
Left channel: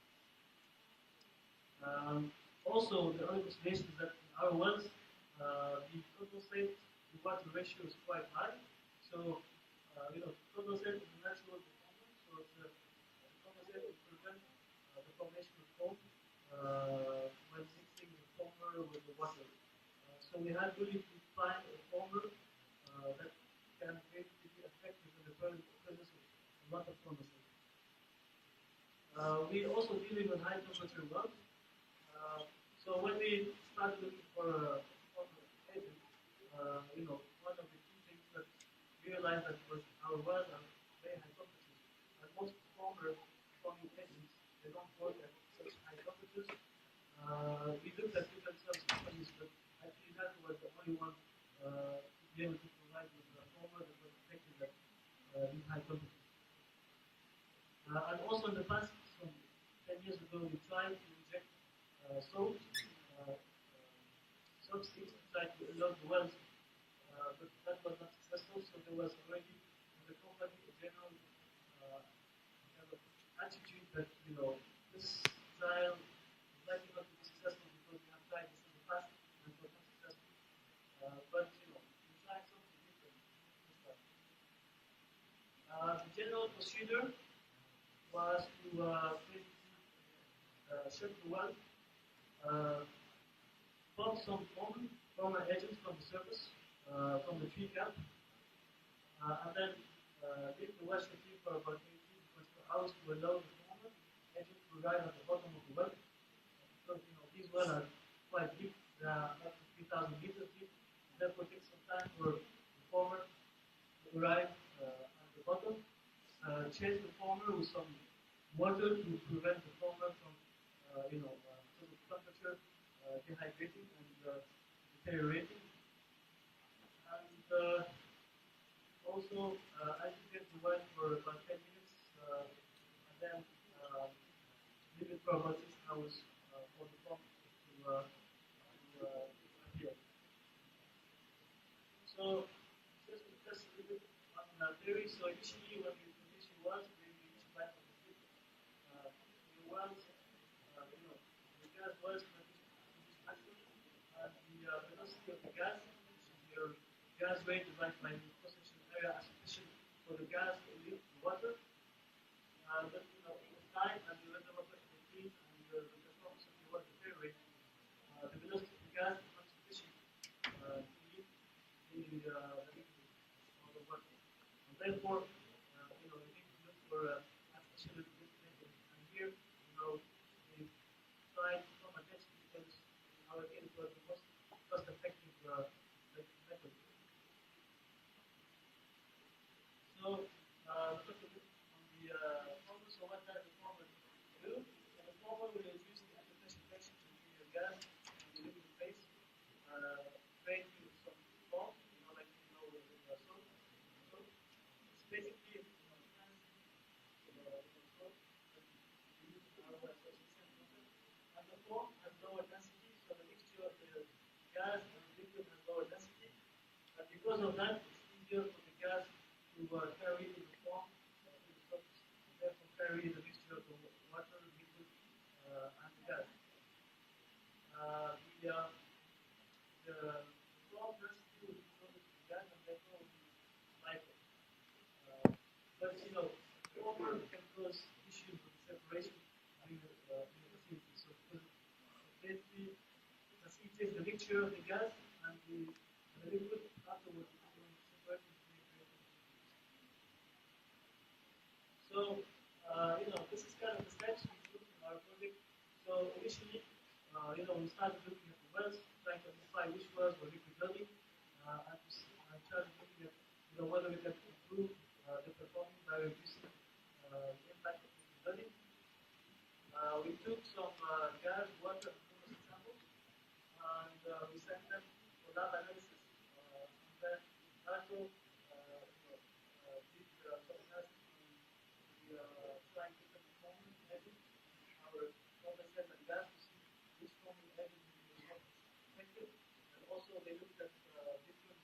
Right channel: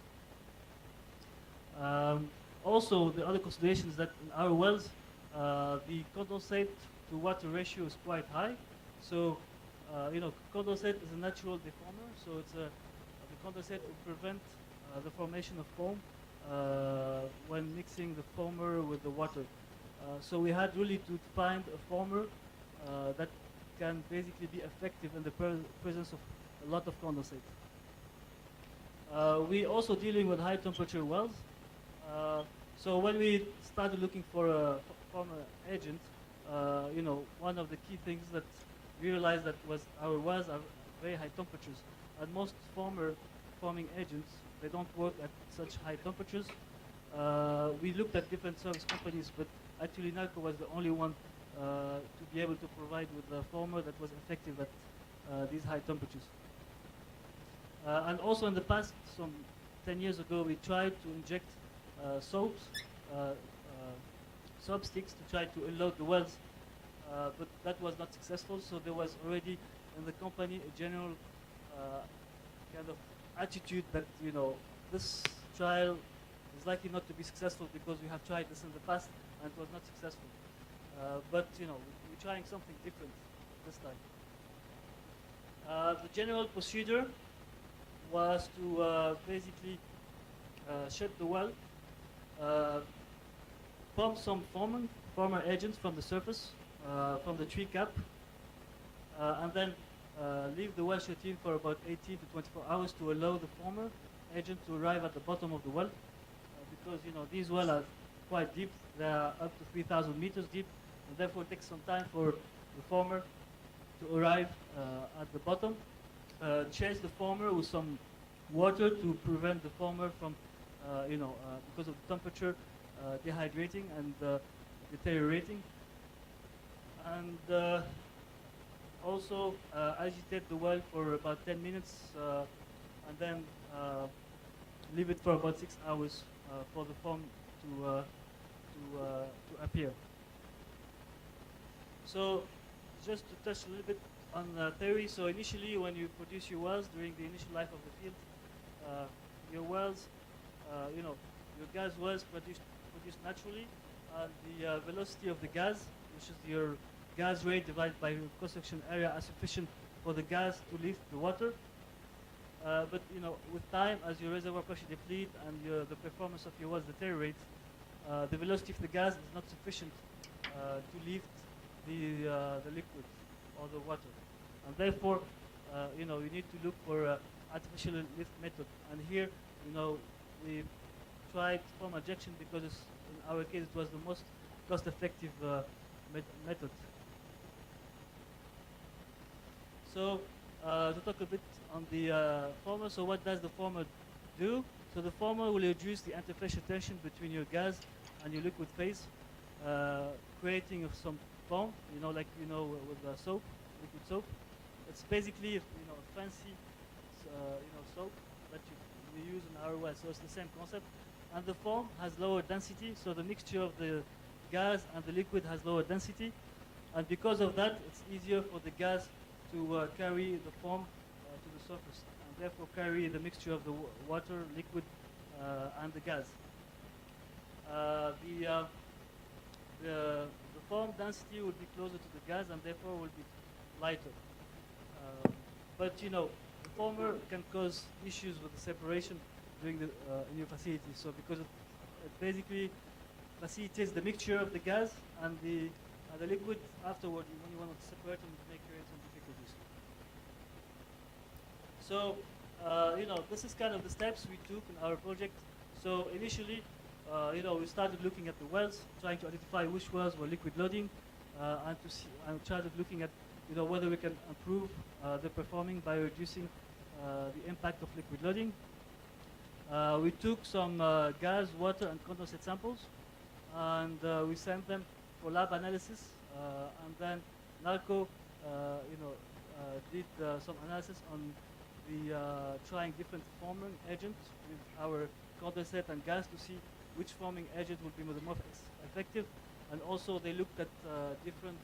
Also, the other consideration is that in our wells, the condensate to water ratio is quite high. So, condensate is a natural deformer. So the condensate will prevent the formation of foam when mixing the foamer with the water. So we had really to find a former that can basically be effective in the presence of a lot of condensate. We also dealing with high temperature wells. So when we started looking for a former agent, one of the key things that we realized that was our wells are very high temperatures, and most forming agents, they don't work at such high temperatures. We looked at different service companies, but actually NARCO was the only one to be able to provide with a former that was effective at these high temperatures. And also in the past, some 10 years ago, we tried to inject salt, sticks to try to unload the wells, but that was not successful. So there was already in the company a general kind of attitude that this trial is likely not to be successful because we have tried this in the past and it was not successful. But we're trying something different this time. The general procedure was to basically shut the well, pump some former agents from the surface, from the tree cap, and then leave the well shutting for about 18 to 24 hours to allow the former agent to arrive at the bottom of the well, because these wells are quite deep. They are up to 3,000 meters deep, and therefore it takes some time for the former to arrive at the bottom. Chase the former with some water to prevent the former from, because of the temperature, dehydrating and deteriorating. And also agitate the well for about 10 minutes and then leave it for about 6 hours for the foam to appear. So just to touch a little bit on theory, so initially when you produce your wells during the initial life of the field, your wells, your gas wells produced naturally, and the velocity of the gas, which is your gas rate divided by your cross-section area, are sufficient for the gas to leave the water. But with time, as your reservoir pressure deplete and the performance of your wells deteriorate, the velocity of the gas is not sufficient to lift the liquid or the water, and therefore, you need to look for artificial lift method. And here, we tried foam injection because in our case it was the most cost-effective method. So to talk a bit on the former, so what does the former do? So the former will reduce the interfacial tension between your gas and your liquid phase, creating of some foam, like with soap, liquid soap. It's basically fancy soap that you use in our well, so it's the same concept. And the foam has lower density, so the mixture of the gas and the liquid has lower density, and because of that, it's easier for the gas to carry the foam to the surface, and therefore carry the mixture of the water, liquid, and the gas. The foam density will be closer to the gas, and therefore will be lighter. But the former can cause issues with the separation during the in your facility. So because it basically facilitates the mixture of the gas and the liquid afterward, when you want to separate them, it may create some difficulties. So this is kind of the steps we took in our project. So initially, we started looking at the wells, trying to identify which wells were liquid loading, and started looking at whether we can improve the performing by reducing the impact of liquid loading. We took some gas, water, and condensate samples, and we sent them for lab analysis. And then NARCO, did some analysis on the trying different forming agents with our condensate and gas to see which forming agent would be the most effective. And also they looked at different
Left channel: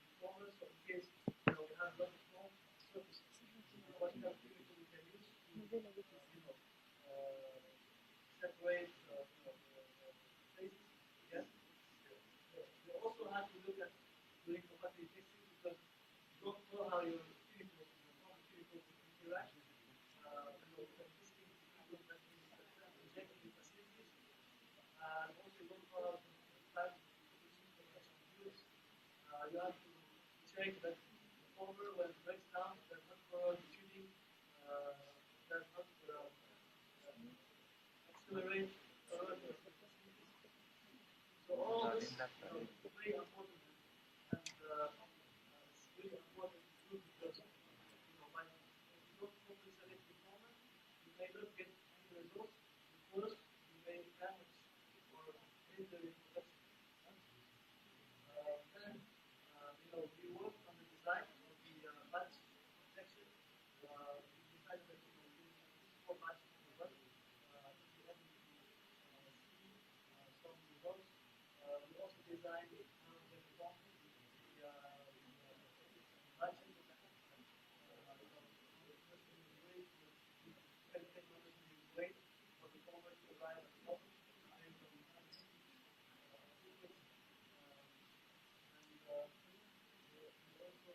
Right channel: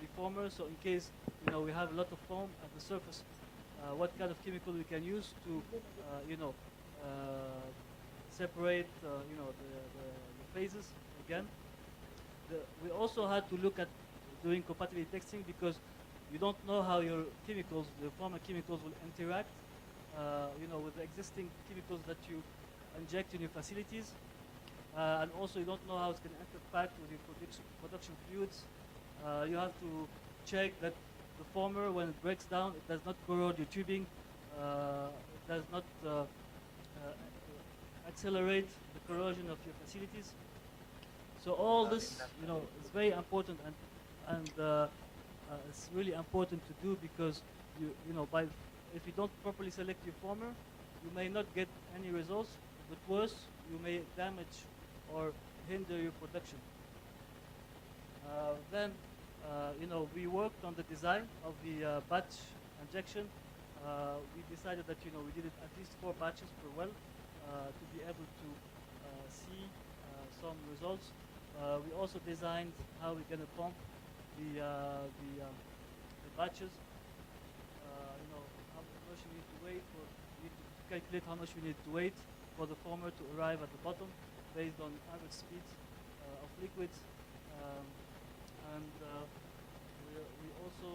reformers. So in case we have a lot of foam at the surface, what kind of chemical we can use to separate the phases again. We also had to look at doing compatibility testing because you don't know how your chemicals, the former chemicals, will interact with the existing chemicals that you inject in your facilities. And also you don't know how it's going to interact with your production fluids. You have to check that the former, when it breaks down, it does not corrode your tubing, it does not accelerate the corrosion of your facilities. So all this, is very important, and it's really important to do because if you don't properly select your former, you may not get any results, but worse, you may damage or hinder your production. Then, we worked on the design of the batch injection. We decided that we did it at least 4 batches per well to be able to see some results. We also designed how we're going to pump the batches. How much you need to wait for, you need to calculate how much you need to wait for the former to arrive at the bottom based on average speeds of liquids. And we also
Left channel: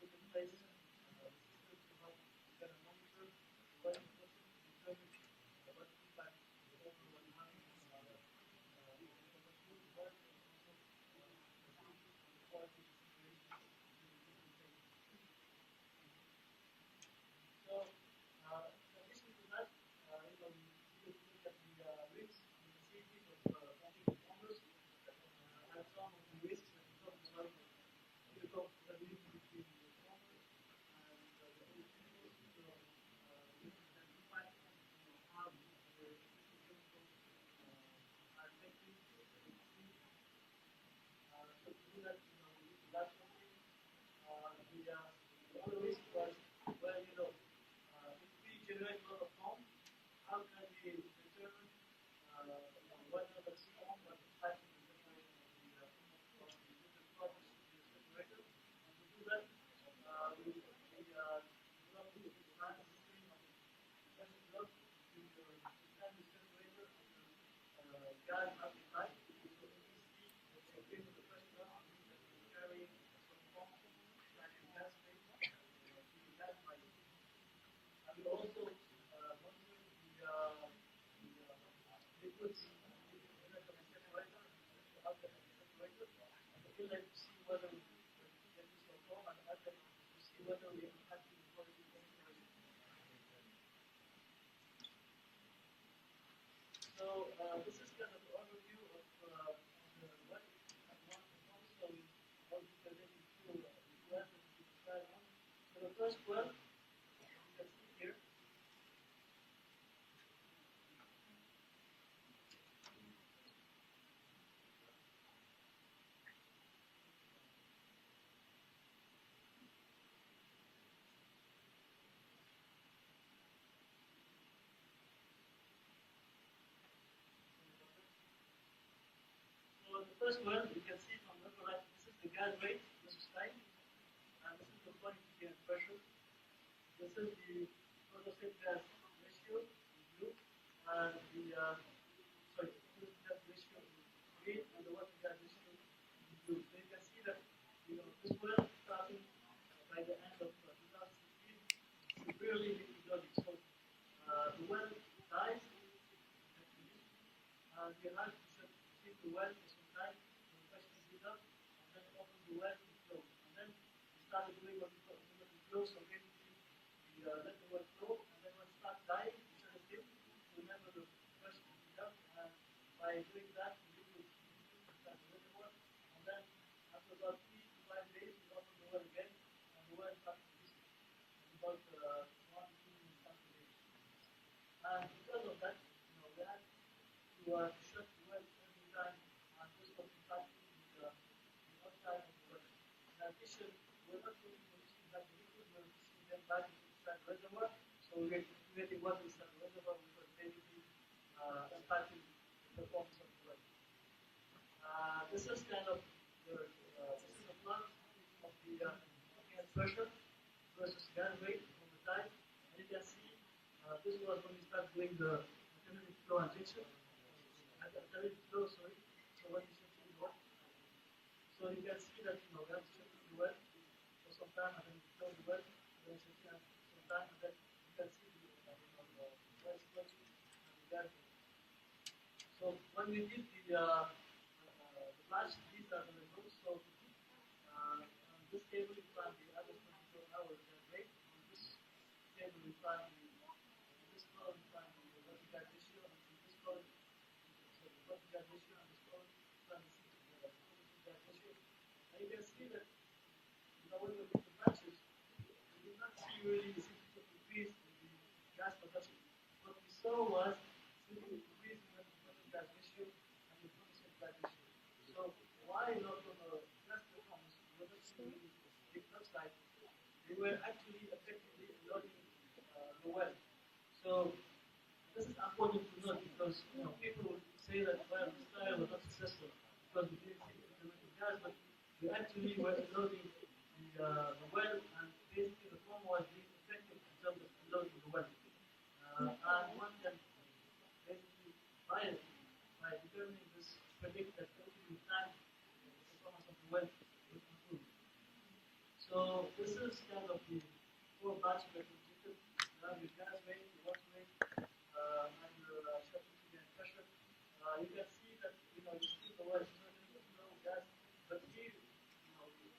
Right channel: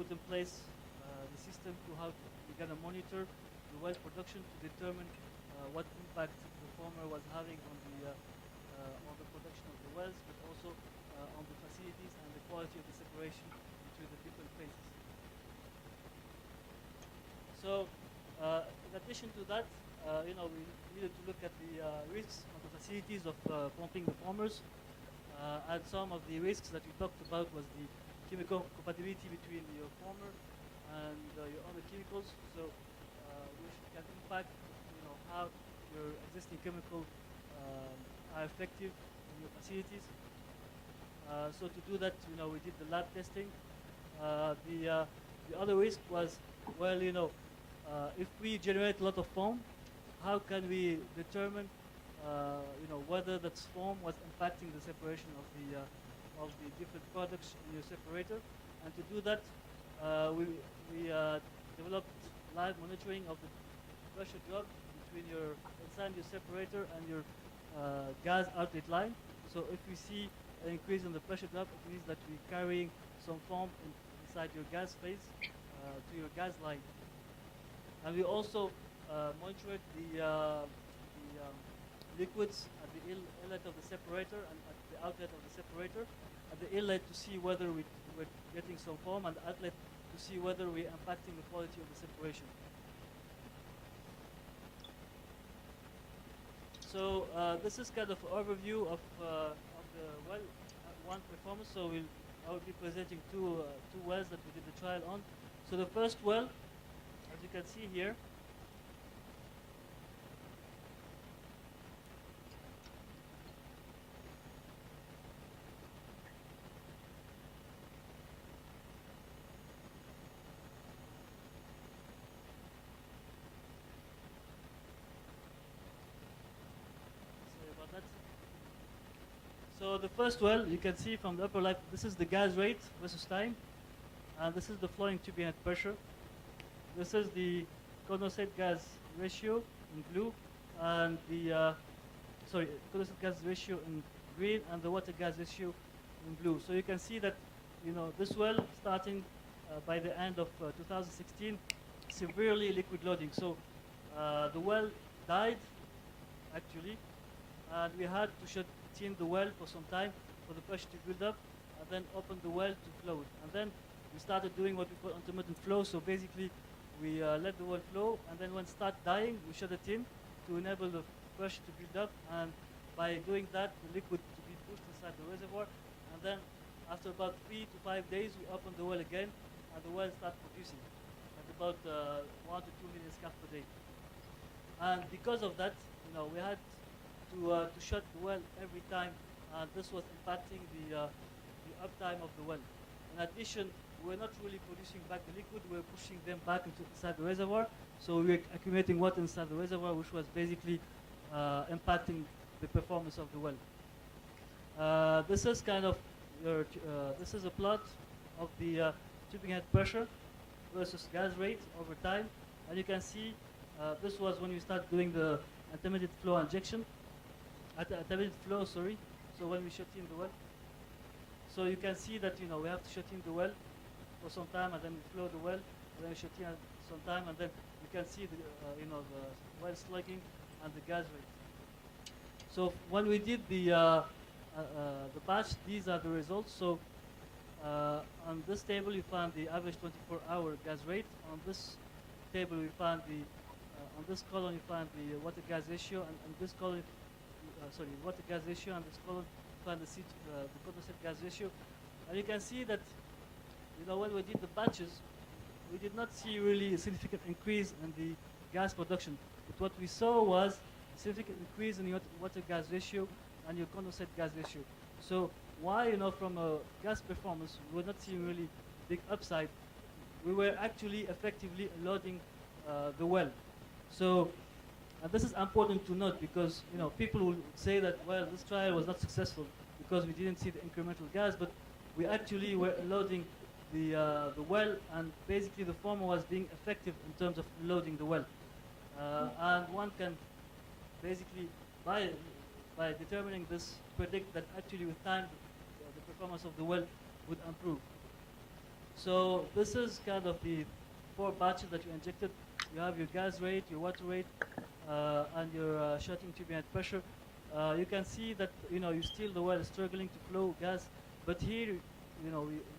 put in place the system to how we're going to monitor the well production to determine what impact the former was having on the production of the wells, but also on the facilities and the quality of the separation between the different phases. So, in addition to that, we needed to look at the risks of the facilities of pumping the formers. And some of the risks that we talked about was the chemical compatibility between your former and your other chemicals. So, which can impact, how your existing chemicals are effective in your facilities. So to do that, we did the lab testing. The other risk was, well, if we generate a lot of foam, how can we determine, whether that foam was impacting the separation of the different products in your separator? And to do that, we developed live monitoring of the pressure drop between inside your separator and your gas outlet line. So if we see an increase in the pressure drop, it means that we're carrying some foam inside your gas phase to your gas line. And we also monitored the liquids at the inlet of the separator and at the outlet of the separator. At the inlet to see whether we're getting some foam, and the outlet to see whether we're impacting the quality of the separation. So this is kind of an overview of the well one performance. So I will be presenting two wells that we did the trial on. So the first well, as you can see here, so the first well, you can see from the upper left, this is the gas rate versus time, and this is the flowing turbine head pressure. This is the condensate gas ratio in blue, and the condensate gas ratio in green, and the water gas ratio in blue. So you can see that this well starting by the end of 2016, severely liquid loading. So the well died actually, and we had to shut in the well for some time for the pressure to build up, and then open the well to flow. And then we started doing what we call intermittent flow. So basically, we let the well flow, and then when it starts dying, we shut it in to enable the pressure to build up. And by doing that, the liquid to be pushed inside the reservoir. And then after about 3 to 5 days, we open the well again, and the well starts producing at about 1 to 2 million scf per day. And because of that, we had to shut the well every time, and this was impacting the uptime of the well. In addition, we're not really producing back the liquid, we're pushing them back inside the reservoir, so we're accumulating water inside the reservoir, which was basically impacting the performance of the well. This is kind of this is a plot of the tubing head pressure versus gas rate over time, and you can see this was when we start doing the intermediate flow injection. Intermediate flow, sorry. So when we shut in the well, so you can see that we have to shut in the well for some time, and then we flow the well, and then we shut in some time, and then you can see the the well slugging and the gas rate. So when we did the batch, these are the results. So on this table you find the average 24-hour gas rate. On this table we find on this column you find the water gas ratio, and this column water gas ratio, and this column you find the condensate gas ratio. And you can see that when we did the batches, we did not see really a significant increase in the gas production. But what we saw was a significant increase in your water gas ratio and your condensate gas ratio. So why from a gas performance we were not seeing really big upside? We were actually effectively loading the well. So and this is important to note, because people will say that, well, this trial was not successful because we didn't see the incremental gas, but we actually were loading the well, and basically the former was being effective in terms of loading the well. And one can basically, by determining this, predict that actually with time the performance of the well would improve. So this is kind of the 4 batches that we injected. You have your gas rate, your water rate, and your shutting turbine head pressure. You can see that you still the well is struggling to flow gas, but here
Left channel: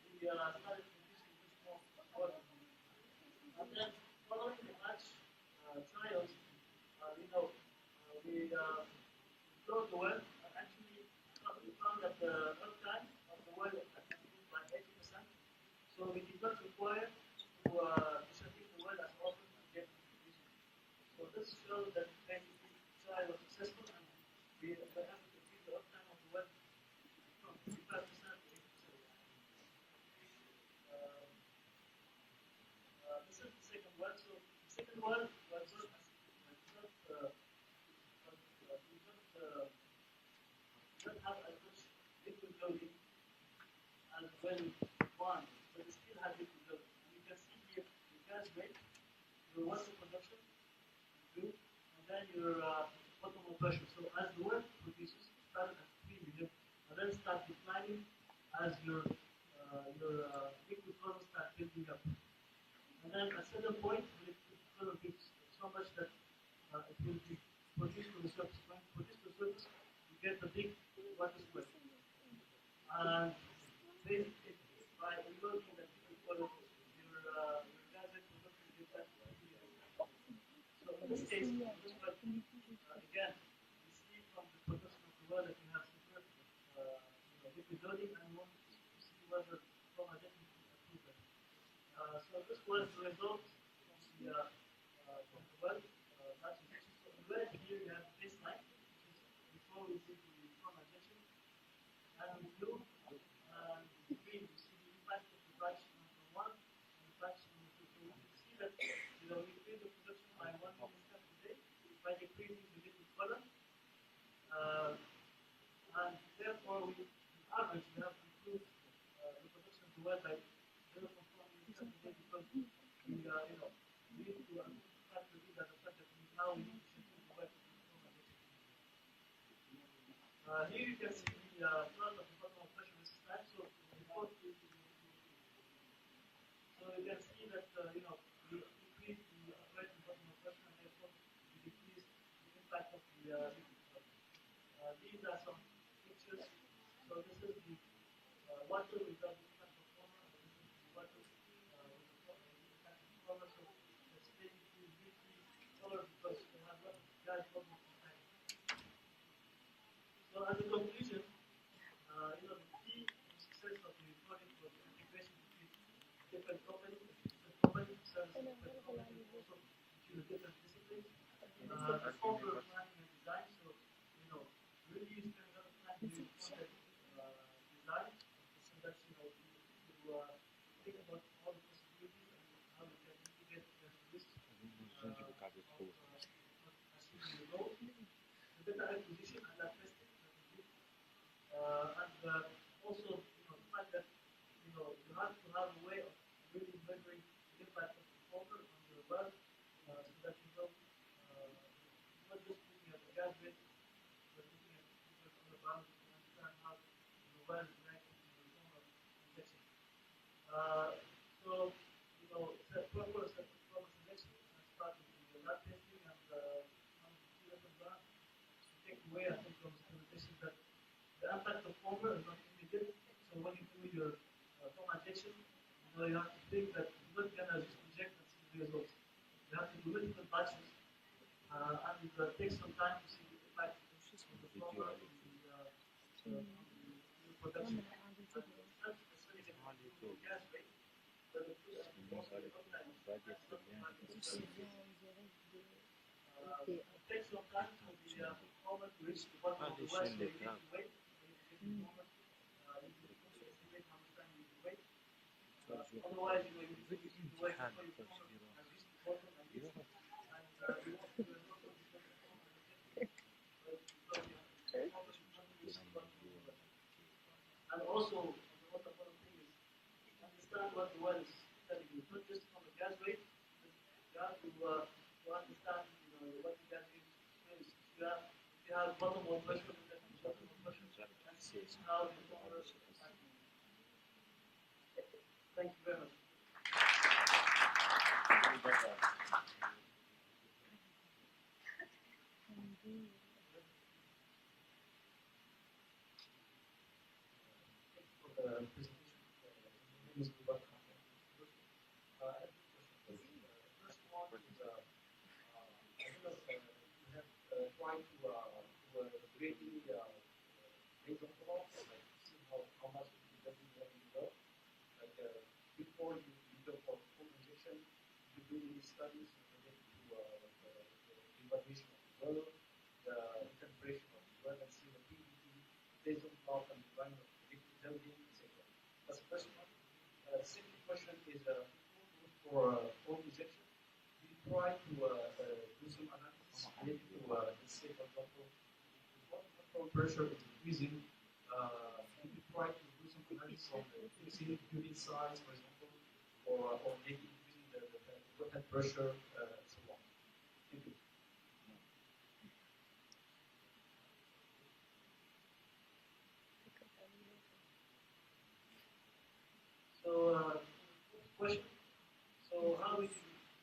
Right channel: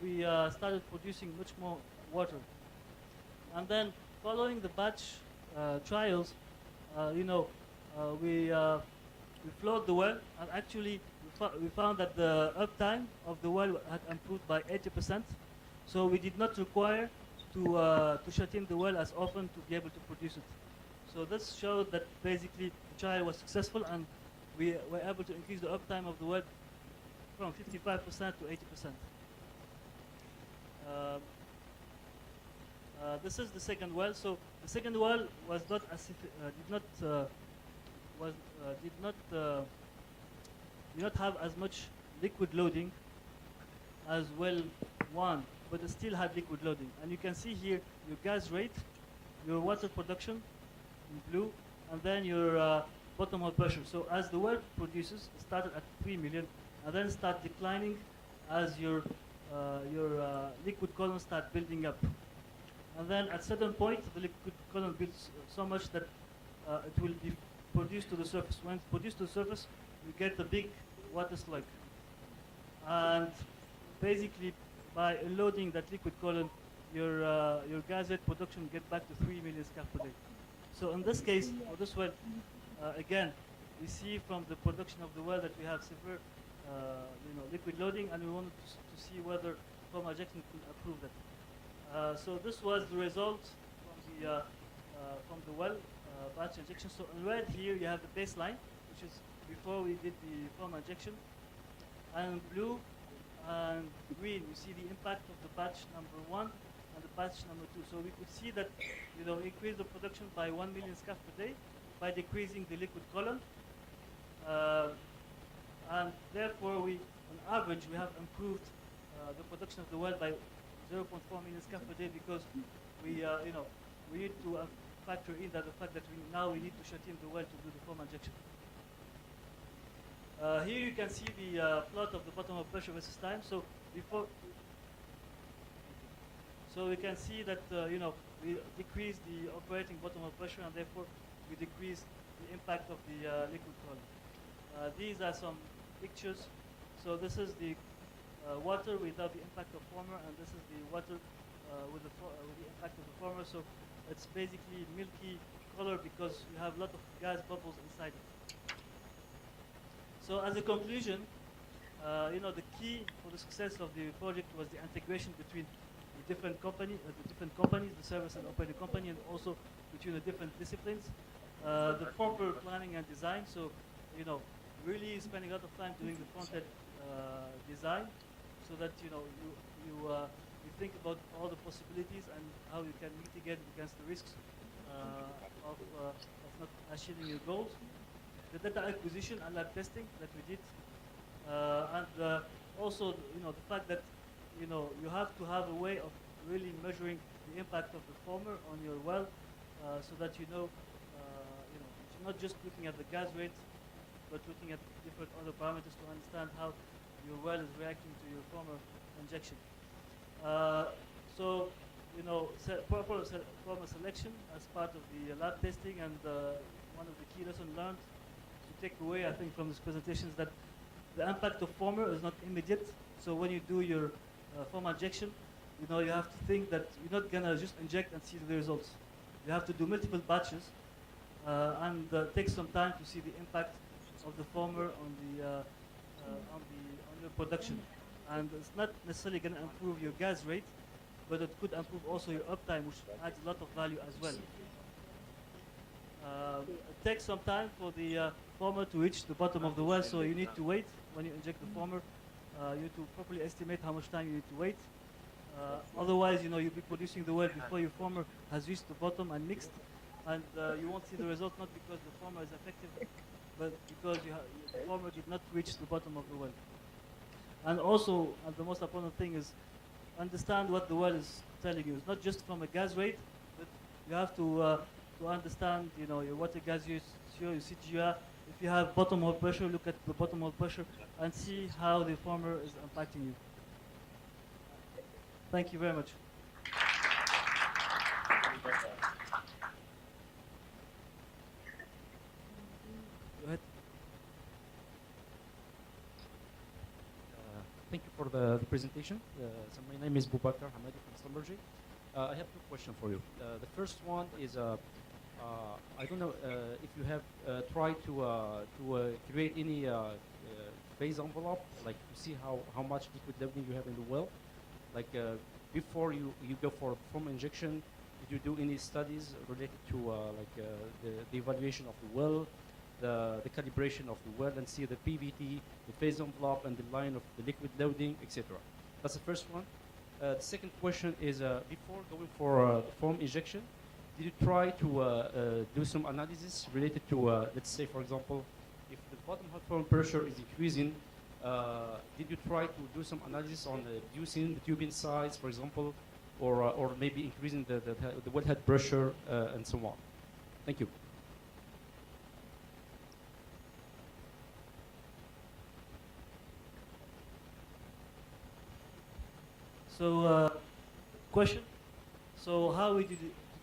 we started producing much more water. And then following the batch trials, we flowed the well, and actually we found that the uptime of the well had improved by 80%. So we did not require to shut in the well as often to be able to produce it. So this showed that basically the trial was successful, and we were able to increase the uptime of the well from 55% to 80%. This is the second well. So the second well was not did not have as much liquid loading as well 1, but it still had liquid loading. And you can see here your gas rate, your water production in blue, and then your bottom hole pressure. So as the well produces, it started at 3 million, and then start declining as your liquid column start building up. And then at certain point, the liquid column builds so much that it will be produced to the surface. When it's produced to the surface, you get the big water slug. And basically, by loading that liquid column, your gas rate production get back to 3 million scf per day. So in this case, for this well, again, we see from the production of the well that we have severe, liquid loading, and we wanted to see whether foam injection could improve that. So this was the result from the well batch injection. So in red here you have the baseline, which is before we did the foam injection, and blue and green you see the impact of the batch number 1 and the batch number 2. So we could see that we increased the production by 1 million scaf per day by decreasing the liquid column, and therefore on average we have improved the production of the well by 0.4 million scaf per day, because we need to factor in that the fact that we need to shut in the well to do the foam injection. Here you can see the plot of the bottom of pressure versus time. So we can see that we decrease the operating bottom of pressure, and therefore we decrease the impact of the liquid column. These are some pictures. So this is the water without the impact of former, and this is the water with the impact of the former. So it's basically milky color because you have a lot of gas bubbles inside it. So as a conclusion, the key for the success of the project was the integration between the different companies, the service and operating company, and also between the different disciplines. The proper planning and design. So, really spending a lot of time doing the front-end design, so that you think about all the possibilities and how you can mitigate against the risks of not achieving your goals. The data acquisition and lab testing that we did, and also the fact that you have to have a way of really measuring the impact of the former on your well, so that you're not just looking at the gas rate, but looking at different other parameters to understand how your well is reacting to your former injection. Proper former selection as part of the lab testing, and one of the key lessons learned to take away, I think, from this presentation is that the impact of former is not immediate. So when you do your former injection, you have to think that you're not gonna just inject and see the results. You have to do multiple batches and take some time to see the impact of the former on your production. And it's not necessarily going to improve your gas rate, but it could improve also your uptime, which adds a lot of value as well. It takes some time for the former to reach the bottom of the well, so you need to wait when you inject the former. You need to properly estimate how much time you need to wait. Otherwise, you'll be producing the well before your former has reached the bottom and mixed, and you won't see the result, not because the former is effective, but because the former did not reach the bottom of the well. And also, the most important thing is understand what the well is telling you. It's not just from a gas rate, but you have to understand, your water gas use, your CGR. If you have bottom hole pressure, look at the bottom hole pressure and see how the former is impacting you. Thank you very much. Go ahead. Thank you for the presentation. So my name is Boubacar Hamadi from Schlumberger. I have two questions for you. The first one is, I don't know if you have tried to create any phase envelope, like to see how much liquid loading you have in the well. Like before you go for foam injection, did you do any studies related to the evaluation of the well, the calibration of the well, and see the PVT, the phase envelope, and the line of the liquid loading, etc. That's the first one. The second question is, before going for foam injection, did you try to do some analysis related to, let's say, for example, if the bottom hole foam pressure is increasing, did you try to do some analysis on reducing tubing size, for example, or maybe increasing the wellhead pressure and so on? Thank you. So, question. So, how did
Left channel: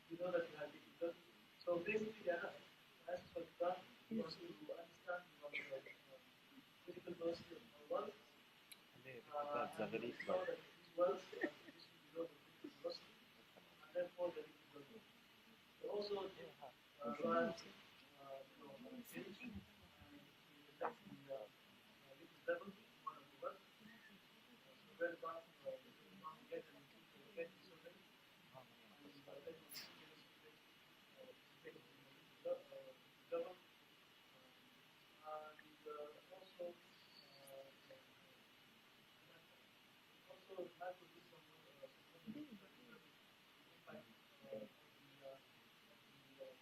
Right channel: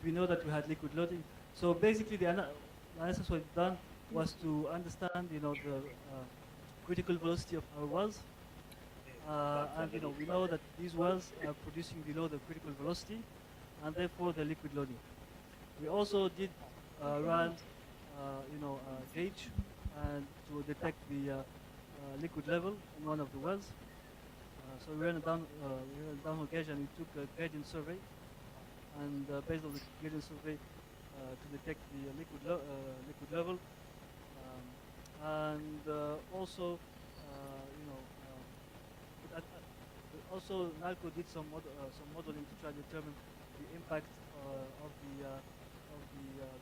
we know that we had liquid loading? So, basically, the analysis we've done was to understand, the critical velocity of our wells, and we know that these wells are producing below the critical velocity, and therefore the liquid loading. We also did run, gauge and to detect the liquid level in one of the wells. So we ran a downhole gauge and we took a gradient survey, and based on the gradient survey to detect the liquid level, and also also NALCO did some modeling to try to determine the impact of the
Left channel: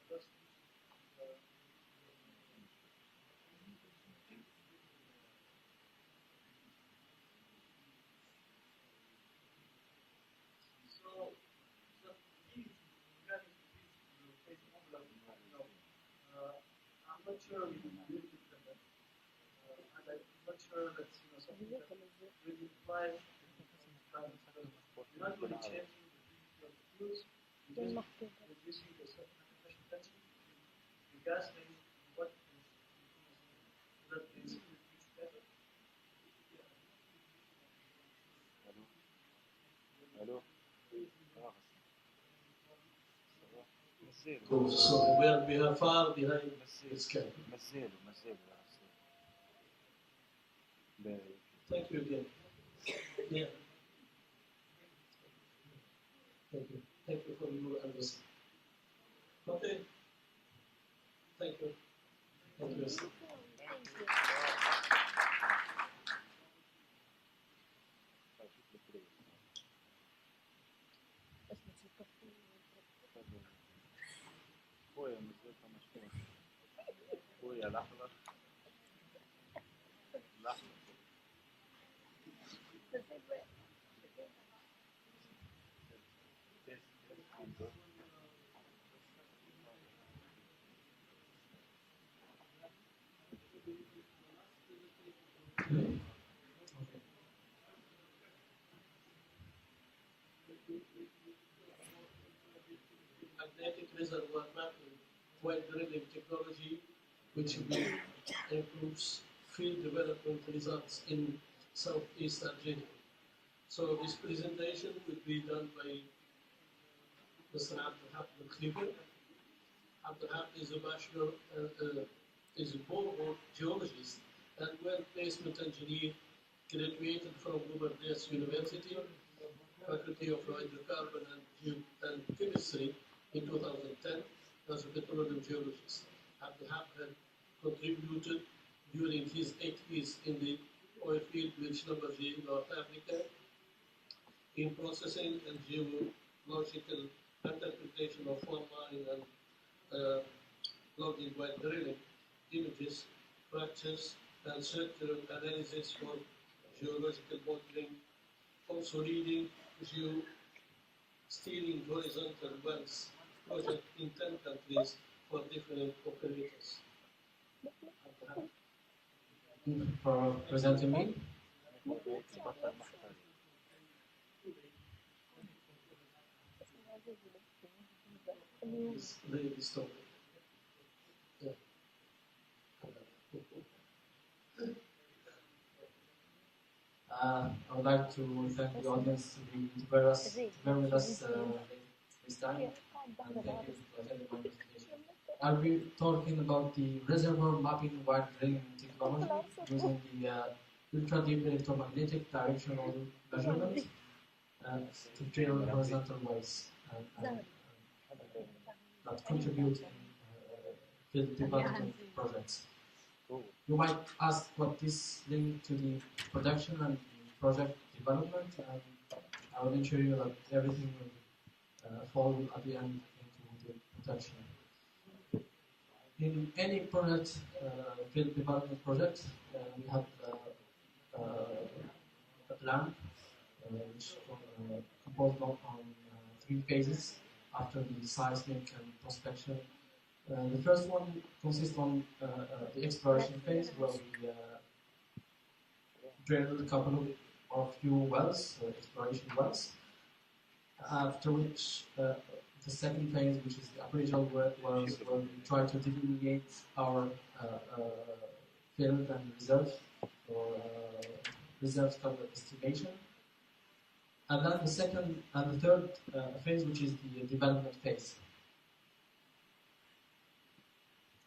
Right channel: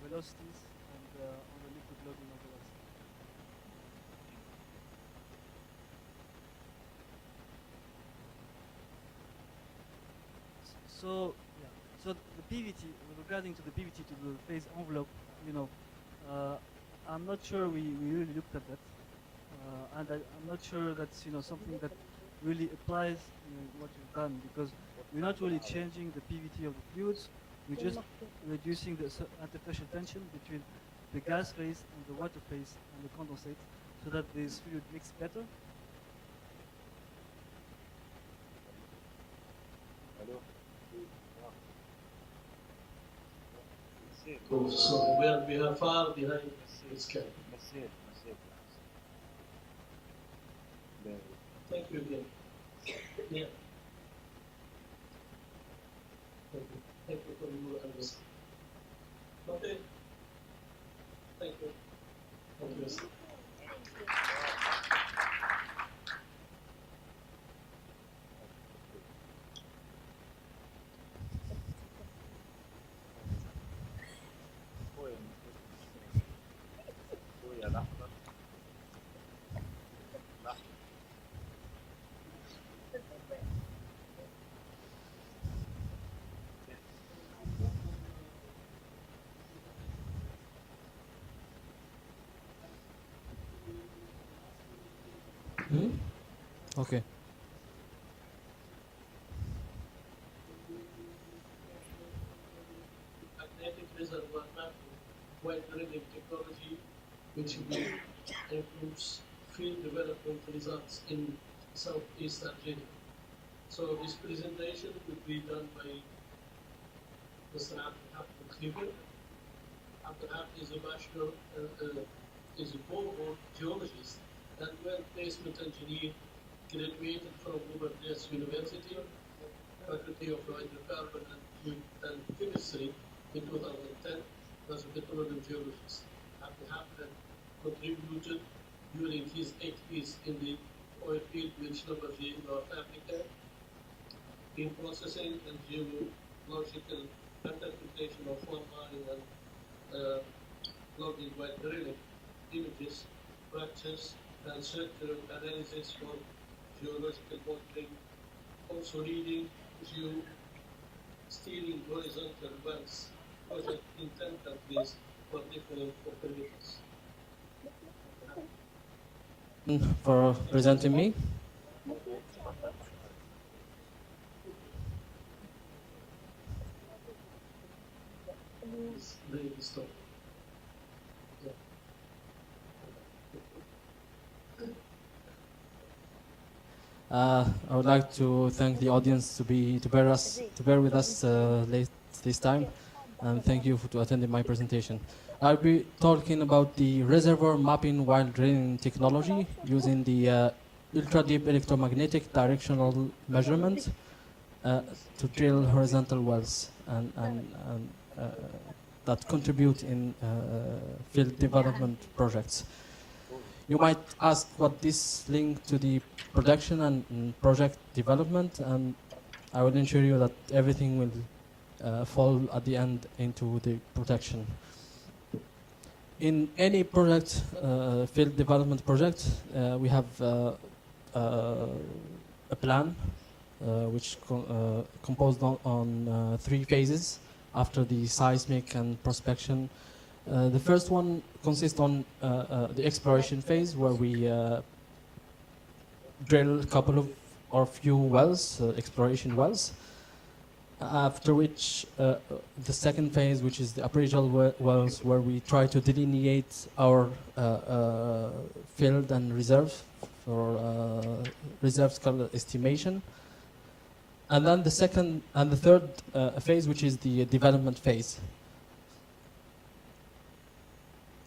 velocities on the liquid loading of the wells. So, yeah. So the PVT, regarding to the PVT to the phase envelope, I'm not sure we really looked at that, and I'm not sure that's something that really applies in what we've done, because we're not really changing the PVT of the fluids. We're just reducing the interfacial tension between the gas phase and the water phase and the condensate, so that this fluid mix better. Hello. So we are far behind the schedule. Thank you again. Yeah. Thank you. Thank you for your understanding. Okay. Thank you. Thank you. لحظة Okay. Magnetic reservoir mapping, wide drilling technology, which improves field development results in Southeast Algeria. So this presentation will be done by Mr. Abdelhab Al-Khliber. Abdelhab is a bachelor, is a borehole geologist and well placement engineer, graduated from Bourbonnais University, Faculty of Hydrocarbon and Chemistry in 2010 as a petroleum geologist. Abdelhab had contributed during his 8 years in the oil field with Schlumberger in North Africa in processing and geological interpretation of well mining and logging while drilling images, fractures, and structural analysis for geological modeling, also leading steering horizontal wells project in 10 countries for different operators. For presenting me. Stop. Yeah. I would like to thank the audience to bear with us late this time, and thank you for attending my presentation. I'll be talking about the reservoir mapping while drilling technology using the ultra-deep electromagnetic directional measurement to drill horizontal wells and that contribute in field development projects. You might ask what this link to the production and project development, and I will ensure you that everything will fall at the end into the production. In any project, field development project, we have a plan which composed on 3 phases after the seismic and prospection. The first one consists on the exploration phase, where we drill a couple or few wells, exploration wells. After which, the second phase, which is the appraisal wells, where we try to delineate our field and reserve for reserve estimation. And then the second and the third phase, which is the development phase.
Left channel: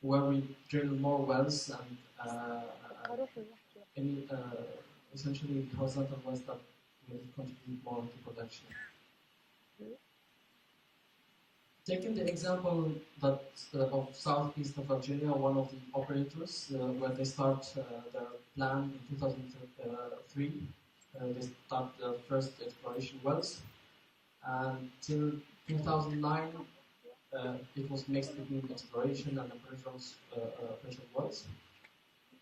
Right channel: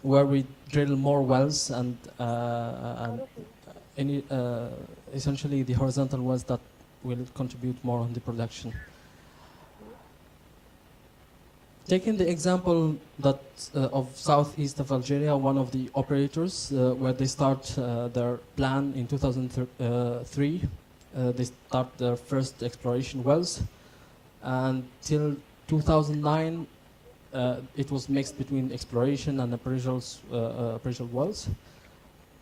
where we drill more wells and any, essentially the horizontal wells that will contribute more on the production. Taking the example that of southeast of Algeria, one of the operators, where they start their plan in 2003, they start their first exploration wells, and till 2009, it was mixed between exploration and appraisal wells.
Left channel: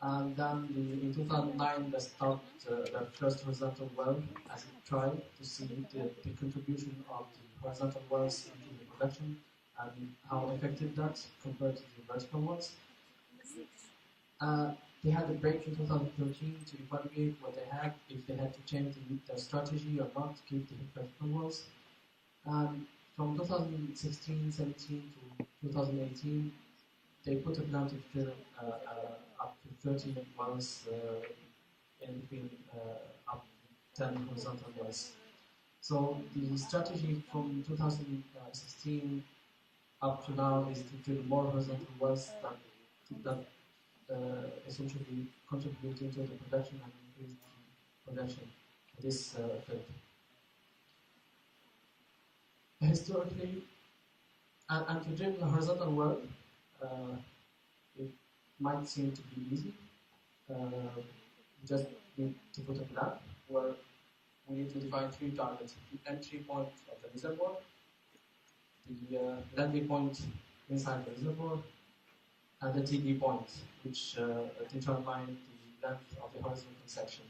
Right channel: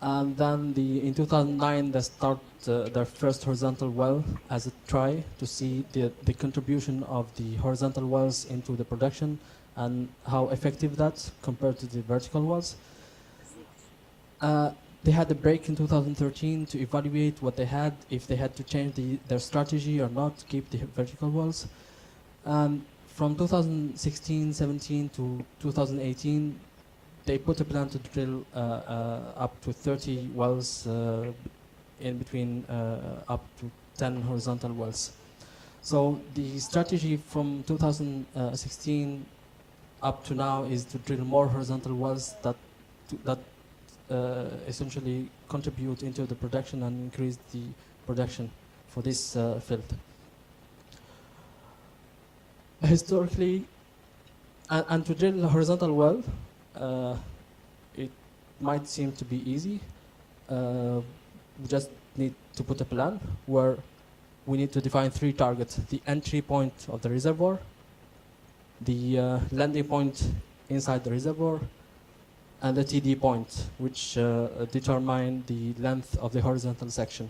And then in 2009, they start their first horizontal well as a try to see the contribution of the horizontal wells into the production and how effective that's compared to the vertical wells. They had a break in 2013 to evaluate what they had, if they had to change their strategy or not to keep the vertical wells. From 2016-17 to 2018, they put a plan to drill up to 30 wells, in between up to 10 horizontal wells. So the strategy from 2016 up to now is to drill more horizontal wells that essentially contribute into the production and increase the production for this field. Historically, and to drill a horizontal well, it might seem to be easy. We just need to put a plan where we need to define 3 targets: the entry point of the reservoir, the landing point inside the reservoir, and the TD point, which determine the length of the horizontal section.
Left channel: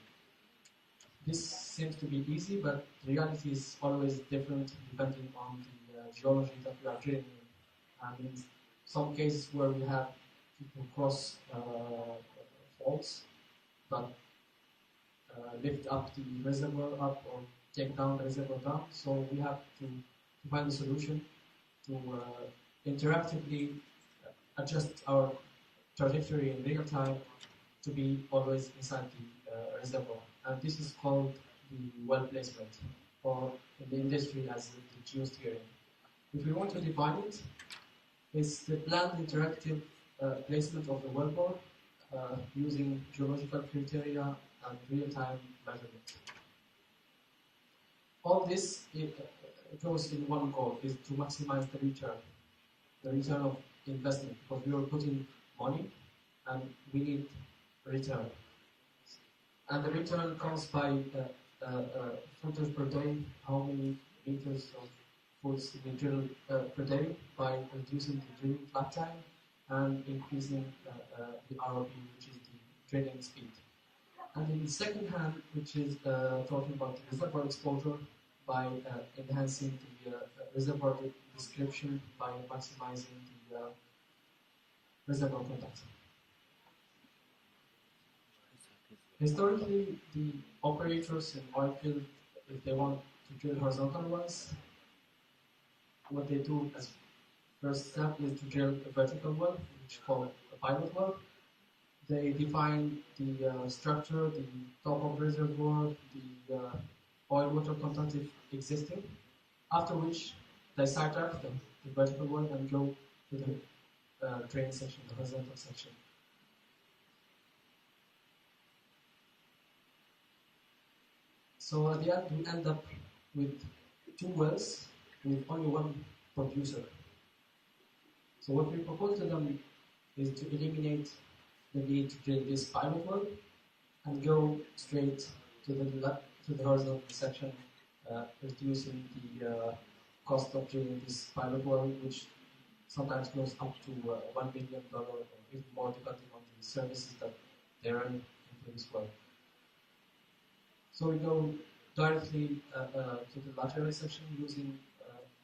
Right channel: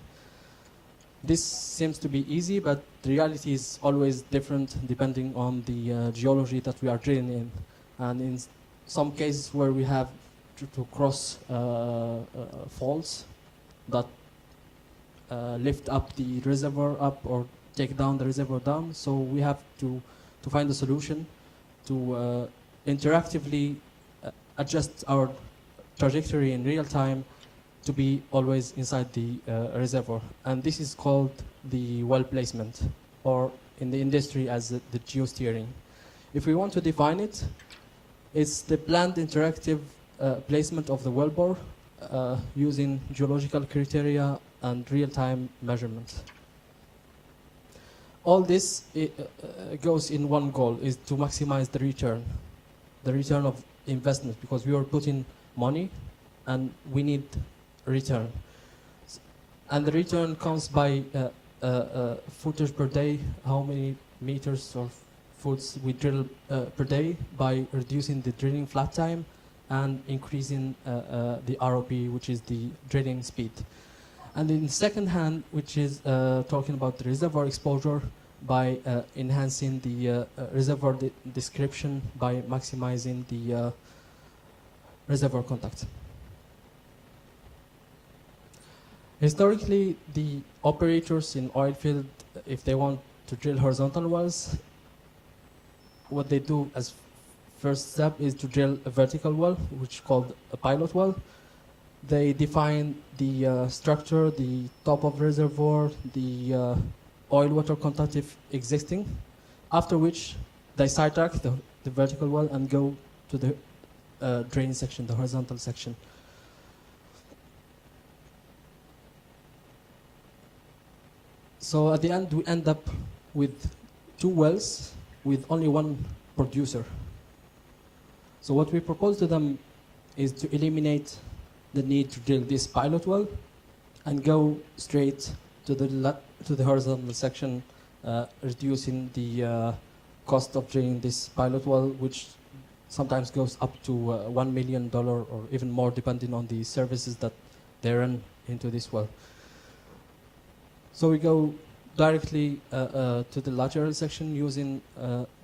This seems to be easy, but the reality is always different depending on the geology that we are drilling in. And in some cases where we have to cross faults that lift up the reservoir up or take down the reservoir down, so we have to find a solution to interactively adjust our trajectory in real time to be always inside the reservoir. And this is called the well placement, or in the industry as the geosteering. If we want to define it, it's the planned interactive placement of the wellbore using geological criteria and real-time measurements. All this goes in one goal, is to maximize the return of investment, because we are putting money and we need return. And the return comes by footage per day, how many meters of foots we drill per day, by reducing the drilling flat time and increasing the ROP, which is the drilling speed. And in second hand, which is talking about the reservoir exposure, by enhancing the reservoir description by maximizing the reservoir contact. Historically, the operators in oil field, if they want to drill horizontal wells, what they do as first step is to drill a vertical well, which is called a pilot well. They define the structure, the top of reservoir, the oil-water contact if existing, after which they sidetrack the vertical well and go to the drain section, the horizontal section. So at the end, we end up with 2 wells with only 1 producer. So what we propose to them is to eliminate the need to drill this pilot well and go straight to the horizontal section, reducing the cost of drilling this pilot well, which sometimes goes up to $1 million or even more, depending on the services that they run into this well. So we go directly to the lateral section using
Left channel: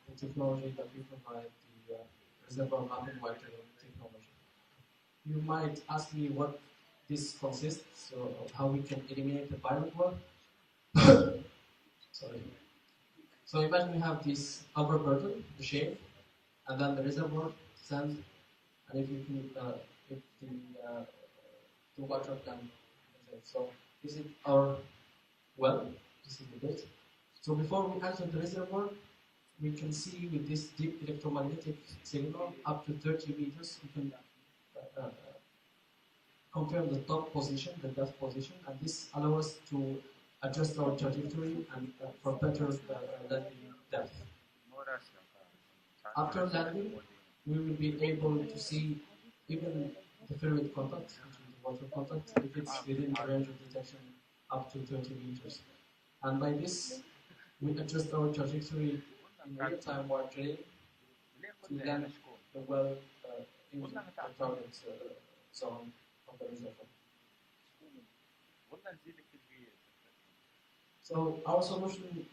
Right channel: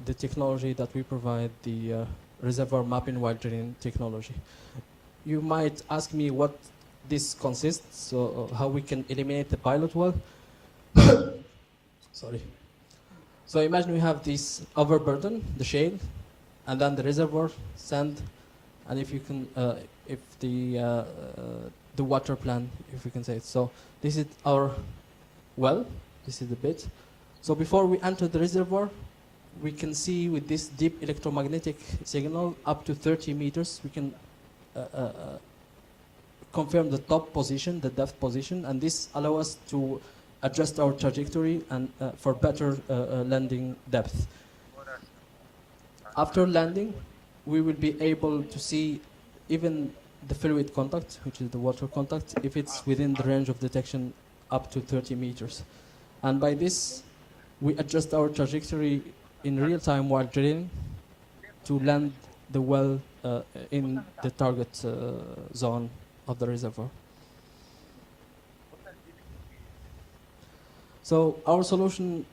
the technology that we provide, the reservoir mapping while drilling technology. You might ask me what this consists, so how we can eliminate the pilot well. Sorry. So imagine we have this overburden, the shale, and then the reservoir, sand, and if you can, if the water plan, if we can say it. So this is our well, this is the bit. So before we enter the reservoir, we can see with this deep electromagnetic signal up to 30 meters, we can confirm the top position, the depth position, and this allows us to adjust our trajectory and for better landing depth. After landing, we will be able to see even the fluid contact, which is the water contact, if it's within the range of detection up to 30 meters. And by this, we adjust our trajectory in real time while drilling to land the well in the target zone of the reservoir. So our solution,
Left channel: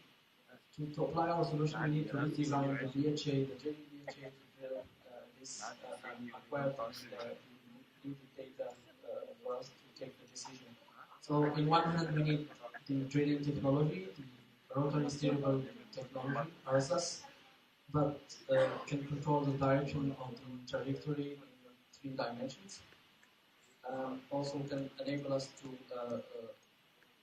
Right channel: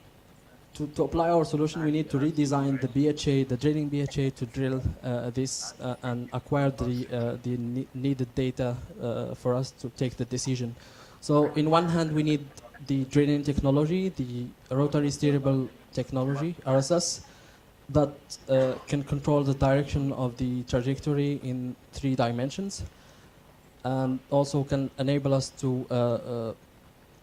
to apply our solution, we need to redesign the BHA, the drilling BHA, to drill this and acquire the needed data for us to take the decision. So in one hand, we need the drilling technology, the rotary steerable technology, RSS, that can control the direction of the trajectory in 3 dimensions, and also can enable us to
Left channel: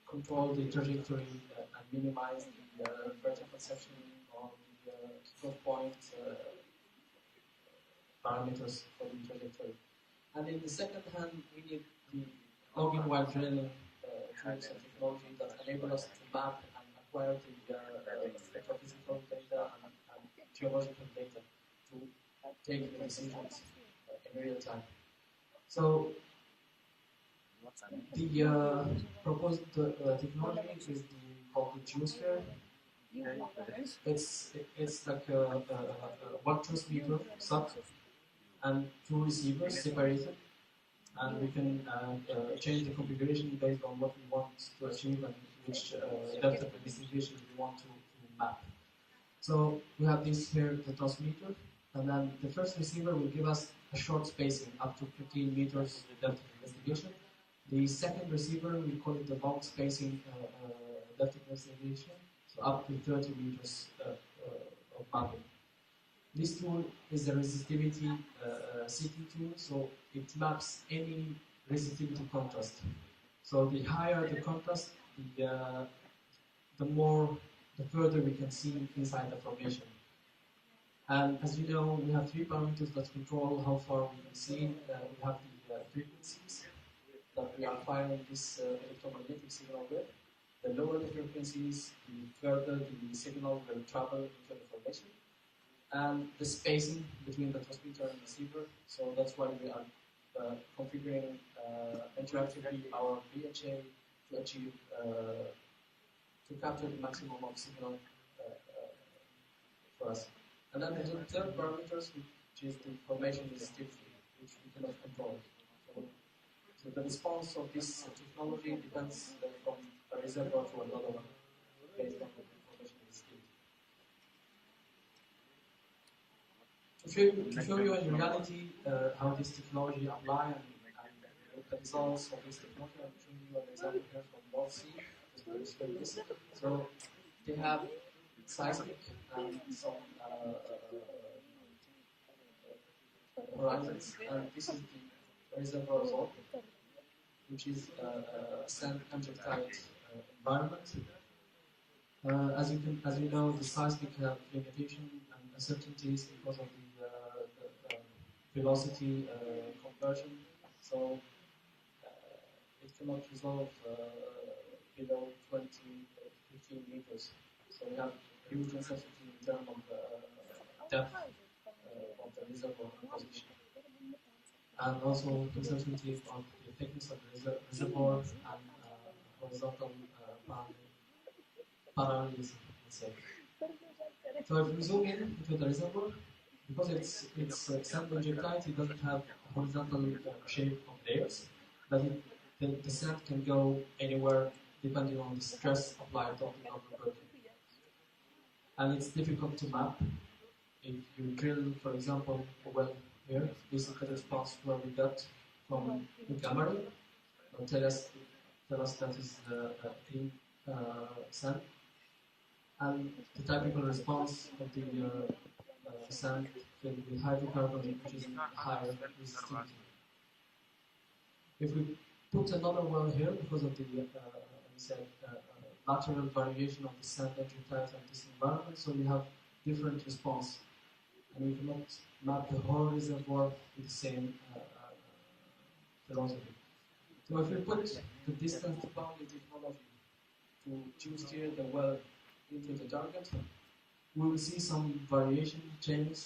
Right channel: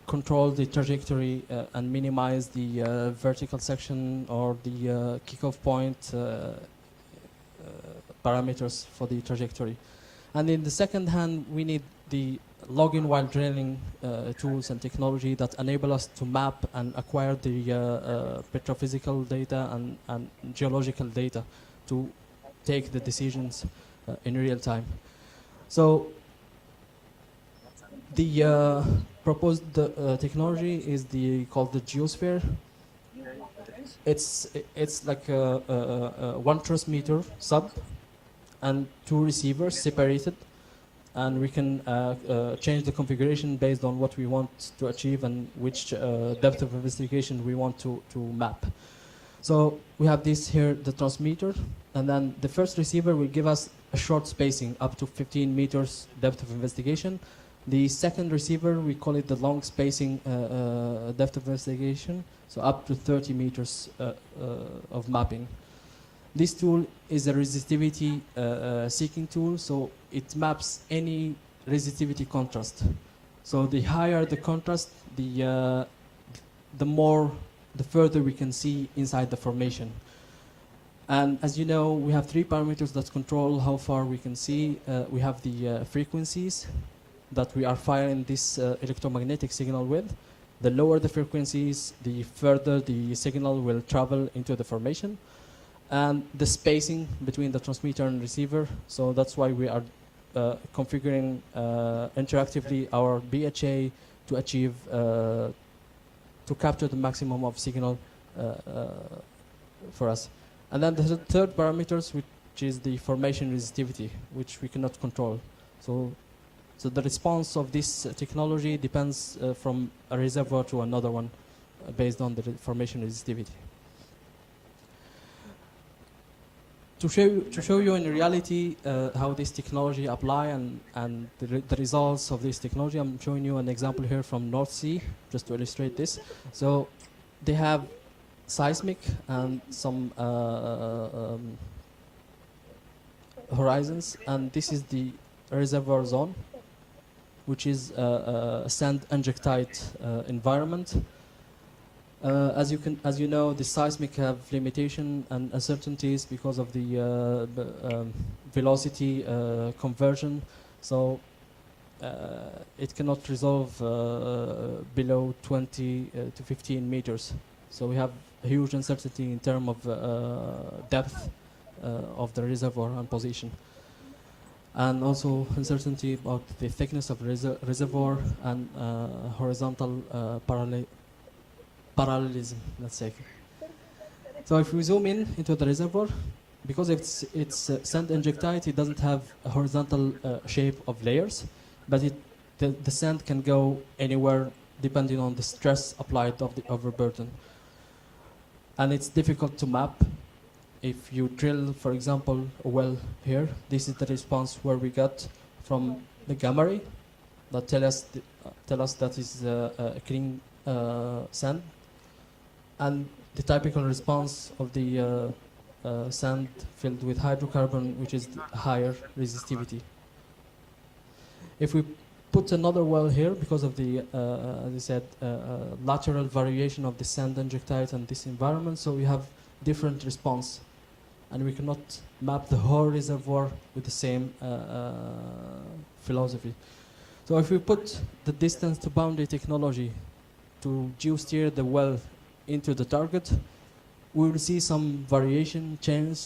control the trajectory and minimize the vertical section or the kickoff point parameters for the trajectory. And in the second hand, we need the login while drilling tools and technology that enable us to map and acquire the petrophysical data and geological data to take the decisions in real time. So the proposed technology is called the geosphere. It's like one transmitter sub and 2 receivers separated, and we can change the configuration based on what we want to achieve and which depth of investigation we want to map. So we have this here, the transmitter, and then the first receiver will give us a short spacing up to 15 meters depth of investigation. The second receiver, we call it the long spacing depth of investigation, so up to 30 meters of mapping. This tool is a resistivity seeking tool, so it maps any resistivity contrast. So the higher the contrast, the further we can see inside the formation. And as you know, we have 3 parameters that control how far we can see. We have the frequencies that we are firing this electromagnetic signal with. The lower the frequencies, the further the signal will travel into the formation. And the spacing between the transmitter and receiver. So that's why we are configuring interactively our BHA to achieve, to capture the maximum of signal for us. And then the third parameters, which is the formation resistivity, which we cannot control. So the response of this technology depends from a reservoir to another one based on the formation resistivity. To show you in reality how this technology apply and the results of this technology, I'm showing you an example here from North Sea, just to illustrate this. So they have seismic and some horizons, and this is the reservoir zone, which is a sand injectite environment. As you know, the seismic have limitation and uncertainties because of the velocity conversion. So it cannot resolve below 20 to 15 meters. So we have a huge uncertainty in terms of depth of the reservoir and position. And also uncertainty about the thickness of reservoir and horizontal parallelism, let's say. So if we zoom in into the reservoir, because it's sand injectite, it doesn't have a horizontal shape of layers, but the sand can go anywhere depending on the stress applied of the overburden. And it's difficult to map. If you drill, for example, a well here, this is the response where we got from the gamma ray that tell us that is a clean sand, and the typical response of the sand filled with hydrocarbon, which is higher resistivity. If we put another well here, because of the, as I said, lateral variation of the sand injectite and this environment, so we have different response. and we cannot map the whole reservoir with the same philosophy. So if we put the distance to boundary technology to geosteer the well into the target, we will see some variation change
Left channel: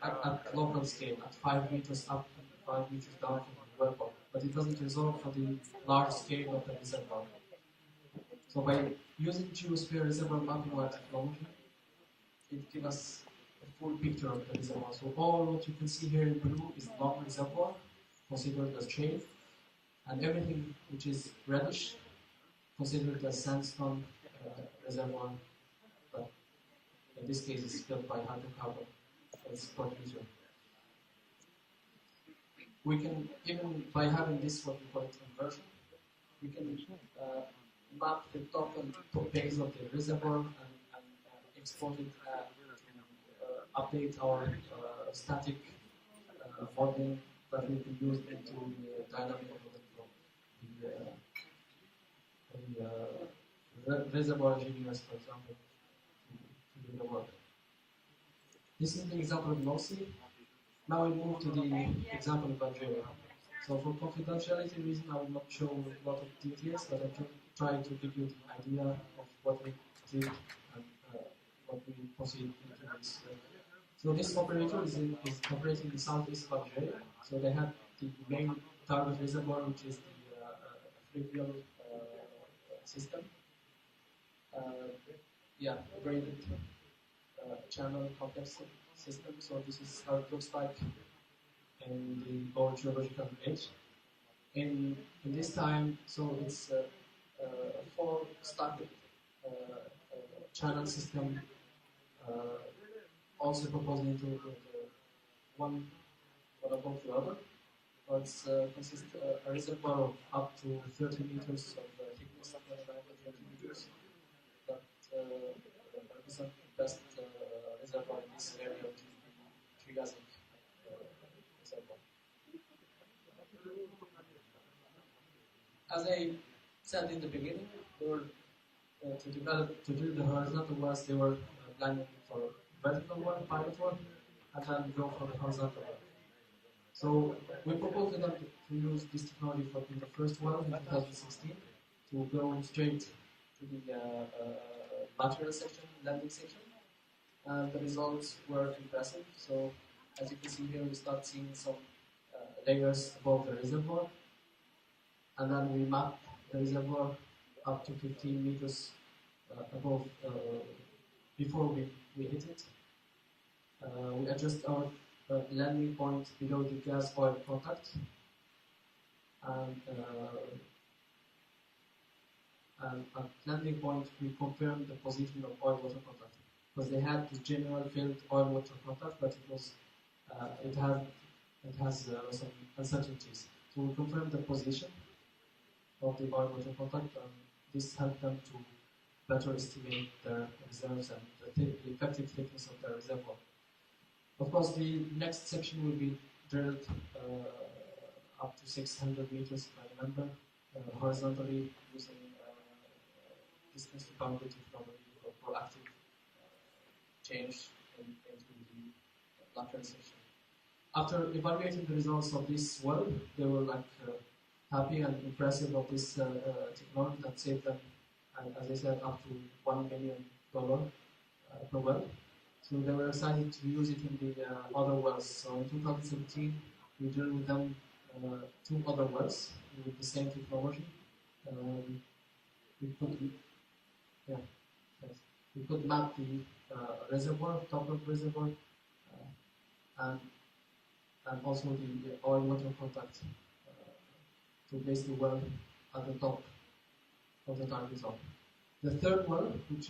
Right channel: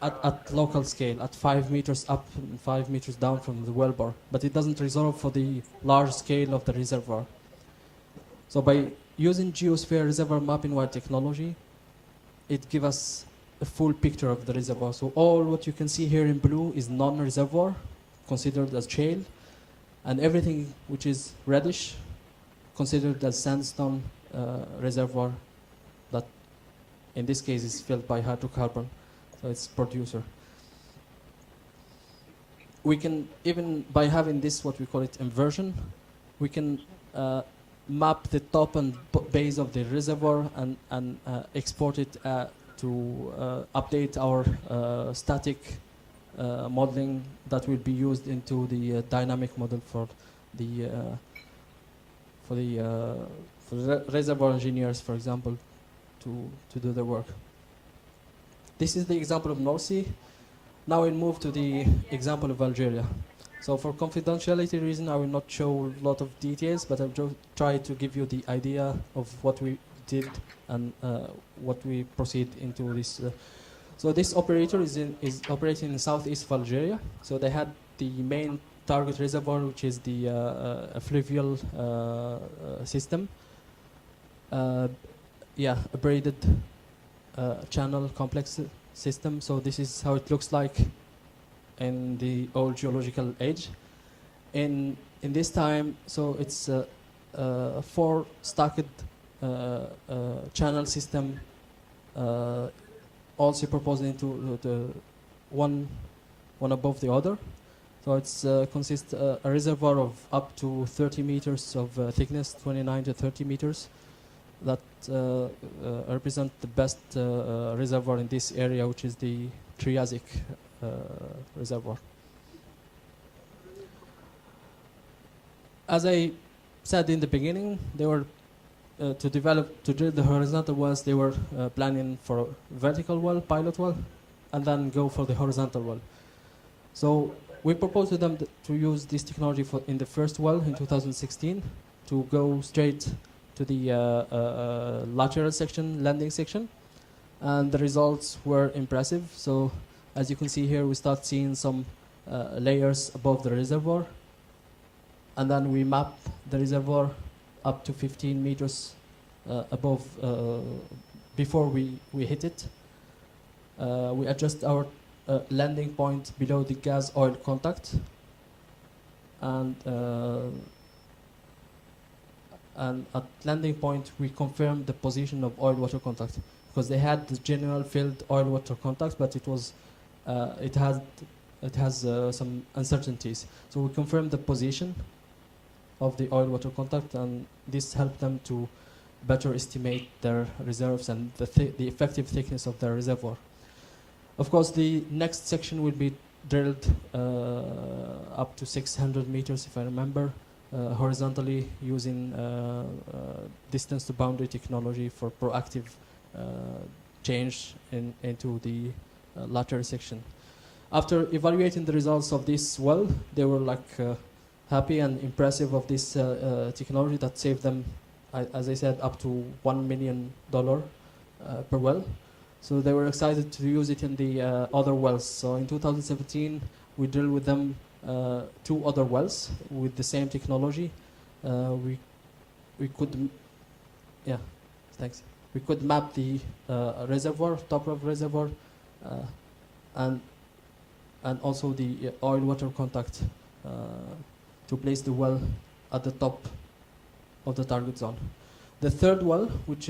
at local scale, at 5 meters up and 5 meters down from the well bore, but it doesn't resolve for the large scale of the reservoir. So by using geosphere reservoir mapping wire technology, it gives us a full picture of the reservoir. So all what you can see here in blue is non-reservoir, considered as shale, and everything which is reddish, considered as sandstone reservoir, that in this case is filled by hydrocarbon, so it's producer. We can, even by having this, what we call it inversion, we can map the top and base of the reservoir and export it to update our static modeling that will be used into the dynamic model for the reservoir engineers, for example, to do the work. This is the example of North Sea. Now we'll move to the example of Algeria. So for confidentiality reason, I will not show a lot of details, but I'll try to give you the idea of what we did and what we proceed into this. So this operator is operating in southeast of Algeria. So they had the main target reservoir, which is the fluvial system. Yeah, a braided channel complex system. So this is how it looks like in the old geological age. In this time, so it's a 4 stacked channel system, all superposed into the one above the other. So it's consists a reservoir of up to 30 meters of thickness, 29 to 30 meters, that represent the best reservoir in this area, which is the Triassic reservoir. As I said in the beginning, they were to drill the horizontal wells. They were planning for a vertical well, pilot well, and then go for the horizontal well. So we proposed to them to use this technology in the first well in 2016 to go straight to the lateral section, landing section, and the results were impressive. So as you can see here, we start seeing some layers above the reservoir, and then we map the reservoir up to 15 meters above before we hit it. We adjust our landing point below the gas oil contact, and at landing point we confirm the position of oil water contact, because they had the general field oil water contact, but it has some uncertainties. So we confirm the position of the oil water contact, and this helped them to better estimate their reserves and the effective thickness of their reservoir. Of course, the next section will be drilled up to 600 meters, if I remember, horizontally, using distance to boundary technology for proactive change into the lateral section. After evaluating the results of this well, they were happy and impressive of this technology that saved them, as I said, up to $1 million per well. So they were excited to use it in the other wells. So in 2017, we drilled with them 2 other wells with the same technology. We could, yeah, thanks. We could map the reservoir, top of reservoir, and also the oil water contact to place the well at the top of the target zone. The third well, which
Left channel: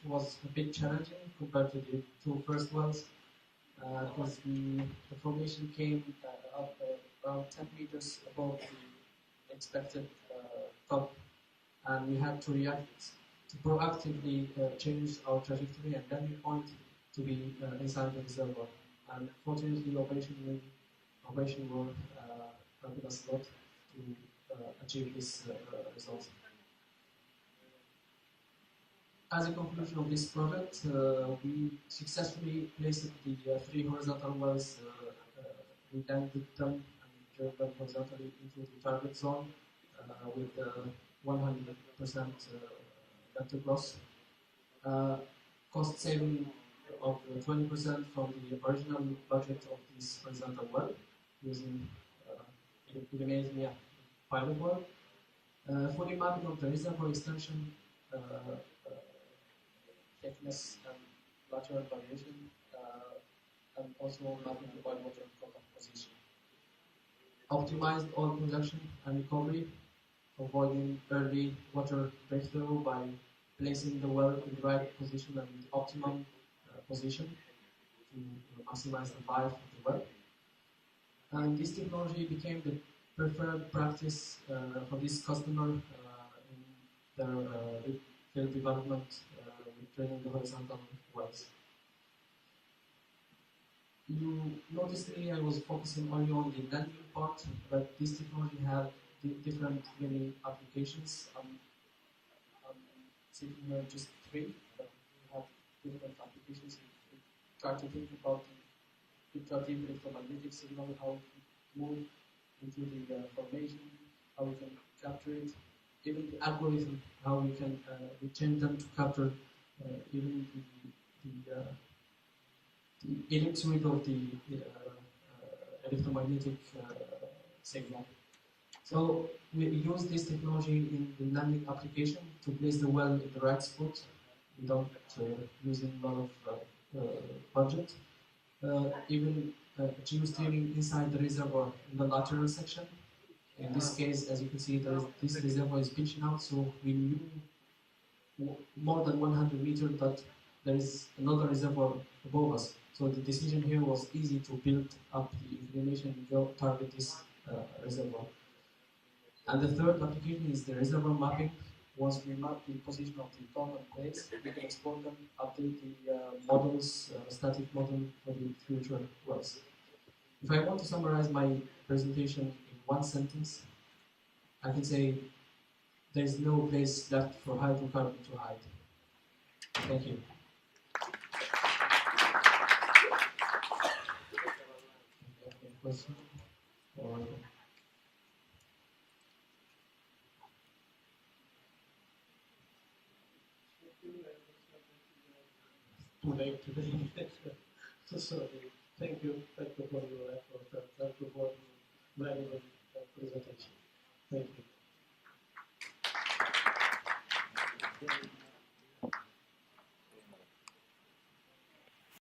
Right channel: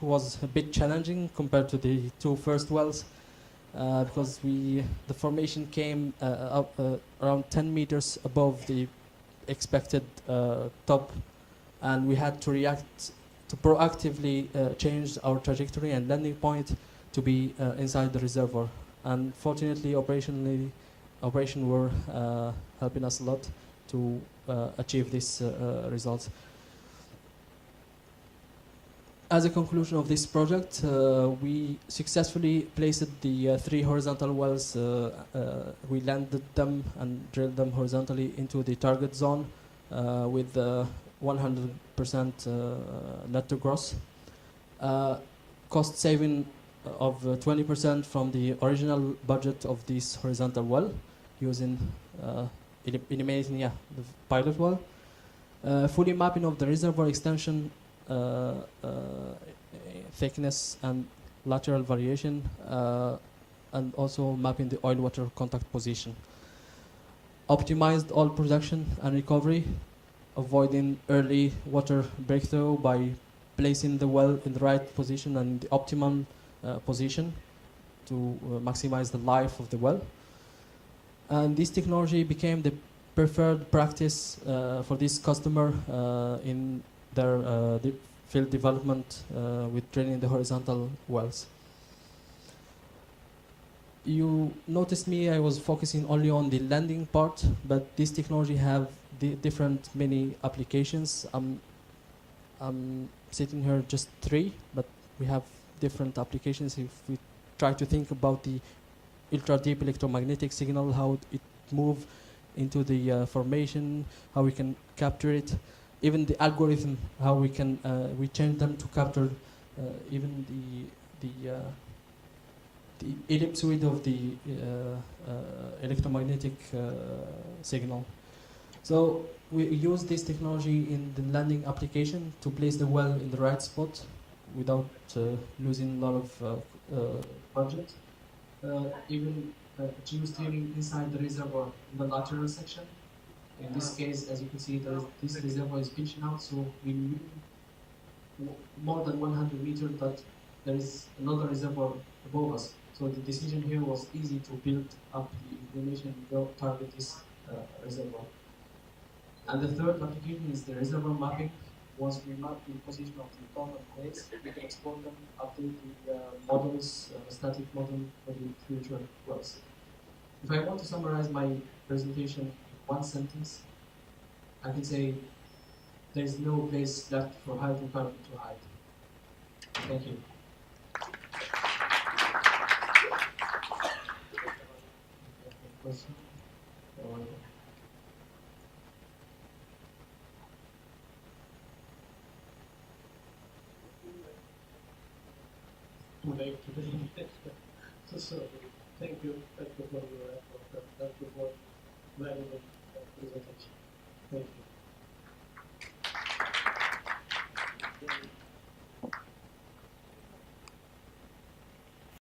was a bit challenging compared to the 2 first wells, because the formation came up around 10 meters above the expected top, and we had to react to proactively change our trajectory and landing point to be inside the reservoir. And fortunately, operation were helping us a lot to achieve these results. as a conclusion of this project, we successfully placed the 3 horizontal wells. We landed them and drilled them horizontally into the target zone with 100% net to gross. Cost saving of 20% from the original budget of this horizontal well, using eliminating the pilot well. Fully mapping of the reservoir extension, thickness and lateral variation, and also mapping the oil-water contact position. Optimized oil production and recovery, avoiding early water breakthrough by placing the well in the right position and the optimum position to maximize the life of the well. And this technology became the preferred practice for this customer in their field development with drilling the horizontal wells. You noticed me, I was focusing only on the landing part, but this technology have different many applications. I'm sitting here just 3, but we have different applications. If we try to think about the ultra deep electromagnetic signal, how it moves into the formation, how we can capture it, even the algorithm, how we can we change them to capture even the ellipsoid of the electromagnetic signal. So we use this technology in the landing application to place the well in the right spot without losing a lot of budget. Even geosteering inside the reservoir in the lateral section. In this case, as you can see, this reservoir is pitching out, so we knew more than 100 meters that there is another reservoir above us. So the decision here was easy to build up the inclination and go target this reservoir. And the third application is the reservoir mapping. Once we map the position of the top and place, we can export them, update the models, static model for the future wells. If I want to summarize my presentation in one sentence, I can say there is no place left for hydrocarbon to hide. Thank you. Any question? Or too late today. So thank you for your effort. Thank you for valuable presentation. Thank you.